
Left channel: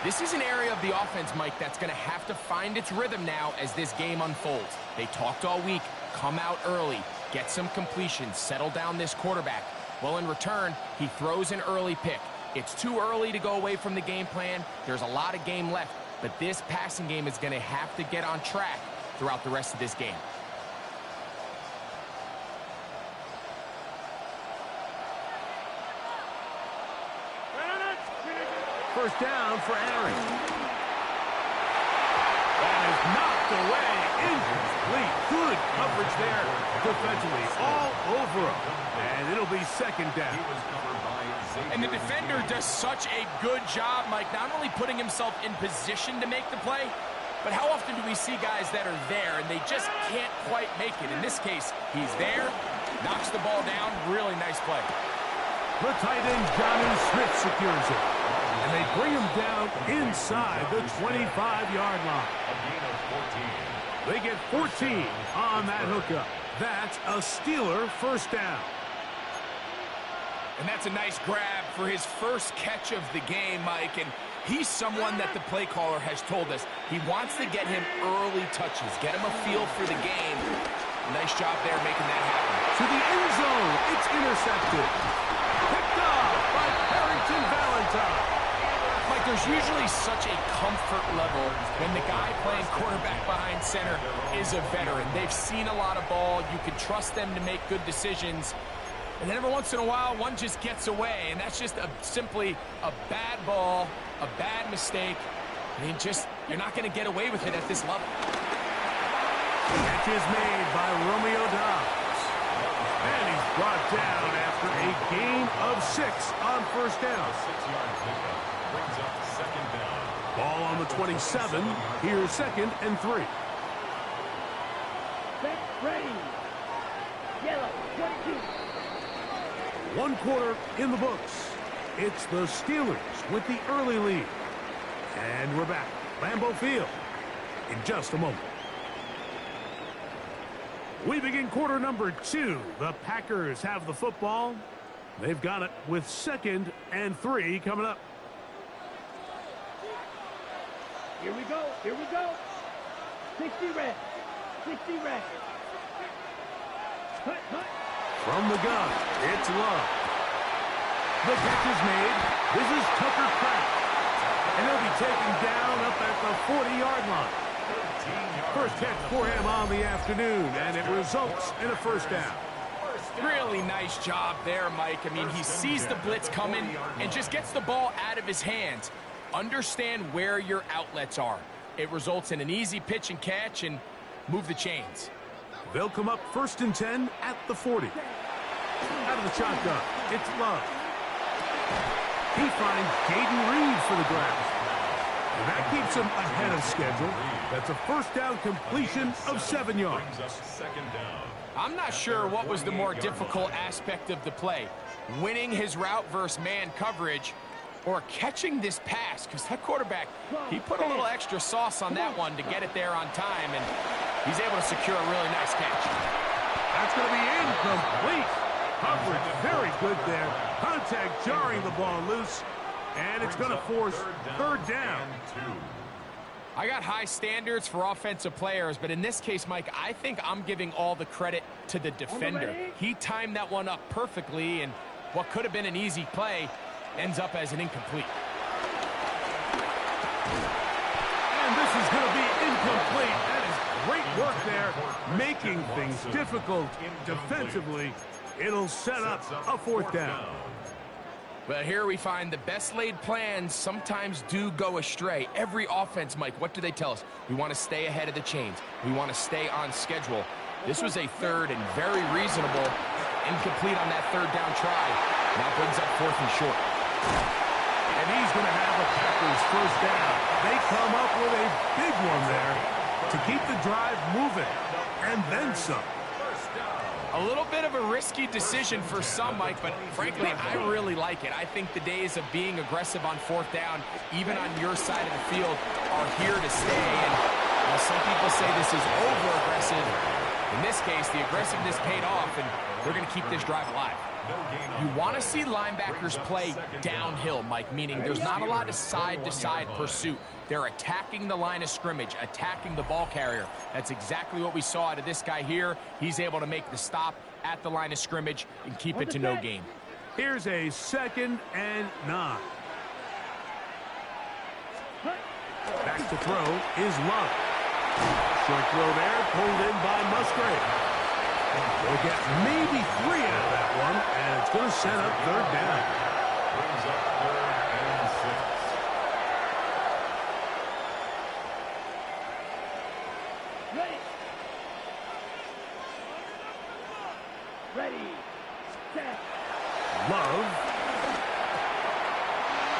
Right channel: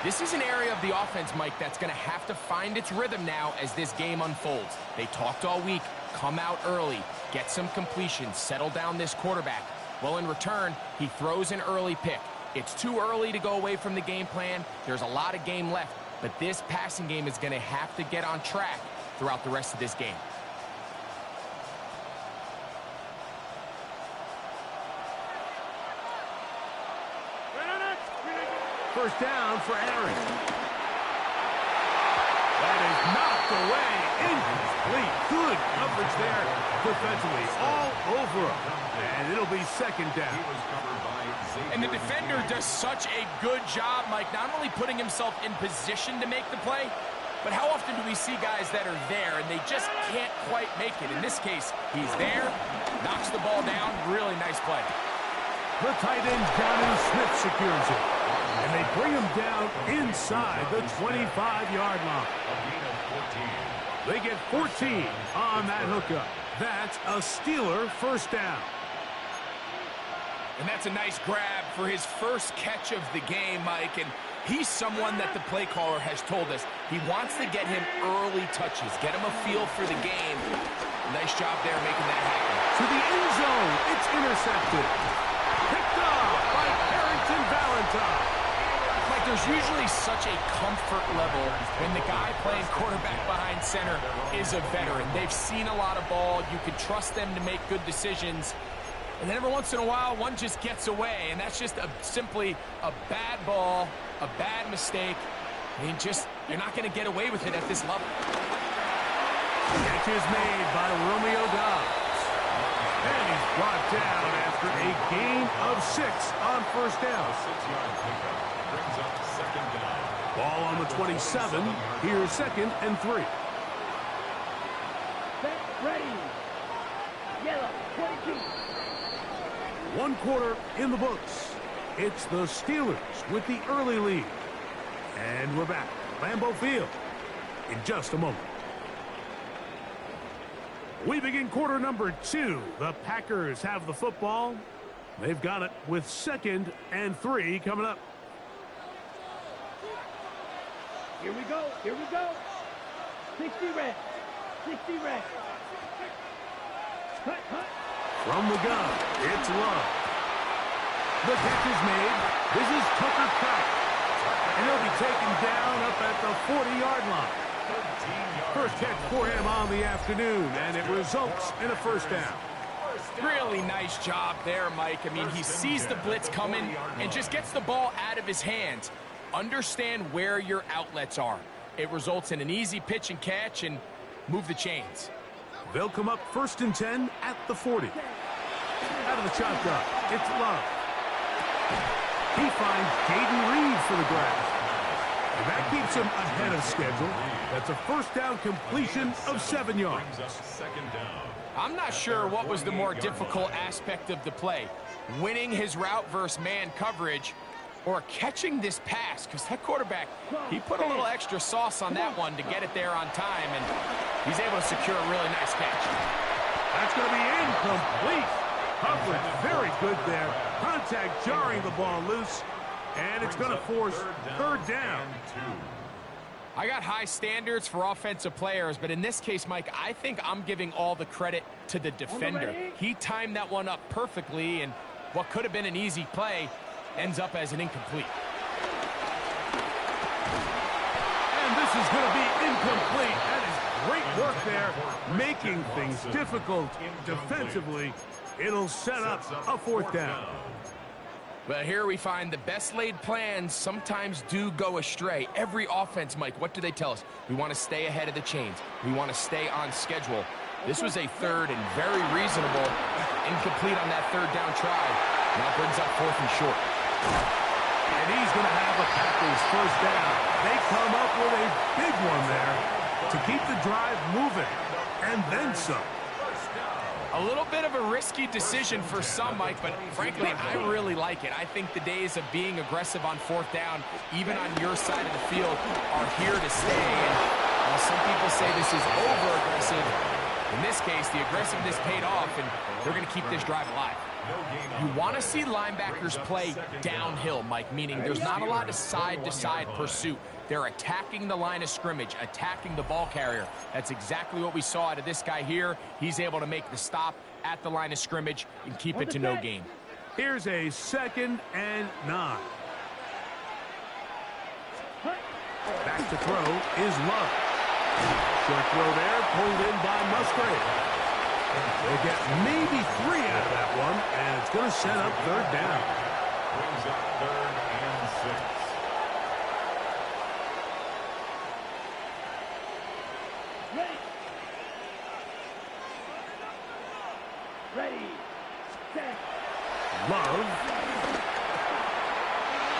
This is an area of the offense, Mike, that's going to have to find its rhythm now as this game unfolds. They talked all week, come out early, get some completions, settle down this quarterback. Well, in return, he throws an early pick. It's too early to go away from the game plan. There's a lot of game left, but this passing game is going to have to get on track throughout the rest of this game. First down for Aaron. That is knocked away. Incomplete. Good coverage there defensively. All over him. And it'll be 2nd down. And the defender does such a good job, Mike, not only putting himself in position to make the play, but how often do we see guys that are there and they just can't quite make it? In this case, he's there, knocks the ball down. Really nice play. The tight end, Jonnu Smith, secures it. And they bring him down inside the 25-yard line. They get 14 on that hookup. That's a Steeler 1st down. And that's a nice grab for his first catch of the game, Mike. And he's someone that the play caller has told us he wants to get him early touches, get him a feel for the game. Nice job there making that happen. To the end zone, it's intercepted. Picked off by Carrington Valentine. Mike, there's usually such a comfort level when the guy playing quarterback behind center is a veteran. They've seen a lot of ball. You can trust them to make good decisions. And then every once in a while, one just gets away, and that's just simply a bad ball, a bad mistake. And you're not going to get away with it at this level. Catch is made by Romeo Dobbs. And he's brought down after a gain of 6 on 1st down. A 6-yard pickup brings up 2nd down. Ball on the 27. Here's 2nd and 3. Set, ready. Yellow, 22. 1 quarter in the books. It's the Steelers with the early lead. And we're back. Lambeau Field in just a moment. We begin quarter number 2. The Packers have the football. They've got it with 2nd and 3 coming up. Here we go. Here we go. 60 red. 60 red. Cut, cut. From the gun, it's Love. The catch is made. This is Tucker Kraft. And he'll be taken down up at the 40-yard line. First catch for him on the afternoon, and it results in a 1st down. Really nice job there, Mike. I mean, he sees the blitz coming and just gets the ball out of his hands. Understand where your outlets are. It results in an easy pitch and catch and move the chains. They'll come up 1st and 10 at the 40. Out of the shotgun, it's Love. He finds Jaden Reed for the grab. And that keeps him ahead of schedule. That's a 1st down completion of 7 yards. I'm not sure what was the more difficult aspect of the play, winning his route versus man coverage or catching this pass, because that quarterback, he put a little extra sauce on that one to get it there on time, and he's able to secure a really nice catch. That's going to be incomplete. Coverage very good there. Contact jarring the ball loose, and it's going to force third down. I got high standards for offensive players, but in this case, Mike, I think I'm giving all the credit to the defender. He timed that one up perfectly, and what could have been an easy play ends up as an incomplete. And this is going to be incomplete. That is great work there, making things difficult defensively. It'll set up a fourth down. Well, here we find the best laid plans sometimes do go astray. Every offense, Mike, what do they tell us? We want to stay ahead of the chains. We want to stay on schedule. This was a third and very reasonable incomplete on that third down try. Now brings up fourth and short. And he's going to have a Packers first down. They come up with a big one there to keep the drive moving, and then some. A little bit of a risky decision for some, Mike, but frankly, I really like it. I think the days of being aggressive on fourth down, even on your side of the field, are here to stay. And while some people say this is over-aggressive, in this case, the aggressiveness paid off, and they're going to keep this drive alive. You want to see linebackers play downhill, Mike, meaning there's not a lot of side-to-side pursuit. They're attacking the line of scrimmage, attacking the ball carrier. That's exactly what we saw out of this guy here. He's able to make the stop at the line of scrimmage and keep it to no gain. Here's a 2nd and 9. Back to throw is Love. Short throw there, pulled in by Musgrave. They'll get maybe 3 out of that one, and it's going to set up third down. Brings up 3rd and 6. Ready. Ready. Set. Love.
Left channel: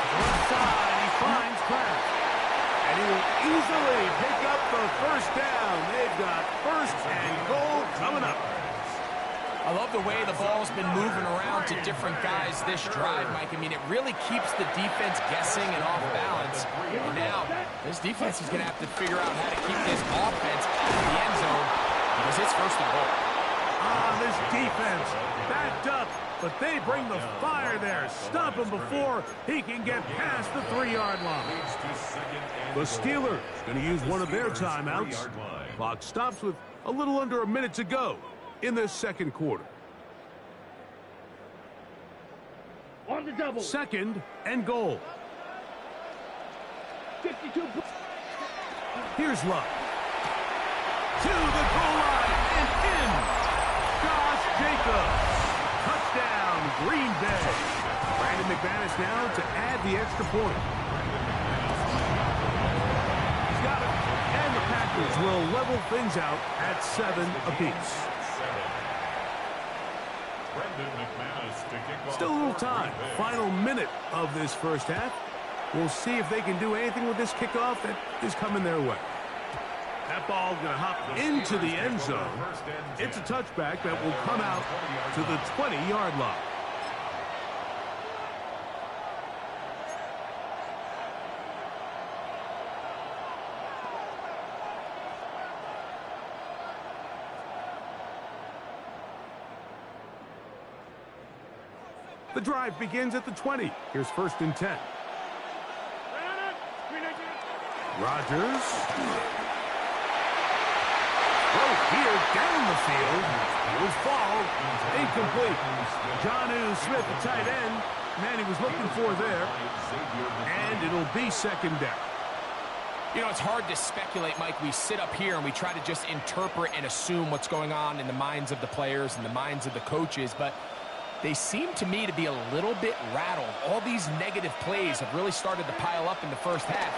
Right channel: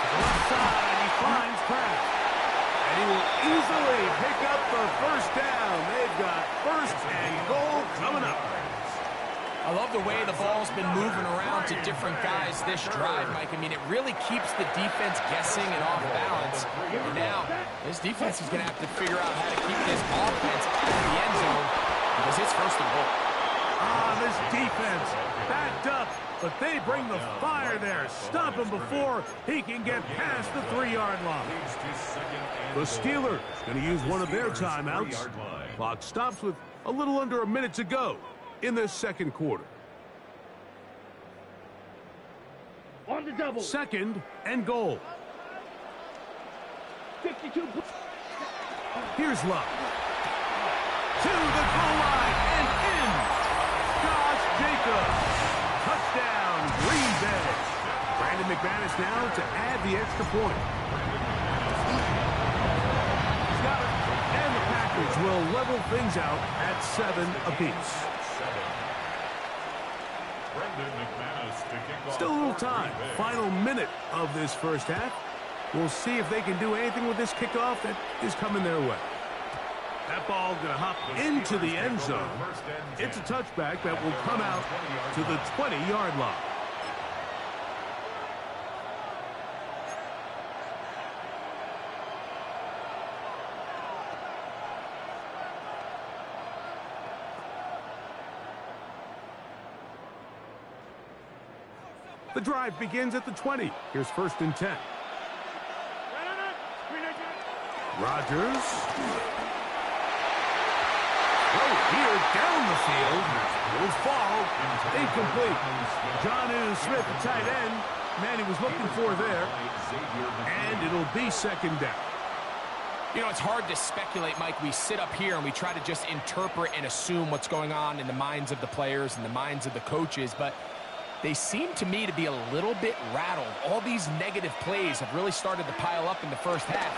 To the left side, he finds Kraft. And he will easily pick up the first down. They've got first and goal coming up. I love the way the ball's been moving around to different guys this drive, Mike. I mean, it really keeps the defense guessing and off balance. And now, this defense is going to have to figure out how to keep this offense out of the end zone because it's first and goal. This defense backed up, but they bring the fire there. Stop him before he can get past the 3-yard line. The Steelers going to use one of their timeouts. Clock stops with a little under a minute to go in the second quarter. On the double. 2nd and goal. 52. Here's Love. To the goal line and in. Josh Jacobs. Touchdown, Green Bay. Brandon McManus now to add the extra point. He's got it. And the Packers will level things out at 7 apiece. Still a little time. Final minute of this first half. We'll see if they can do anything with this kickoff that is coming their way. That ball going to hop into the end zone. It's a touchback that will come out to the 20-yard line. The drive begins at the 20. Here's 1st and 10. Rodgers. Throw here down the field. Will fall. Incomplete. Jonnu Smith, the tight end. Man, he was looking for there. And it'll be 2nd down. You know, it's hard to speculate, Mike. We sit up here and we try to just interpret and assume what's going on in the minds of the players and the minds of the coaches, but they seem to me to be a little bit rattled. All these negative plays have really started to pile up in the first half.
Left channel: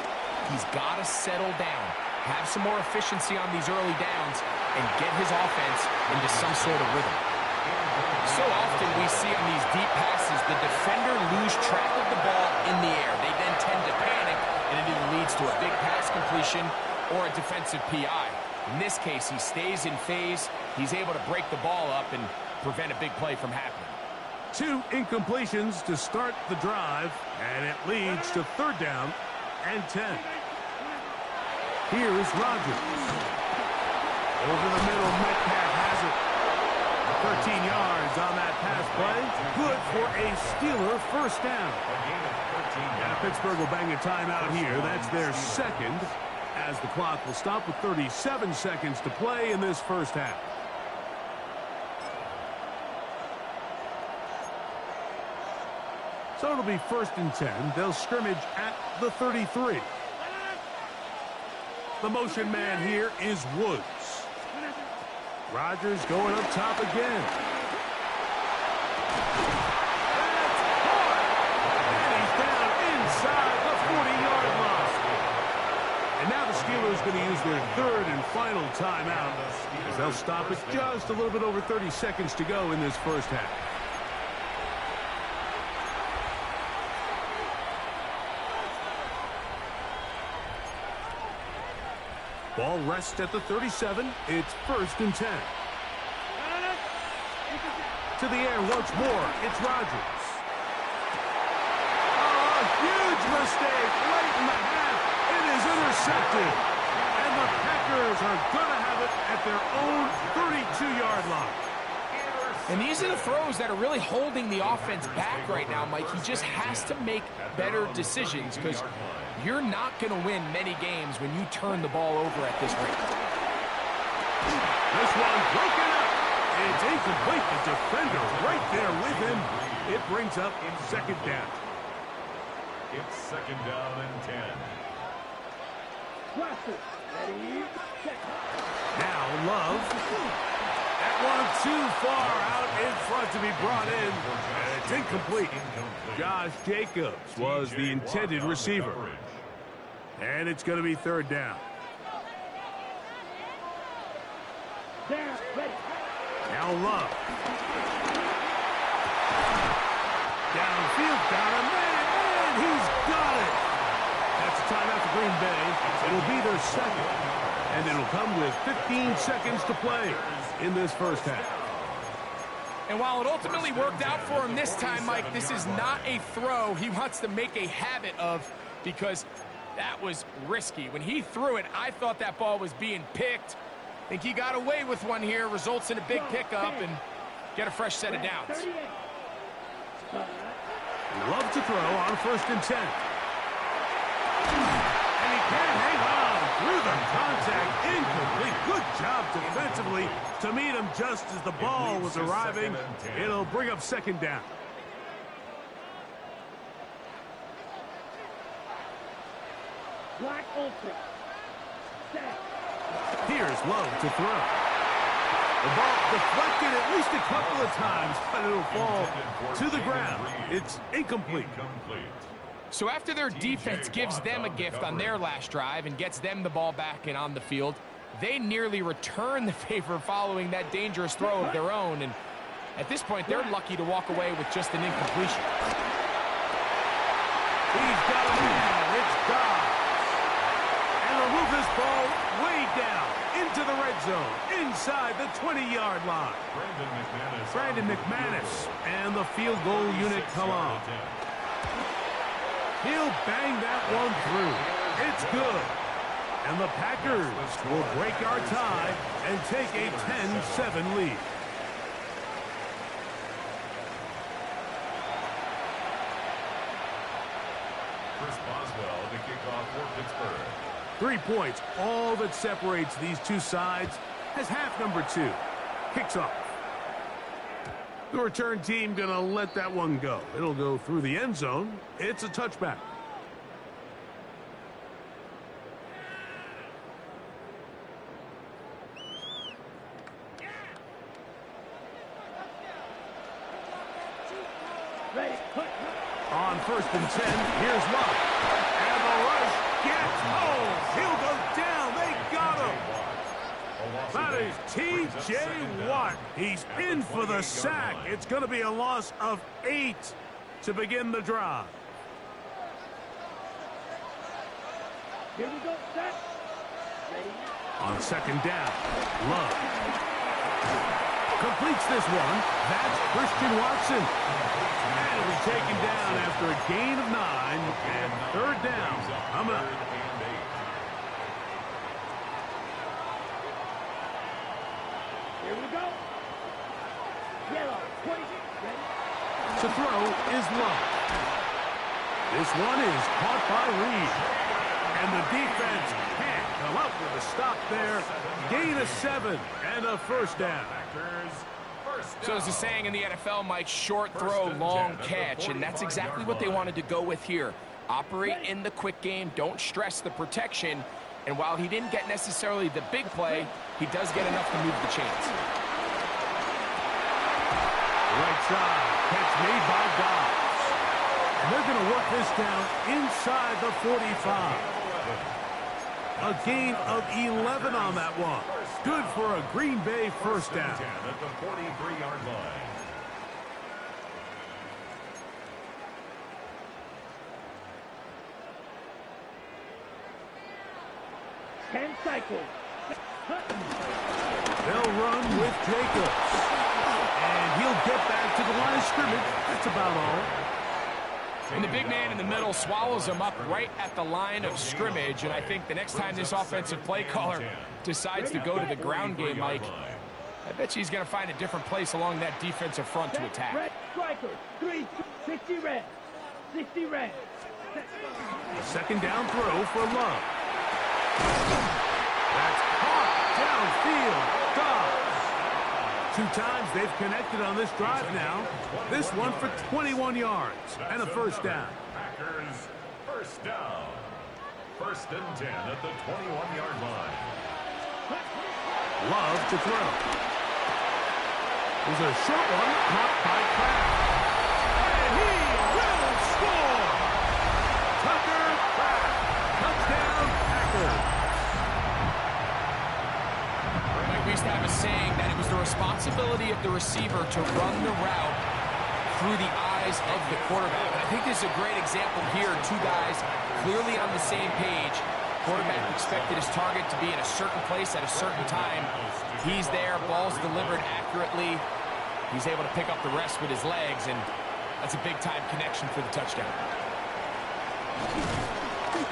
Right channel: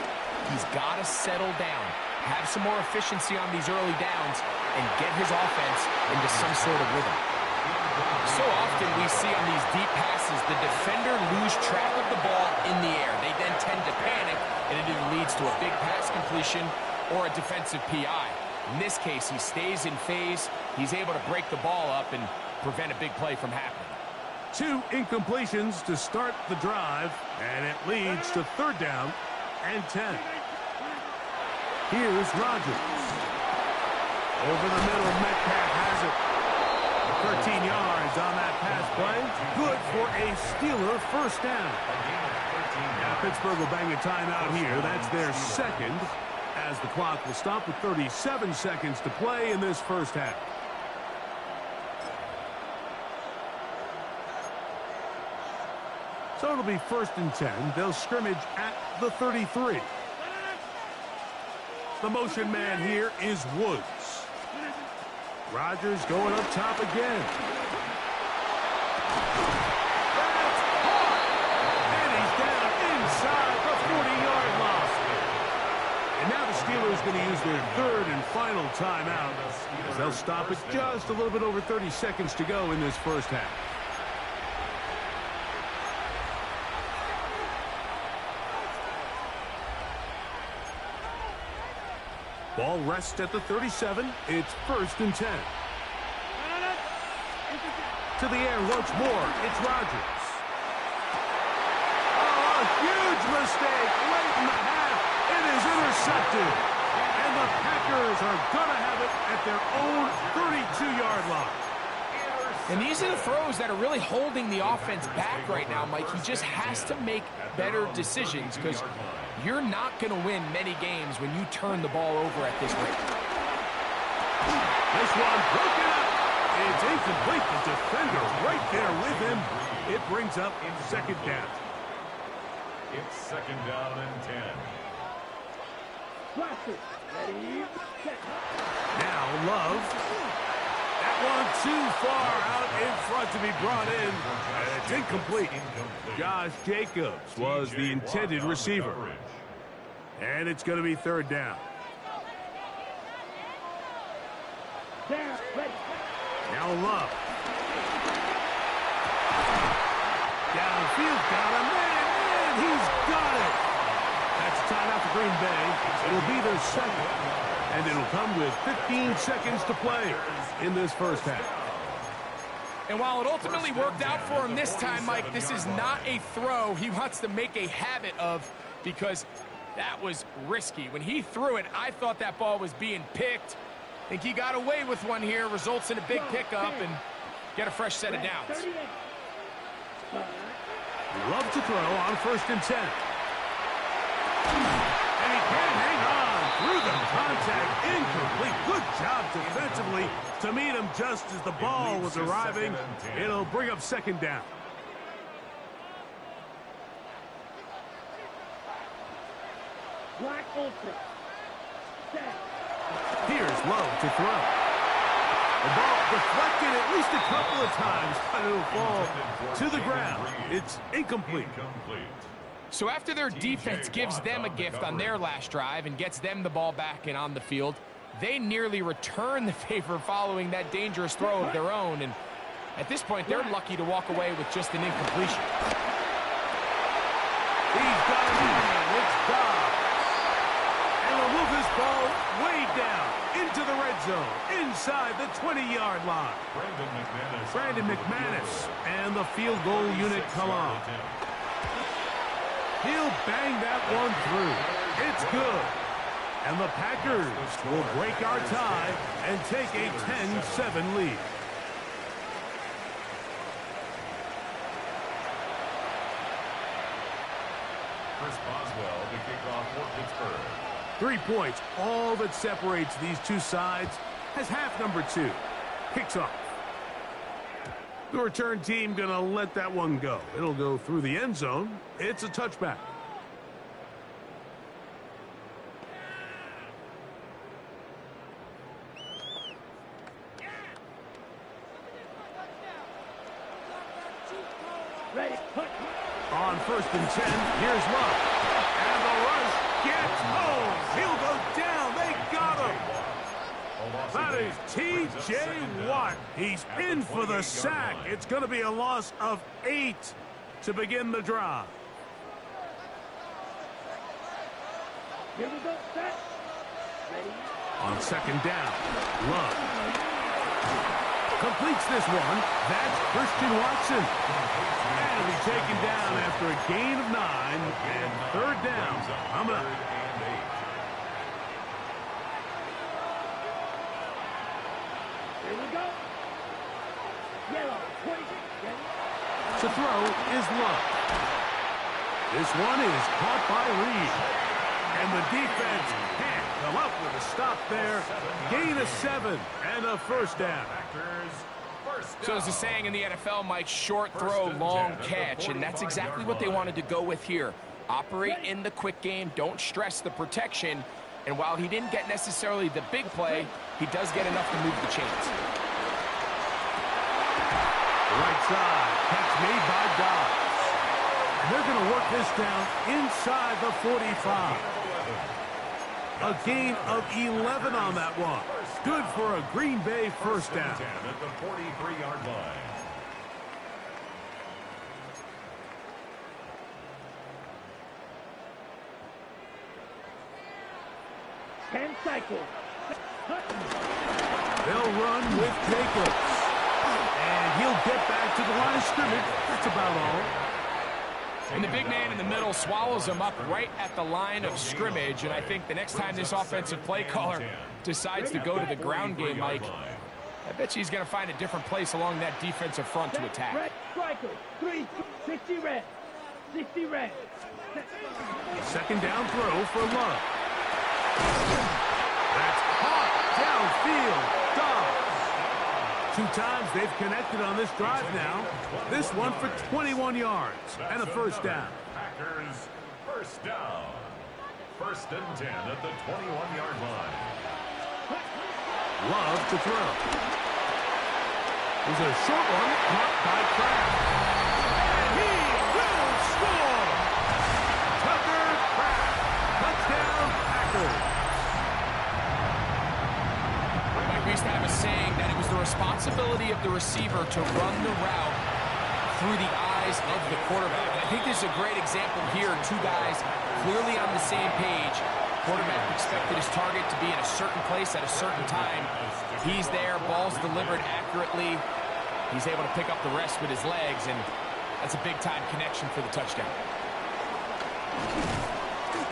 He's got to settle down, have some more efficiency on these early downs, and get his offense into some sort of rhythm. So often we see on these deep passes, the defender lose track of the ball in the air. They then tend to panic, and it either leads to a big pass completion or a defensive PI. In this case, he stays in phase. He's able to break the ball up and prevent a big play from happening. 2 incompletions to start the drive, and it leads to 3rd down and 10. Here's Rodgers. Over the middle, Metcalf has it. 13 yards on that pass play. Good for a Steeler 1st down. Now Pittsburgh will bang a timeout here. That's their 2nd, as the clock will stop with 37 seconds to play in this 1st half. So it'll be 1st and 10. They'll scrimmage at the 33. The motion man here is Woods. Rodgers going up top again. That's hard. And he's down inside the 40-yard line. And now the Steelers going to use their 3rd and final timeout, as they'll stop it just a little bit over 30 seconds to go in this 1st half. Ball rests at the 37. It's 1st and 10. To the air once more. It's Rodgers. Oh, a huge mistake late in the half. It is intercepted. And the Packers are going to have it at their own 32-yard line. And these are the throws that are really holding the offense back right now, Mike. He just has to make better decisions, because you're not going to win many games when you turn the ball over at this rate. This one broken up. It's incomplete. The defender right there with him. It brings up 2nd down. It's 2nd down and 10. Now Love. That one too far out in front to be brought in. And it's incomplete. Josh Jacobs was the intended receiver. And it's going to be 3rd down. Now Love. Downfield, got him, and he's got it. That's a timeout for Green Bay. It'll be their 2nd. And it'll come with 15 seconds to play in this 1st half. And while it ultimately worked out for him this time, Mike, this is not a throw he wants to make a habit of, because that was risky. When he threw it, I thought that ball was being picked. I think he got away with one here, results in a big pickup and get a fresh set of downs. Love to throw on 1st and 10. And he can't hang on through the contact. Incomplete. Good job defensively to meet him just as the ball was arriving. It'll bring up 2nd down. Black Ultra. Set. Here's Love to throw. The ball deflected at least a couple of times, but it'll fall to the ground. It's incomplete. So after their defense gives them a gift on their last drive and gets them the ball back and on the field, they nearly return the favor following that dangerous throw of their own. And at this point, they're lucky to walk away with just an incompletion. He's got a man. It's Dobbs. And they'll move this ball way down into the red zone, inside the 20-yard line. Brandon McManus and the field goal unit come on. He'll bang that one through. It's good. And the Packers will break our tie and take a 10-7 lead. Chris Boswell to kick off for Pittsburgh. 3 points, all that separates these two sides, as half number 2 kicks off. The return team going to let that one go. It'll go through the end zone. It's a touchback. Ready. On 1st and 10, here's Love. And the rush gets home. He'll go down. They got him. That is T.J. Watt. He's in for the sack. It's going to be a loss of 8 to begin the drive. Here we go. Set. Ready. On 2nd down, Love. Completes this one. That's Christian Watson. And he'll be taken down after a gain of 9 and third down. Coming up. Here we go. Yellow. 26. Ready? To throw is Love. This one is caught by Reed. And the defense can't come up with a stop there. Gain of 7 and a first down. So there's a saying in the NFL, Mike, short throw, long catch, and that's exactly what they wanted to go with here. Operate in the quick game, don't stress the protection, and while he didn't get necessarily the big play, he does get enough to move the chains. Right side, catch made by Dobbs. And they're going to work this down inside the 45. A gain of 11 on that one. Good for a Green Bay first down. At the 43-yard line. Ten cycles. They'll run with Jacobs. And he'll get back to the line of scrimmage. That's about all. And the big man in the middle swallows him up right at the line of scrimmage. And I think the next time this offensive play caller decides to go to the ground game, Mike, I bet you he's going to find a different place along that defensive front to attack. Red strikers. 3, 60 red. 60 red. A second down throw for Love. That's caught downfield. Dobbs. 2 times they've connected on this drive now. This one for 21 yards and a first down. Packers first down. 1st and 10 at the 21-yard line. Love to throw. There's a short one caught by Kraft. And he will score! Tucker Kraft. Touchdown, Packers. Mike, we used to have a saying that it was the responsibility of the receiver to run the route through the eyes of the quarterback. And I think this is a great example here. 2 guys clearly on the same page. Quarterback expected his target to be in a certain place at a certain time. He's there, ball's delivered accurately. He's able to pick up the rest with his legs, and that's a big-time connection for the touchdown.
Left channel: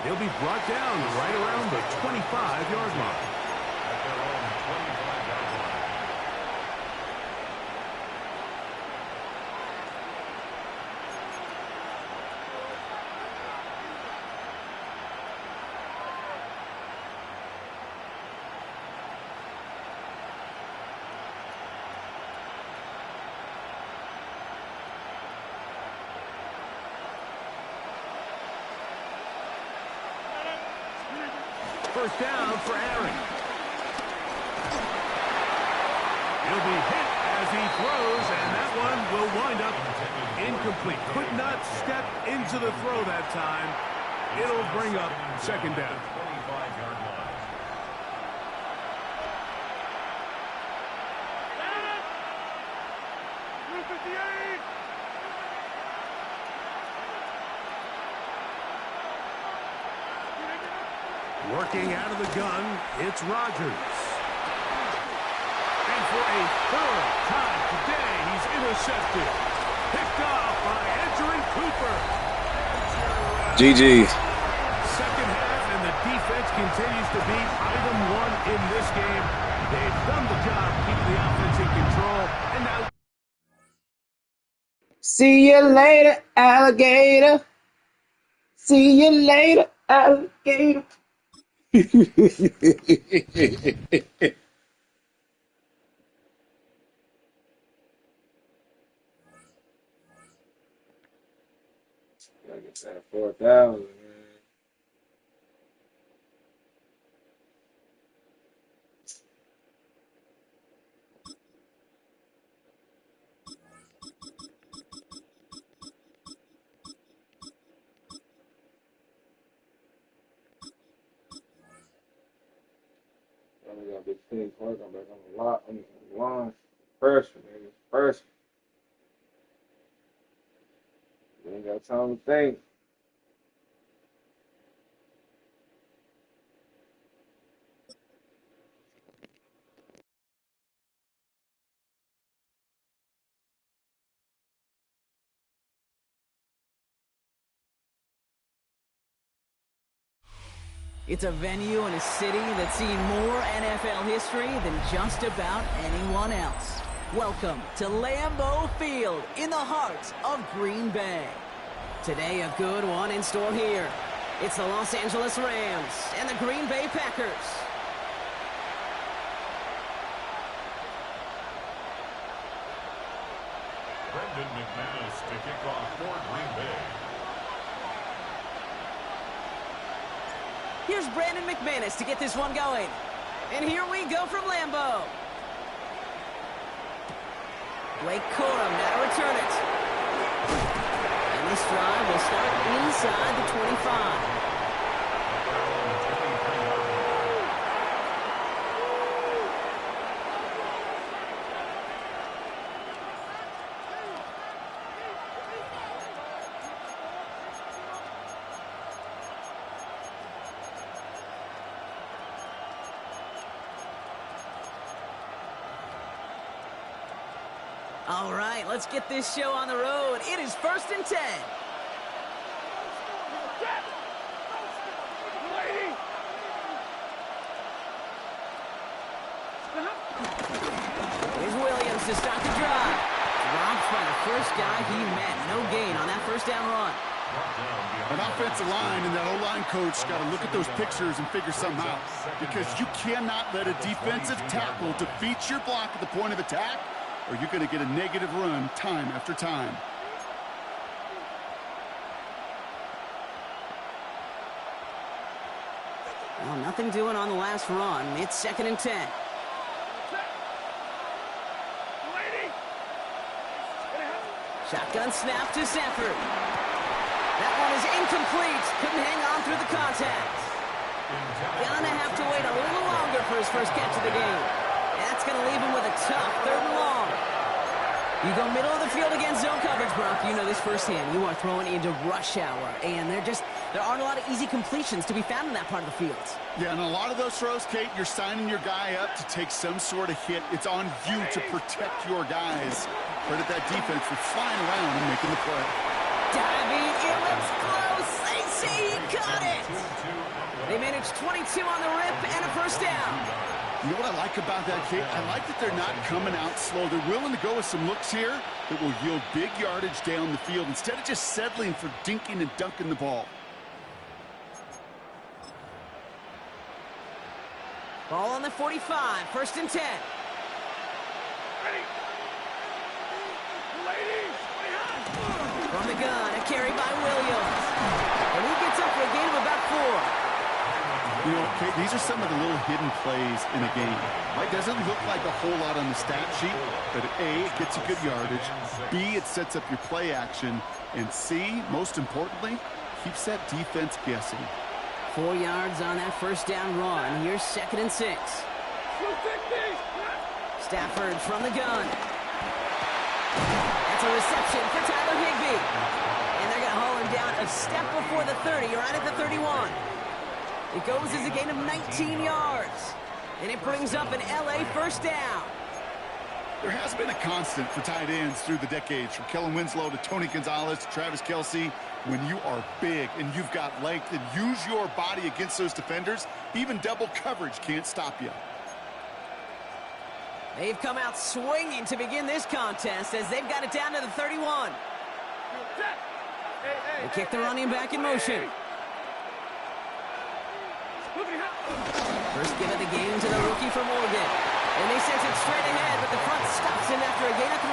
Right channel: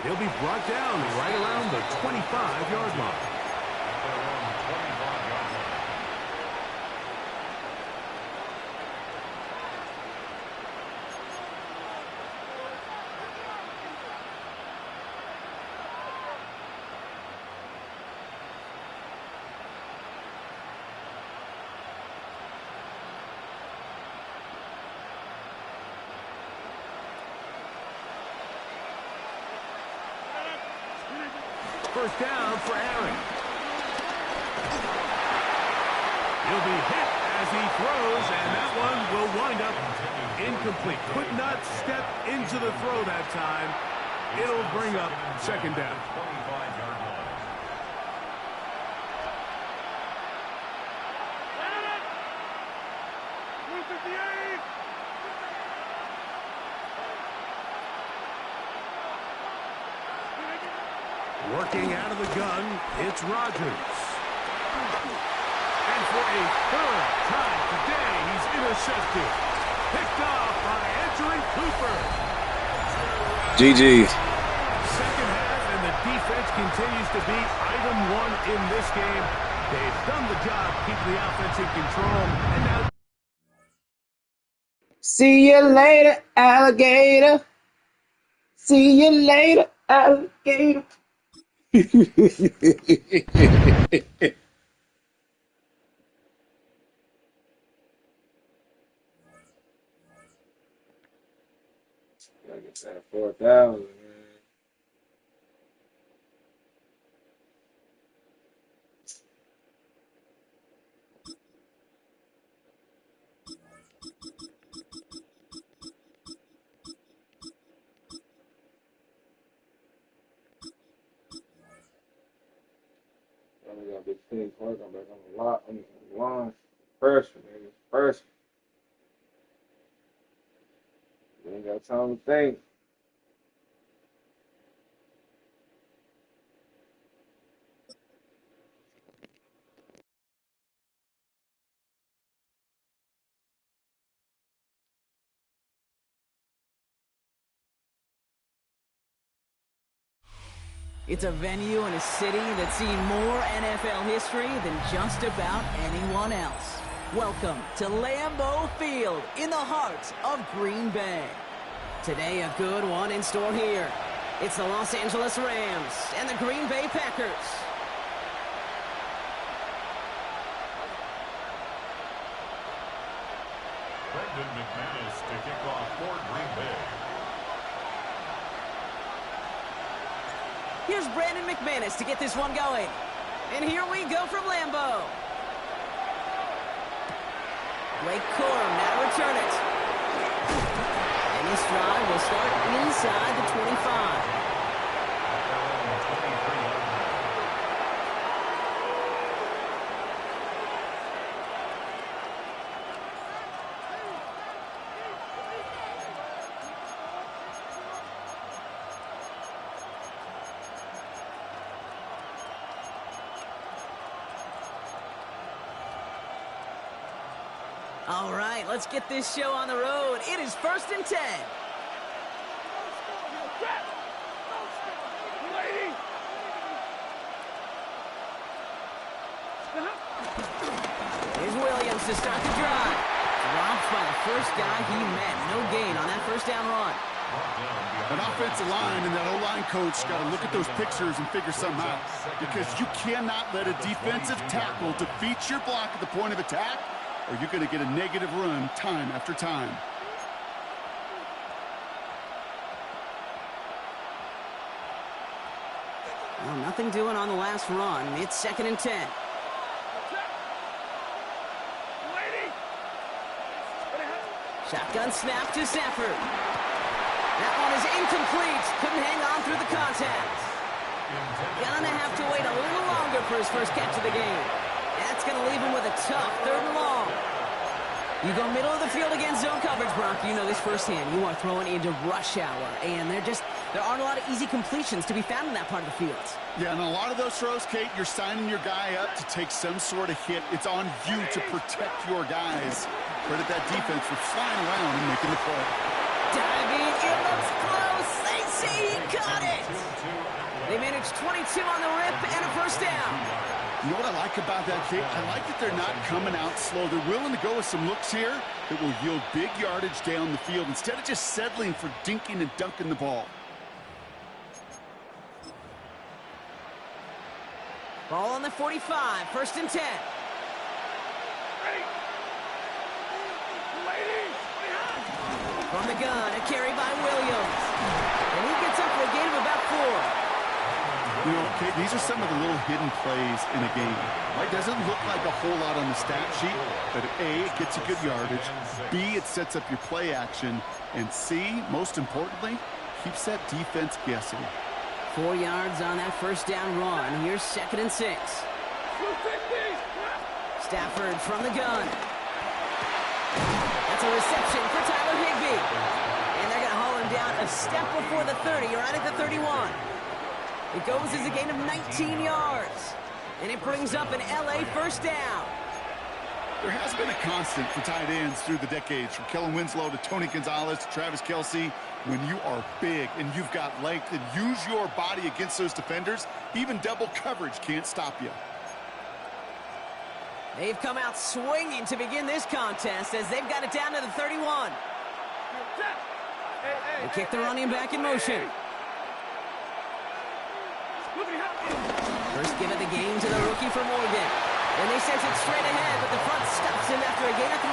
He'll be brought down right around the 25-yard line. At their own 25-yard line. First down for Aaron. He'll be hit as he throws, and that one will wind up incomplete. Could not step into the throw that time. It'll bring up second down. 25-yard line. Working out of the gun, it's Rodgers. And for a third time today, he's intercepted. Picked off by Edgerrin Cooper. GG. Second half, and the defense continues to be item 1 in this game. They've done the job keeping the offense in control, and now... See you later, alligator. See you later, alligator. Gotta get that 4,000, man. I got a big team park. I'm back on the lot. I'm on the line. Freshman, nigga. Freshman. You ain't got time to think. It's a venue and a city that's seen more NFL history than just about anyone else. Welcome to Lambeau Field in the heart of Green Bay. Today, a good one in store here. It's the Los Angeles Rams and the Green Bay Packers. Brendan McManus to kick off for Green Bay. Here's Brandon McManus to get this one going. And here we go from Lambeau. Blake Corum now to return it. And this drive will start inside the 25. All right, let's get this show on the road. It is 1st and 10. Here's Williams to start the drive. Dropped by the first guy he met. No gain on that first down run. An offensive line and that O-line coach got to look at those pictures and figure something out, because you cannot let a defensive tackle defeat your block at the point of attack, or you're going to get a negative run time after time. Well, nothing doing on the last run. It's 2nd and 10. Shotgun snap to Stafford. That one is incomplete. Couldn't hang on through the contact. Gonna have to wait a little longer for his first catch of the game. That's going to leave him with a tough 3rd and long. You go middle of the field against zone coverage, Brock. You know this firsthand. You are throwing into rush hour, and there aren't a lot of easy completions to be found in that part of the field. Yeah, and a lot of those throws, Kate, you're signing your guy up to take some sort of hit. It's on you to protect your guys. Credit that defense for flying around and making the play. Diving, it looks close. They say he caught it. They managed 22 on the rip and a first down. You know what I like about that, Kate? I like that they're not coming out slow. They're willing to go with some looks here that will yield big yardage down the field instead of just settling for dinking and dunking the ball. Ball on the 45, 1st and 10. Ready. Ladies, from the gun, a carry by Williams. And he gets up for a gain of about 4. You know, Kate, these are some of the little hidden plays in a game. Right? Doesn't look like a whole lot on the stat sheet, but A, it gets you good yardage. B, it sets up your play action. And C, most importantly, keeps that defense guessing. 4 yards on that first down run. Here's 2nd and 6. Stafford from the gun. That's a reception for Tyler Higbee. And they're going to haul him down a step before the 30, right at the 31. It goes as a gain of 19 yards. And it brings up an LA first down. There has been a constant for tight ends through the decades, from Kellen Winslow to Tony Gonzalez to Travis Kelce. When you are big and you've got length and use your body against those defenders, even double coverage can't stop you. They've come out swinging to begin this contest as they've got it down to the 31. They kick the running back in motion. First give of the game to the rookie from Oregon. And they sent it straight ahead, but the front stops him after a gain of 3.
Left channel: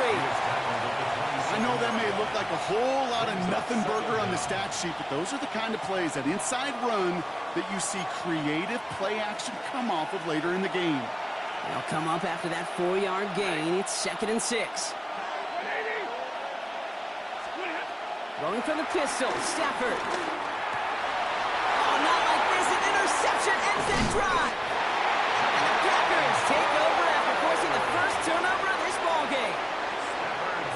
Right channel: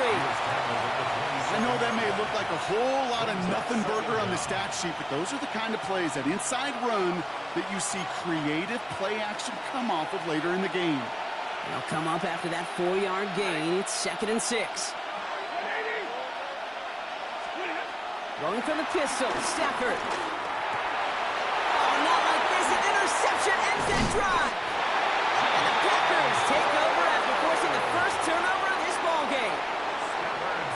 I know that may look like a whole lot of nothing burger on the stat sheet, but those are the kind of plays, that inside run, that you see creative play action come off of later in the game. They'll come up after that 4-yard gain. It's 2nd and 6. Throwing from the pistol, Stafford. Oh, not like this. An interception ends that drive. And the Packers take over after forcing the first turnover of this ballgame.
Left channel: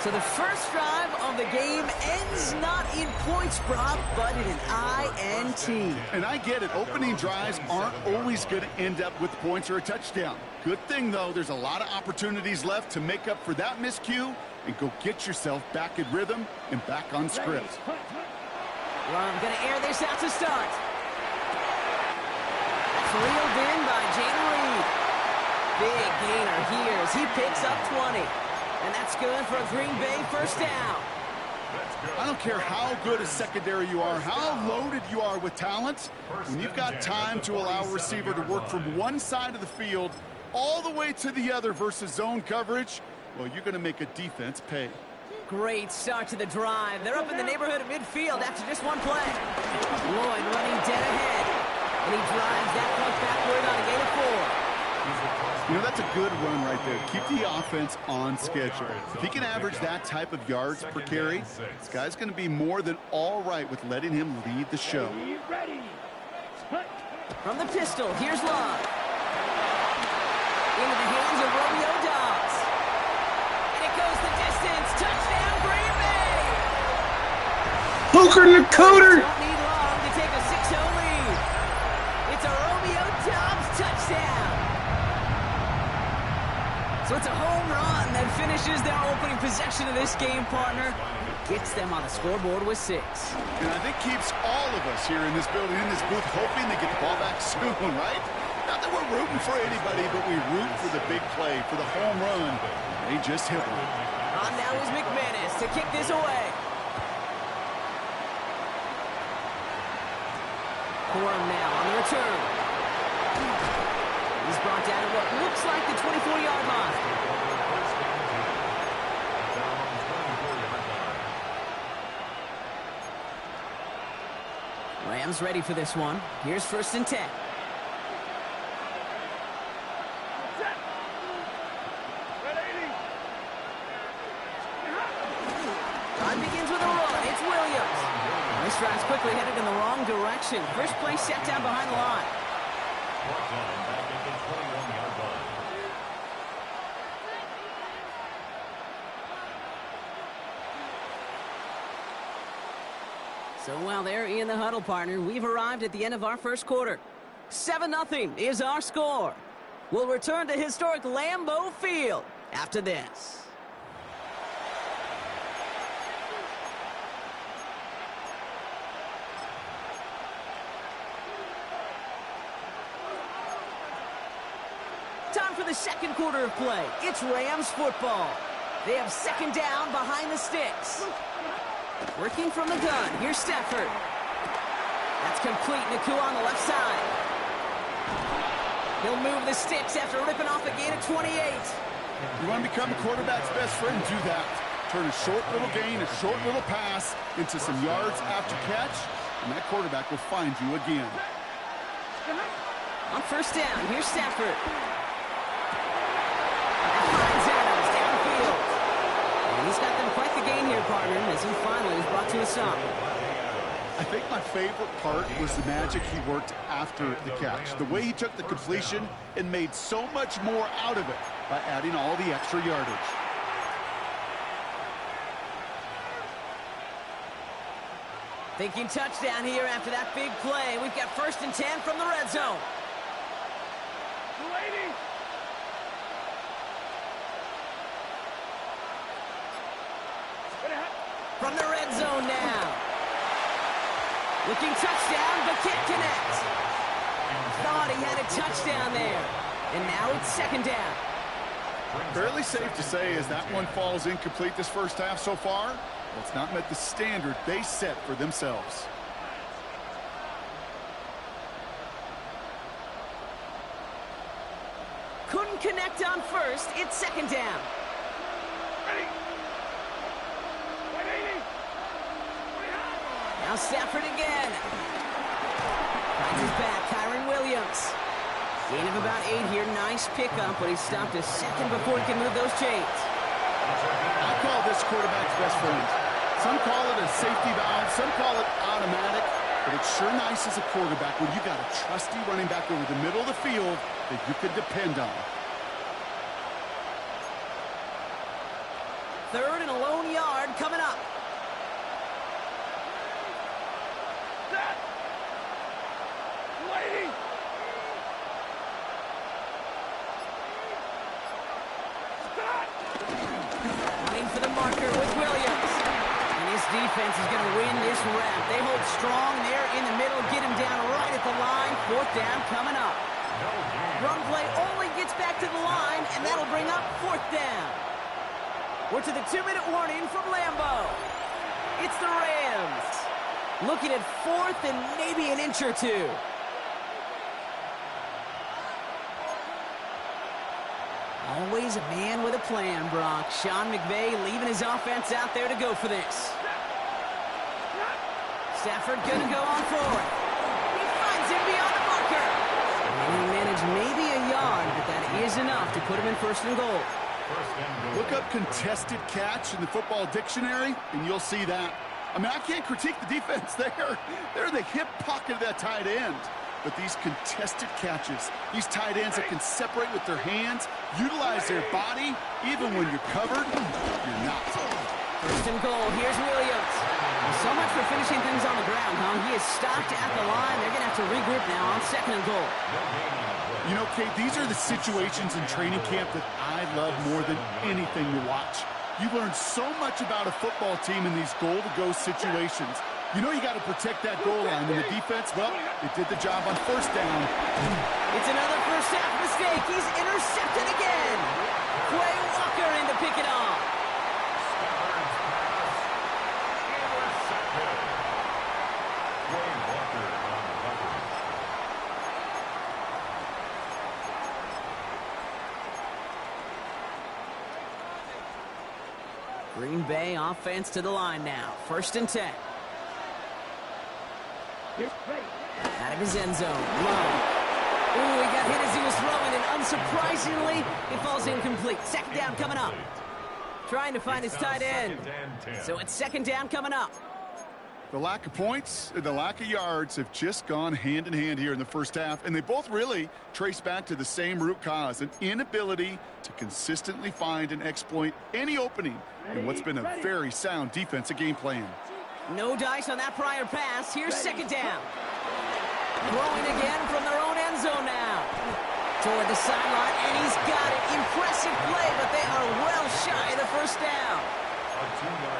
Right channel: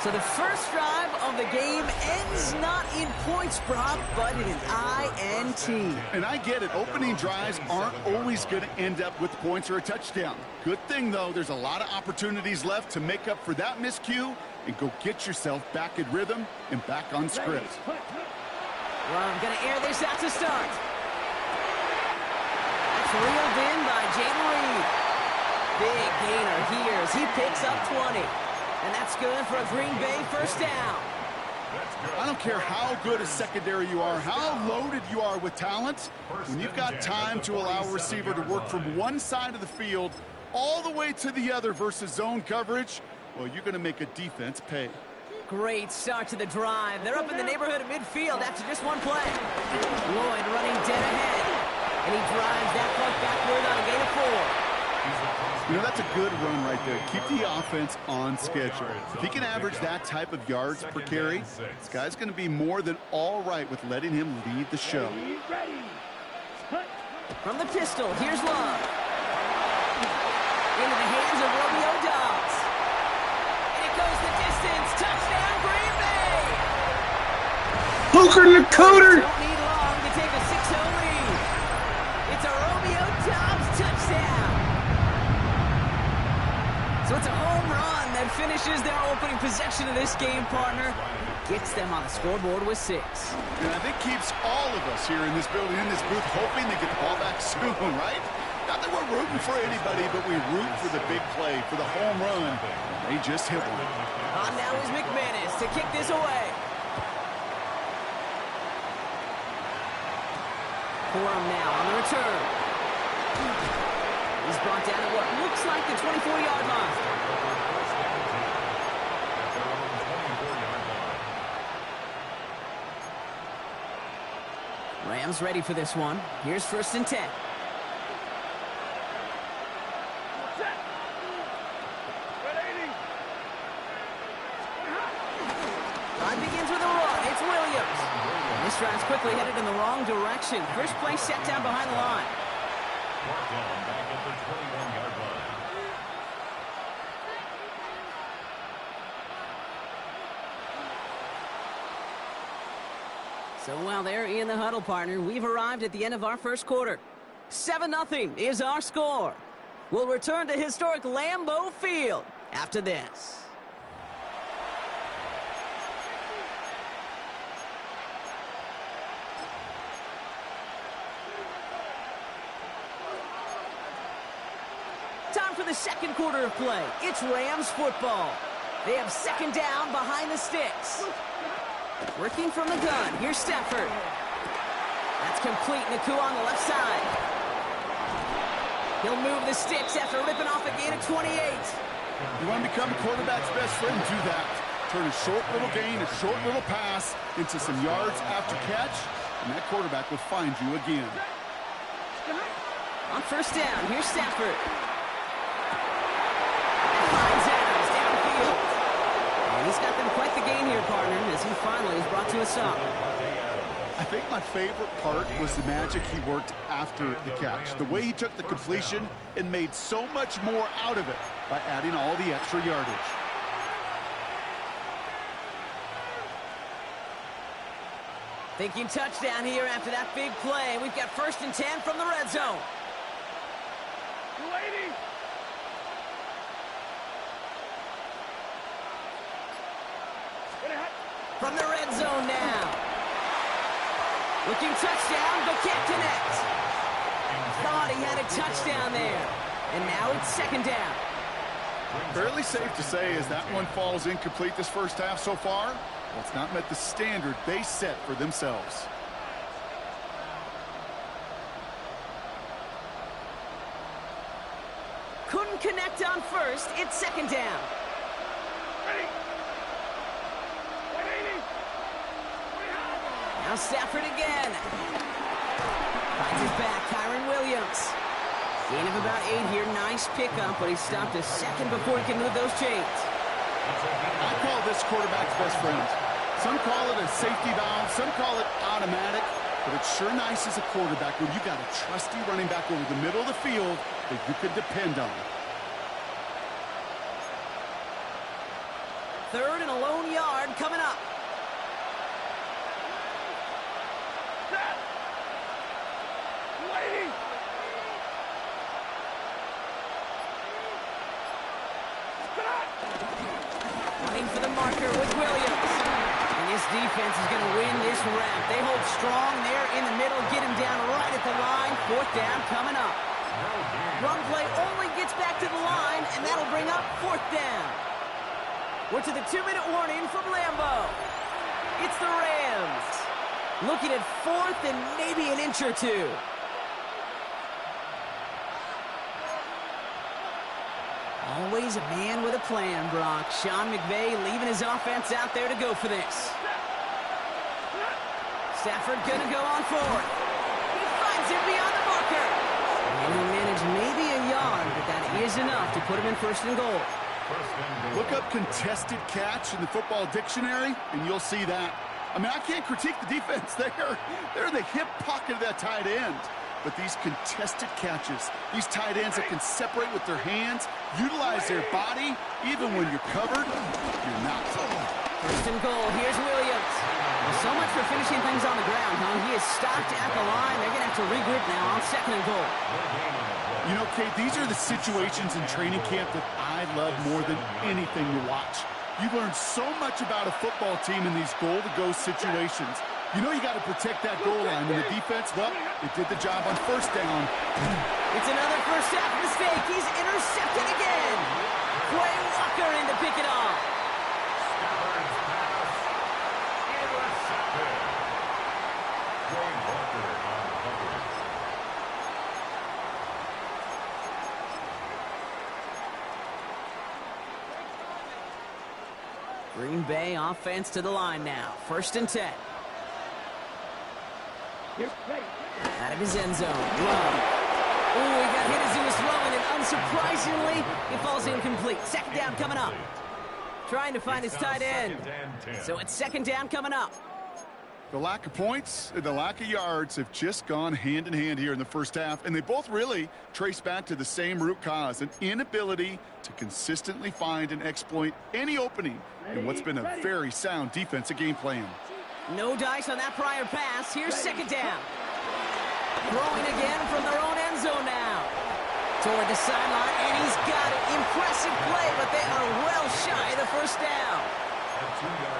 So the first drive of the game ends not in points, Brock, but in an INT. And I get it. Opening drives aren't always going to end up with points or a touchdown. Good thing, though, there's a lot of opportunities left to make up for that miscue and go get yourself back in rhythm and back on script. Well, I'm going to air this out to start. reeled in by Jayden Reed. Big gainer here as he picks up 20. And that's good for a Green Bay first down. I don't care how good a secondary you are, how loaded you are with talent. When you've got time to allow a receiver to work from one side of the field all the way to the other versus zone coverage, well, you're going to make a defense pay. Great start to the drive. They're up in the neighborhood of midfield after just one play. Lloyd running dead ahead. And he drives that puck backward on a gain of 4. You know, that's a good run right there. Keep the offense on schedule. If he can average that type of yards per carry, this guy's going to be more than all right with letting him lead the show. From the pistol, here's Love. Into the hands of Romeo Dobbs. And it goes the distance. Touchdown, Green Bay! Hooker the Cooter! Don't need long to take a 6-0 lead. It's a Romeo Dobbs touchdown. So it's a home run that finishes their opening possession of this game, partner. Gets them on the scoreboard with 6. And I think keeps all of us here in this building, in this booth, hoping they get the ball back soon, right? Not that we're rooting for anybody, but we root for the big play, for the home run. They just hit one. On now is McManus to kick this away. Corum now on the return. He's brought down at what looks like the 24-yard line. Rams ready for this one. Here's 1st and 10. Time begins with a run. It's Williams. This drive's quickly headed in the wrong direction. First play set down behind the line. Brought down back at the 21-yard line. So while they're in the huddle, partner, we've arrived at the end of our first quarter. 7-0 is our score. We'll return to historic Lambeau Field after this. Time for the second quarter of play. It's Rams football. They have 2nd down behind the sticks. Working from the gun. Here's Stafford. That's complete. Nakua on the left side. He'll move the sticks after ripping off a gain of 28. You want to become a quarterback's best friend? Do that. Turn a short little gain, a short little pass into some yards after catch, and that quarterback will find you again. On 1st down, here's Stafford. That finds Adams downfield. And he's got them quite the gain here, partner, as he finally is brought to a stop. I think my favorite part was the magic he worked after the catch. The way he took the completion and made so much more out of it by adding all the extra yardage. Thinking touchdown here after that big play. We've got 1st and 10 from the red zone. 280. From the red zone now. Looking touchdown, but can't connect. Thought he had a touchdown there. And now it's 2nd down. Fairly safe to say as that one falls incomplete this first half so far, well, it's not met the standard they set for themselves. Couldn't connect on 1st. It's 2nd down. Ready. 180. Now Stafford again. Finds his back, Kyron Williams. Gain of about 8 here. Nice pickup, but he stopped a second before he can move those chains. I call this quarterback's best friend. Some call it a safety valve, some call it automatic, but it's sure nice as a quarterback when you got a trusty running back over the middle of the field that you can depend on. 3rd and a lone yard coming up. Set. 280. Running for the marker with Williams. And This defense is going to win this rep. They hold strong there in the middle, get him down right at the line. 4th down coming up. Run play only gets back to the line, and that'll bring up 4th down. We're to the 2-minute warning from Lambeau. It's the Rams. Looking at 4th and maybe an inch or two. Always a man with a plan, Brock. Sean McVay leaving his offense out there to go for this. Stafford gonna go on 4th. He finds him beyond the marker. And he managed maybe a yard, but that is enough to put him in 1st and goal. Look up contested catch in the football dictionary, and you'll see that. I mean, I can't critique the defense there. They're the hip pocket of that tight end. But these contested catches, these tight ends that can separate with their hands, utilize their body, even when you're covered, you're not. 1st and goal. Here's Williams. Well, so much for finishing things on the ground, huh? He is stopped at the line. They're going to have to regroup now on 2nd and goal. You know, Kate, these are the situations in training camp that I love more than anything to watch. You learn so much about a football team in these goal-to-go situations. You know you got to protect that goal line, and the defense, well, it did the job on 1st down. It's another first half mistake. He's intercepted again. Quay Walker in to pick it off. Stafford's pass intercepted. Quay Walker on the coverage. Green Bay offense to the line now. 1st and 10. Out of his end zone. Love. Ooh, he got hit as he was throwing, and unsurprisingly, it falls incomplete. 2nd down coming up. Trying to find his tight end. So it's 2nd down coming up. The lack of points and the lack of yards have just gone hand in hand here in the 1st half, and they both really trace back to the same root cause, an inability to consistently find and exploit any opening in what's been a very sound defensive game plan. No dice on that prior pass. Here's 2nd down. Throwing again from their own end zone now. Toward the sideline, and he's got it. Impressive play, but they are well shy of the 1st down.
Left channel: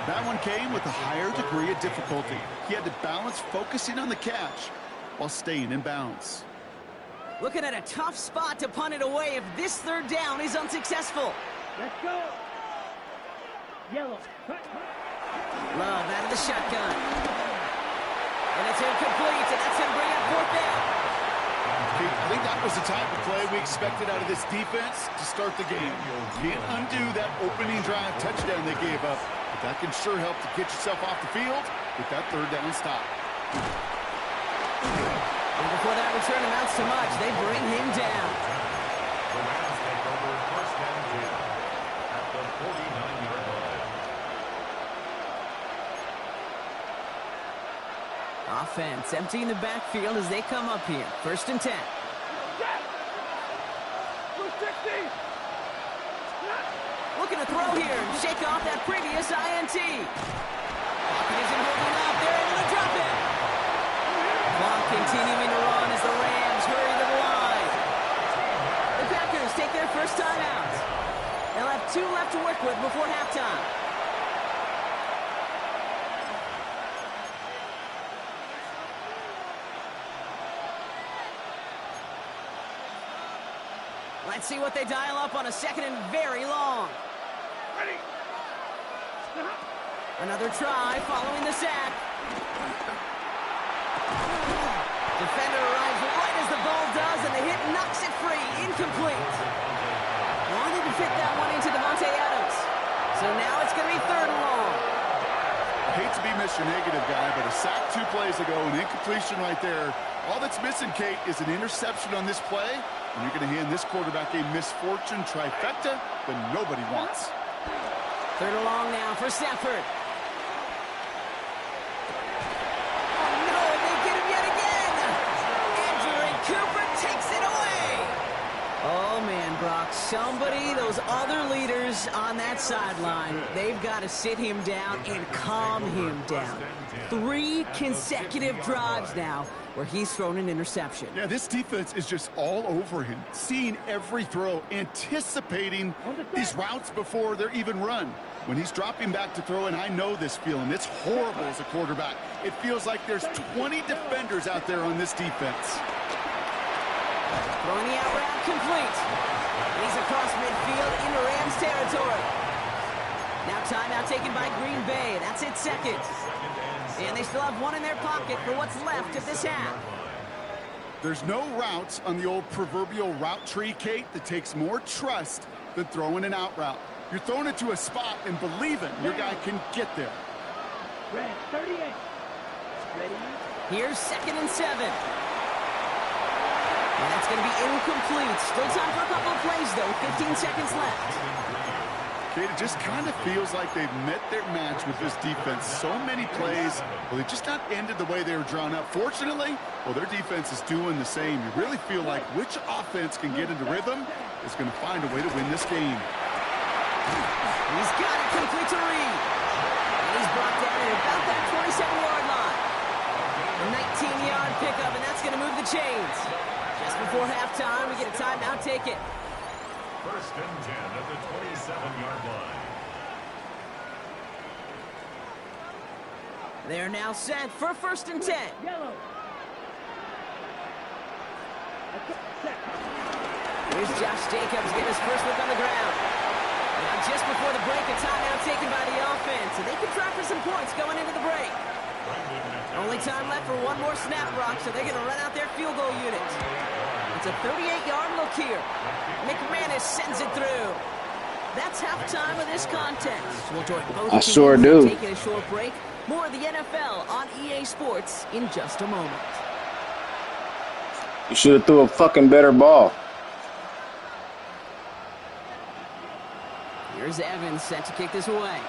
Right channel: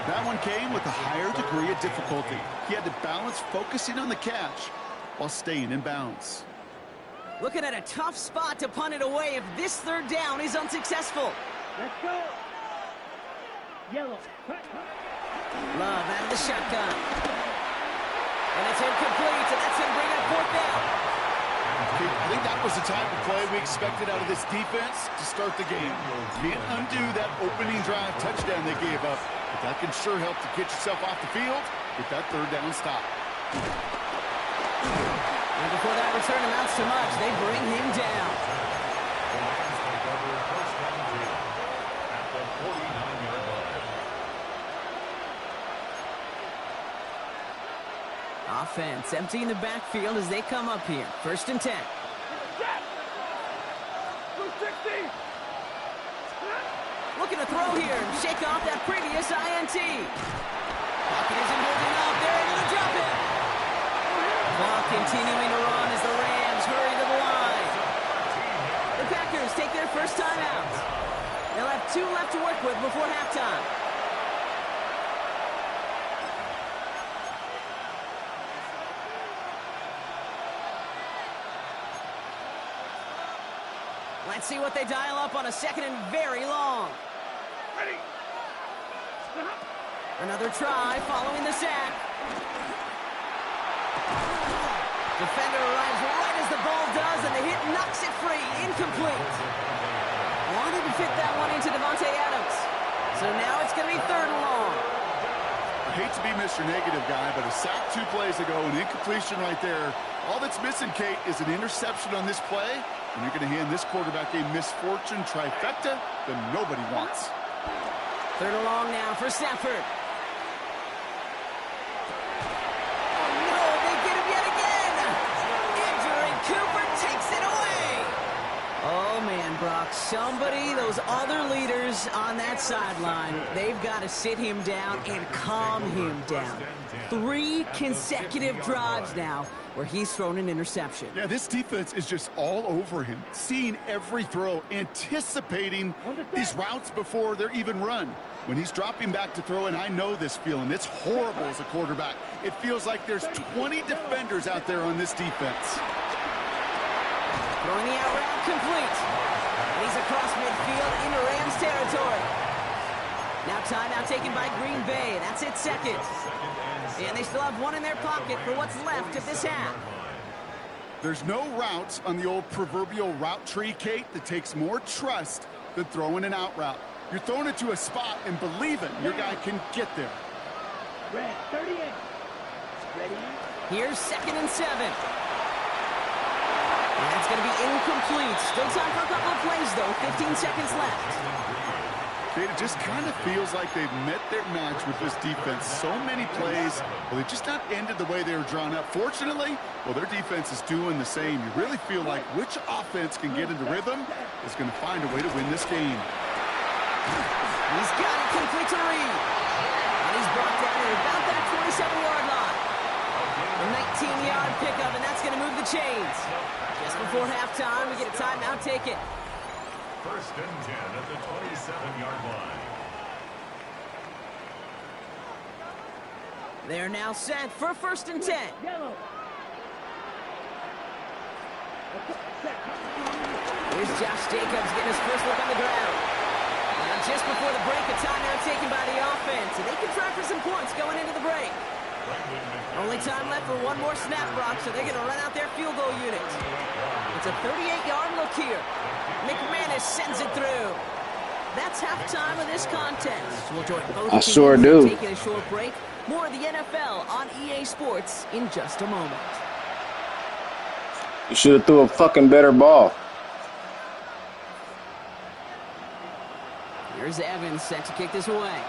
That one came with a higher degree of difficulty. He had to balance focusing on the catch while staying in bounds. Looking at a tough spot to punt it away if this 3rd down is unsuccessful. Let's go. Yellow. Love out of the shotgun. And it's incomplete, and that's going to bring up 4th down. I think that was the type of play we expected out of this defense to start the game. Can't undo that opening drive touchdown they gave up, but that can sure help to get yourself off the field with that 3rd down stop. And before that return amounts to much, they bring him down. The Rams take over 1st and 10 at the 49-yard line. Offense emptying the backfield as they come up here. 1st and 10. Looking to throw here and shake off that previous INT. Pocket isn't holding up. They're able to drop it. Clock continuing to run as the Rams hurry to the line. The Packers take their first time out. They'll have 2 left to work with before halftime. Let's see what they dial up on a 2nd and very long. Ready. Another try following the sack. Defender arrives right as the ball does, and the hit knocks it free. Incomplete. Wanted to fit that one into Devontae Adams. So now it's going to be 3rd and long. I hate to be Mr. Negative guy, but a sack 2 plays ago, an incompletion right there. All that's missing, Kate, is an interception on this play. And you're going to hand this quarterback a misfortune trifecta that nobody wants. 3rd and long now for Stafford. Oh, no, they get him yet again. Andrew Cooper takes it away. Oh, man, Brock. Somebody, those other leaders on that sideline, they've got to sit him down and calm him down. 3 consecutive drives now where he's thrown an interception. Yeah, this defense is just all over him, seeing every throw, anticipating these routes before they're even run. When he's dropping back to throw, and I know this feeling, it's horrible as a quarterback. It feels like there's 20 defenders out there on this defense. Throwing the out route complete. And he's across midfield into Rams territory. Now timeout taken by Green Bay. That's its second. And they still have 1 in their pocket for what's left of this half. There's no routes on the old proverbial route tree, Kate, that takes more trust than throwing an out route. You're throwing it to a spot and believing your guy can get there. Red 38. Ready? Here's 2nd and 7. And that's going to be incomplete. Still time for a couple of plays, though. 15 seconds left. Kate, it just kind of feels like they've met their match with this defense. So many plays, well, they just not ended the way they were drawn up. Fortunately, well, their defense is doing the same. You really feel like which offense can get into rhythm is going to find a way to win this game. He's got it complete to Reed. And he's brought down at about that 27-yard line. A 19-yard pickup, and that's going to move the chains. Just before halftime, we get a timeout taken. 1st and 10 at the 27-yard line. They're now set for 1st and 10. Yellow. Here's Josh Jacobs getting his first look on the ground. Now just before the break, a timeout taken by the offense, and they can try for some points going into the break. Only time left for 1 more snap, Brock, so they're going to run out their field goal unit. It's a 38-yard look here. McManus sends it through. That's halftime of this contest. We'll join both I sure do. Taking a short break. More of the NFL on EA Sports in just a moment. You should have threw a fucking better ball. Here's Evans set to kick this away.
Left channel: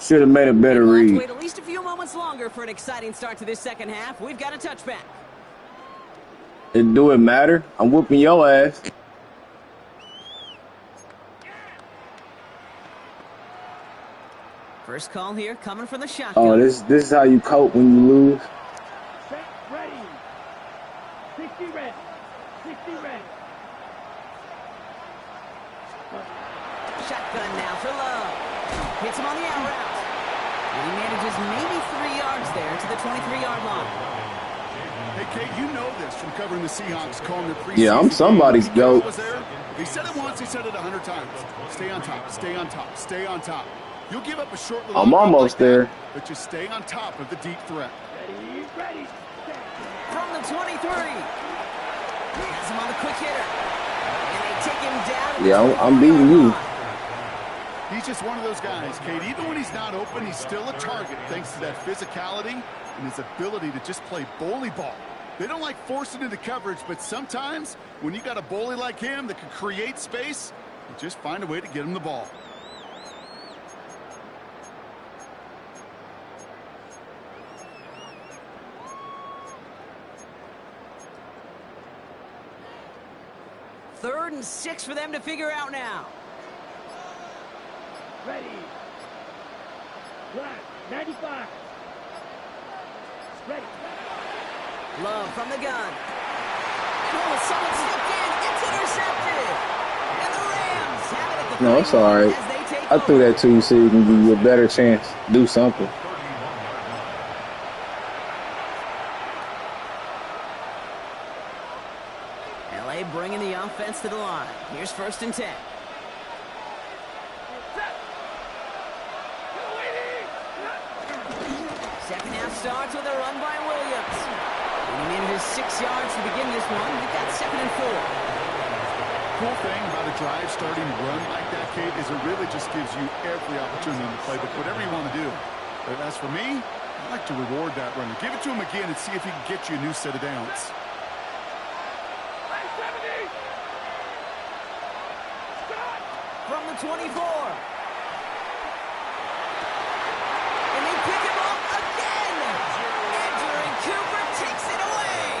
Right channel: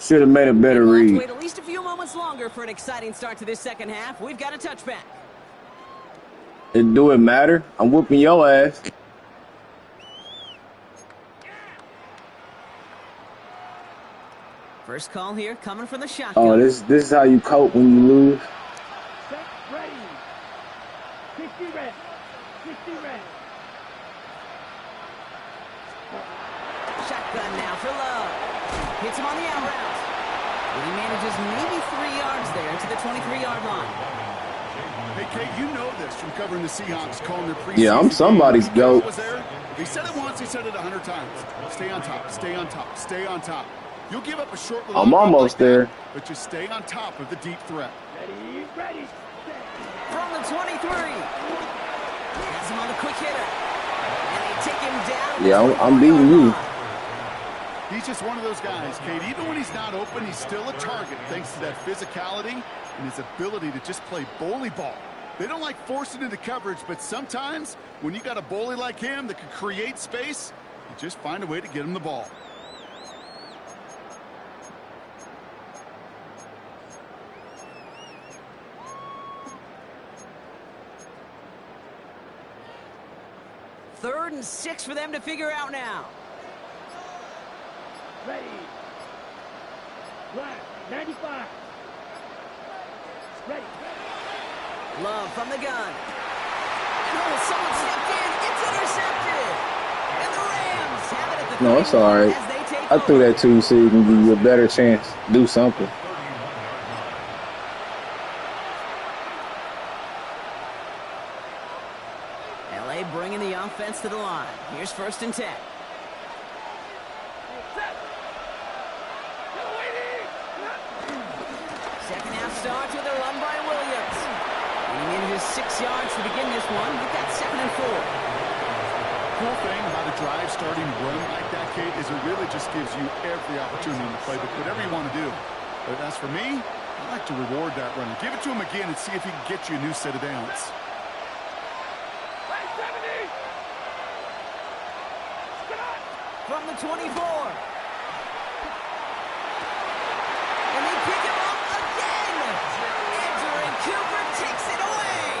Should have made a better We'll have to read. wait at least a few moments longer for an exciting start to this second half. We've got a touchback. Do it matter? I'm whooping your ass. First call here coming from the shotgun. Oh, this is how you cope when you lose. Set. Ready. 60 red. 60 red. Shotgun now for Love. Hits him on the out route. And he manages maybe 3 yards there to the 23-yard line. Hey, Kate, you know this from covering the Seahawks, calling their preseason. Yeah, I'm somebody's goat. Was there? If he said it once, he said it 100 times. Stay on top, stay on top, stay on top. You'll give up a short little I'm almost like there. That, but just stay on top of the deep threat. Ready. Ready. Set. From the 23. Has him on the quick hitter. And they take him down. Yeah, I'm beating you. He's just one of those guys, Kate. Even when he's not open, he's still a target thanks to that physicality and his ability to just play bully ball. They don't like forcing into coverage, but sometimes when you got a bully like him that can create space, you just find a way to get him the ball. Third and 6 for them to figure out now. Ready. Black. 95. Ready. Love from the gun. Oh, someone stepped in. It's intercepted. And the Rams have it at the No, it's all right. as they take I threw over. that to you so you can give you a better chance to do something. LA bringing the offense to the line. Here's 1st and 10. Second half starts with a run by Williams. And he manages 6 yards to begin this one. We've got 2nd and 4. Cool thing about a drive starting run like that, Kate, is it really just gives you every opportunity to play, but whatever you want to do. But as for me, I like to reward that runner. Give it to him again and see if he can get you a new set of downs. From the 24. And they pick him up again. Andrew Cooper takes it away.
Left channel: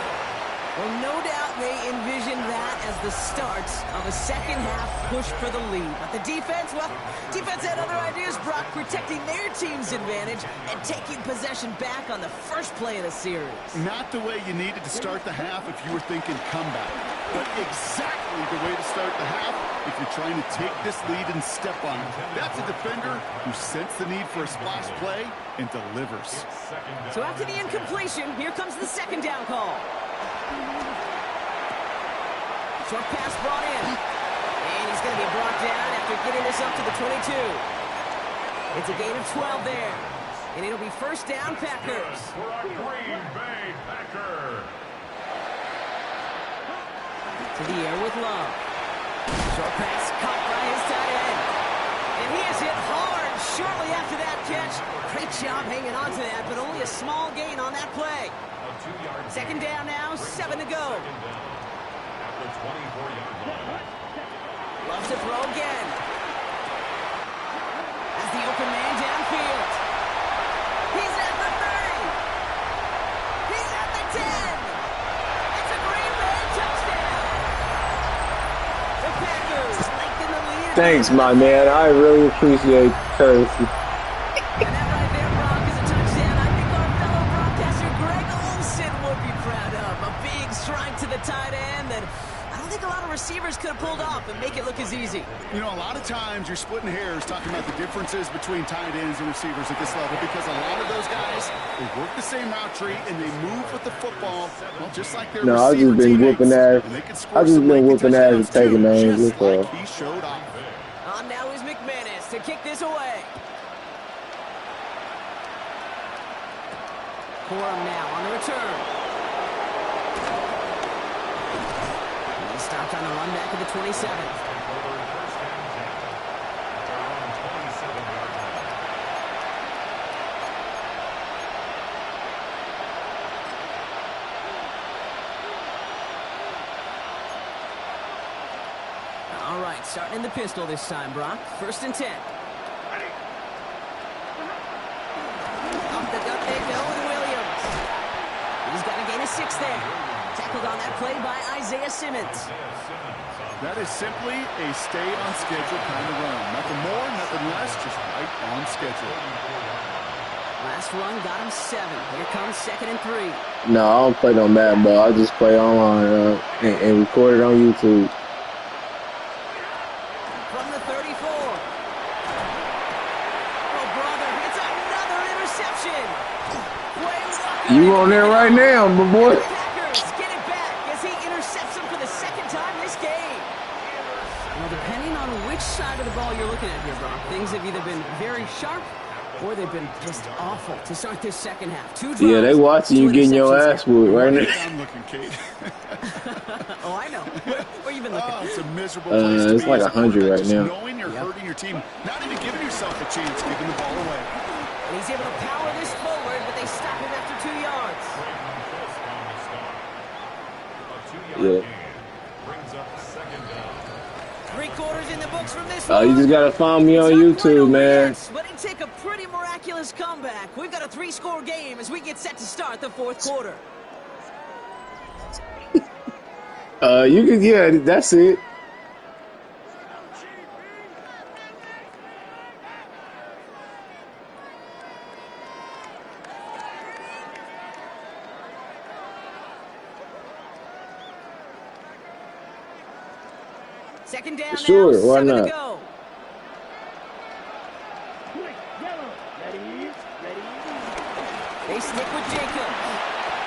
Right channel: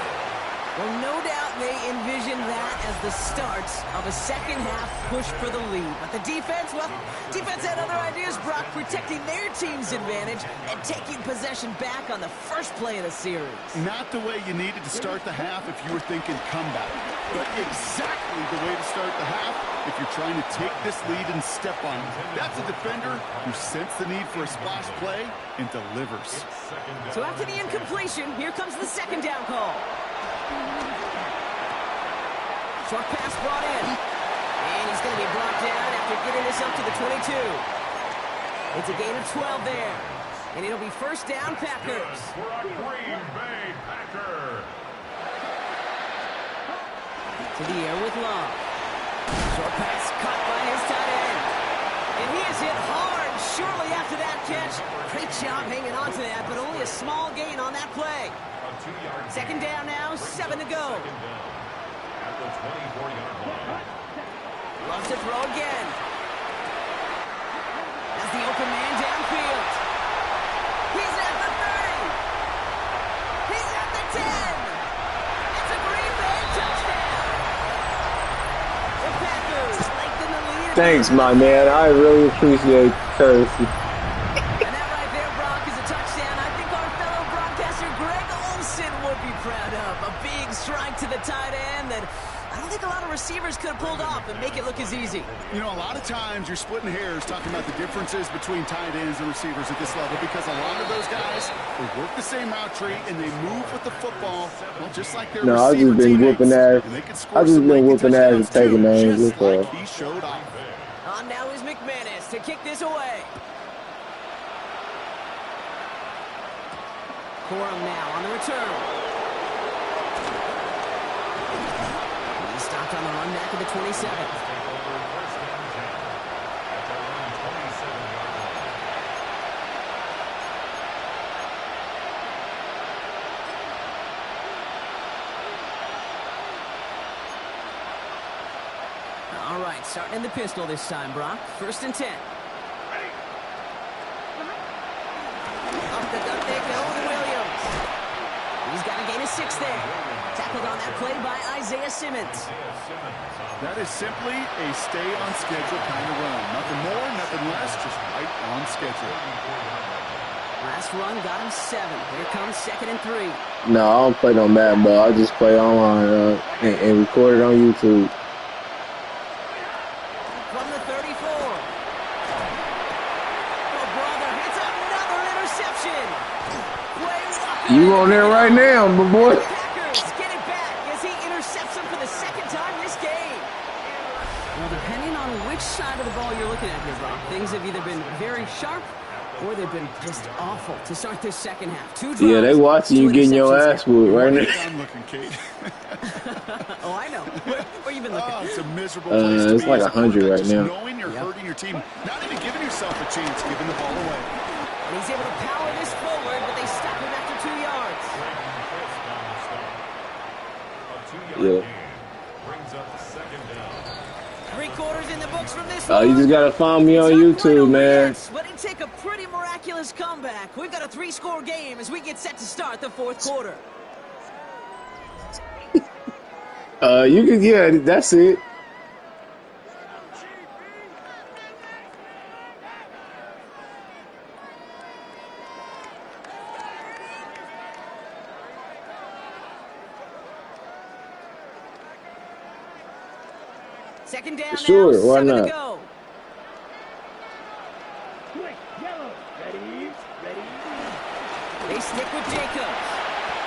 Well, no doubt they envisioned that as the start of a second-half push for the lead. But the defense, well, defense had other ideas, Brock, protecting their team's advantage and taking possession back on the first play of the series. Not the way you needed to start the half if you were thinking comeback, but exactly the way to start the half if you're trying to take this lead and step on it. That's a defender who sensed the need for a splash play and delivers. So after the incompletion, here comes the second down call. Short pass brought in. And he's going to be brought down after getting this up to the 22. It's a gain of 12 there. And it'll be first down, Packers. For a Green Bay Packer. To the air with Love. Short pass caught by his tight end. And he is hit hard shortly after that catch. Great job hanging on to that, but only a small gain on that play. Second down now, 7 to go. At the 24-yard line. Loves to throw again. As the open man downfield. He's at the 30. He's at the 10. It's a Green Bay touchdown. The Packers lengthen the lead. Thanks, my man. I really appreciate courtesy. And that right there, Brock, is a touchdown I think our fellow broadcaster Greg Olsen would be proud of. A big strike to the tight end that I don't think a lot of receivers could have pulled off and make it look as easy. You know, a lot of times you're splitting hairs talking about the differences between tight ends and receivers at this level because a lot of those guys, they work the same route tree and they move with the football, well, just like their I've just been whooping ass. I've just been whooping ass and taking names. Just like he showed off. On now is McManus to kick this away. Corum now on the return. He stopped on the run back at the 27. Take over first and 10 at their own 27-yard line. All right, starting in the pistol this time, Brock. First and 10. Up the gut they go with Williams. He's got a gain of 6 there. Tackled on that play by Isaiah Simmons. That is simply a stay-on-schedule kind of run. Nothing more, nothing less, just right on schedule. Last run got him 7. Here comes second and 3. No, I don't play no Madden ball. I just play online and record it on YouTube. From the 34. Oh, brother, it's another interception. You on there right now, my boy. Depending on which side of the ball you're looking at here, Brock, things have either been very sharp or they've been just awful to start this second half. Yeah, they watching you getting your ass whooped right now. I'm looking, Kate. Oh, I know. Where you been looking? Oh, it's a miserable place to it's be like 100 right now. Knowing you're hurting your team, not even giving yourself a chance, giving the ball away. And he's able to power this forward, but they stop him after 2 yards. A 2-yard gain brings up second down. 3 quarters in the books from this one. You just gotta find me on YouTube, man. But it take a pretty miraculous comeback. We've got a 3-score game as we get set to start the 4th quarter. You can, yeah, that's it. Second down sure, now, why 7 not? to go. Quick, yellow. Ready? They stick with Jacobs.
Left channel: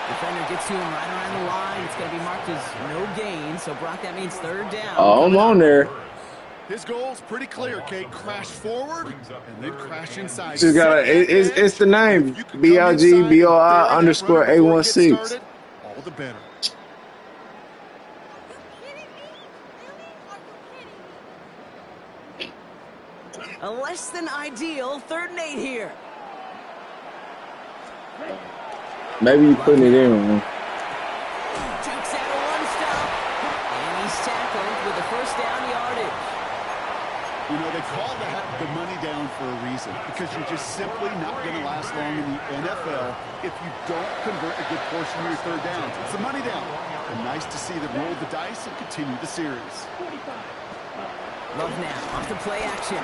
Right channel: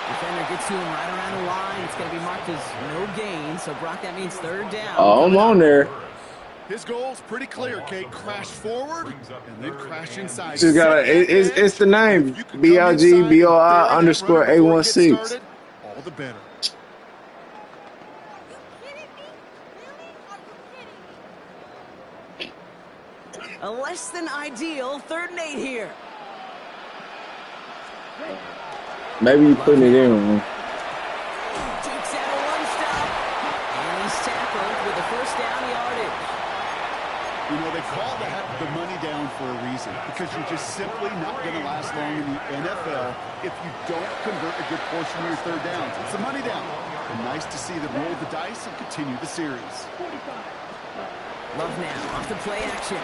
Defender gets to him right around the line. It's going to be marked as no gain. So, Brock, that means 3rd down. Oh, I'm on there. His goal's pretty clear, Kate. Crash forward and then crash inside. Just gotta, it's the name. BLGBOI_816. All the better. A less than ideal 3rd and 8 here. Maybe you putting it in wrong. Jukes out a run stop. And he's tackled with the first down yardage. You know, they call that the money down for a reason, because you're just simply not going to last long in the NFL if you don't convert a good portion of your third downs. It's the money down. And nice to see them roll the dice and continue the series. 45. Love now, off the play action.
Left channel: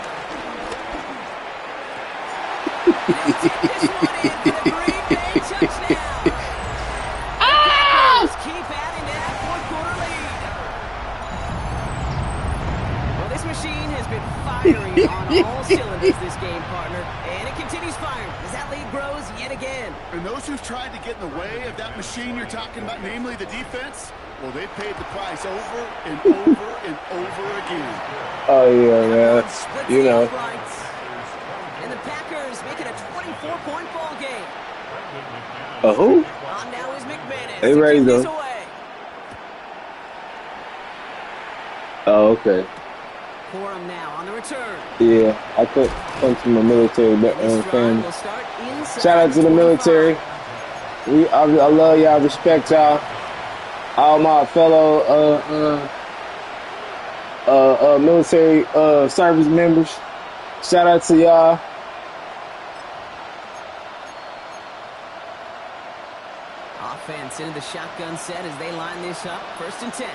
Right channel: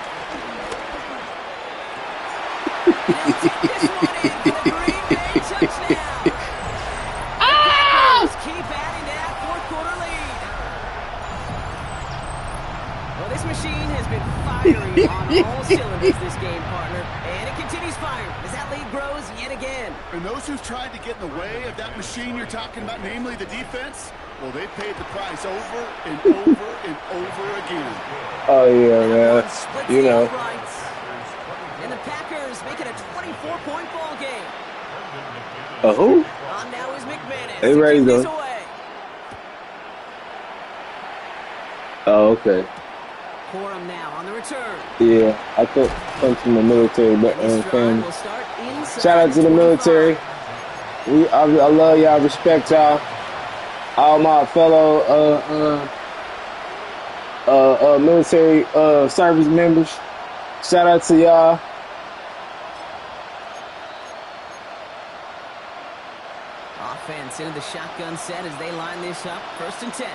And he'll take this one in for the Green Bay touchdown. Keep adding to that fourth-quarter lead. Well, this machine has been firing on all cylinders this game, partner, and it continues firing as that lead grows yet again. And those who've tried to get in the way of that machine you're talking about, namely the defense, well, they paid the price over and over and over again. Oh, yeah, man. You know. And the Packers make it a 24-point ball game. Who? On now is McManus. They raised them. Oh, okay. Corum now on the return. Yeah, I come from a military family. Shout out to the military. I love y'all, respect y'all. All my fellow military service members. Shout out to y'all. Offense into the shotgun set as they line this up. 1st and 10.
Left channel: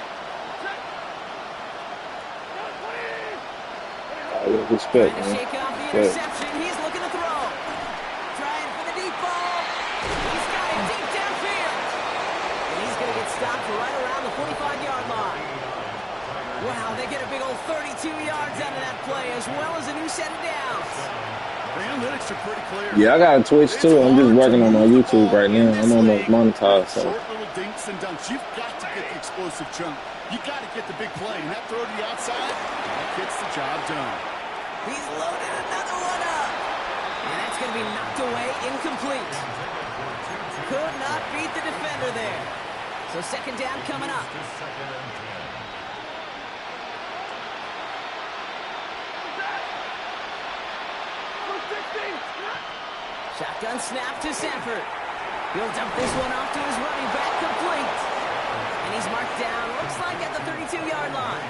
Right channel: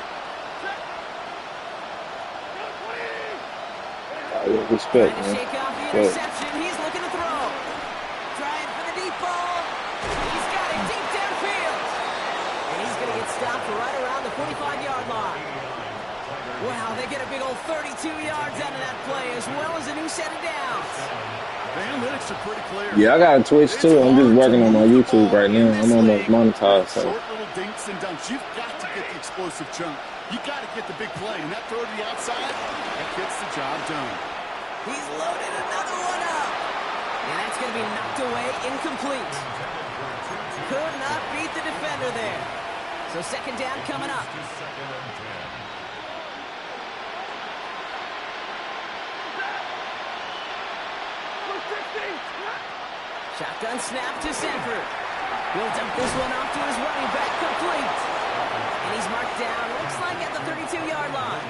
Respect, trying to shake off the interception. He's looking to throw. Trying for the deep ball. He's got it deep downfield. And he's going to get stopped right around the 45-yard line. Wow, they get a big old 32 yards out of that play, as well as a new set of downs. The analytics are pretty clear. Yeah, I got a Twitch too. I'm just working on my YouTube right now. I'm almost monetized. So. Short little dinks and dunks. You've got to get the explosive chunk. You got to get the big play. And that throw to the outside, that gets the job done. He's loaded another one up. And that's going to be knocked away, incomplete. Could not beat the defender there. So 2nd down coming up. Shotgun snap to Sanford. He'll dump this one off to his running back, complete. And he's marked down, looks like at the 32-yard line.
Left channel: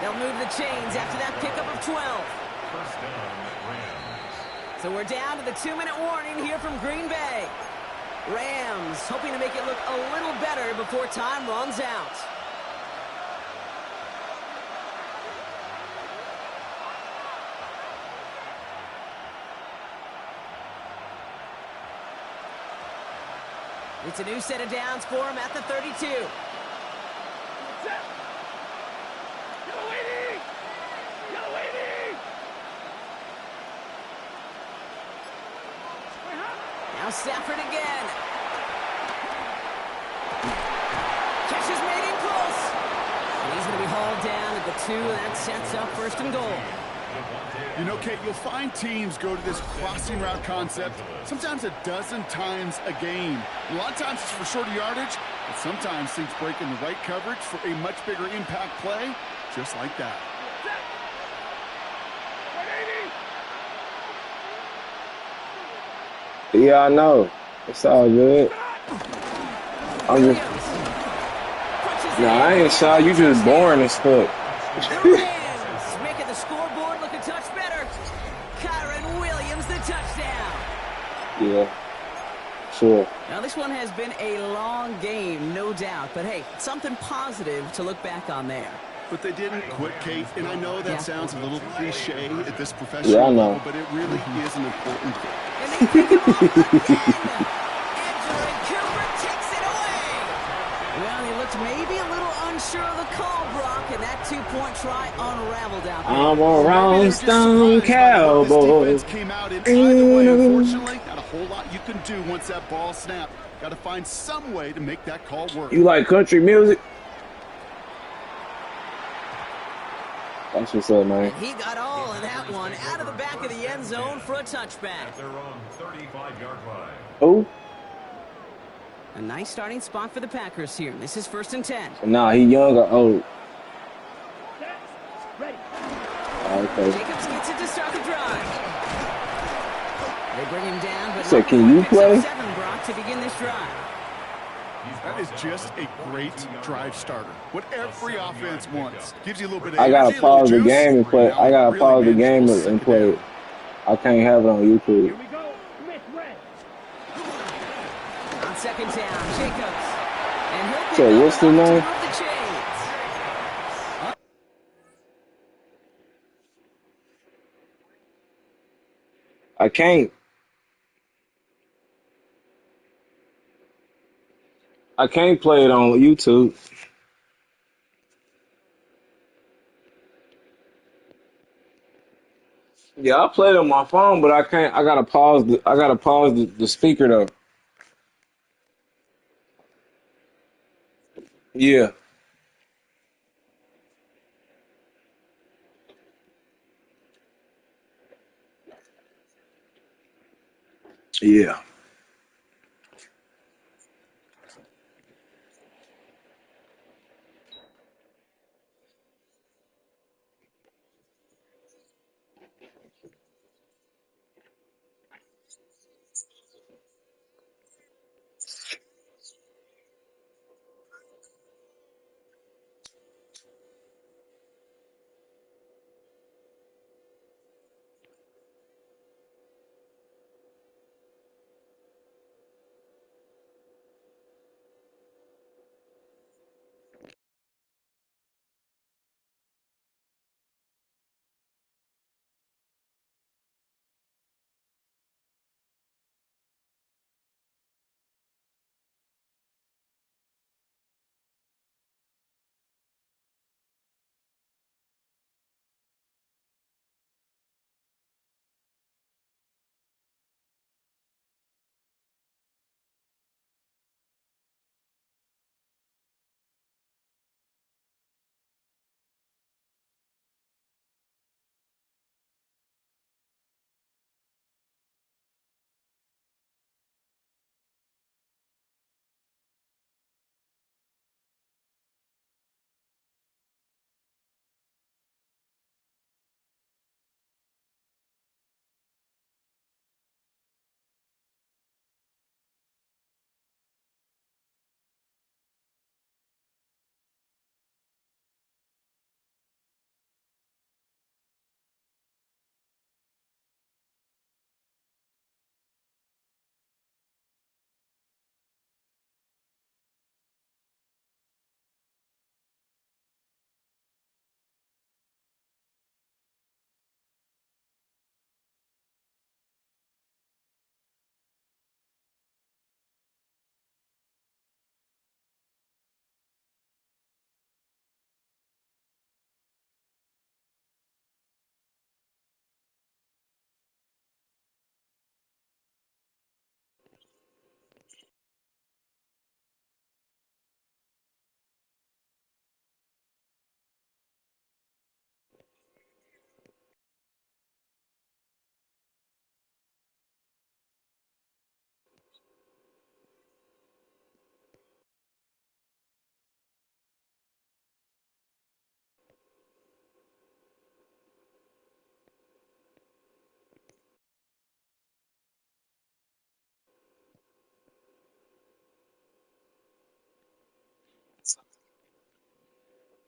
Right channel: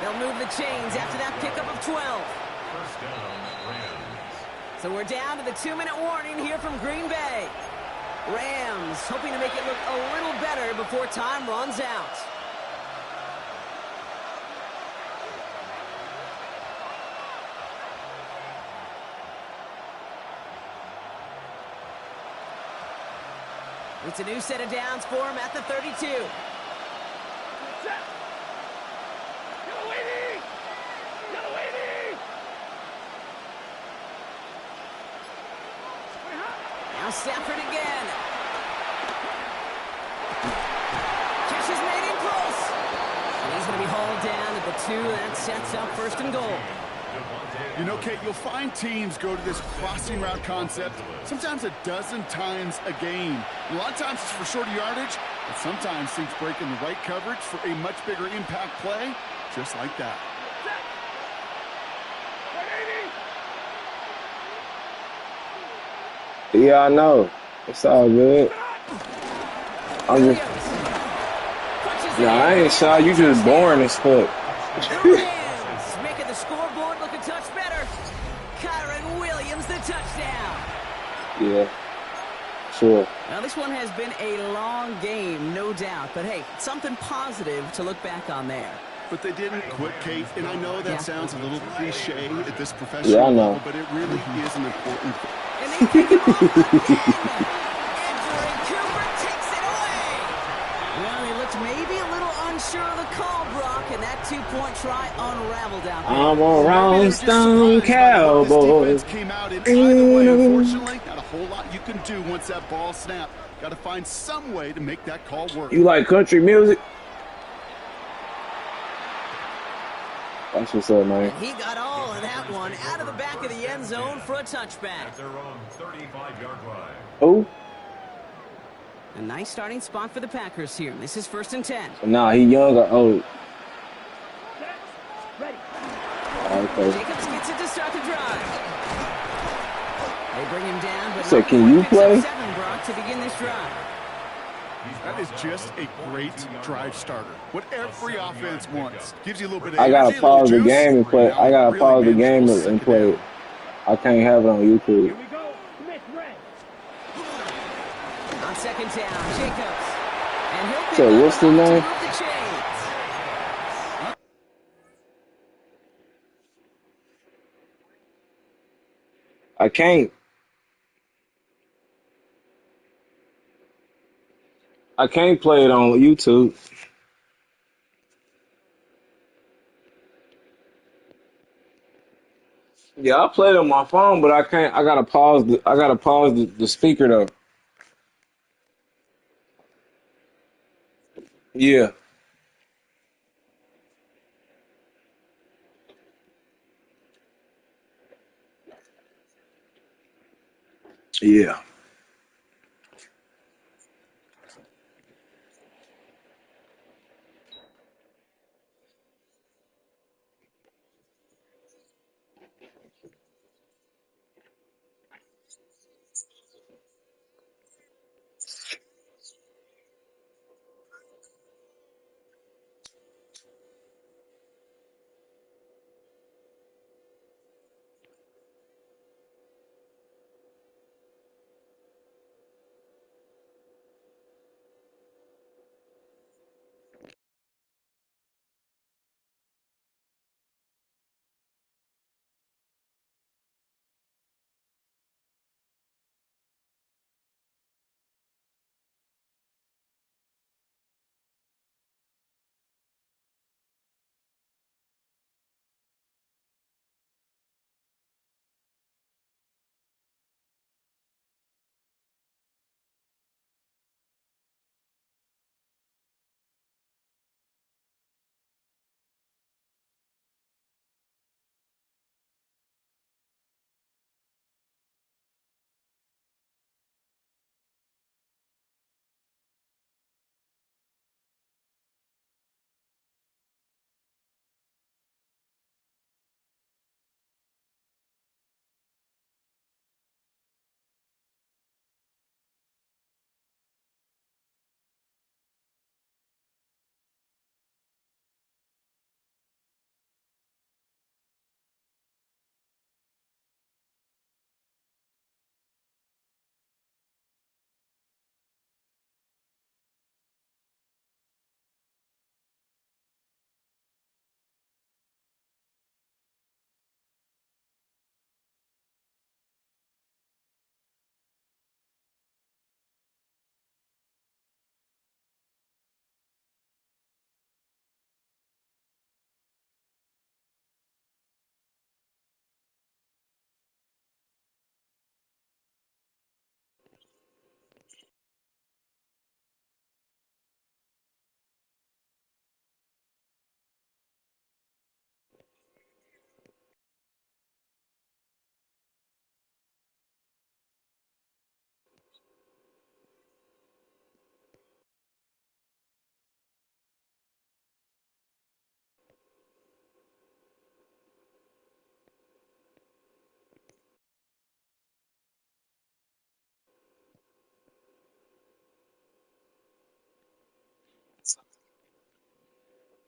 They'll move the chains after that pickup of 12. 1st down, Rams. So we're down to the 2-minute warning here from Green Bay. Rams hoping to make it look a little better before time runs out. It's a new set of downs for him at the 32. Now Stafford again. Catch is made in close. And he's going to be hauled down at the 2. That sets up 1st and goal. You know, Kate, you'll find teams go to this crossing route concept sometimes a dozen times a game. A lot of times it's for shorter yardage, but sometimes things break in the right coverage for a much bigger impact play, just like that. Yeah, I know. It's all good. I'm just... Nah, I ain't shy. You just boring as fuck. Making the scoreboard look a touch better. Kyron Williams, the touchdown. Yeah, sure. Now, this one has been a long game, no doubt. But, hey, something positive to look back on there. But they didn't quit, Kate. And I know that sounds a little cliche at this professional level, but it really is an important thing. And they take it off again. Edger and Cooper takes it away. Well, he looked maybe a little unsure of the call, Brock, and that 2-point try unraveled out there. I'm a Rolling Stone Cowboy. This defense came out in either way. Unfortunately, not a whole lot you can do once that ball snapped. Got to find some way to make that call work. You like country music? That's what's up, man. And he got all of that one out of the back of the end zone for a touchback. At their own 35-yard line. Oh. A nice starting spot for the Packers here. This is 1st and 10. Nah, he young or old? Ready. Okay. Jacobs gets it to start the drive. They bring him down, but So not can you before he play? picks up 7, Brock, to begin this drive. That is just a great drive starter. What every offense wants. Gives you a little bit of I gotta energy, pause the juice, game and play. I gotta pause the game and play it. I can't have it on YouTube. Here we go. Smith red. On second down, Jacobs. And he'll pick So up what's the enough name? to move the chains. I can't play it on YouTube. Yeah, I played it on my phone, but I can't. I gotta pause the speaker though. Yeah, yeah.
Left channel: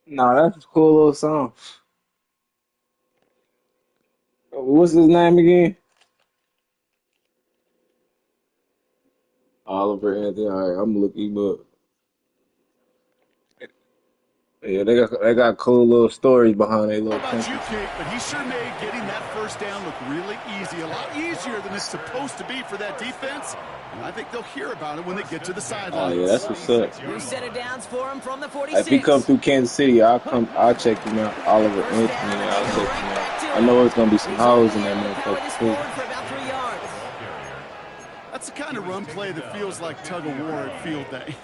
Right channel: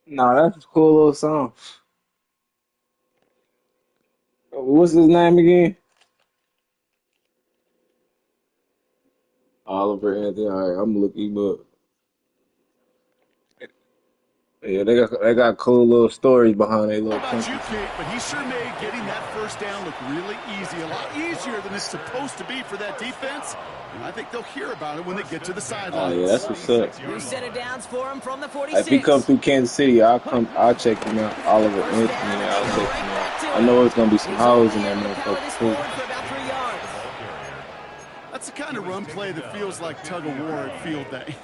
No, that's a cool little song. What's his name again? Oliver Anthony. All right, I'm looking him up. Yeah, they got cool little stories behind their How little about you, country. Kate? But he sure made getting that first down look really easy. A lot easier than it's supposed to be for that defense. And I think they'll hear about it when they get to the Oh sidelines. yeah, that's what's up. New set of downs for him from the 46. If he come through Kansas City, I'll check him out. Oliver First Anthony, down, and I'll they check go him right back out. to I him. know it's gonna be some He's hoes in only that able to power motherfucker this too. forward for about 3 yards. That's the kind of run play that feels like tug-of-war at field day.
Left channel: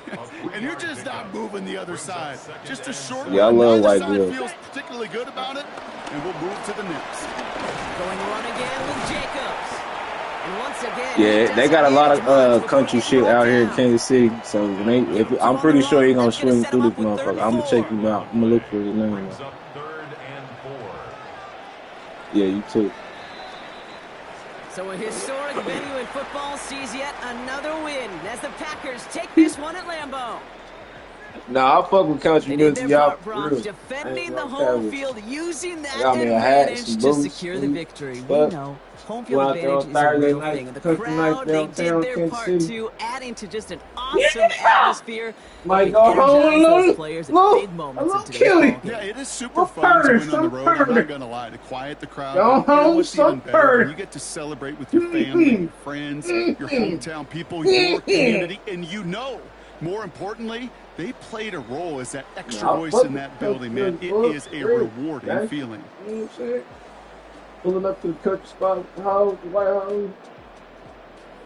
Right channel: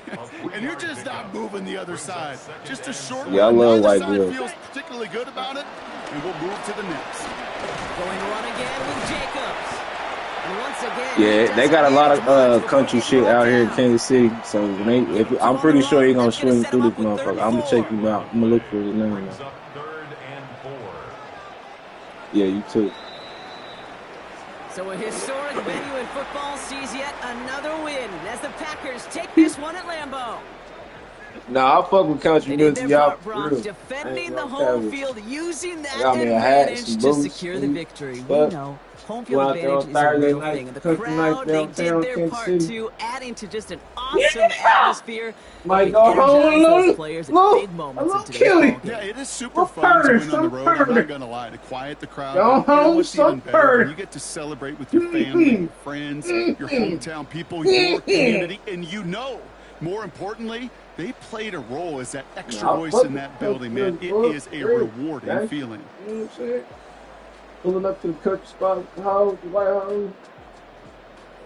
And you're just not moving the other side. Just a short Yeah, I run. love Neither white side girls. feels particularly good about it. And we'll move to the next. Going run again with Jacobs. And once again, Yeah, they got a lot of country shit out here in Kansas City. So I'm pretty sure he gonna swing through this motherfucker. I'm gonna check him out. I'm gonna look for his name. Brings up 3rd and 4. Yeah, you too. So a historic venue in football sees yet another win as the Packers take this one at Lambeau. Nah, I fuck with country They did music, their y'all. part, Brock, defending the Tell home you. field, using I that got me a hat, advantage some to boots, secure the victory. We but know home went field out there on advantage is a Thursday real night, thing. And the country night crowd, they downtown did their Kansas part City. too, adding to just an awesome atmosphere. Might Helping go home energize those a players at little, big moments in today's killy. ball game. Yeah, it is super fun to win on the road. I'm not going to lie. To quiet the crowd. Go But you know home what's even better? some When you get to celebrate with your family, your friends, your hometown people, your community, and you know, more importantly, they played a role as that extra voice in that building, man. It is a rewarding feeling. You know what I'm saying? Pulling up to the country spot, the house, the White House.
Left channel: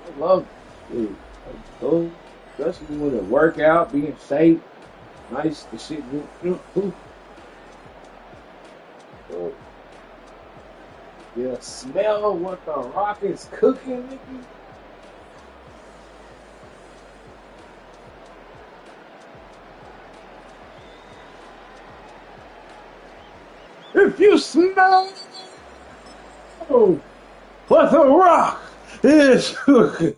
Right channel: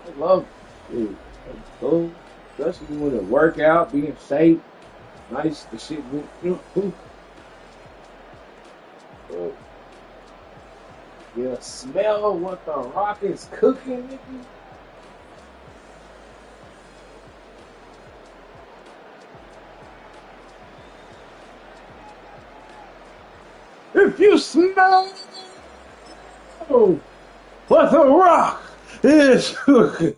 I love it. It's cool. Especially when it work out, being safe. Nice, the shit. Yeah, smell what the rock is cooking, nigga. If you smell what the rock is cooking,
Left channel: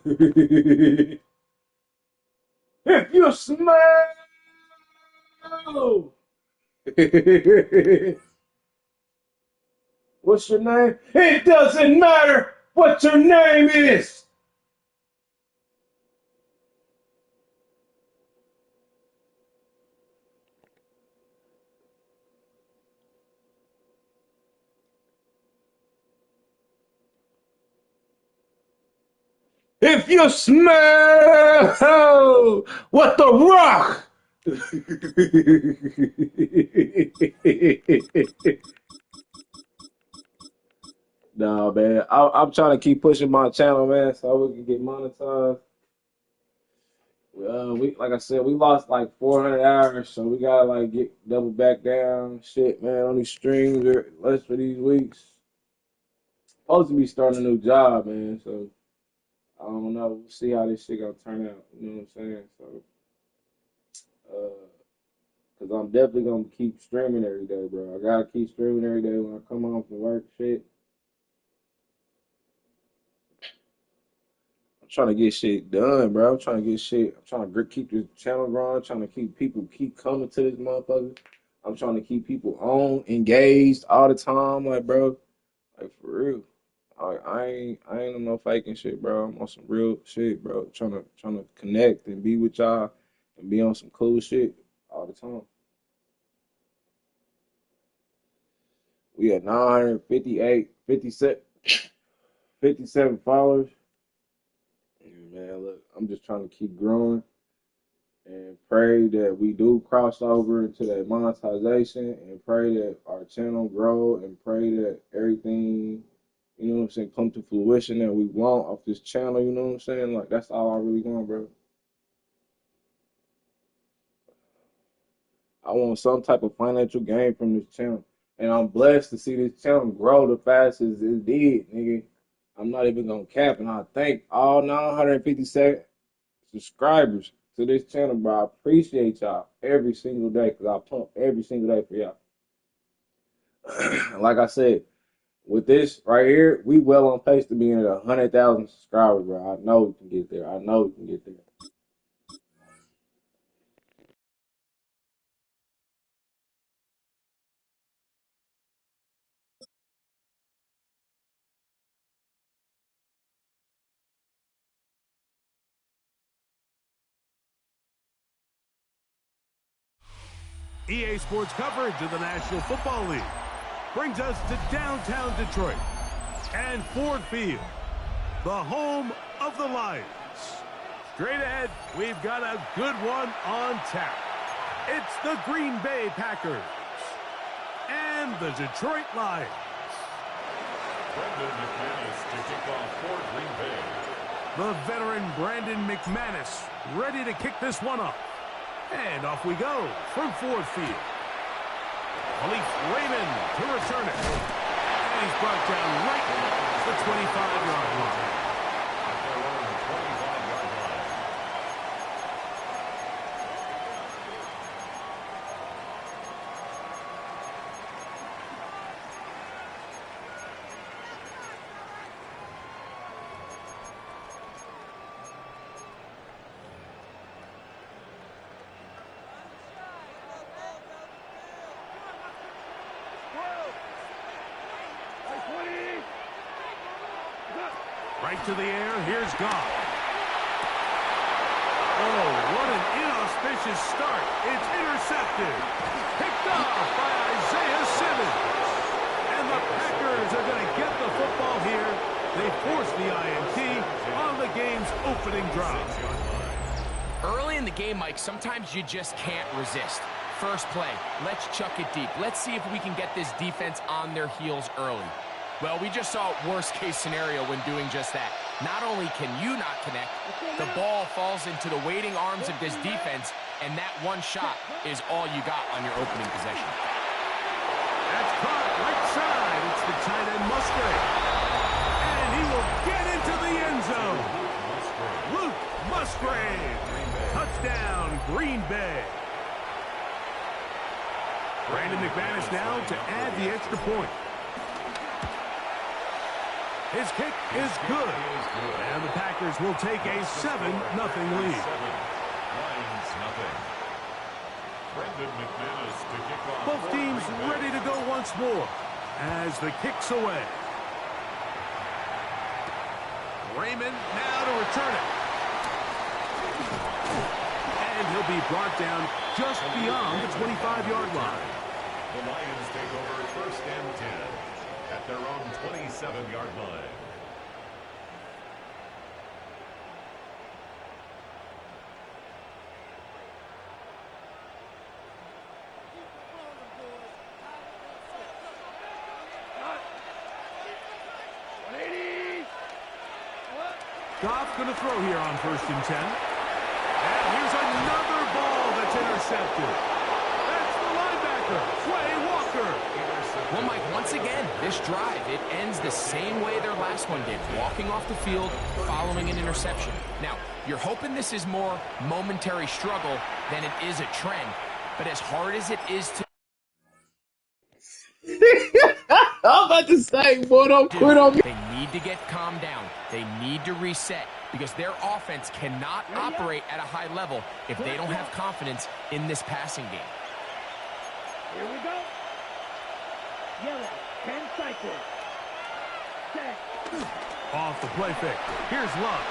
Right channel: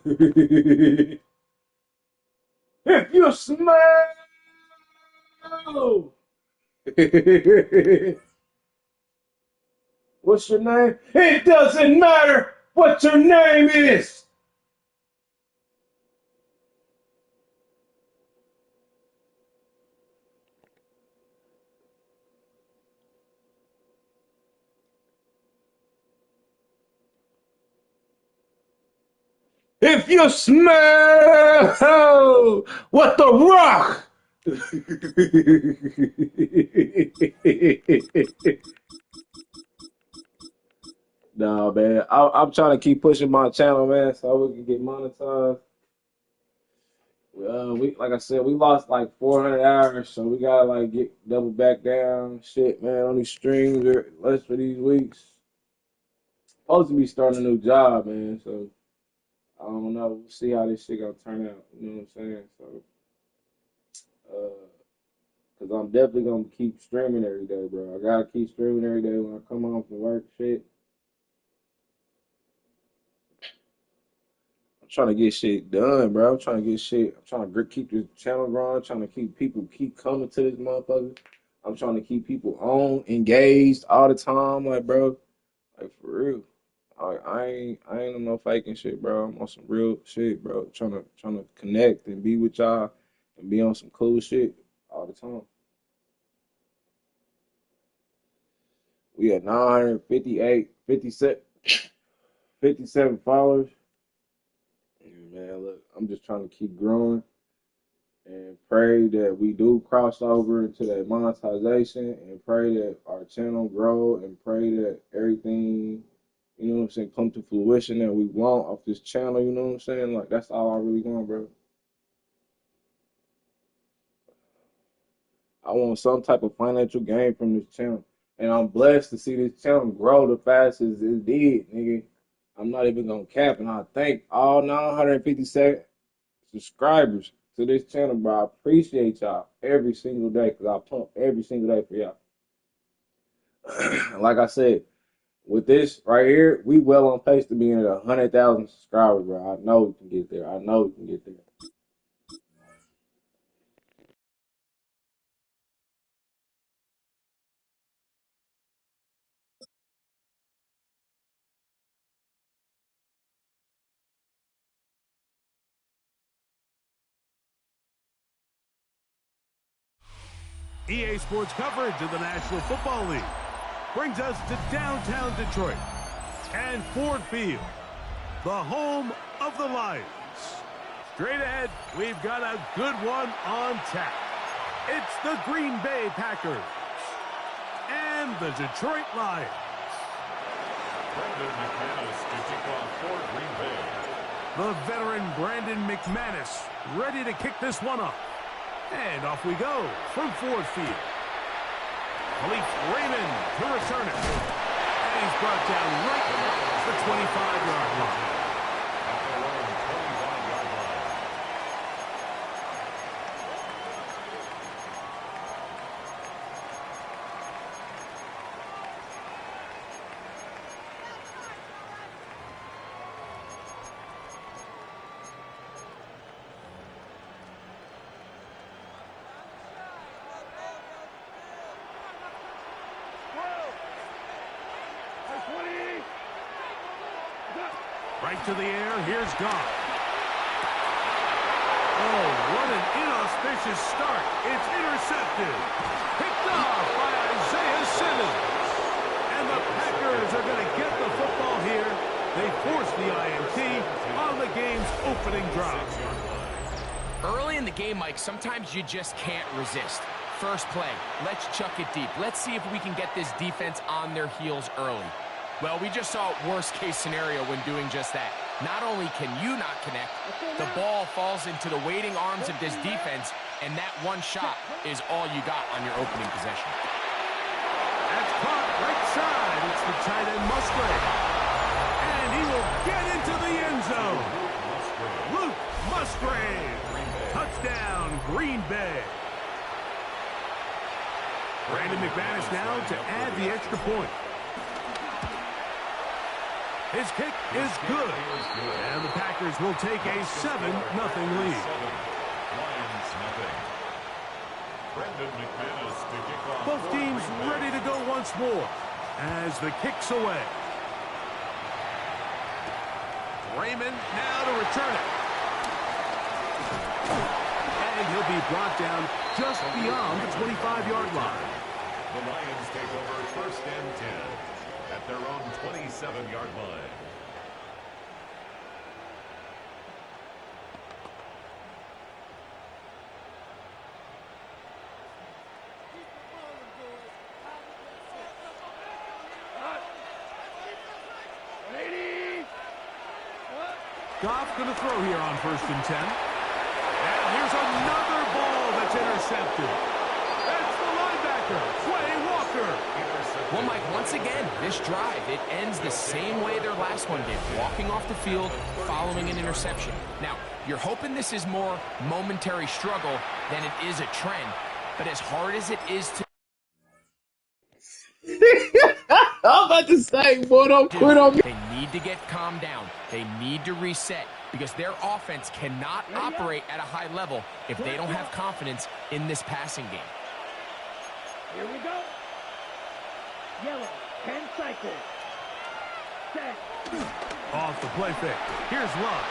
if you smell, what's your name? It doesn't matter what your name is. If you smell what the rock nah, man. I'm trying to keep pushing my channel, man, so we can get monetized. We like I said, we lost like 400 hours, so we gotta like get double back down. Shit, man, on these streams or less for these weeks. Supposed to be starting a new job, man. So I don't know. We'll see how this shit gonna turn out. You know what I'm saying? So, cause I'm definitely gonna keep streaming every day, bro. I gotta keep streaming every day when I come home from work. Shit. I'm trying to get shit done, bro. I'm trying to keep this channel growing. I'm trying to keep people keep coming to this motherfucker. I'm trying to keep people on, engaged all the time, like, bro. Like, for real. I ain't on no faking shit, bro. I'm on some real shit, bro. Trying to connect and be with y'all and be on some cool shit all the time. We at 57 followers. Man, look, I'm just trying to keep growing and pray that we do cross over into that monetization and pray that our channel grow and pray that everything, you know what I'm saying, come to fruition that we want off this channel, you know what I'm saying? Like, that's all I really want, bro. I want some type of financial gain from this channel. And I'm blessed to see this channel grow the fastest it did, nigga. I'm not even gonna cap, and I thank all 957 subscribers to this channel, bro. I appreciate y'all every single day because I pump every single day for y'all. Like I said, with this right here, we well on pace to being at 100,000 subscribers, bro. I know we can get there. I know we can get there. EA Sports coverage of the National Football League brings us to downtown Detroit and Ford Field, the home of the Lions. Straight ahead, we've got a good one on tap. It's the Green Bay Packers and the Detroit Lions. Brandon McManus to kick off for Green Bay. The veteran Brandon McManus ready to kick this one off. And off we go from Ford Field. Khalif Raymond to return it. And he's brought down right at the 25-yard line. At their own 25-yard line. kick to the air. Here's Goff. Oh, what an inauspicious start. It's intercepted. Picked off by Isaiah Simmons. And the Packers are going to get the football here. They force the INT on the game's opening drive. Early in the game, Mike, sometimes you just can't resist. First play, let's chuck it deep. Let's see if we can get this defense on their heels early. Well, we just saw worst-case scenario when doing just that. Not only can you not connect, the ball falls into the waiting arms of this defense, and that one shot is all you got on your opening possession. That's caught right side. It's the tight end Musgrave. And he will get into the end zone. Luke Musgrave. Touchdown, Green Bay. Brandon McManus now to add the extra point. His kick is good. And the Packers will take a 7-0 lead. Lions nothing. Brandon McManus to kick off. Both teams ready to go once more as the kick's away. Raymond now to return it. And he'll be brought down just beyond the 25-yard line. The Lions take over 1st and 10 at their own 27-yard line. Goff going to throw here on 1st and 10. And here's another ball that's intercepted. That's the linebacker, Quay Walker. Well, Mike, once again, this drive, it ends the same way their last one did, walking off the field, following an interception. Now, you're hoping this is more momentary struggle than it is a trend, but as hard as it is to... I'm about to say, boy, don't quit on me. They need to get calmed down. They need to reset because their offense cannot operate at a high level if they don't have confidence in this passing game. Here we go. Yellow, 10 cycles. Set. Off the play fake. Here's Love.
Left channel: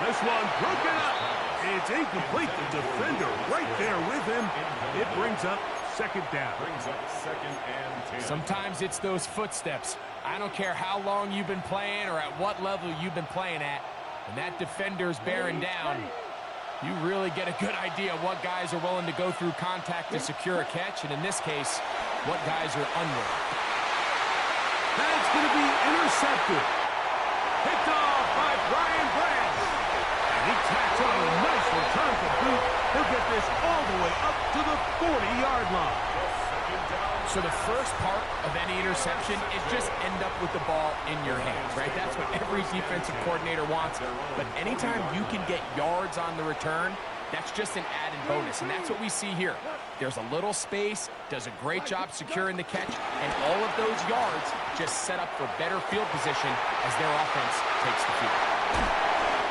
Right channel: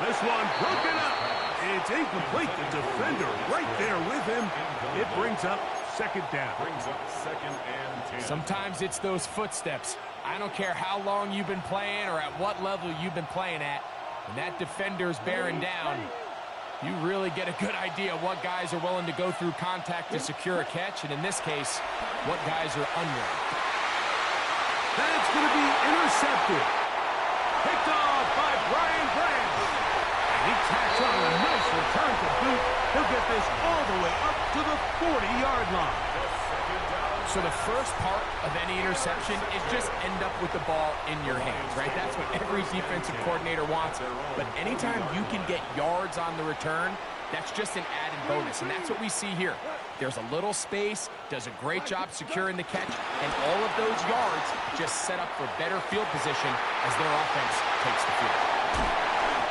This one broken up. It's incomplete. The defender right there with him. It brings up 2nd down. Brings up 2nd and 10. Sometimes it's those footsteps. I don't care how long you've been playing or at what level you've been playing at. When that defender's bearing down, you really get a good idea of what guys are willing to go through contact to secure a catch, and in this case, what guys are unwilling. That's going to be intercepted. Picked off by Brian Branch. And he tacks on a nice return to boot. He'll get this all the way up to the 40-yard line. So the first part of any interception is just end up with the ball in your hands, right? That's what every defensive coordinator wants. But anytime you can get yards on the return, that's just an added bonus, and that's what we see here. There's a little space, does a great job securing the catch, and all of those yards just set up for better field position as their offense takes the field.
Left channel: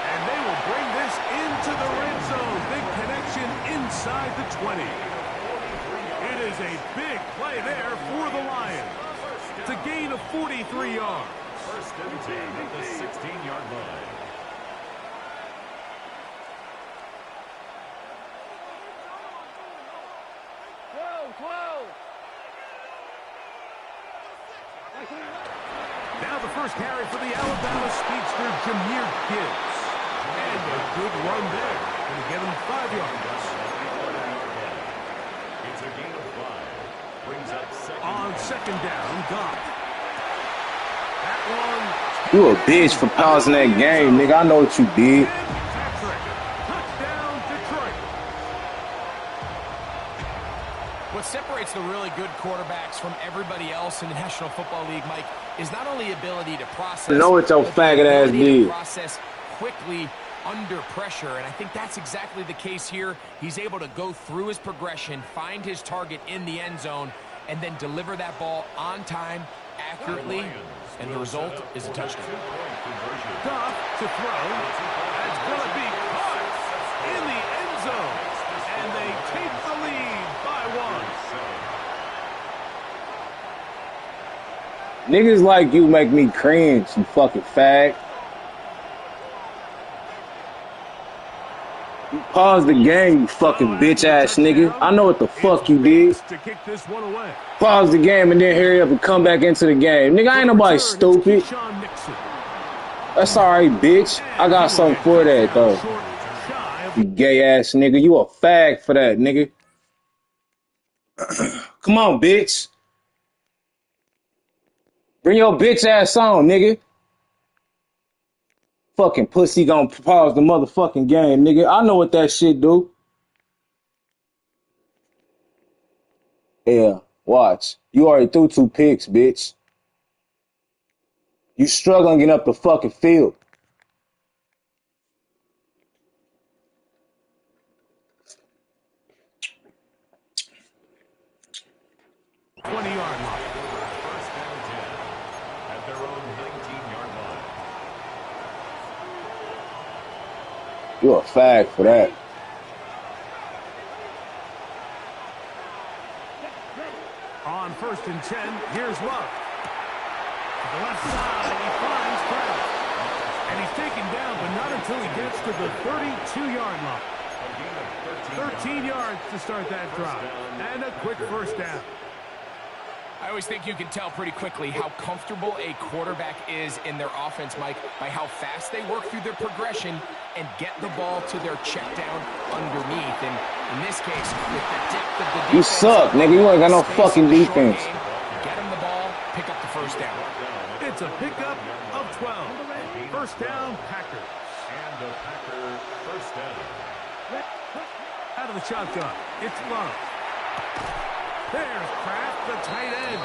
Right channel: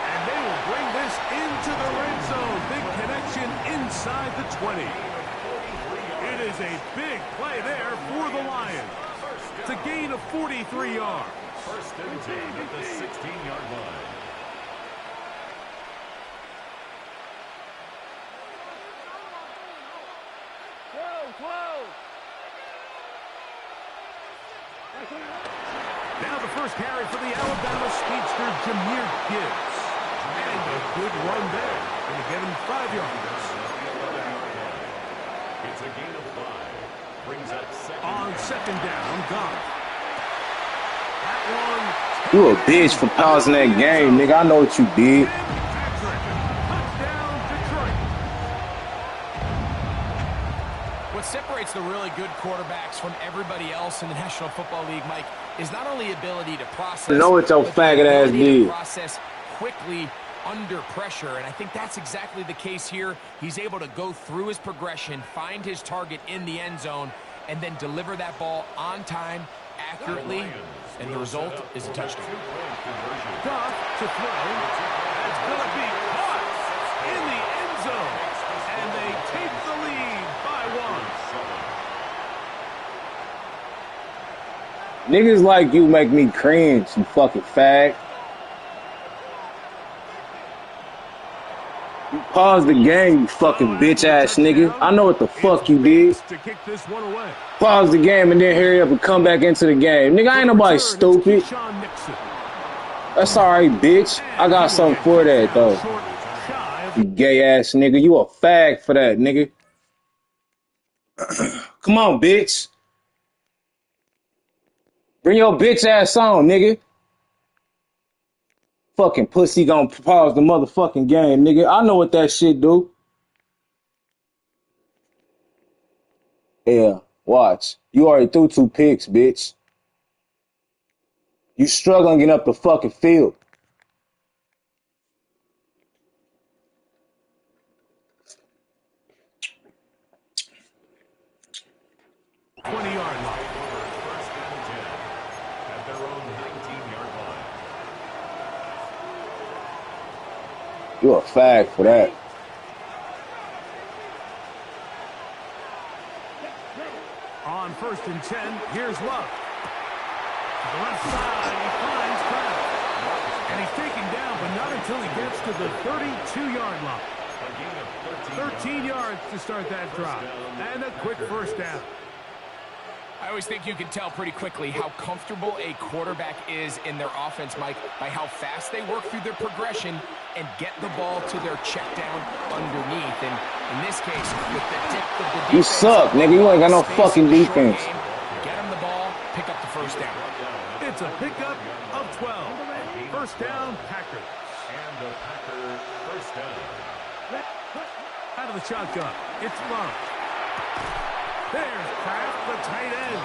And they will bring this into the red zone. Big connection inside the 20. It is a big play there for the Lions. It's a gain of 43 yards. 1st and 10 at the 16-yard line. Now the first carry for the Alabama speedster, Jahmyr Gibbs. And a good run there. Going to give him 5 yards. It's a gain of 5. Brings up 2nd. On 2nd down, Goff. That one. You a bitch for pausing that game, nigga. I know what you did. Touchdown, Detroit. What separates the really good quarterbacks from everybody else in the National Football League, Mike, is not only ability to process, know what your faggot ass did. Process quickly under pressure, and I think that's exactly the case here. He's able to go through his progression, find his target in the end zone, and then deliver that ball on time, accurately, and the result is a touchdown. Goff to throw. That's going to be caught in the end zone, and they take the lead by 1. Niggas like you make me cringe, you fucking fag. You paused the game, you fucking bitch-ass nigga. I know what the fuck you did. To kick this one away. Pause the game and then hurry up and come back into the game. Nigga, I ain't nobody stupid. That's alright, bitch. I got something for that, though. You gay-ass nigga. You a fag for that, nigga. Come on, bitch. Bring your bitch-ass on, nigga. Fucking pussy gonna pause the motherfucking game, nigga. I know what that shit do. Yeah, watch. You already threw 2 picks, bitch. You struggling getting up the fucking field. Yard line. First and 10 at their own 19-yard line. You a fag for that. On first and 10, here's Love. To the left side, he finds Kraft. And he's taken down, but not until he gets to the 32-yard line. 13 yards to start that drive. And a quick first down. I always think you can tell pretty quickly how comfortable a quarterback is in their offense, Mike, by how fast they work through their progression and get the ball to their check down underneath. And in this case, with the depth of the defense, you suck, nigga. You ain't got no fucking defense. Game, get him the ball, pick up the first down. It's a pickup of 12. First down, Packers. And a Packer first down. Out of the shotgun, it's Love. There's Kraft, the tight end.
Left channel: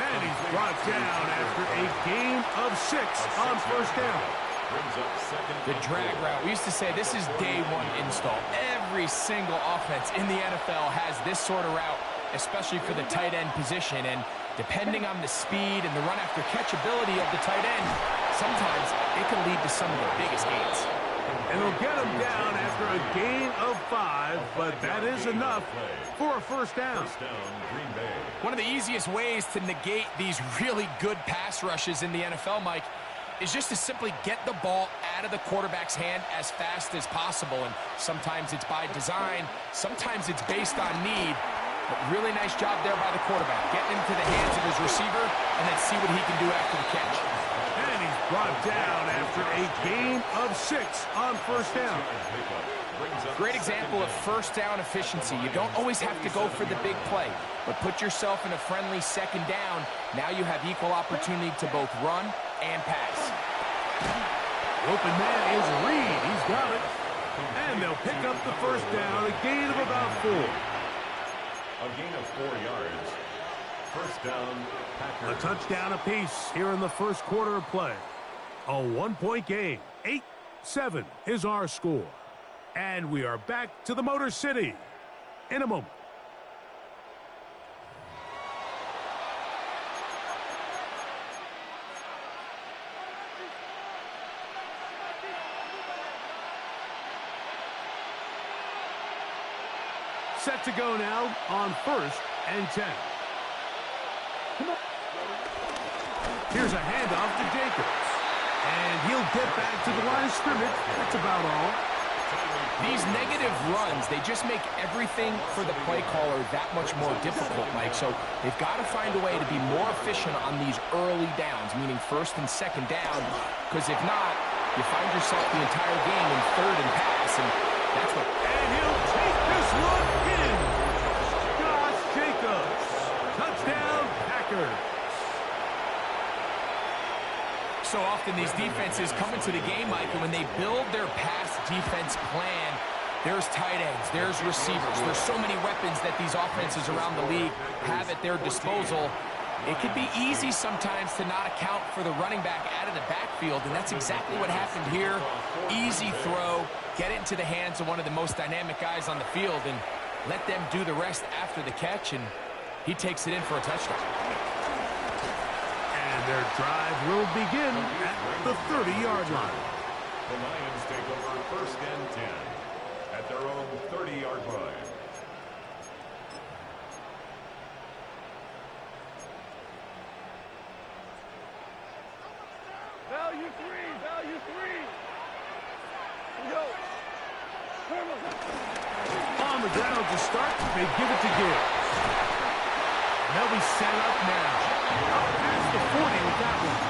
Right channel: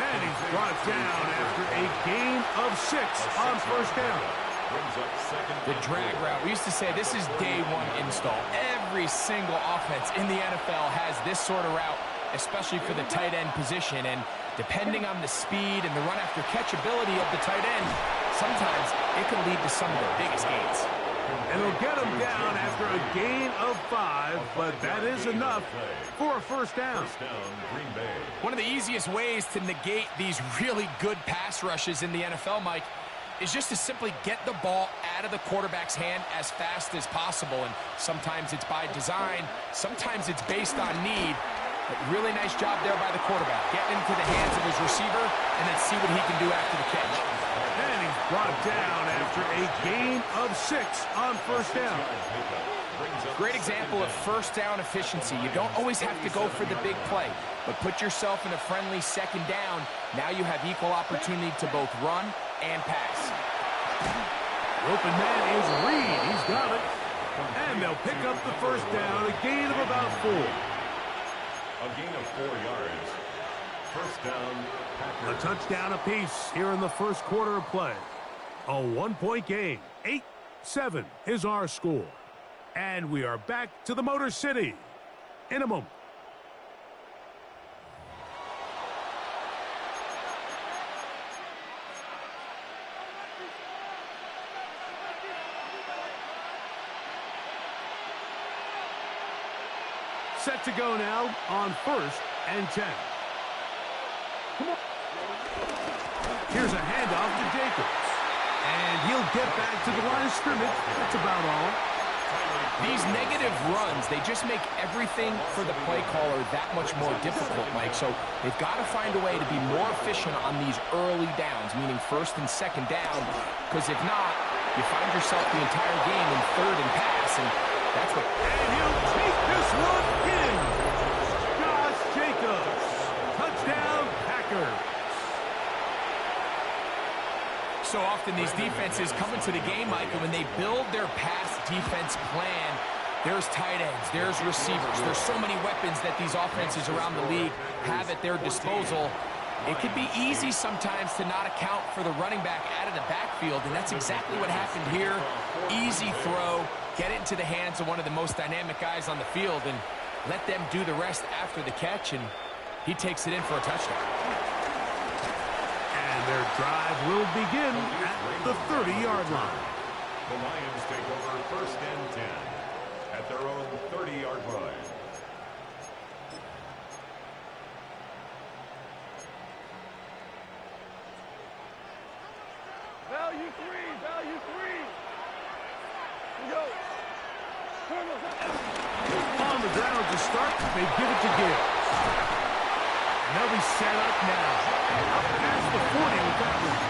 And he's brought down after a gain of 6 on first down. The drag route. We used to say this is day one install. Every single offense in the NFL has this sort of route, especially for the tight end position. And depending on the speed and the run after catch ability of the tight end, sometimes it can lead to some of the biggest gains. And they'll get him down after a gain of 5, but that is enough for a first down. One of the easiest ways to negate these really good pass rushes in the NFL, Mike, is just to simply get the ball out of the quarterback's hand as fast as possible. And sometimes it's by design, sometimes it's based on need. But really nice job there by the quarterback, getting into the hands of his receiver and then see what he can do after the catch. And he's brought down after a gain of 6 on first down. Great example of first down efficiency. You don't always have to go for the big play, but put yourself in a friendly second down. Now you have equal opportunity to both run and pass. The open man is Reed. He's got it. And they'll pick up the first down, a gain of about 4. A gain of 4 yards. First down, Packers. A touchdown apiece here in the first quarter of play. A 1-point game. 8-7 is our score. And we are back to the Motor City in a moment. Set to go now on first and 10. Here's a handoff to Jacobs. And he'll get back to the line of scrimmage. That's about all. These negative runs, they just make everything for the play caller that much more difficult, Mike. So they've got to find a way to be more efficient on these early downs, meaning first and second down. Because if not, you find yourself the entire game in third and pass, and that's what... And he'll take this one in. Josh Jacobs. Touchdown, Packers. So often these defenses come into the game, Mike, and when they build their pass defense plan, there's tight ends, there's receivers, there's so many weapons that these offenses around the league have at their disposal. It can be easy sometimes to not account for the running back out of the backfield, and that's exactly what happened here. Easy throw, get it into the hands of one of the most dynamic guys on the field, and let them do the rest after the catch, and he takes it in for a touchdown. And their drive will begin at the 30-yard line. The Lions take over first and 10 at their own 30-yard line. Value 3. Go. On the ground to start, they give it to Gibbs. And they'll be set up now. Up past the 40 with that one.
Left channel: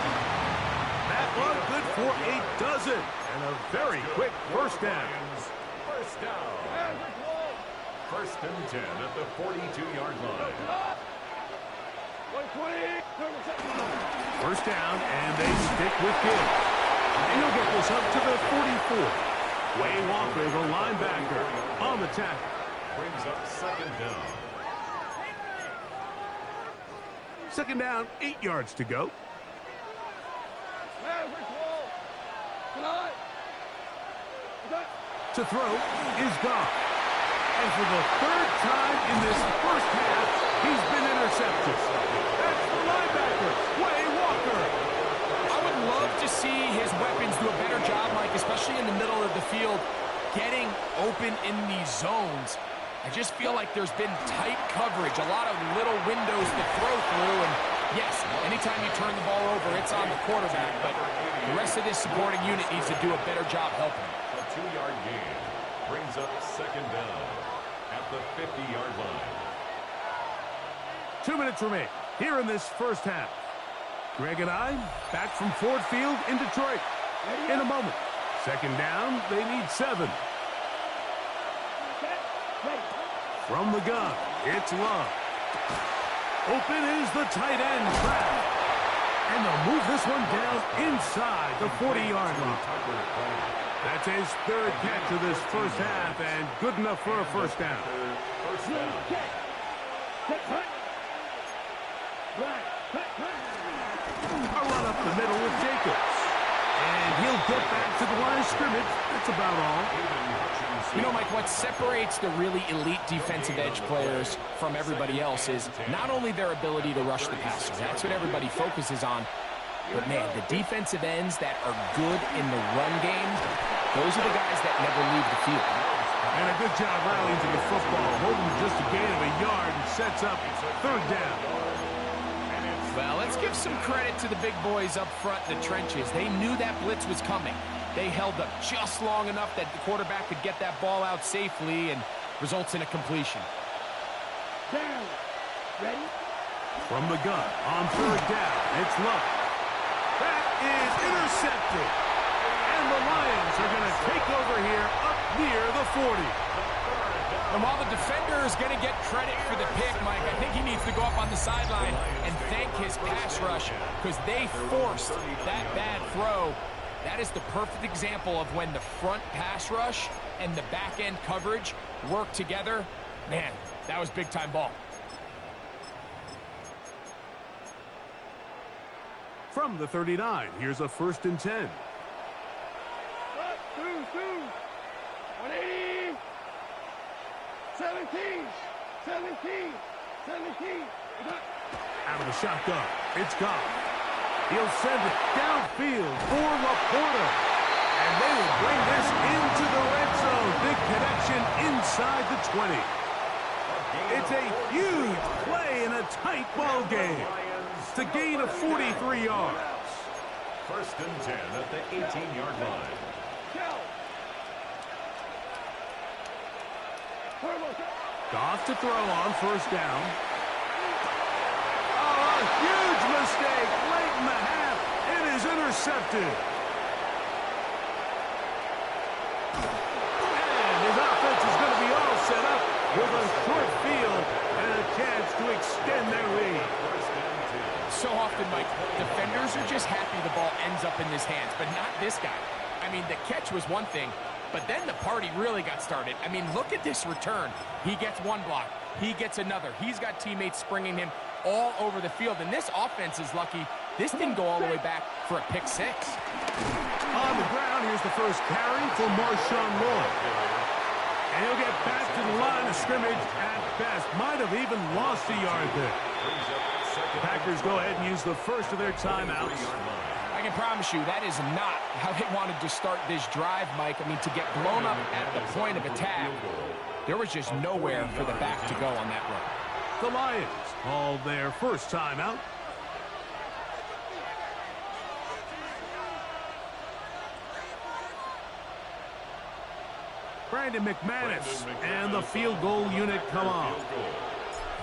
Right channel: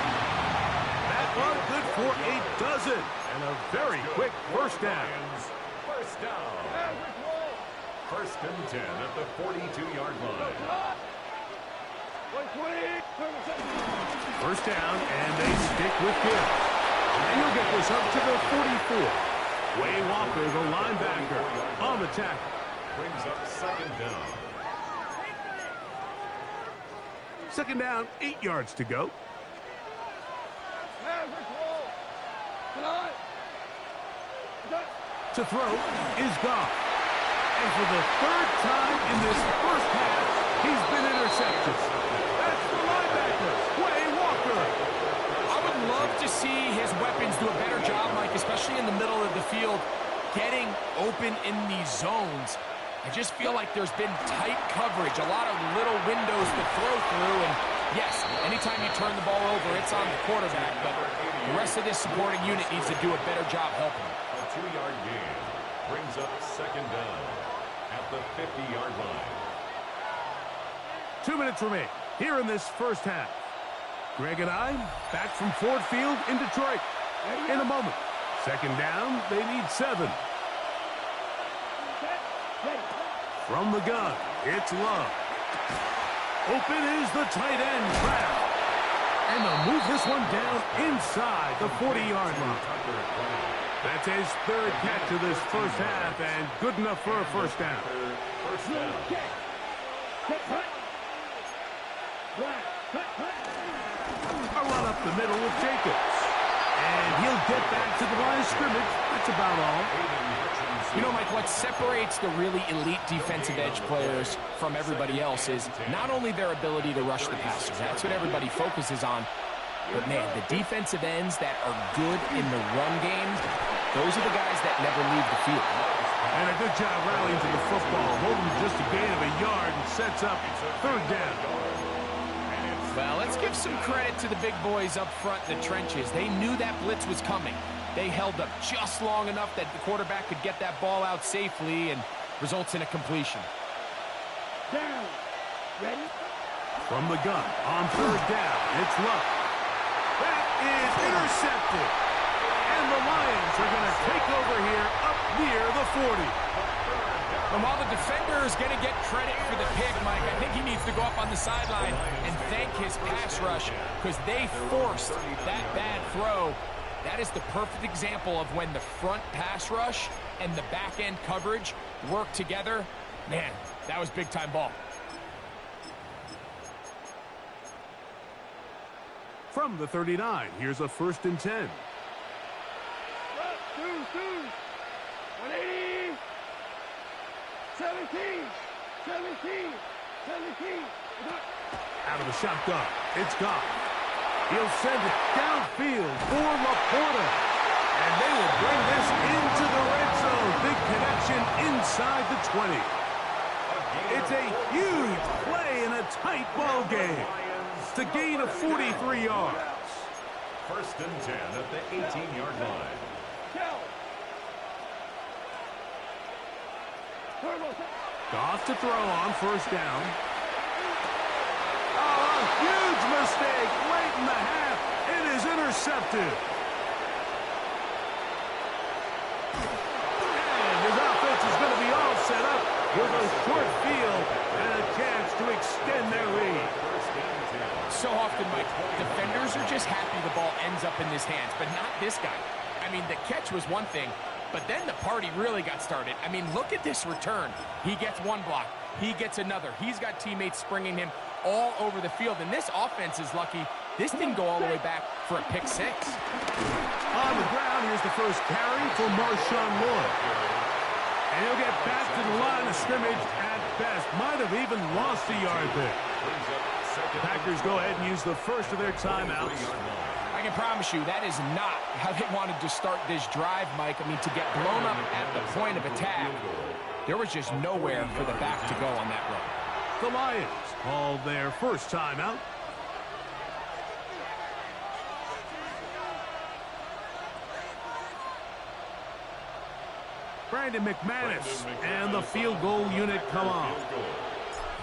That one good for a dozen. And a very quick first down. First down. First and 10 at the 42-yard line. First down, and they stick with Gibbs. And he'll get this up to the 44. Way Walker, the linebacker, on the tackle. Brings up second down. Second down, 8 yards to go. To throw is Goff. And for the third time in this first half, he's been intercepted. That's the linebacker, Way Walker. I would love to see his weapons do a better job, Mike, especially in the middle of the field, getting open in these zones. I just feel like there's been tight coverage, a lot of little windows to throw through, and yes, anytime you turn the ball over, it's on the quarterback, but the rest of this supporting unit needs to do a better job helping. A 2-yard gain brings up second down at the 50-yard line. 2 minutes remain here in this first half. Greg and I back from Ford Field in Detroit in a moment. Second down, they need 7. From the gun, it's Love. Open is the tight end, Kraft. And they'll move this one down inside the 40-yard line. That's his third catch of this first half, and good enough for a first down. First down. A run up the middle with Jacobs. And he'll get back to the line of scrimmage. That's about all. You know, Mike, what separates the really elite defensive edge players from everybody else is not only their ability to rush the passer. That's what everybody focuses on. But, man, the defensive ends that are good in the run game, those are the guys that never leave the field. And a good job rallying to the football, holding just a gain of a yard and sets up third down. Well, let's give some credit to the big boys up front in the trenches. They knew that blitz was coming. They held up just long enough that the quarterback could get that ball out safely and results in a completion. Down. Ready? From the gun on third down, it's Love. That is intercepted. And the Lions are going to take over here up near the 40. And while the defender is going to get credit for the pick, Mike, I think he needs to go up on the sideline and thank his pass rush because they forced that bad throw. That is the perfect example of when the front pass rush and the back end coverage work together. Man, that was big-time ball. From the 39, here's a first and 10. 180. 17. Out of the shotgun, it's Goff. He'll send it downfield for Laporta. And they will bring this into the red zone. Big connection inside the 20. It's a huge play in a tight ball game. It's a gain of 43 yards. First and 10 at the 18-yard line. Goff to throw on first down. Oh, a huge mistake late in the half. It is intercepted. And his offense is going to be all set up with a short field and a chance to extend their lead. So often, Mike, defenders are just happy the ball ends up in his hands, but not this guy. I mean, the catch was one thing, but then the party really got started. I mean, look at this return. He gets one block. He gets another. He's got teammates springing him all over the field, and this offense is lucky. This didn't go all the way back for a pick six. On the ground, here's the first carry for Marshawn Lloyd. And he'll get back to the line of scrimmage at best. Might have even lost a yard there. The Packers go ahead and use the first of their timeouts. I can promise you that is not how they wanted to start this drive, Mike. I mean, to get blown up at the point of attack, there was just nowhere for the back to go on that run. The Lions called their first timeout. Brandon McManus and the field goal unit come off.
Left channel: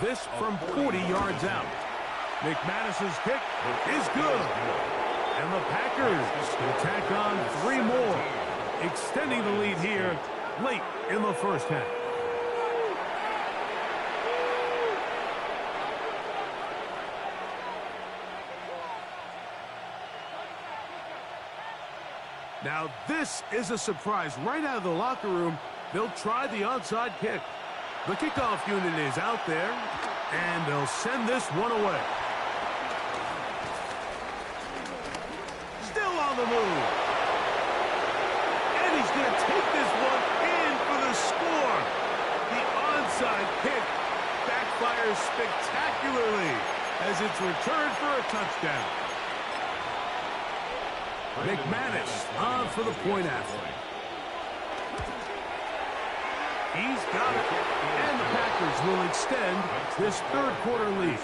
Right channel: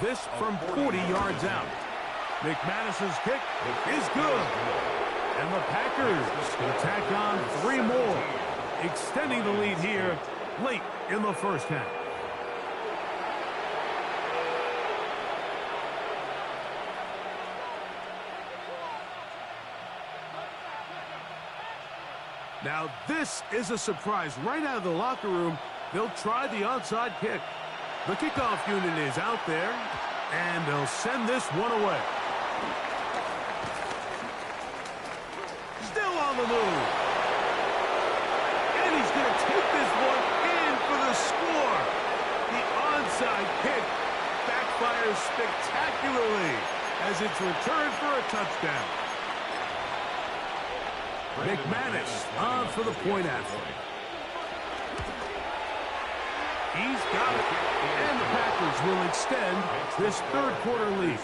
This from 40 yards out. McManus's kick is good. And the Packers can tack on 3 more, extending the lead here late in the first half. Now this is a surprise. Right out of the locker room, they'll try the onside kick. The kickoff unit is out there, and they'll send this one away. Still on the move. And he's going to take this one in for the score. The onside kick backfires spectacularly as it's returned for a touchdown. McManus on for the point after. He's got it. And the Packers will extend this third-quarter lead.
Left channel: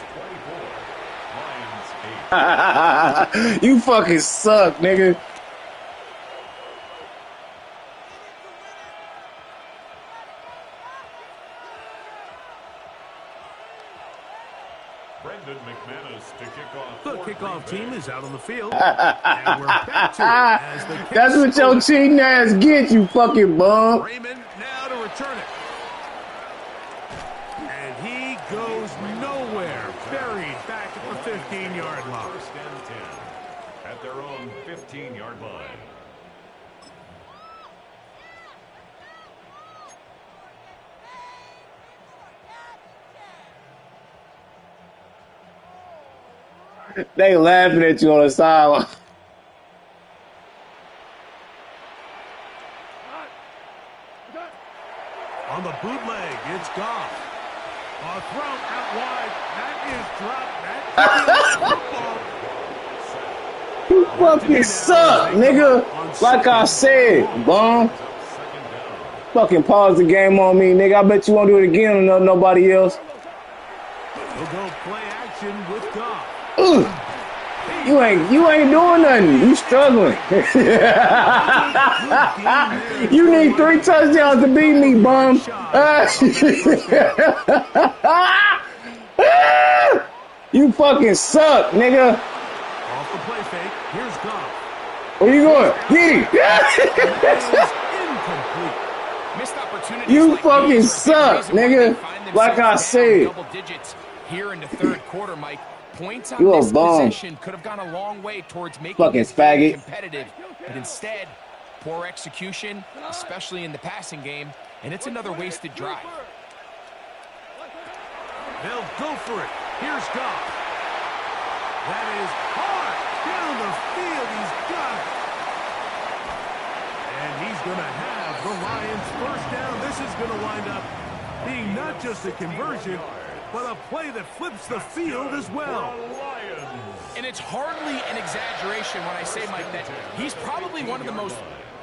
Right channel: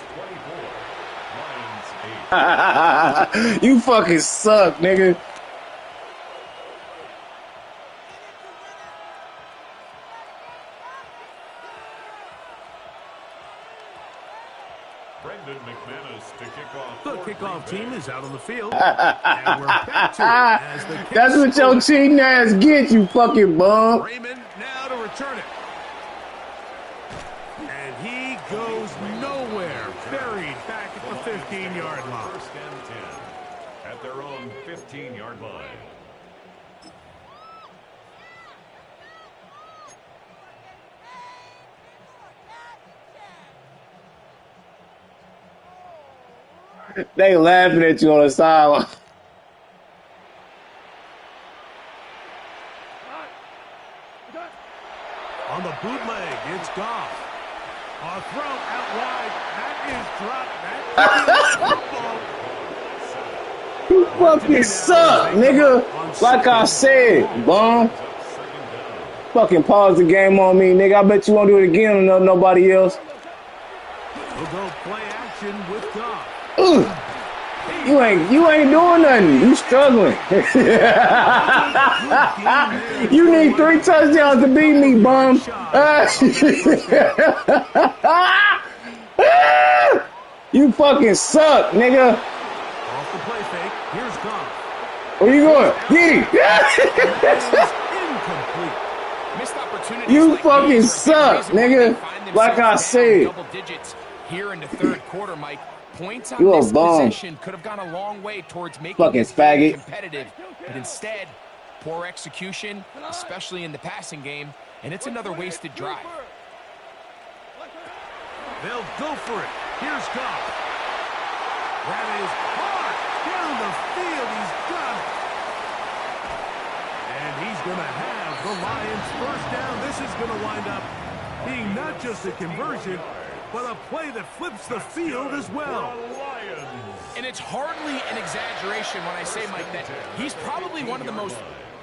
You fucking suck, nigga. Brendan McManus to kick off. The kickoff team is out on the field. And we're back to it as the kick. That's what your cheating ass gets, you fucking bum. Raymond now to return it. And he goes nowhere. Buried back at the 15-yard line. First and 10 at their own 15-yard line. They laughing at you on the sideline. On the bootleg, it's Goff. A throw out wide. That is dropped. That is football. You fucking suck, nigga. Like I said, bum. Fucking pause the game on me, nigga. I bet you won't do it again or nobody else. We'll go play action with Goff. You ain't doing nothing. You struggling. You need 3 touchdowns to beat me, bum. You fucking suck, nigga. Off the play fake. Here's Goff. Where you going? Get Incomplete. Missed opportunities. You like fucking suck, nigga. Like I said. Double digits here in the third quarter, Mike. Points on You a this bum. possession could have gone a long way towards making Fucking this game faggot. competitive, but instead, poor execution, especially in the passing game, and it's another wasted drive. They'll go for it. Here's Goff. That is hard down the field. He's got it. And he's going to have the Lions first down. This is going to wind up being not just a conversion, but a play that flips the field as well. And it's hardly an exaggeration when I say, Mike, that he's probably one of the most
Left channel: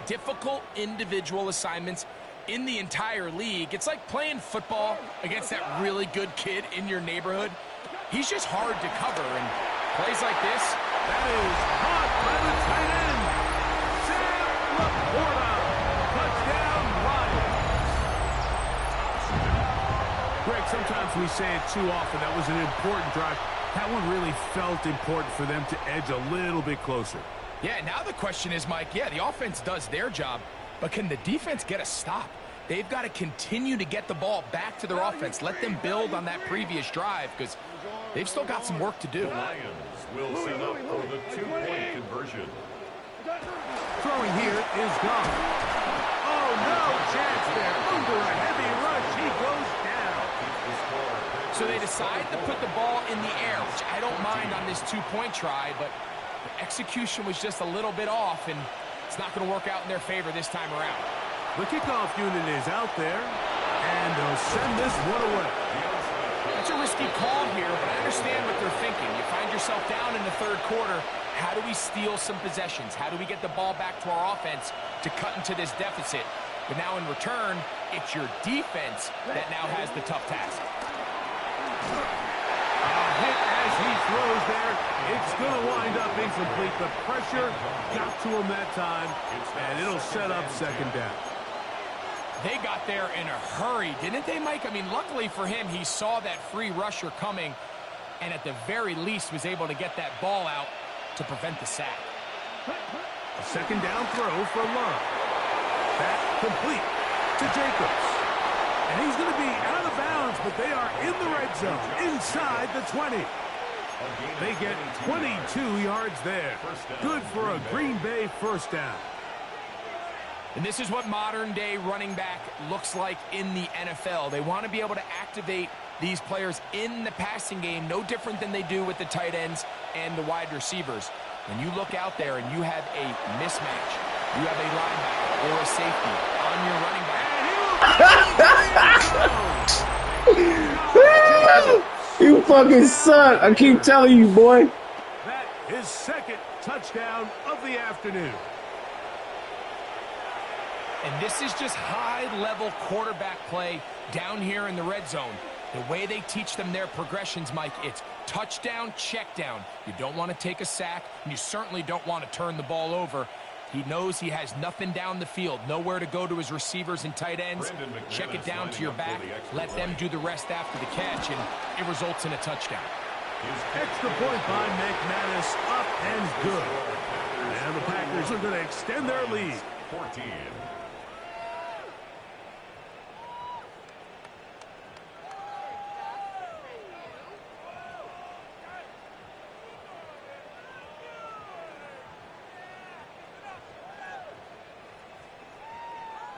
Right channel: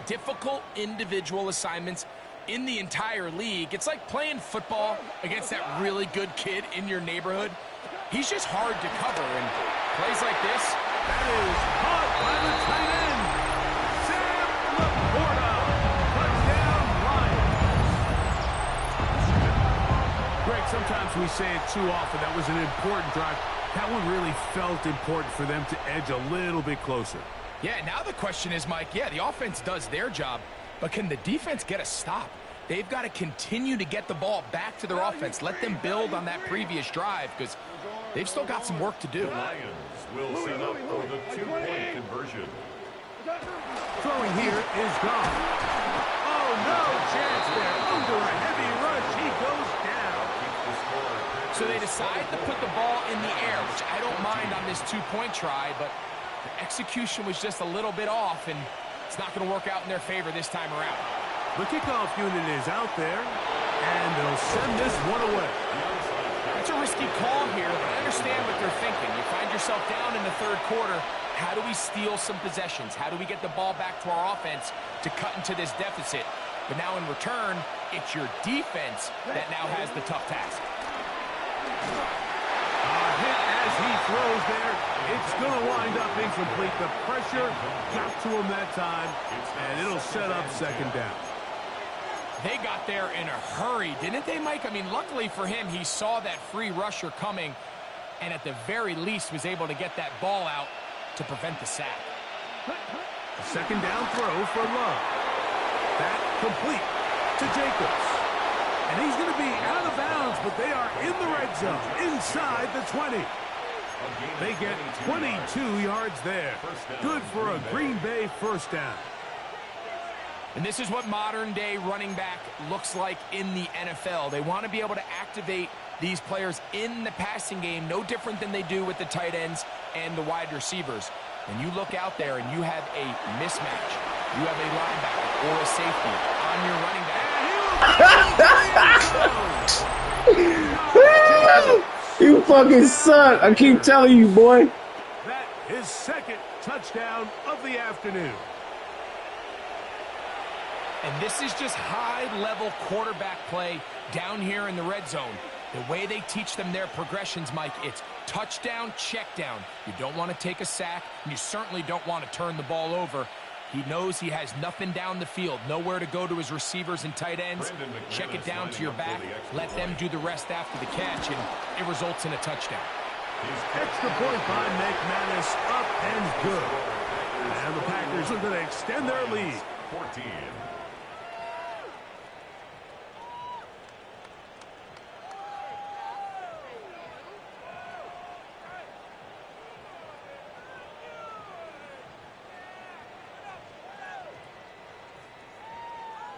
difficult individual assignments in the entire league. It's like playing football against that really good kid in your neighborhood. He's just hard to cover, and plays like this. That is caught by the tight end, Sam Laporta. Touchdown, Lions. Greg, sometimes we say it too often. That was an important drive. That one really felt important for them to edge a little bit closer. Yeah, now the question is, Mike, yeah, the offense does their job, but can the defense get a stop? They've got to continue to get the ball back to their offense. Let them build on that previous drive because they've still got some work to do. The Lions will set up for the 2-point conversion. Throwing here is Goff. Oh, no chance there. Under a heavy rush, he goes down. So they decide to put the ball in the air, which I don't mind on this 2-point try, but the execution was just a little bit off, and it's not going to work out in their favor this time around. The kickoff unit is out there, and they'll send this one away. That's a risky call here, but I understand what they're thinking. You find yourself down in the third quarter. How do we steal some possessions? How do we get the ball back to our offense to cut into this deficit? But now in return, it's your defense that now has the tough task. A hit as he throws there. It's going to wind up incomplete. The pressure got to him that time, and it'll set up second down. They got there in a hurry, didn't they, Mike? I mean, luckily for him, he saw that free rusher coming and at the very least was able to get that ball out to prevent the sack. A second down throw for Love. That complete to Jacobs. And he's going to be out of bounds, but they are in the red zone, inside the 20. They get 22 yards there. Good for a Green Bay first down. And this is what modern-day running back looks like in the NFL. They want to be able to activate these players in the passing game, no different than they do with the tight ends and the wide receivers. When you look out there and you have a mismatch, you have a linebacker or a safety on your running back. You fucking suck. I keep telling you, boy. That is second touchdown of the afternoon. And this is just high-level quarterback play down here in the red zone. The way they teach them their progressions, Mike, it's touchdown, check down. You don't want to take a sack, and you certainly don't want to turn the ball over. He knows he has nothing down the field, nowhere to go to his receivers and tight ends. Check it down to your back, let them do the rest after the catch, and it results in a touchdown. Extra point by McManus, up and good. And the Packers are going to extend their lead. 14.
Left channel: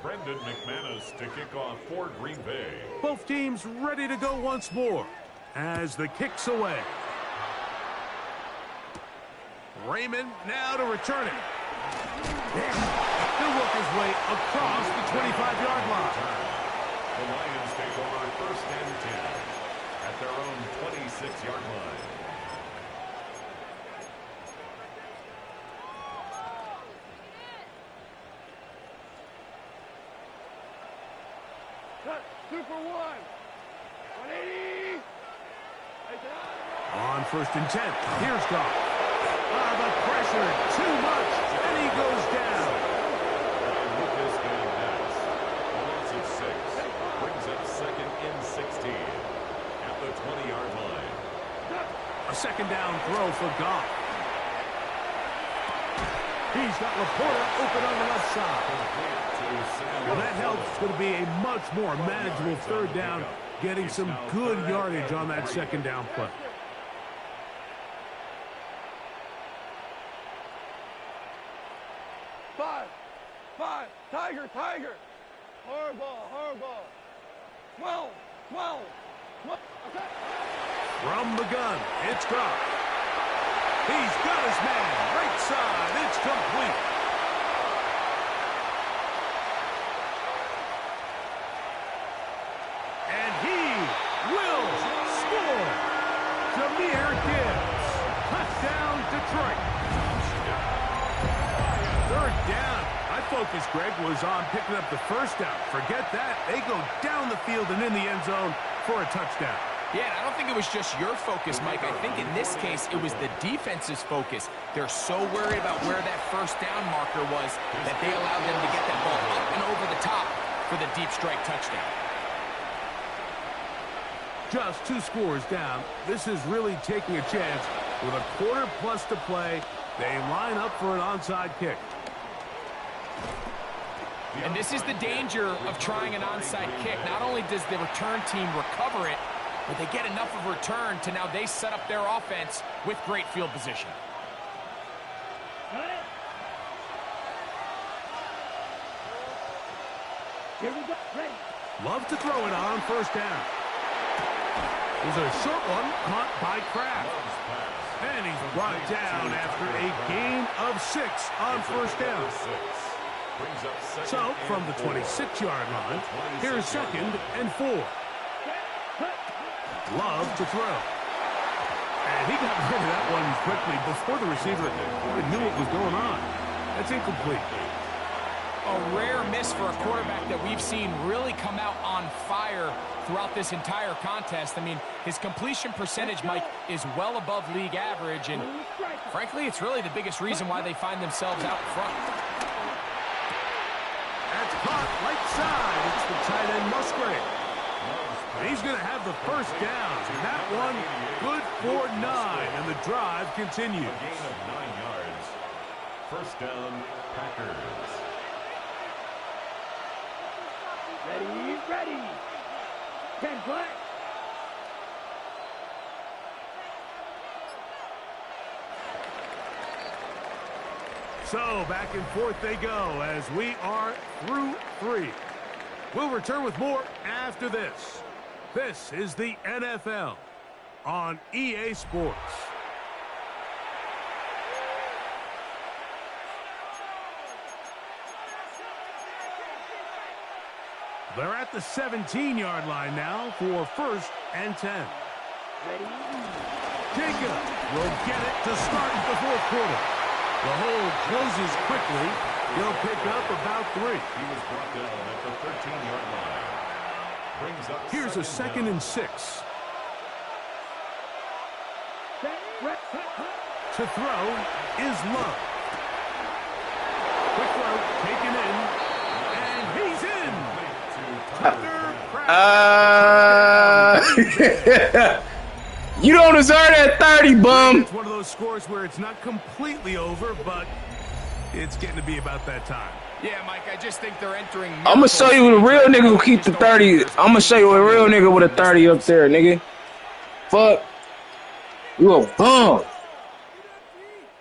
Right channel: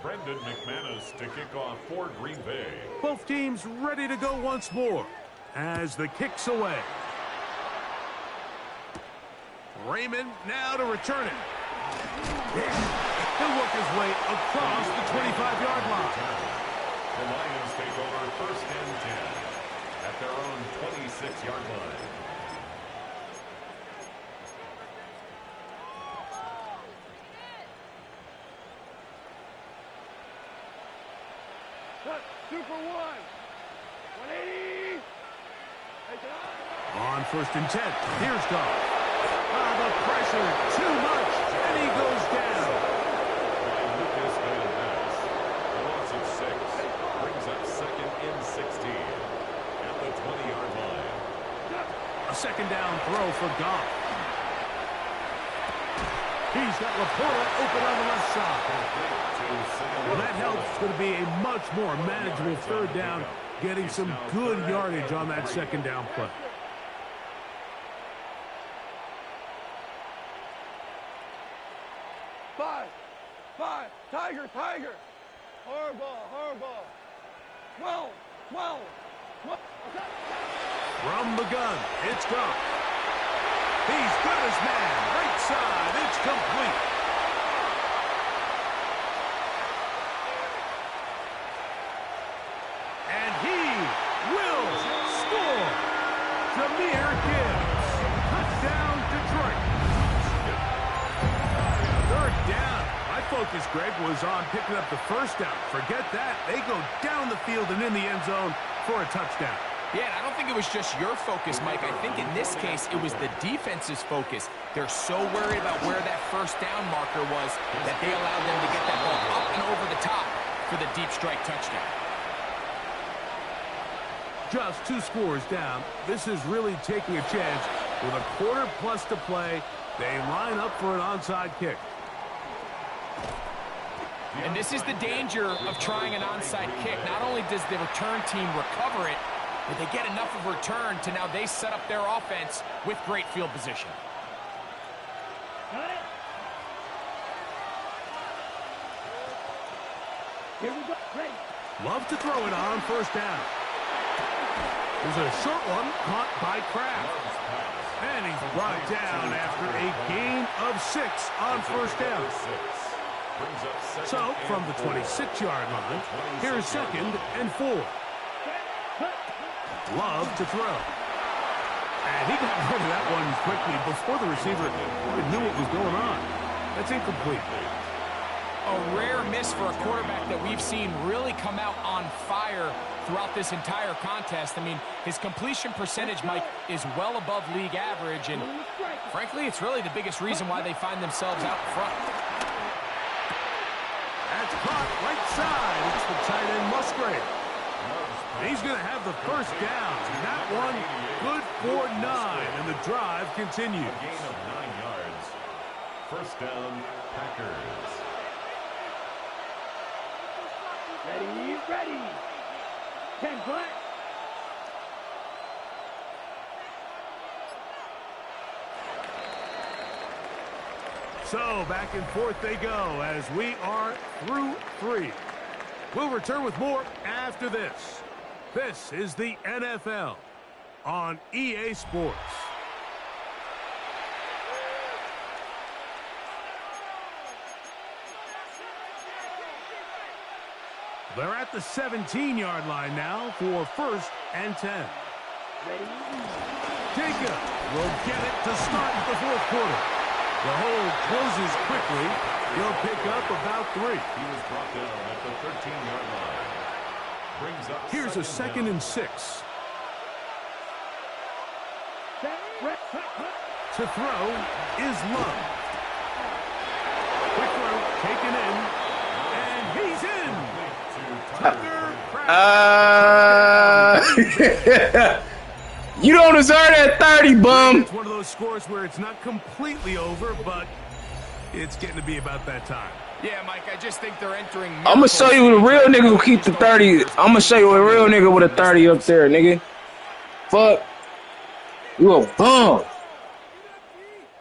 Brendan McManus to kick off for Green Bay. Both teams ready to go once more as the kick's away. Raymond now to return it. He'll work his way across the 25-yard line. The Lions take over first and 10 at their own 26-yard line. Super 180. On first and 10, here's Goff. The pressure, too much, and he goes down. By Lucas Van Ness, a loss of 6, brings up second and 16 at the 20-yard line. A second down throw for Goff. He's got Laporta open on the left side. Well, that helps. It's going to be a much more manageable third down, getting some good yardage on that second down play. Five, Tiger. Hardball. 12. From the gun, it's Goff. He's got his man, right side, it's complete. And he will score. Jahmyr Gibbs, touchdown Detroit. Third down. My focus, Greg, was on picking up the first down. Forget that. They go down the field and in the end zone for a touchdown. Yeah, and I don't think it was just your focus, Mike. I think in this case, it was the defense's focus. They're so worried about where that first down marker was that they allowed them to get that ball up and over the top for the deep strike touchdown. Just 2 scores down. This is really taking a chance. With a quarter plus to play, they line up for an onside kick. And this is the danger of trying an onside kick. Not only does the return team recover it, but they get enough of a return to now they set up their offense with great field position. Got it. Here we go. Ready. Love to throw it on first down. There's a short one caught by Kraft. And he's brought down after a gain of 6 on first down. So, from the 26-yard line, here's second and 4. Love to throw. And he got rid of that one quickly before the receiver even knew what was going on. That's incomplete. A rare miss for a quarterback that we've seen really come out on fire throughout this entire contest. I mean, his completion percentage, Mike, is well above league average, and frankly, it's really the biggest reason why they find themselves out front. That's caught right side. It's the tight end, Musgrave. And he's going to have the first down. And that one, good for 9. And the drive continues. A gain of 9 yards. First down, Packers. Ready, ready. 10 flat. So back and forth they go as we are through 3. We'll return with more after this. This is the NFL on EA Sports. They're at the 17-yard line now for 1st and 10. Ready. Jacob will get it to start the 4th quarter. The hole closes quickly. He'll pick up about 3. He was brought down at the 13-yard line. Brings up Here's a 2nd and 6. To throw is Love. Quick throw taken in. And he's in. Tucker You don't deserve that 30, bum. It's one of those scores where it's not completely over, but it's getting to be about that time. Yeah, Mike, I just think they're entering. I'm going to show you a real nigga who keep the 30. I'm going to show you a real nigga with a 30 up there, nigga. Fuck. You a bum.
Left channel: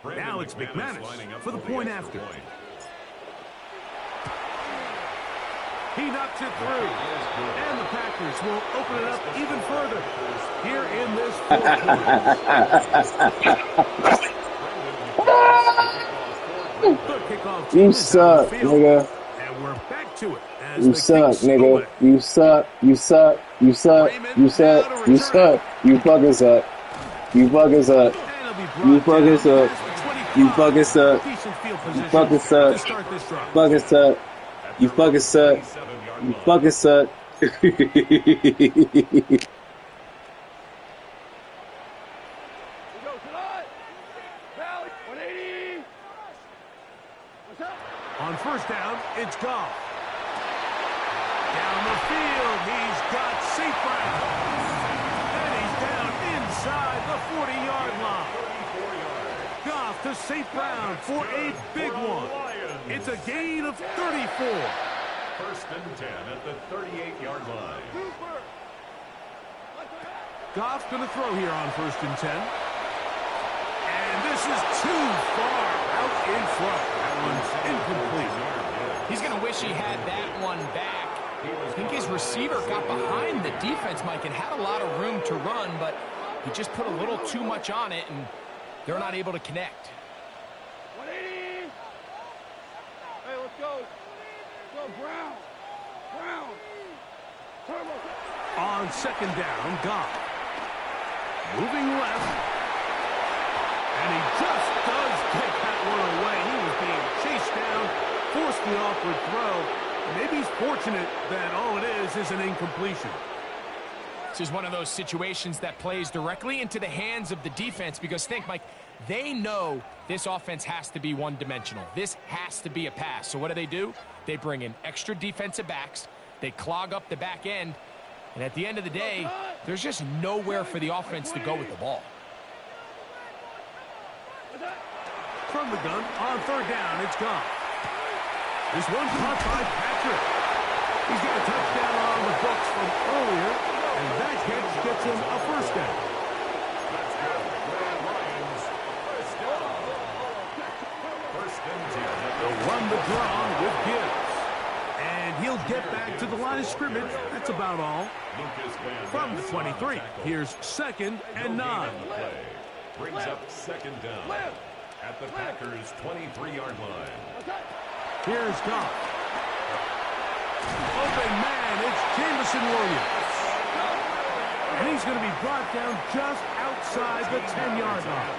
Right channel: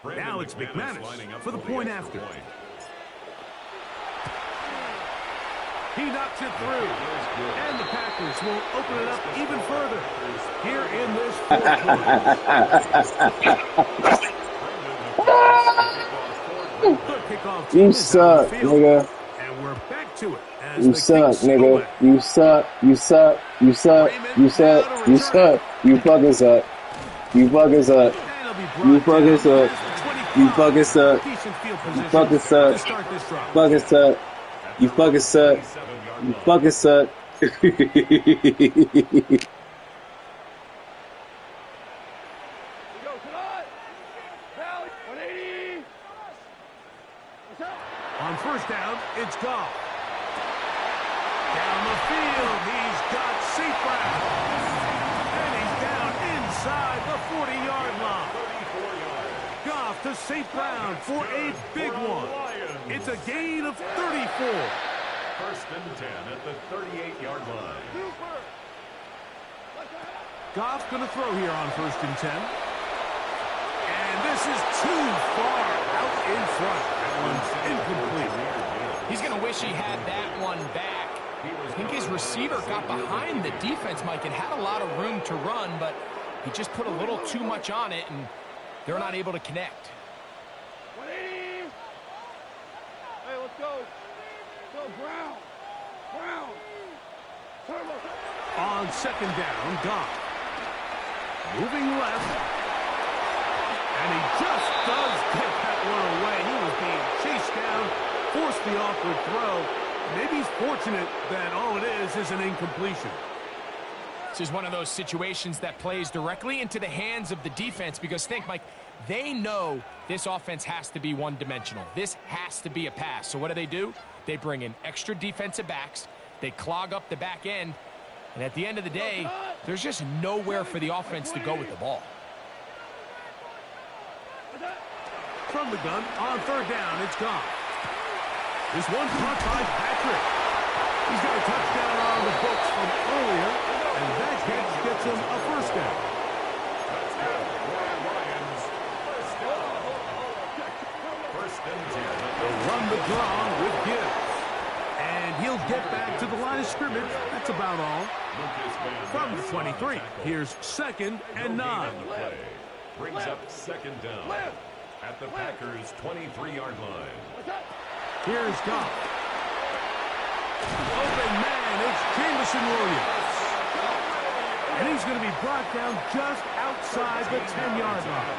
Now it's McManus for the point after. He knocks it through, and the Packers will open it up even further here in this 4th quarter. You suck, nigga. And we're back to it. As you suck, nigga. You suck. You suck. You suck. You suck. You suck. You fucking suck. You fucking suck. You fucking suck. You fucking suck. You fucking suck. Fucking suck. You fucking suck. You fucking suck. On 1st down, it's Goff. Down the field, he's got St. Brown. And he's down inside the 40-yard line. Goff to St. Brown for a big one. It's a gain of 34. 1st and 10 at the 38-yard line. Goff's going to throw here on 1st and 10. And this is too far out in front. That one's incomplete. He's going to wish he had that one back. I think his receiver got behind the defense, Mike, and had a lot of room to run, but he just put a little too much on it, and they're not able to connect. 180. Hey, let's go. Go, Brown. Brown. Turbo. On 2nd down, Goff. Moving left. And he just does take that one away. He was being chased down, forced the awkward throw. Maybe he's fortunate that all it is an incompletion. This is one of those situations that plays directly into the hands of the defense because think, Mike, they know this offense has to be one-dimensional. This has to be a pass. So what do? They bring in extra defensive backs. They clog up the back end. And at the end of the day, there's just nowhere for the offense to go with the ball. From the gun, on 3rd down, it's Goff. This one caught by Patrick. He's got a touchdown on the books from earlier, and that catch gets him a 1st down. That's good. Lions, 1st down. 1st and 10. They'll run the draw with Gibbs. And he'll get back to the line of scrimmage. That's about all. From the 23, here's 2nd and 9. Brings up 2nd down at the Packers' 23-yard line. Here's Goff. Open man, it's Jamison Williams. And he's going to be brought down just outside the 10-yard line.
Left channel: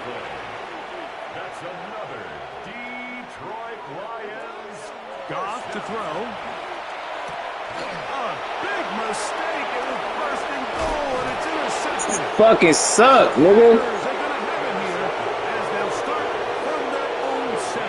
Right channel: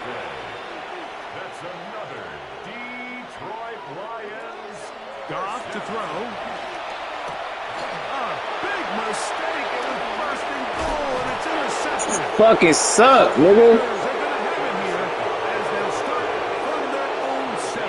That's another Detroit Lions. Goff to throw. A big mistake. It was 1st and goal, and it's intercepted. Fucking suck, nigga. They're going to have it here as they'll start from their own 7.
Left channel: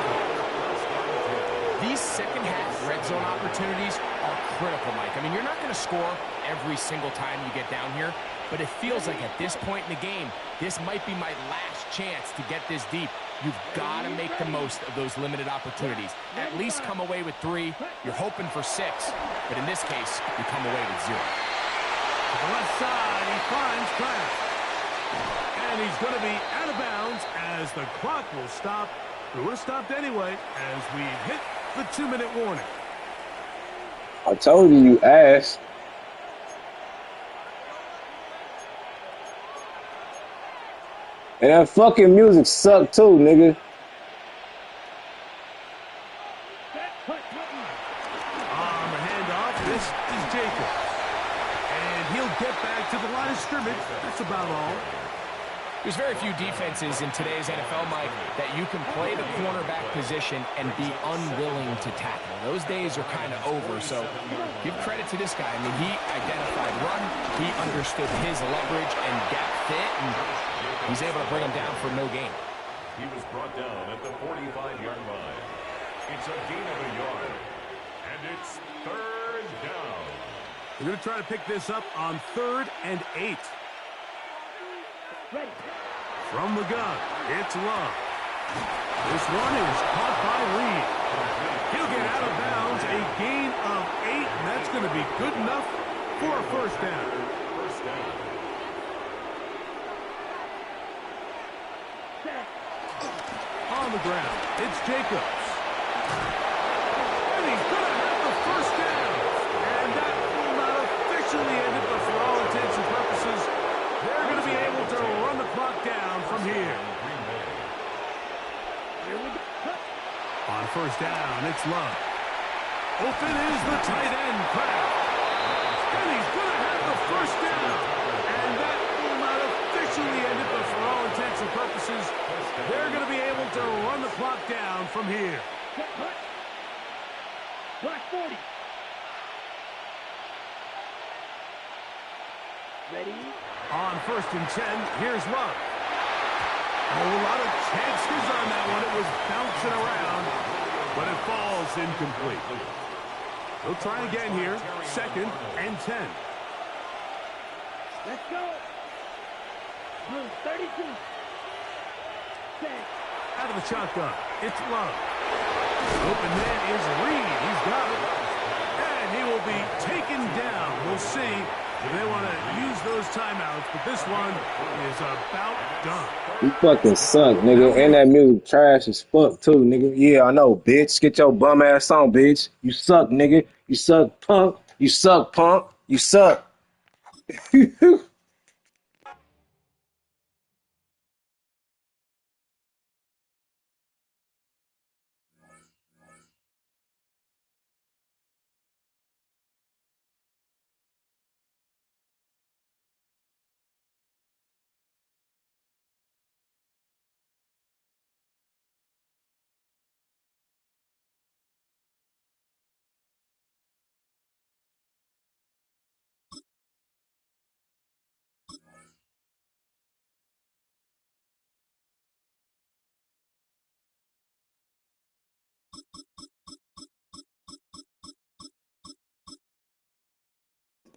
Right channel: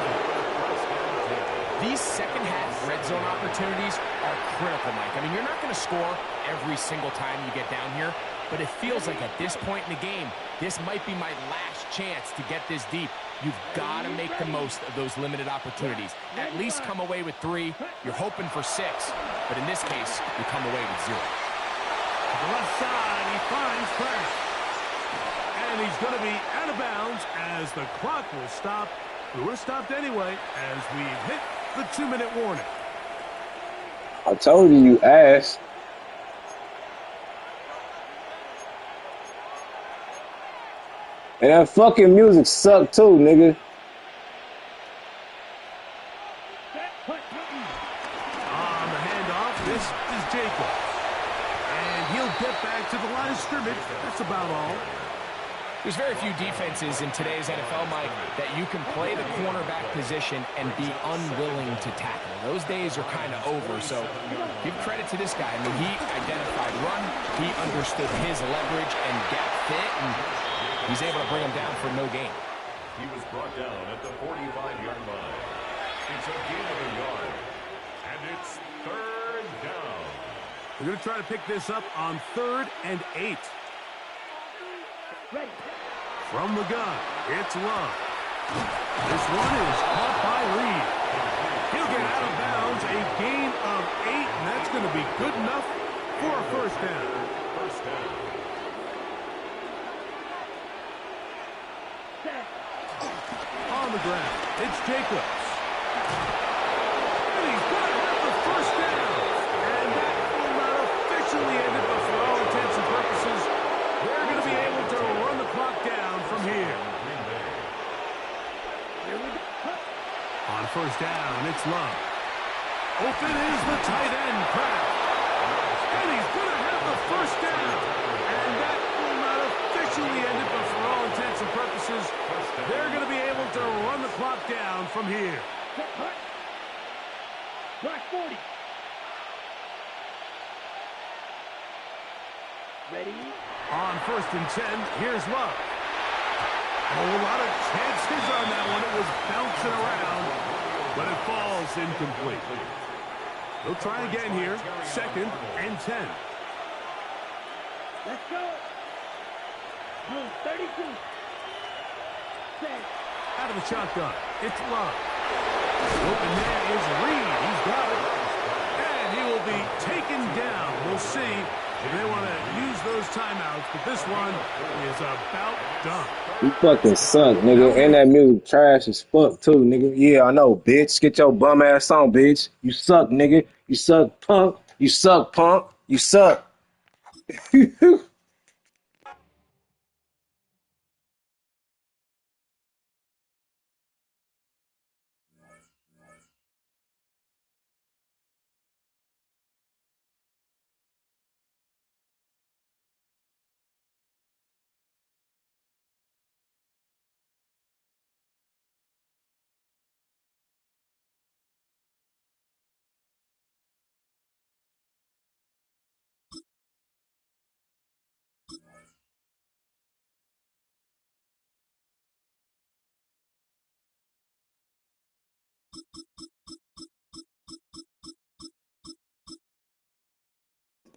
These second-half red zone opportunities are critical, Mike. I mean, you're not going to score every single time you get down here, but it feels like at this point in the game, this might be my last chance to get this deep. You've got to make the most of those limited opportunities. At least come away with 3. You're hoping for 6, but in this case, you come away with 0. To the left side, he finds Kraft. And he's going to be out of bounds as the clock will stop. It would have stopped anyway as we hit the 2-minute warning. I told you, you ass. And that fucking music sucked too, nigga. On the handoff, this is Jacobs. And he'll get back to the line of scrimmage. That's about all. There's very few defenses in today's NFL, Mike, that you can play the cornerback position and be unwilling to tackle. Those days are kind of over, so give credit to this guy. I mean, he identified run, he understood his leverage and gap fit, and he's able to bring him down for no gain. He was brought down at the 45-yard line. It's a gain of a yard, and it's 3rd down. We're going to try to pick this up on 3rd and 8. Ready. From the gun, it's Love. This one is caught by Reed. He'll get out of bounds, a gain of 8, and that's going to be good enough for a first down. First down. Set. On the ground, it's Jacobs. And he's going to have the first down. And that will not officially end it, but for all intents and purposes, they're going to be able to run the clock down from here. On first down, it's Love. Open is the tight end, Kraft. And he's going to have the first down. And that will not officially end it, but for all intents and purposes, they're going to be able to run the clock down from here. Block 40. Ready. On 1st and 10, here's Love. A whole lot of chances on that one. It was bouncing around, but it falls incomplete. They'll try again here. 2nd and 10. Let's go. Room 32. Set. Out of the shotgun, it's Love. The open man is Reed. He's got it. And he will be taken down. We'll see if they want to use those timeouts, but this one is about done. You fucking suck, nigga. And that music trash as fuck, too, nigga. Yeah, I know, bitch. Get your bum ass on, bitch. You suck, nigga. You suck, punk. You suck, punk. You suck.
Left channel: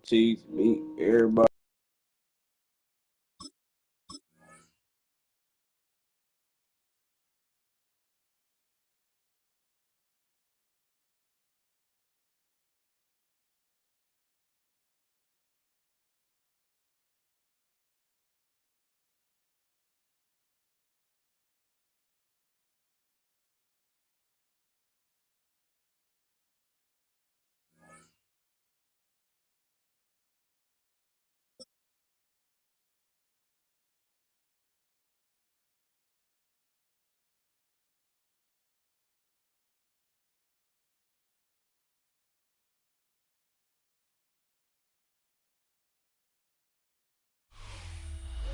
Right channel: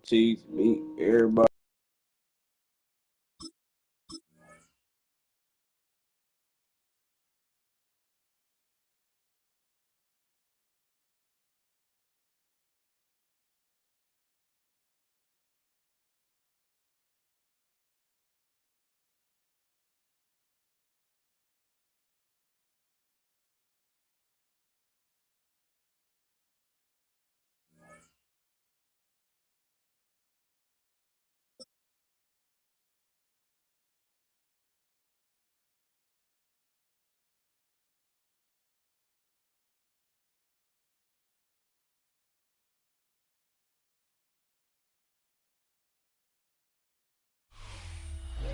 Cheese, meat, everybody.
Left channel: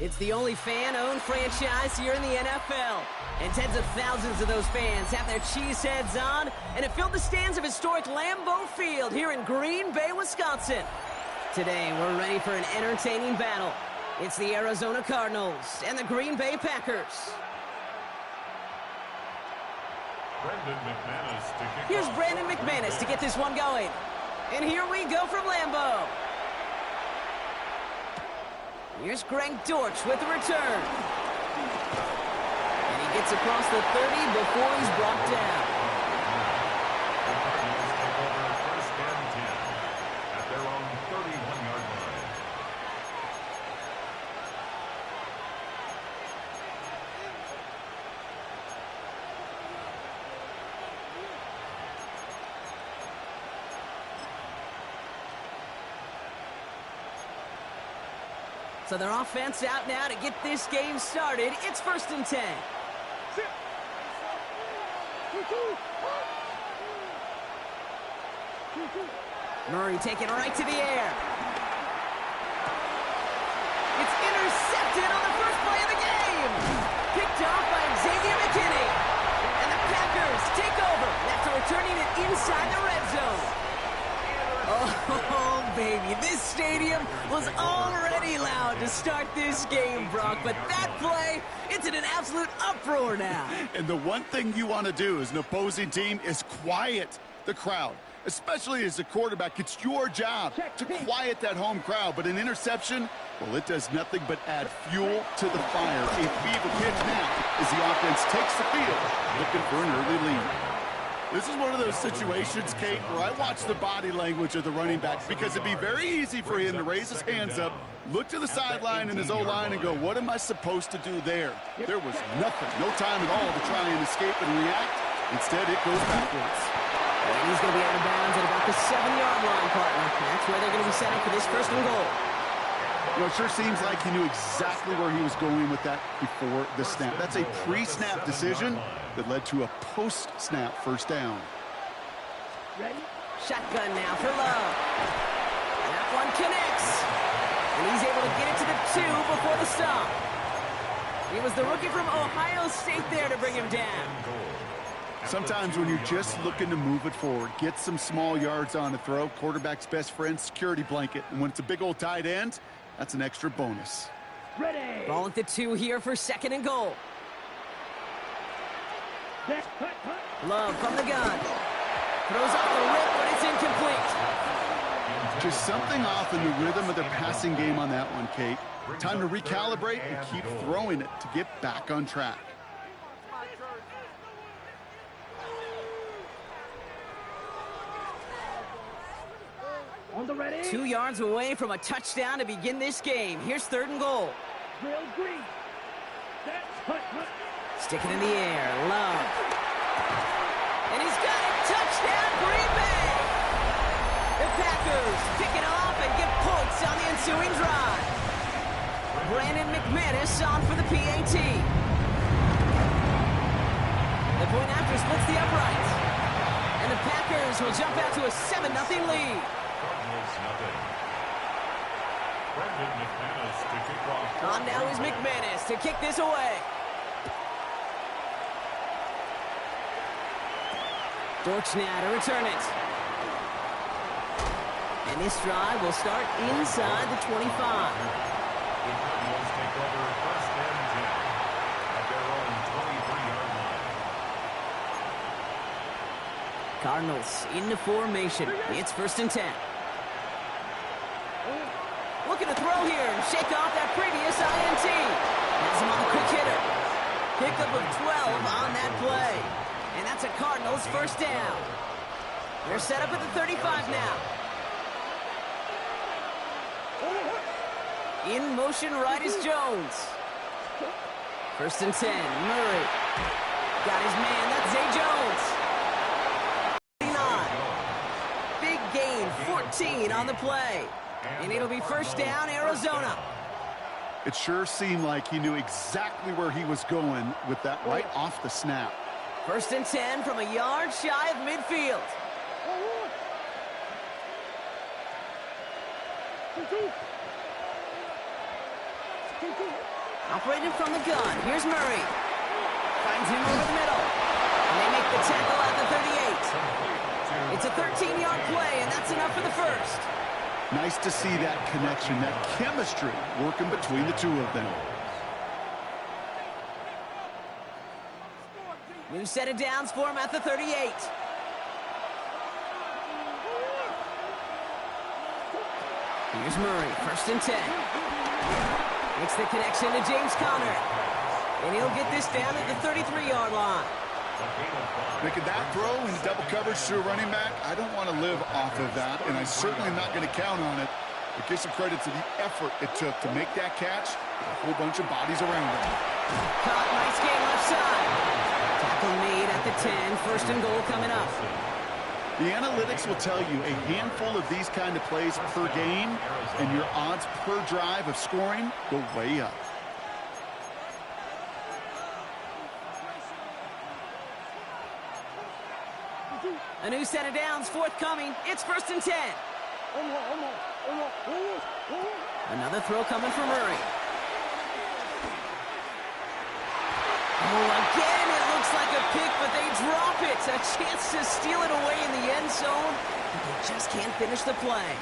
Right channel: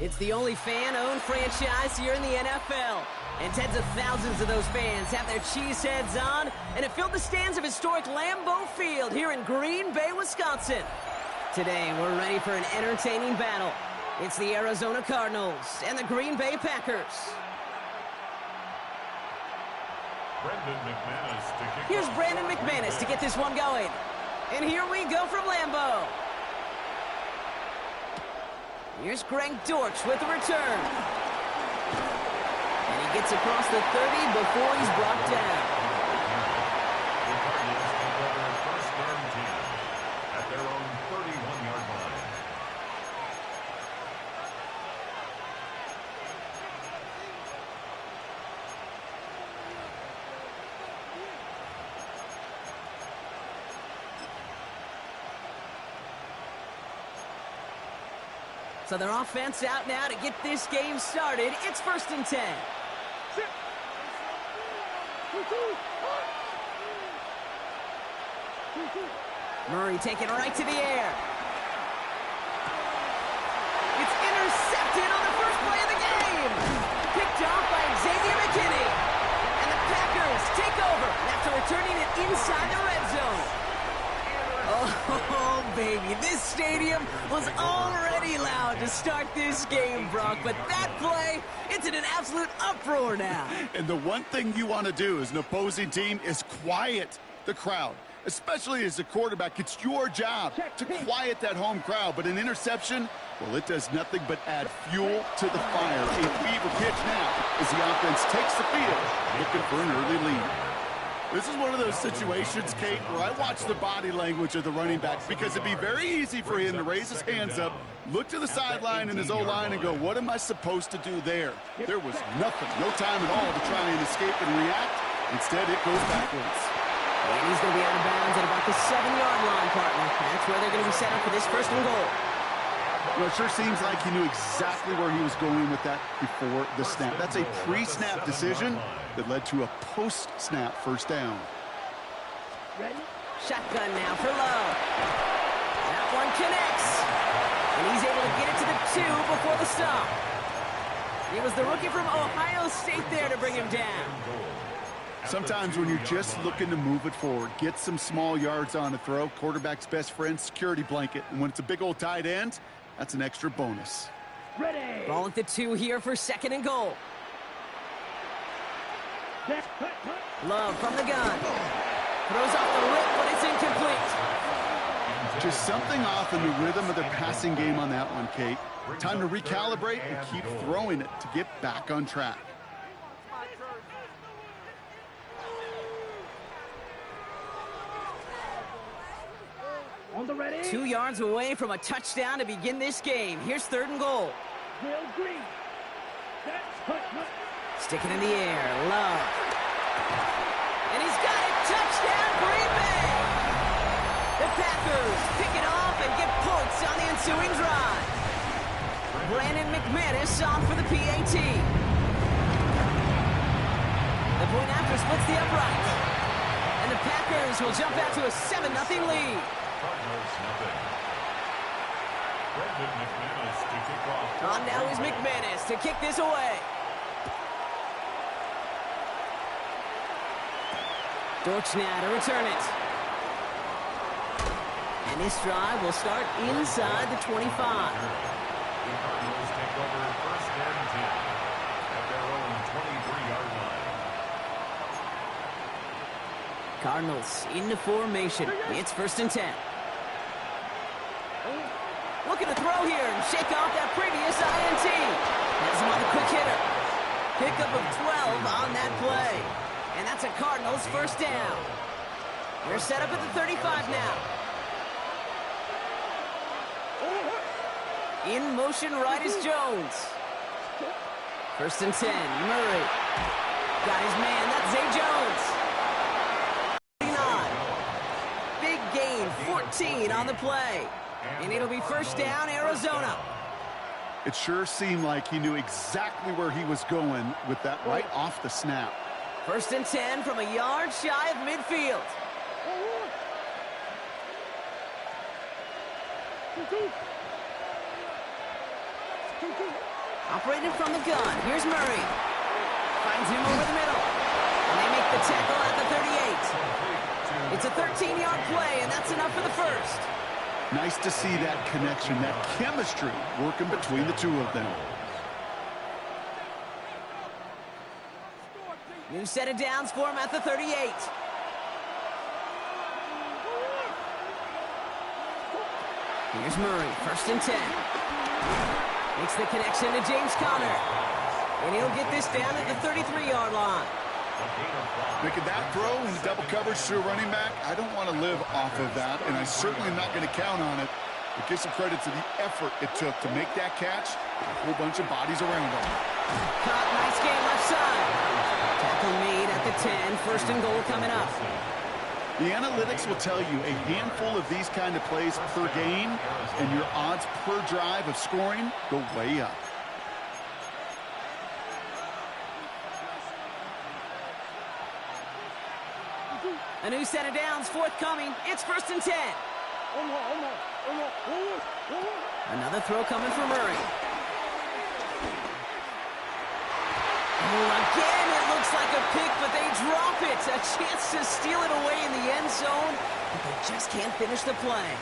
It's the only fan-owned franchise here in the NFL. And tens of thousands of those fans have their cheeseheads on, and it filled the stands of historic Lambeau Field here in Green Bay, Wisconsin. Today, we're ready for an entertaining battle. It's the Arizona Cardinals and the Green Bay Packers. Brandon McManus to kick Here's off. Brandon McManus to get this one going. And here we go from Lambeau. Here's Greg Dortch with the return. And he gets across the 30 before he's brought down. The Cardinals take over 1st and 10 at their own 31-yard line. So their offense out now to get this game started. It's 1st and 10. Murray taking it right to the air. It's intercepted on the first play of the game. Picked off by Xavier McKinney. And the Packers take over after returning it inside the red zone. Oh, baby, this stadium was already loud to start this game, Brock, but that play, it's in an absolute uproar now. And the one thing you want to do as an opposing team is quiet the crowd, especially as a quarterback. It's your job to quiet that home crowd, but an interception, well, it does nothing but add fuel to the fire. A fever pitch now as the offense takes the field, looking for an early lead. This is one of those situations, Kate, where I watch the body language of the running back because it'd be very easy for him to raise his hands up, look to the sideline in his O-line and go, what am I supposed to do there? There was nothing, no time at all to try and escape and react. Instead, it goes backwards. And he's going to be out of bounds at about the 7-yard line, partner. That's where they're going to be set up for this 1st and goal. You know, it sure seems like he knew exactly where he was going with that before the snap. That's a pre-snap decision that led to a post-snap 1st down. Ready? Shotgun now for Love. That one connects. And he's able to get it to the 2 before the stop. It was the rookie from Ohio State there to bring him down. Sometimes when you're just looking to move it forward, get some small yards on a throw, quarterback's best friend, security blanket. And when it's a big old tight end, that's an extra bonus. Ready. Ball at the 2 here for 2nd and goal. Love from the gun. Throws off the rip, but it's incomplete. Just something off in the rhythm of their passing game on that one, Kate. Time to recalibrate and keep throwing it to get back on track. On the ready. 2 yards away from a touchdown to begin this game. Here's 3rd and goal. Real green. Stick it in the air. Love. And he's got it. Touchdown, Green Bay. The Packers pick it off and get points on the ensuing drive. Brandon McManus on for the PAT. The point after splits the uprights. And the Packers will jump out to a 7-0 lead. Cardinals nothing. Brandon McManus to kick off. On now is McManus to kick this away. Dortch now to return it. And this drive will start inside the 25. The Cardinals take over 1st and 10 at their own 23-yard line. Cardinals into formation. It's 1st and 10. Looking to throw here and shake off that previous INT. Has him on the quick hitter. Pickup of 12 on that play. And that's a Cardinals 1st down. They're set up at the 35 now. In motion right is Jones. 1st and 10. Murray. Got his man. That's Zay Jones. 49. Big gain. 14 on the play. And it'll be 1st down, Arizona. It sure seemed like he knew exactly where he was going with that right off the snap. 1st and 10 from a yard shy of midfield. Operating from the gun. Here's Murray. Finds him over the middle. And they make the tackle at the 38. It's a 13-yard play, and that's enough for the 1st. Nice to see that connection, that chemistry working between the two of them. New set of downs for him at the 38. Here's Murray, 1st and 10. Makes the connection to James Conner. And he'll get this down at the 33-yard line. Making that throw into double coverage to a running back, I don't want to live off of that, and I certainly am not going to count on it. But give some credit to the effort it took to make that catch with a whole bunch of bodies around him. Caught, nice game left side. Tackle made at the 10, 1st and goal coming up. The analytics will tell you a handful of these kind of plays per game, and your odds per drive of scoring go way up. A new set of downs forthcoming. It's 1st and 10. Another throw coming from Murray. Oh, again, it looks like a pick, but they drop it. A chance to steal it away in the end zone, but they just can't finish the play.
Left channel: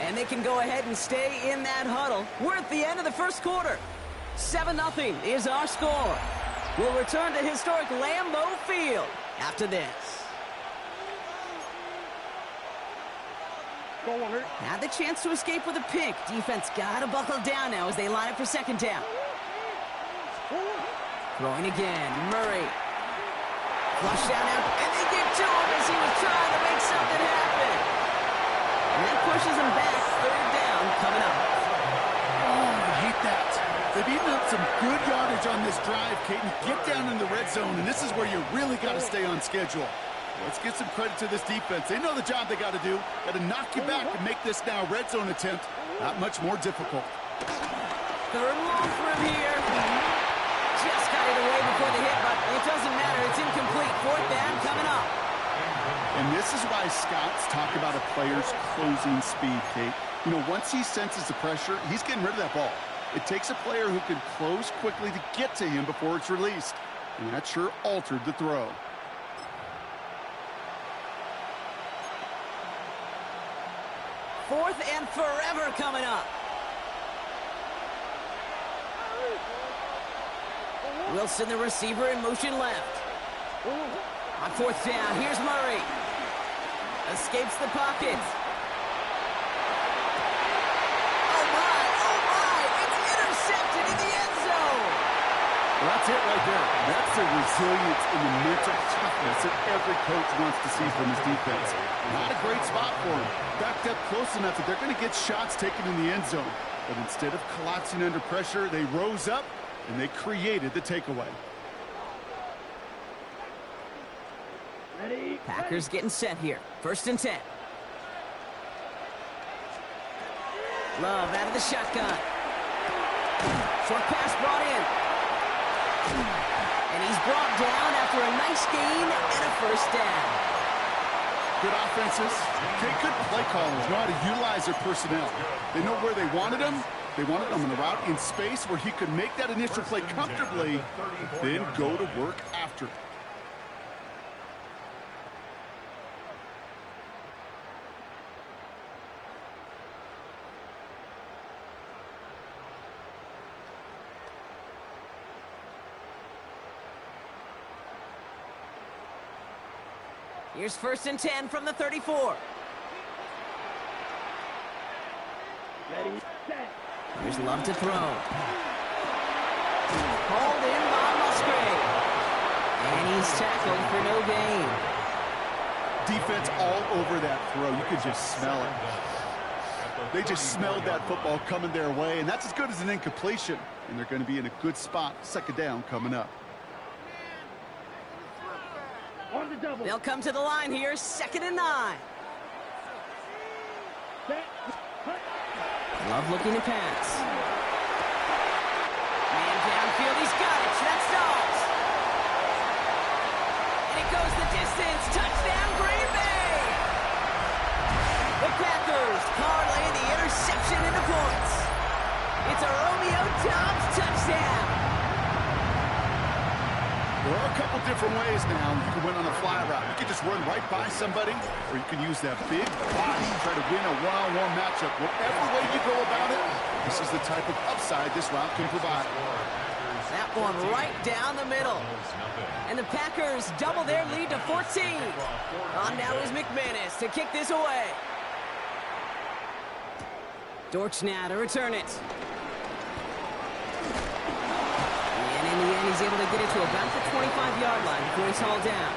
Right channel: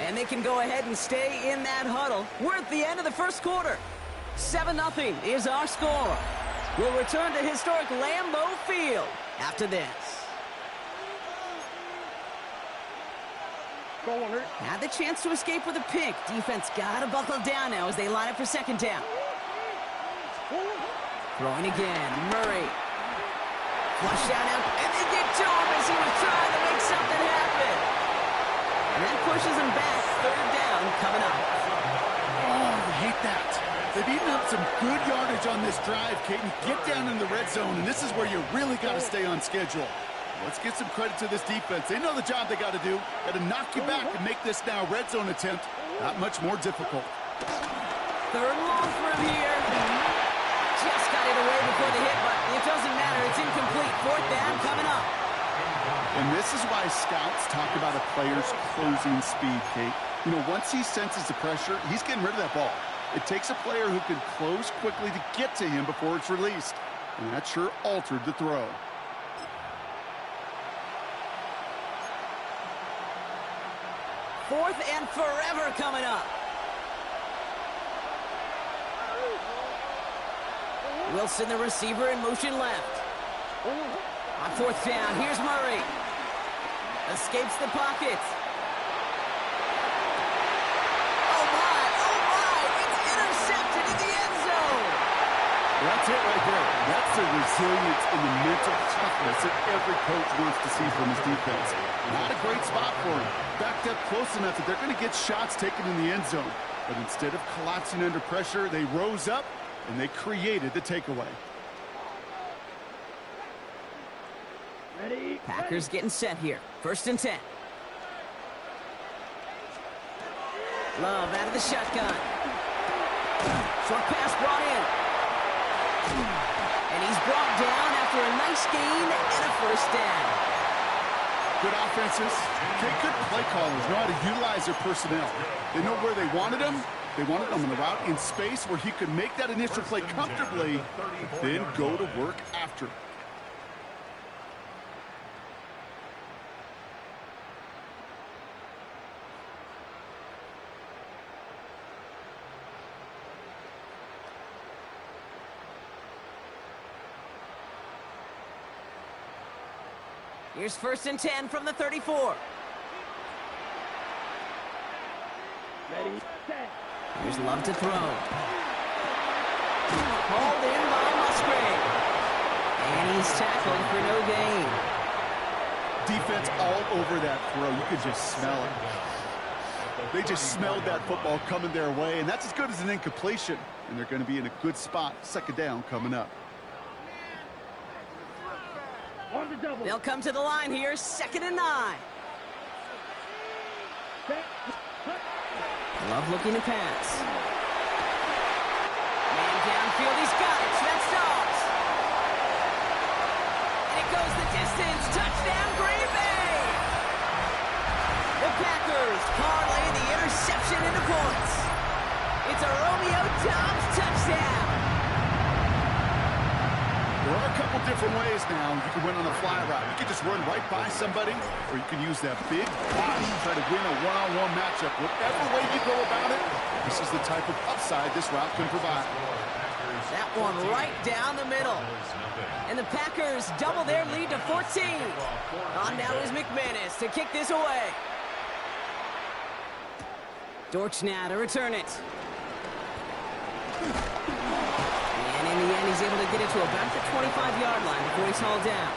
And they can go ahead and stay in that huddle. We're at the end of the 1st quarter. 7-0 is our score. We'll return to historic Lambeau Field after this. Had the chance to escape with a pick. Defense got to buckle down now as they line up for 2nd down. Throwing again, Murray. Flush down out, and they get to him as he was trying to make something happen. And that pushes him back. 3rd down coming up. Oh, I hate that. They've eaten up some good yardage on this drive, Caden. Get down in the red zone, and this is where you really got to stay on schedule. Let's give some credit to this defense. They know the job they got to do. Got to knock you back and make this now red zone attempt not much more difficult. 3rd and long for him here. Just got it away before the hit, but it doesn't matter. It's incomplete. 4th down coming up. And this is why scouts talk about a player's closing speed, Kate. You know, once he senses the pressure, he's getting rid of that ball. It takes a player who can close quickly to get to him before it's released. And that sure altered the throw. 4th and forever coming up. Wilson, the receiver, in motion left. On 4th down, here's Murray. Escapes the pocket. Oh my, it's intercepted in the end zone. Well, that's it right there. That's the resilience and the mental toughness that every coach wants to see from his defense. Not a great spot for him. Backed up close enough that they're going to get shots taken in the end zone. But instead of collapsing under pressure, they rose up and they created the takeaway. Ready? Packers getting set here. 1st and 10. Love out of the shotgun. Short pass brought in. And he's brought down after a nice gain and a 1st down. Good offenses. Okay, good play callers know how to utilize their personnel. They know where they wanted them. They wanted them on the route in space where he could make that initial play comfortably, then go to work after. Here's 1st and 10 from the 34. Ready, set. Here's Love to throw. Hauled in by Musgrave. And he's tackled for no gain. Defense all over that throw. You could just smell it. They just smelled that football coming their way, and that's as good as an incompletion. And they're going to be in a good spot. 2nd down coming up. On the double. They'll come to the line here. 2nd and 9. Set. Hut. Love looking to pass. Man downfield. He's got it. That's Dobbs. And it goes the distance. Touchdown, Green Bay. The Packers parlay the interception into points. It's a Romeo Dobbs touchdown. There are a couple different ways now. You can win on a fly route. You can just run right by somebody, or you can use that big body, try to win a one-on-one matchup. Whatever way you go about it, this is the type of upside this route can provide. That one right down the middle. And the Packers double their lead to 14. On now is McManus to kick this away. Dortch now to return it. And in the end, he's able to get it to about the 25-yard line before he's hauled down.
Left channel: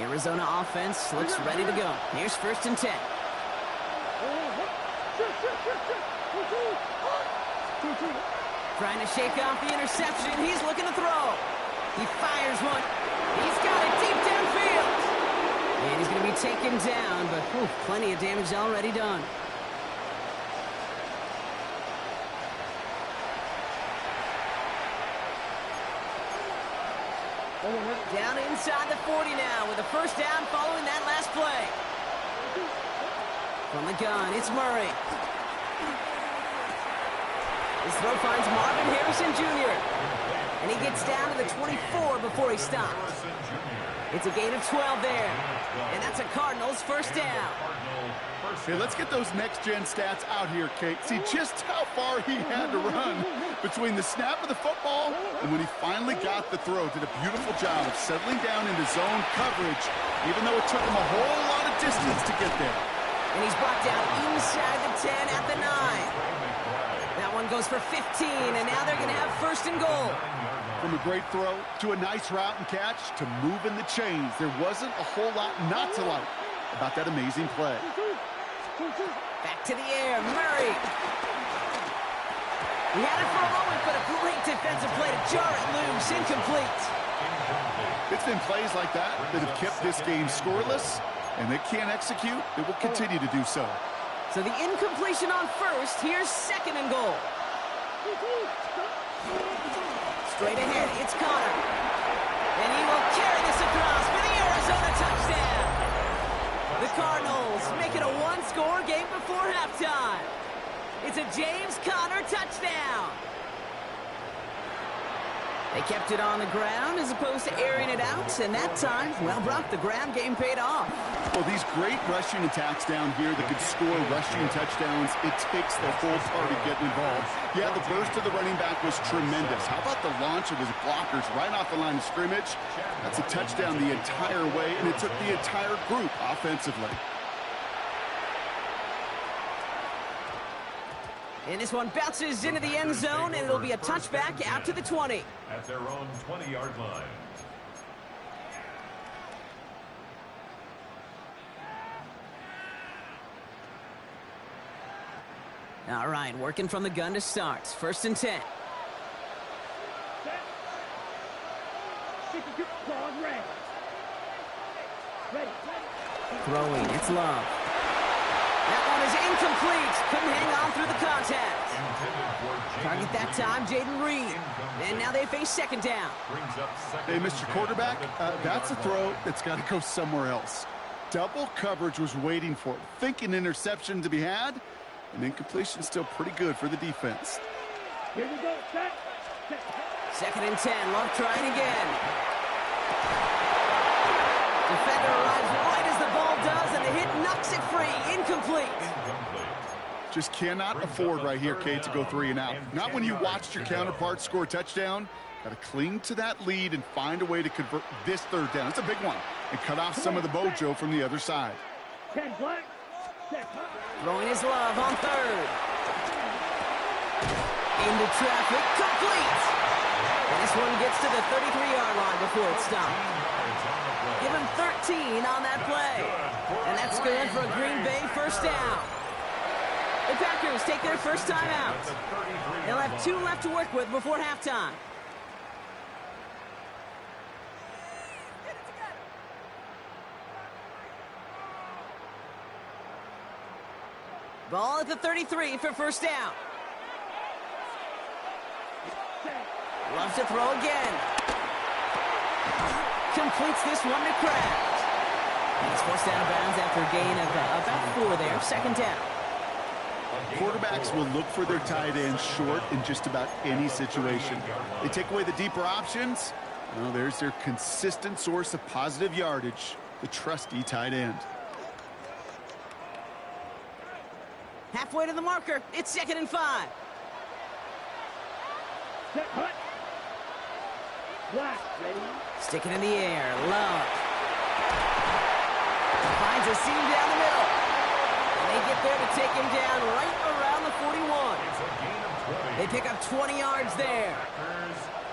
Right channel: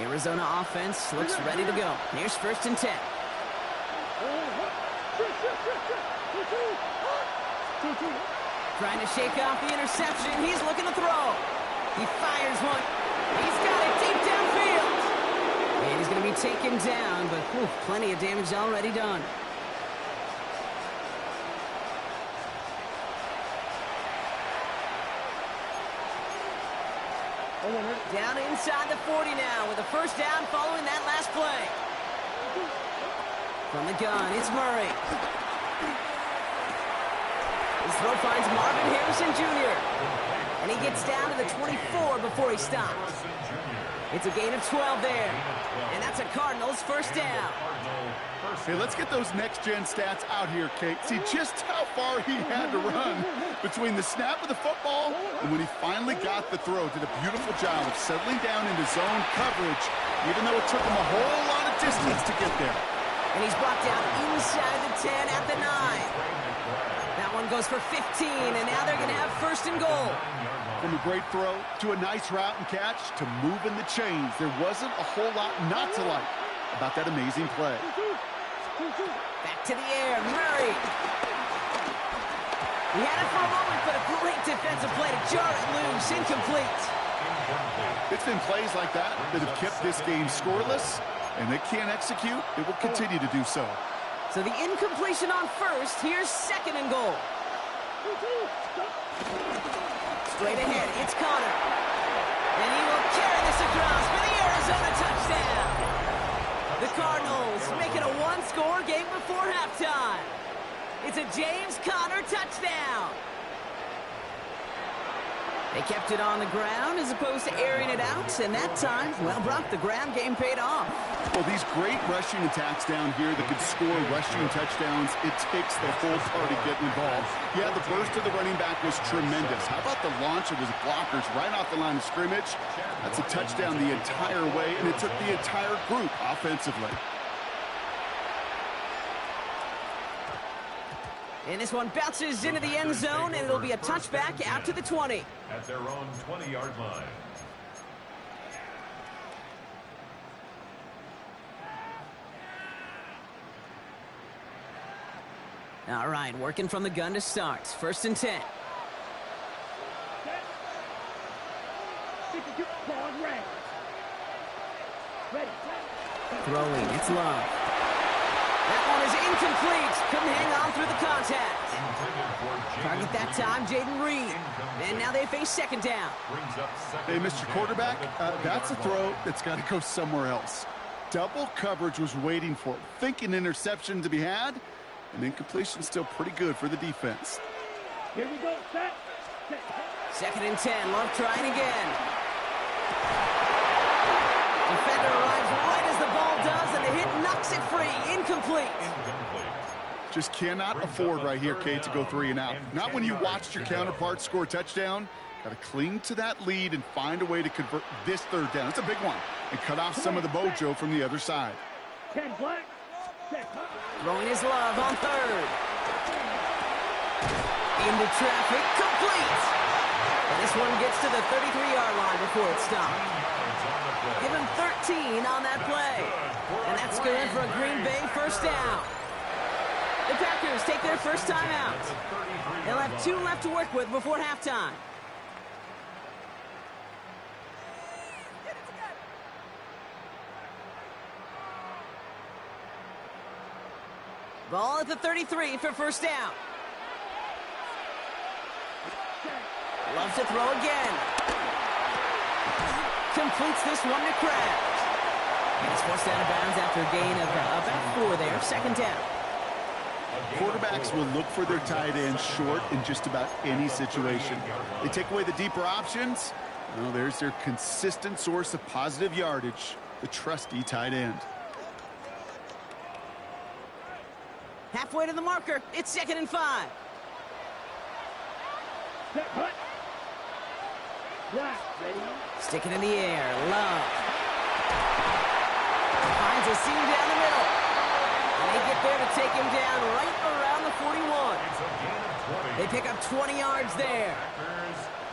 Arizona offense looks ready to go. Here's 1st and 10. Trying to shake off the interception. He's looking to throw. He fires one. He's got it deep downfield. And he's going to be taken down, but plenty of damage already done. Down inside the 40 now with a 1st down following that last play. From the gun, it's Murray. His throw finds Marvin Harrison Jr. And he gets down to the 24 before he stops. It's a gain of 12 there. And that's a Cardinals 1st down. Hey, let's get those next-gen stats out here, Kate. See just how far he had to run between the snap of the football and when he finally got the throw. Did a beautiful job of settling down into zone coverage, even though it took him a whole lot of distance to get there. And he's brought down inside the 10 at the 9. That one goes for 15, and now they're going to have 1st and goal. From a great throw to a nice route and catch to moving the chains, there wasn't a whole lot not to like about that amazing play. Back to the air, Murray. He had it for a moment, but a great defensive play to jar it loose. Incomplete. It's been plays like that that have kept this game scoreless, and they can't execute. It will continue to do so. So the incompletion on 1st. Here's 2nd and goal. Straight ahead, it's Connor. And he will carry this across for the Arizona touchdown. The Cardinals make it a 1-score game before halftime. It's a James Conner touchdown. They kept it on the ground as opposed to airing it out, and that time, well, Brock, the ground game paid off. Well, these great rushing attacks down here that could score rushing touchdowns, it takes the whole party getting involved. Yeah, the burst of the running back was tremendous. How about the launch of his blockers right off the line of scrimmage? That's a touchdown the entire way, and it took the entire group offensively. And this one bounces into the end zone, and it'll be a touchback out to the 20. At their own 20-yard line. All right, working from the gun to start. 1st and 10. Throwing, it's Love. That one is incomplete. Couldn't hang on through the contact. Target that time, Jaden Reed. And now they face 2nd down. Hey, Mr. Quarterback, that's a throw that's got to go somewhere else. Double coverage was waiting for it. Thinking interception to be had, and incompletion still pretty good for the defense. Here we go, set. 2nd and 10, Love trying again. Defender arrives right as the ball does, and the hit knocks it free. Incomplete. Just cannot afford right here, Kate, to go 3 and out. Not when you watched your counterpart score a touchdown. Got to cling to that lead and find a way to convert this 3rd down. It's a big one. And cut off some of the mojo from the other side. 10 black. Throwing his Love on 3rd. Into traffic, complete. And this one gets to the 33-yard line before it stopped. Give him 13 on that play. And that's good for a Green Bay 1st down. The Packers take their 1st time out. They'll have 2 left to work with before halftime. Ball at the 33 for 1st down. Loves to throw again. Completes this one to Kraft. And he's forced out of bounds after a gain of about 4 there. 2nd down. Quarterbacks will look for their tight end short in just about any situation. They take away the deeper options. Well, there's their consistent source of positive yardage, the trusty tight end. Halfway to the marker. It's 2nd and 5. Set, hut. Black, ready? Sticking in the air, Love. Finds a seam down the middle. And they get there to take him down right around the 41. It's a gain of 20. They pick up 20 yards there.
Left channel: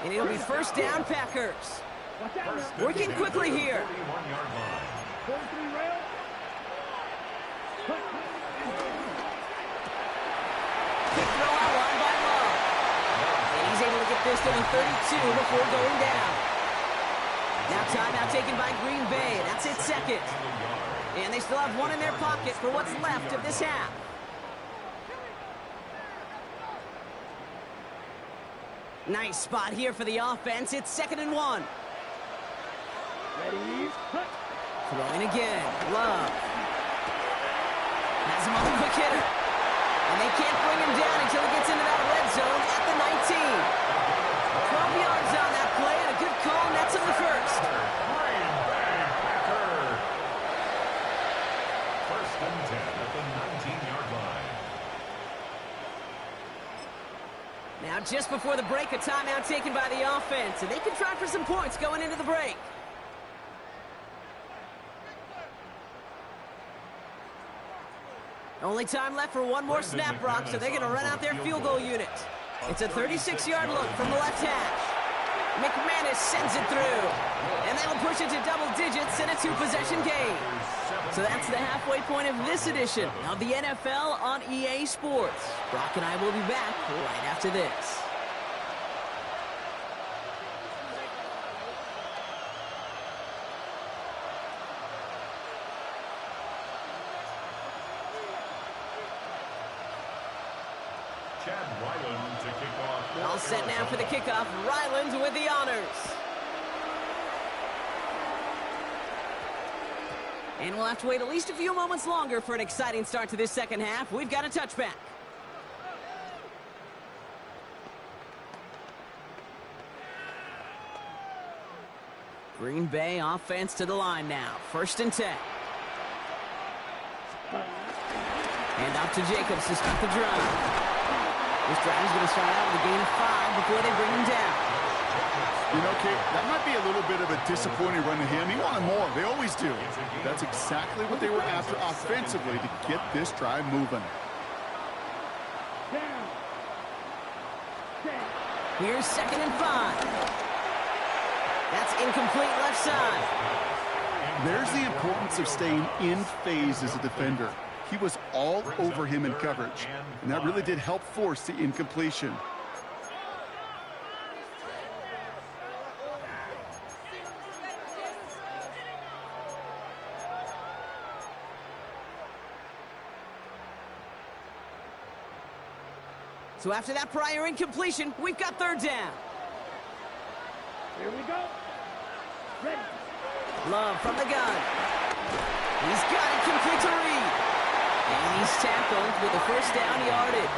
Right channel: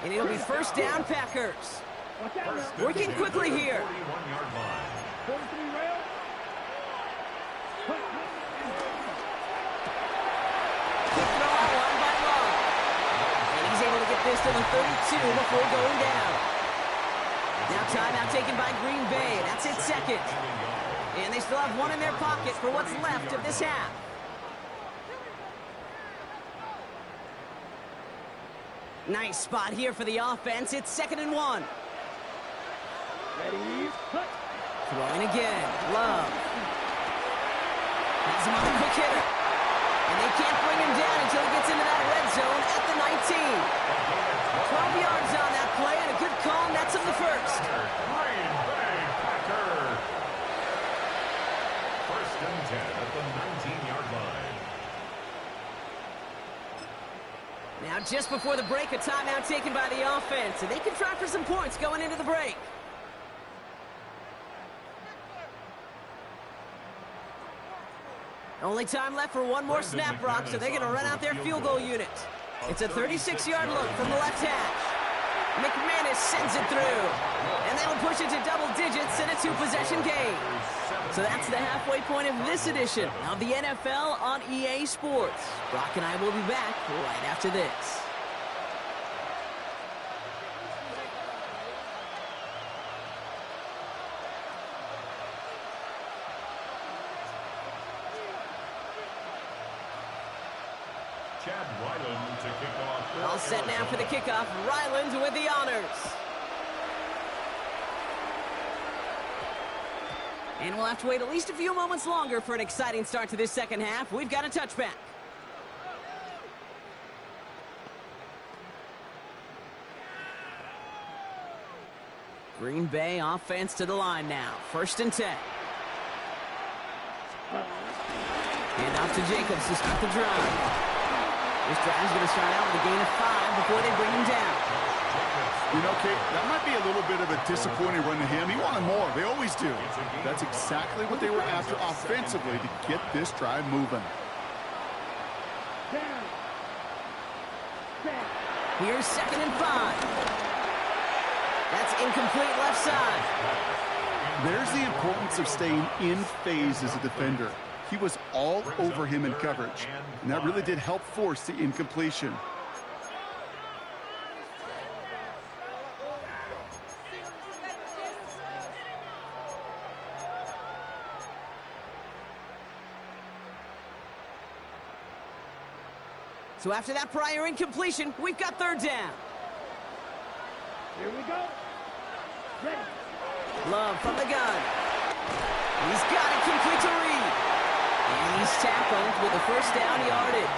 And it'll be first down, Packers. Watch out now. Working quickly here. 41-yard line. 43 rail. Hut, hut. Quick throw out wide by Love. And he's able to get this to the 32 before going down. Now timeout taken by Green Bay. That's its second. And they still have one in their pocket for what's left of this half. Nice spot here for the offense. It's 2nd and 1. Ready? Hut. Throwing again. Love. Has him on the quick hitter. And they can't bring him down until he gets into that red zone at the 19. 12 yards on that play, and a good call nets him the first. Green Bay Packer. First and 10 at the 19-yard line. Now, just before the break, a timeout taken by the offense, and they can try for some points going into the break. Only time left for one more snap, Brock, so they're going to run out their field goal unit. It's a 36-yard look from the left hash. McManus sends it through. And that'll push it to double digits and a 2-possession game. So that's the halfway point of this edition of the NFL on EA Sports. Brock and I will be back right after this. Chad Ryland to kick off. All set now for the kickoff. Ryland with the honors. And we'll have to wait at least a few moments longer for an exciting start to this second half. We've got a touchback. Green Bay offense to the line now. 1st and 10. Hand off to Jacobs to start the drive. This drive is going to start out with a gain of 5 before they bring him down. You know, Kate, that might be a little bit of a disappointing run to him. He wanted more. They always do. That's exactly what they were after offensively to get this drive moving. Down. Set. Here's 2nd and 5. That's incomplete left side. There's the importance of staying in phase as a defender. He was all over him in coverage, and that really did help force the incompletion. So after that prior incompletion, we've got 3rd down. Here we go. Ready. Love from the gun. He's got it complete to Reed. And he's tackled with a 1st down yardage.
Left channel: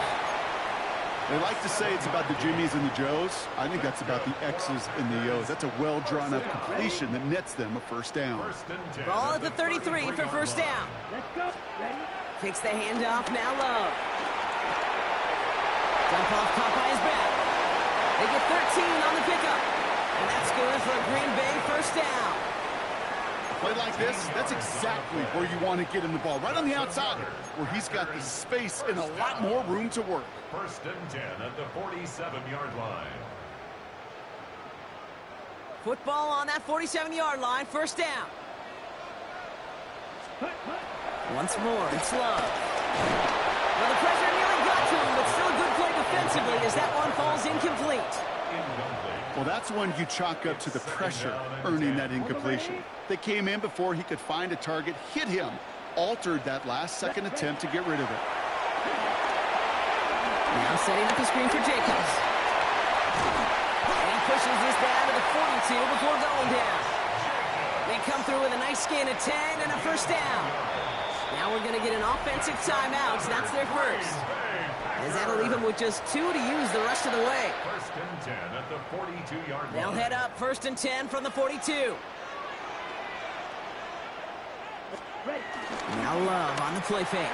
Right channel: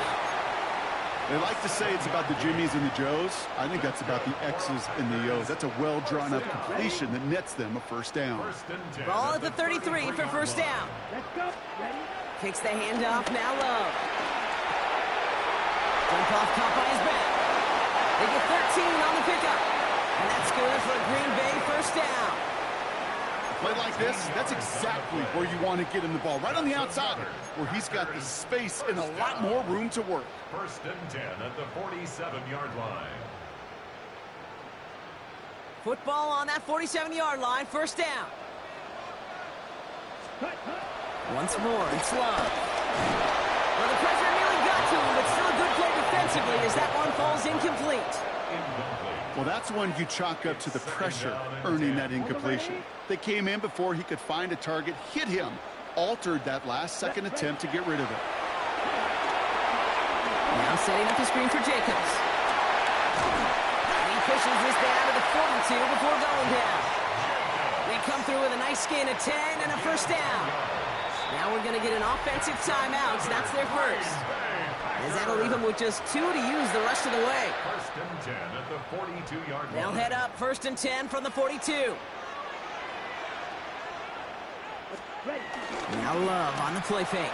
They like to say it's about the Jimmies and the Joes. I think that's about the X's and the O's. That's a well-drawn-up completion that nets them a 1st down. Ball at the 33 for 1st down. Let's go. Ready. Takes the handoff, now Love. Dump off caught by his back. They get 13 on the pickup. And that's good for a Green Bay 1st down. A play like this, that's exactly where you want to get him the ball. Right on the outside, where he's got the space and a lot more room to work. 1st and 10 at the 47-yard line. Football on that 47-yard line, 1st down. Hut, hut. Once more, it's Love. Well, the pressure nearly got to him, but still a good play defensively as that one falls incomplete. Well, that's one you chalk up to the pressure earning that incompletion. They came in before he could find a target, hit him, altered that last-second attempt to get rid of it. Now setting up the screen for Jacobs. And he pushes this down to the 42 before going down. They come through with a nice gain of 10 and a 1st down. Now we're going to get an offensive timeout. So that's their first. As that'll leave them with just 2 to use the rest of the way. 1st and 10 at the 42-yard line. They'll head up 1st and 10 from the 42. Ready. Now Love on the play fake.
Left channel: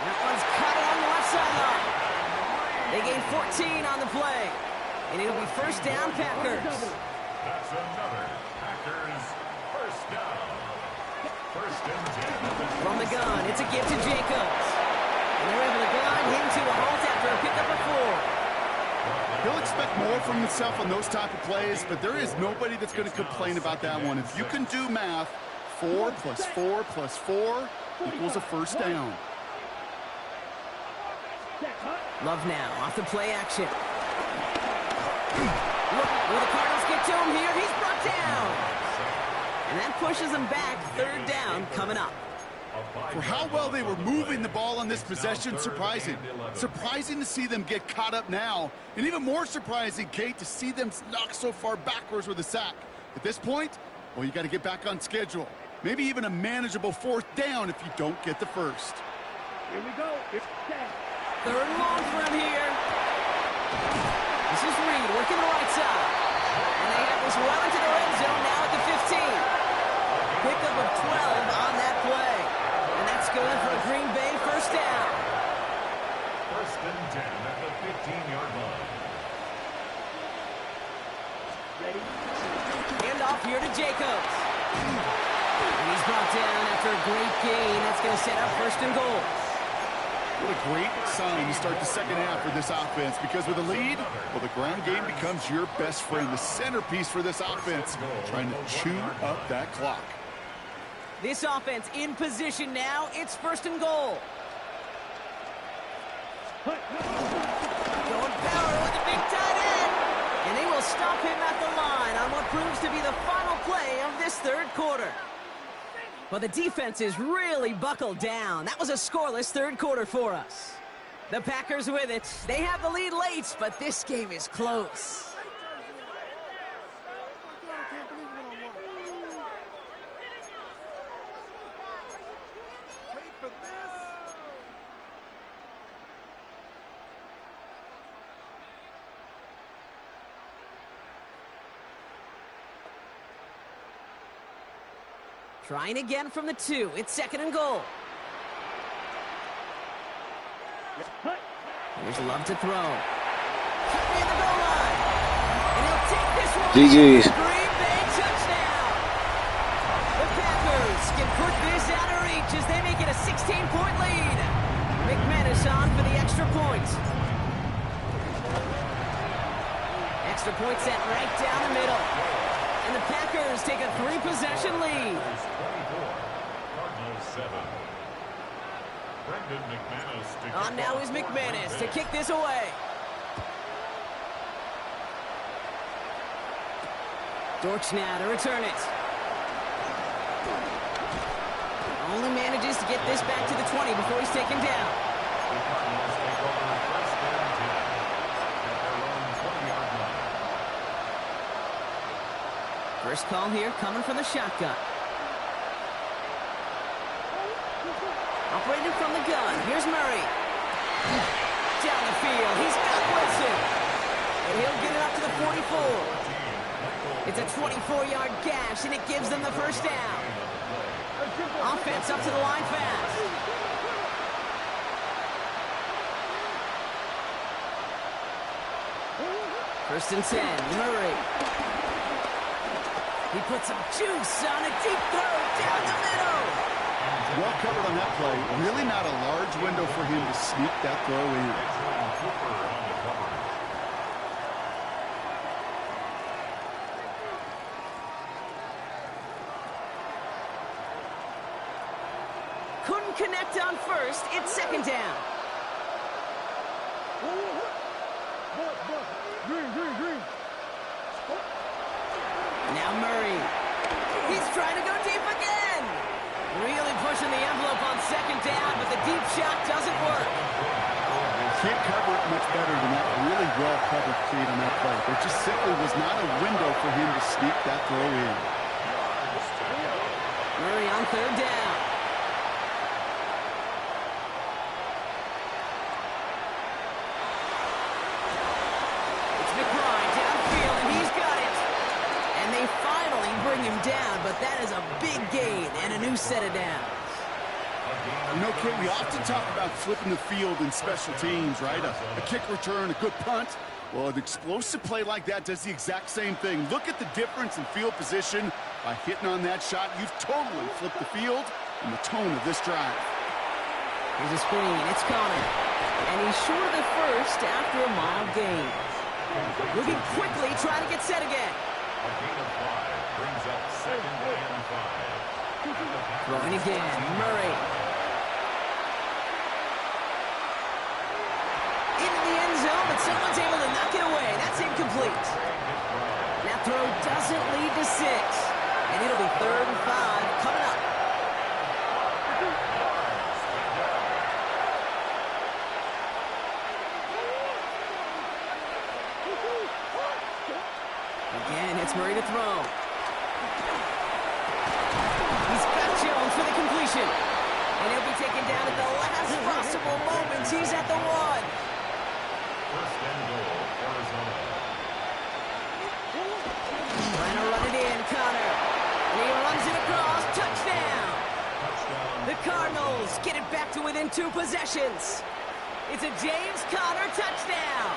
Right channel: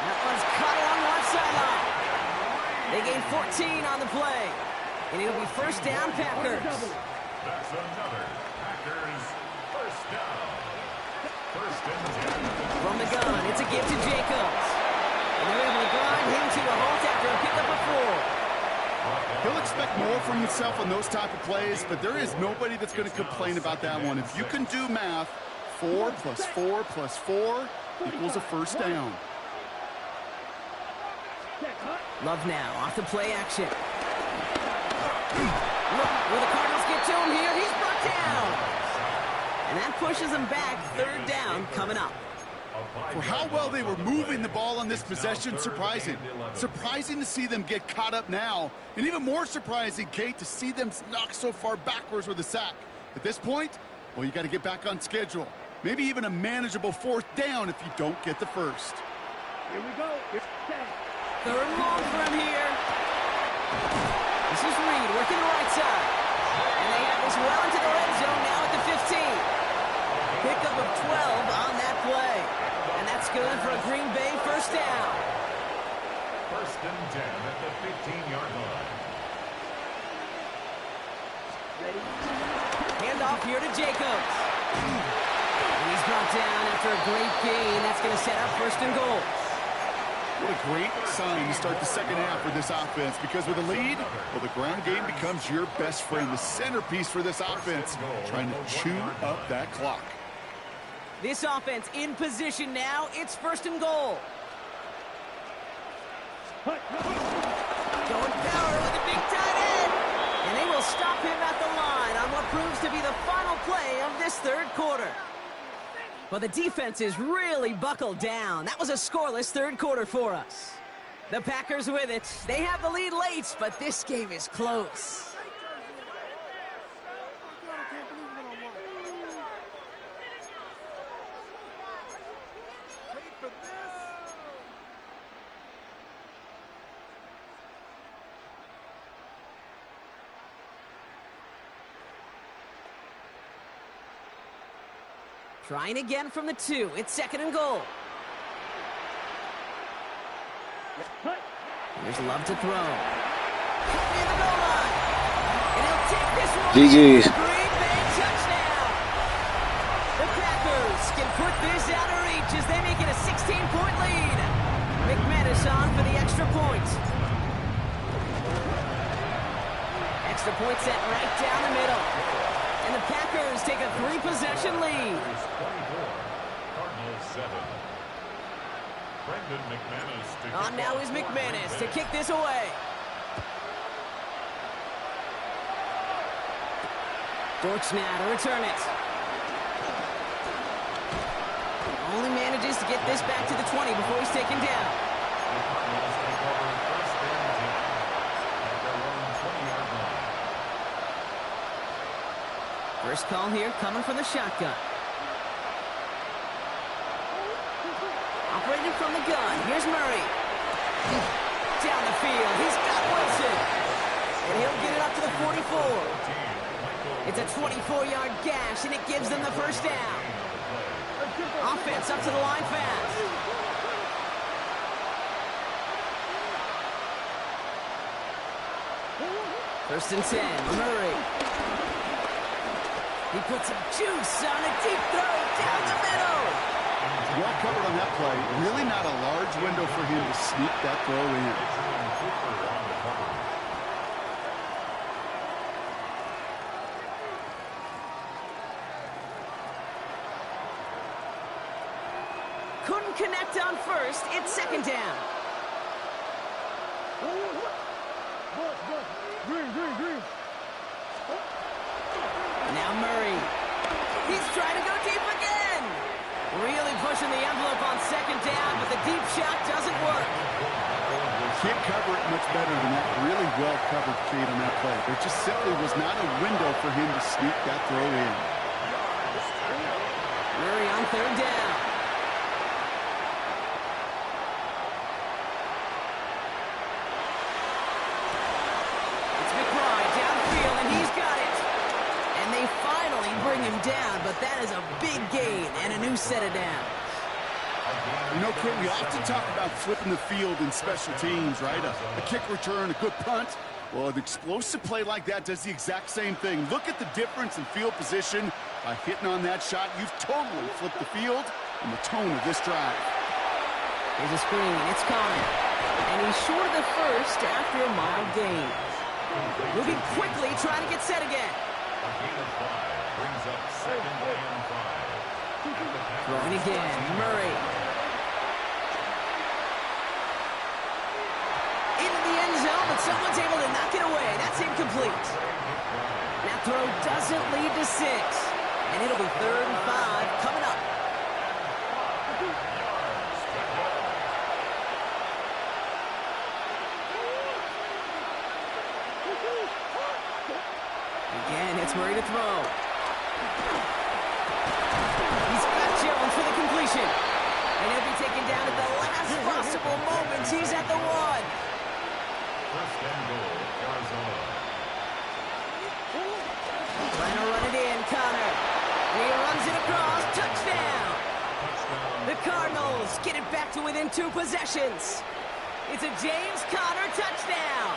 That one's caught along the left sideline. They gain 14 on the play. And it'll be first down, Packers. That's another Packers first down. First and 10. From the gun, it's a give to Jacobs. And they're able to grind him to a halt after a pickup of 4. He'll expect more from himself on those type of plays, but there is nobody that's going to complain about that one. If you can do math, 4 plus 4 plus 4 equals a first down. Love now, off the play action. Look, will the Cardinals get to him here? He's brought down. And that pushes him back. Third down coming up. For how well they were moving the ball on this possession, surprising. Surprising to see them get caught up now. And even more surprising, Kate, to see them knock so far backwards with a sack. At this point, well, you got to get back on schedule. Maybe even a manageable fourth down if you don't get the first. Here we go. Third and long for him here. This is Reed working the right side. And they have this well into the red zone now at the 15. Pickup of 12 on that play. And that's good for a Green Bay first down. First and 10 at the 15-yard line. Ready? Hand off here to Jacobs. And he's brought down after a great gain. That's going to set up first and goal. What a great sign to start the second half for this offense, because with a lead, well, the ground game becomes your best friend, the centerpiece for this offense, trying to chew up that clock. This offense in position now. It's first and goal. Going power with a big tight end. And they will stop him at the line on what proves to be the final play of this third quarter. But the defense is really buckled down. That was a scoreless third quarter for us. The Packers with it. They have the lead late, but this game is close. Trying again from the 2. It's second and goal. Here's Love to throw. Cut near the goal line. And he'll take this one. GG's. Green Bay touchdown. The Packers can put this out of reach as they make it a 16-point lead. McManus on for the extra point. Extra point set right down the middle. And the Packers take a 3-possession lead. 24, Cardinals 7. Brendan McManus. On now is McManus to kick this away. Dortch now to return it. Only manages to get this back to the 20 before he's taken down. The Cardinals take over first and 10 at their own 20-yard line. First call here coming from the shotgun. Operating from the gun. Here's Murray. Down the field. He's got Wilson. And he'll get it up to the 44. It's a 24-yard gash, and it gives them the first down. Offense up to the line fast. First and 10. Murray. He puts some juice on a deep throw down the middle. Well covered on that play. Really not a large window for him to sneak that throw in. Couldn't connect on first. It's second down. Green. Now Murray. He's trying to go deep again. Really pushing the envelope on second down, but the deep shot doesn't work. Can't cover it much better than that. Really well covered, Kate, on that play. There just simply was not a window for him to sneak that throw in. Murray on third down. It's McBride downfield, and he's got it. And they finally bring him down, but that is a big gain and a new set of downs. You know, Kate, we often talk about flipping the field in special teams, right? A kick return, a good punt. Well, an explosive play like that does the exact same thing. Look at the difference in field position. By hitting on that shot, you've totally flipped the field and the tone of this drive. Here's a screen. It's Connor. And he's short of the first after a mild gain. Moving quickly, trying to get set again. A gain of 5 brings up 2nd and 5. Throwing again. Murray. Into the end zone, but someone's able to knock it away. That's incomplete. That throw doesn't lead to 6. And it'll be 3rd and 5 coming up. Again, it's Murray to throw. He's got Jones for the completion. And he'll be taken down at the last possible moment. He's at the 1. 1st and goal, Arizona. Trying to run it in, Connor. And he runs it across. Touchdown. The Cardinals get it back to within 2 possessions. It's a James Conner touchdown.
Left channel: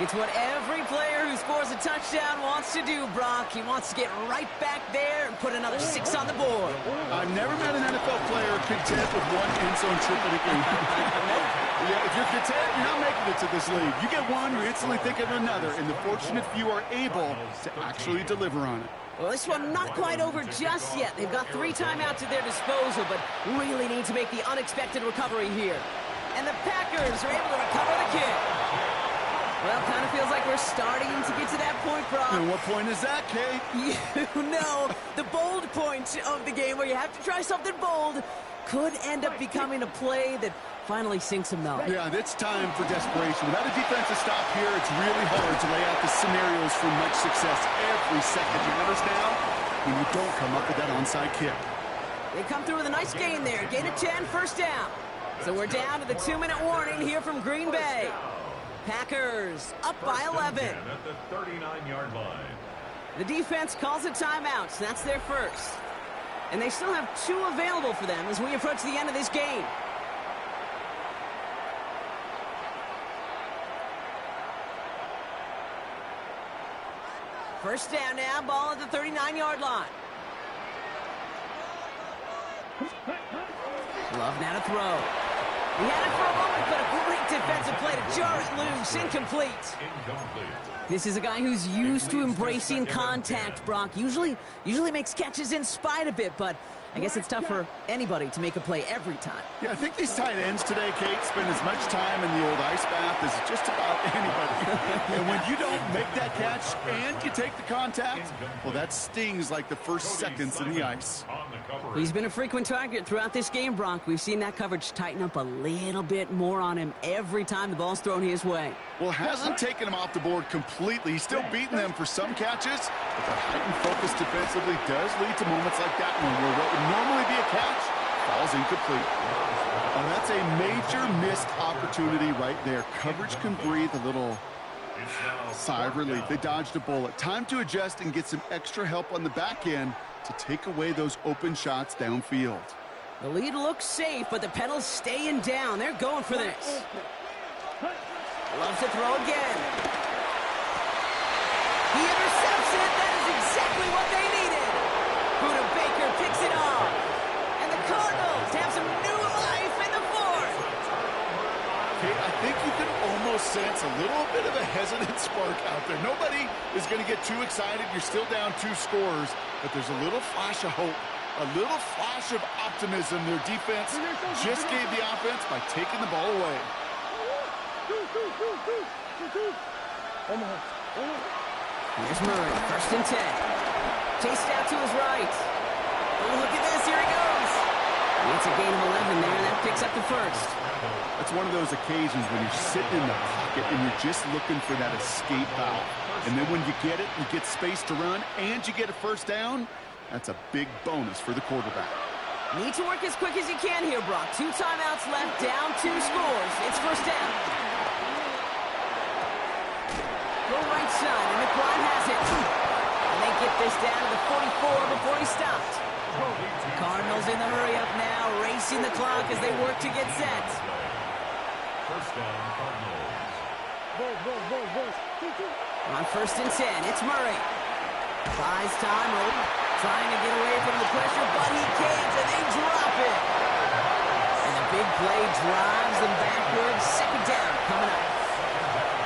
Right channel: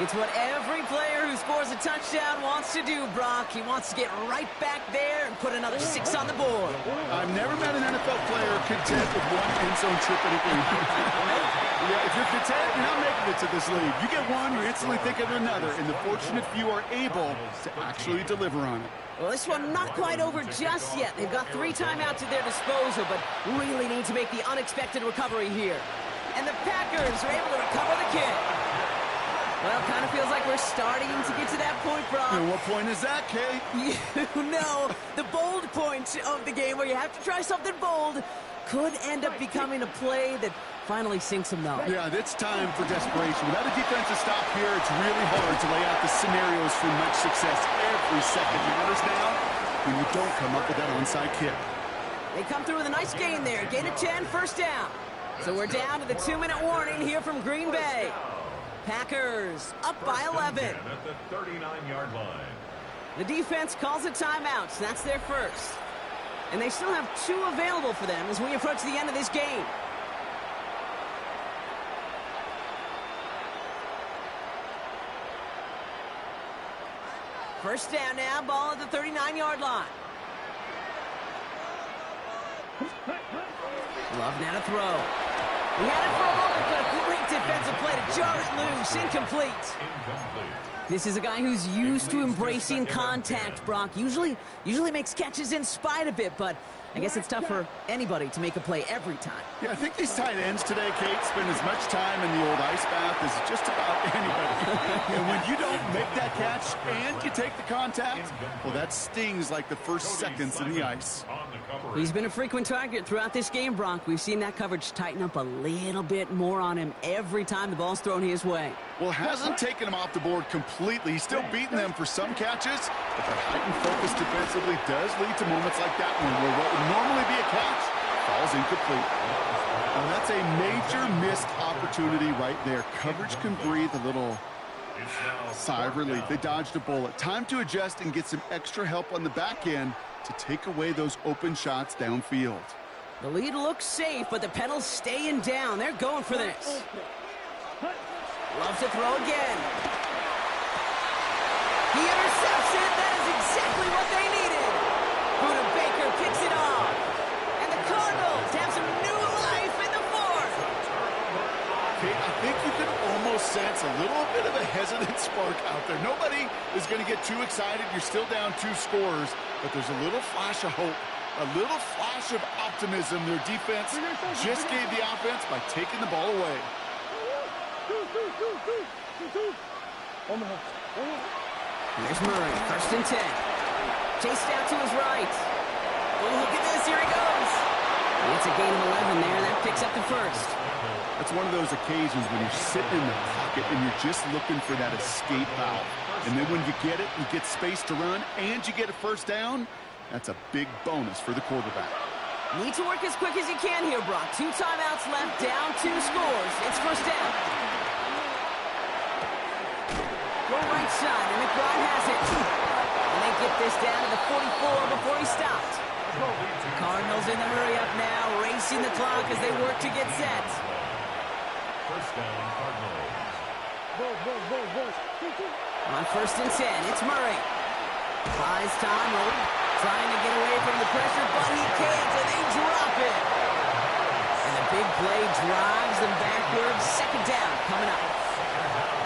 It's what every player who scores a touchdown wants to do, Brock. He wants to get right back there and put another 6 on the board. I've never met an NFL player content with 1 end zone trip in a game. Yeah, if you're content, you're not making it to this league. You get 1, you're instantly thinking of another, and the fortunate few are able to actually deliver on it. Well, this one not quite over just yet. They've got 3 timeouts at their disposal, but really need to make the unexpected recovery here. And the Packers are able to recover the kick. Well, kind of feels like we're starting to get to that point, Brock. And what point is that, Kate? You know, the bold point of the game where you have to try something bold could end up becoming a play that finally sinks them though. Yeah, it's time for desperation. Without a defensive stop here, it's really hard to lay out the scenarios for much success. Every second matters now when you don't come up with that onside kick. They come through with a nice gain there. Gain of 10, 1st down. So we're down to the 2-minute warning here from Green Bay. Packers up by 11. At the 39-yard line. The defense calls a timeout. So that's their first. And they still have 2 available for them as we approach the end of this game. First down now, ball at the 39-yard line. Love now to throw. He had it for a moment, but a great defensive play to jar it loose. Incomplete. This is a guy who's used to embracing contact, Brock. Usually makes catches in spite of it, but I guess it's tough for anybody to make a play every time. Yeah, I think these tight ends today, Kate, spend as much time in the old ice bath as just about anybody. And when you don't make that catch and you take the contact, well, that stings like the first seconds in the ice. He's been a frequent target throughout this game, Brock. We've seen that coverage tighten up a little bit more on him every time the ball's thrown his way. Well, hasn't taken him off the board completely. He's still beating them for some catches, but that heightened focus defensively does lead to moments like that one where what would normally be a catch falls incomplete. Oh, that's a major missed opportunity right there. Coverage can breathe a little sigh of relief. They dodged a bullet. Time to adjust and get some extra help on the back end to take away those open shots downfield. The lead looks safe, but the pedals staying down. They're going for this. Loves to throw again. He intercepts it. That is exactly what they needed. Buda Baker picks it off. And the Cardinals have some new life in the 4th. Okay, I think you can almost sense a little bit of a hesitant spark out there. Nobody is going to get too excited. You're still down 2 scores, but there's a little flash of hope, a little flash of optimism. Their defense just gave the offense by taking the ball away. Here's Murray, 1st and 10. Chased out to his right. Oh, look at this, here he goes. It's a gain of 11 there, and that picks up the 1st. That's one of those occasions when you're sitting in the pocket and you're just looking for that escape valve. And then when you get it, you get space to run, and you get a 1st down, that's a big bonus for the quarterback. Need to work as quick as you can here, Brock. 2 timeouts left, down 2 scores. It's 1st down. Go right side, and McBride has it. And they get this down to the 44 before he stopped. Cardinals in the hurry-up now, racing the clock as they work to get set. First down, Cardinals. On 1st and 10, it's Murray. Buys time, trying to get away from the pressure, but he can't, and they drop it. And the big play drives them backwards. 2nd down coming up.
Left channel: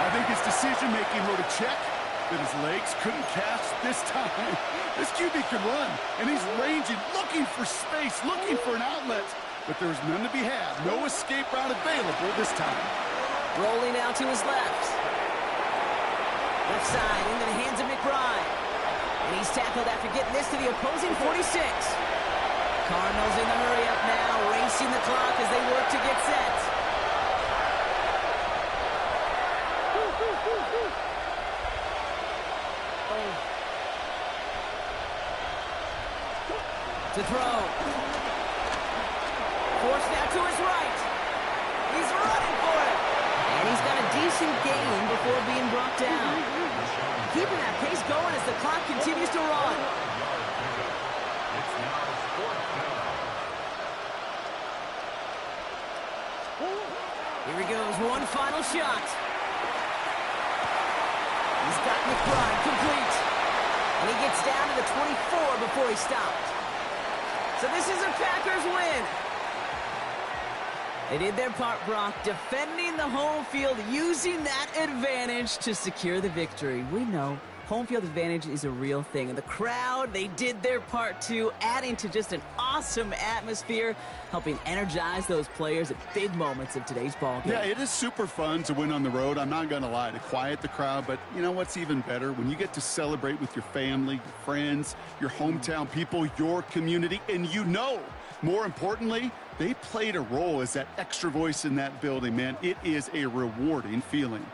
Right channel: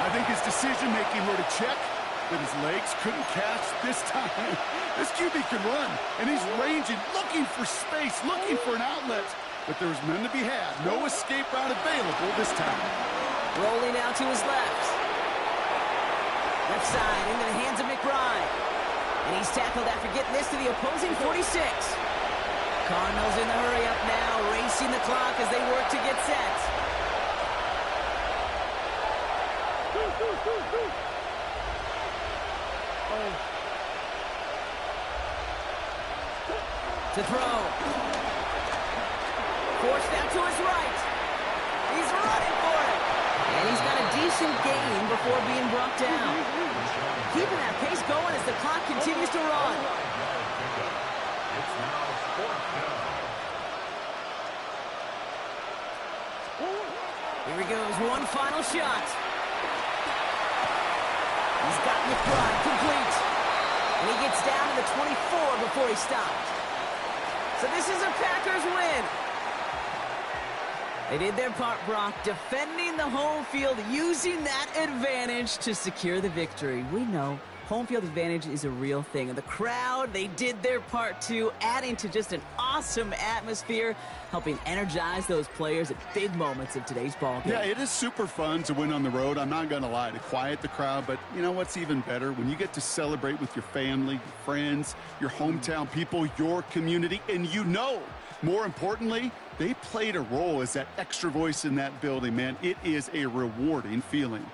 I think his decision-making wrote a check that his legs couldn't catch this time. This QB can run, and he's ranging, looking for space, looking for an outlet. But there's none to be had. No escape route available this time. Rolling out to his left. Left side into the hands of McBride. And he's tackled after getting this to the opposing 46. Cardinals in the hurry-up now, racing the clock as they work to get set. To throw. Forced out to his right. He's running for it. And he's got a decent gain before being brought down. Keeping that pace going as the clock continues to run. It's now 4th down. Here he goes, one final shot. He's got McBride complete. And he gets down to the 24 before he stopped. So this is a Packers win. They did their part, Brock, defending the home field, using that advantage to secure the victory. We know home field advantage is a real thing. And the crowd, they did their part too, adding to just an awesome atmosphere, helping energize those players at big moments of today's ballgame. Yeah, it is super fun to win on the road. I'm not going to lie, to quiet the crowd. But you know what's even better? When you get to celebrate with your family, your friends, your hometown people, your community, and you know, more importantly, they played a role as that extra voice in that building, man. It is a rewarding feeling.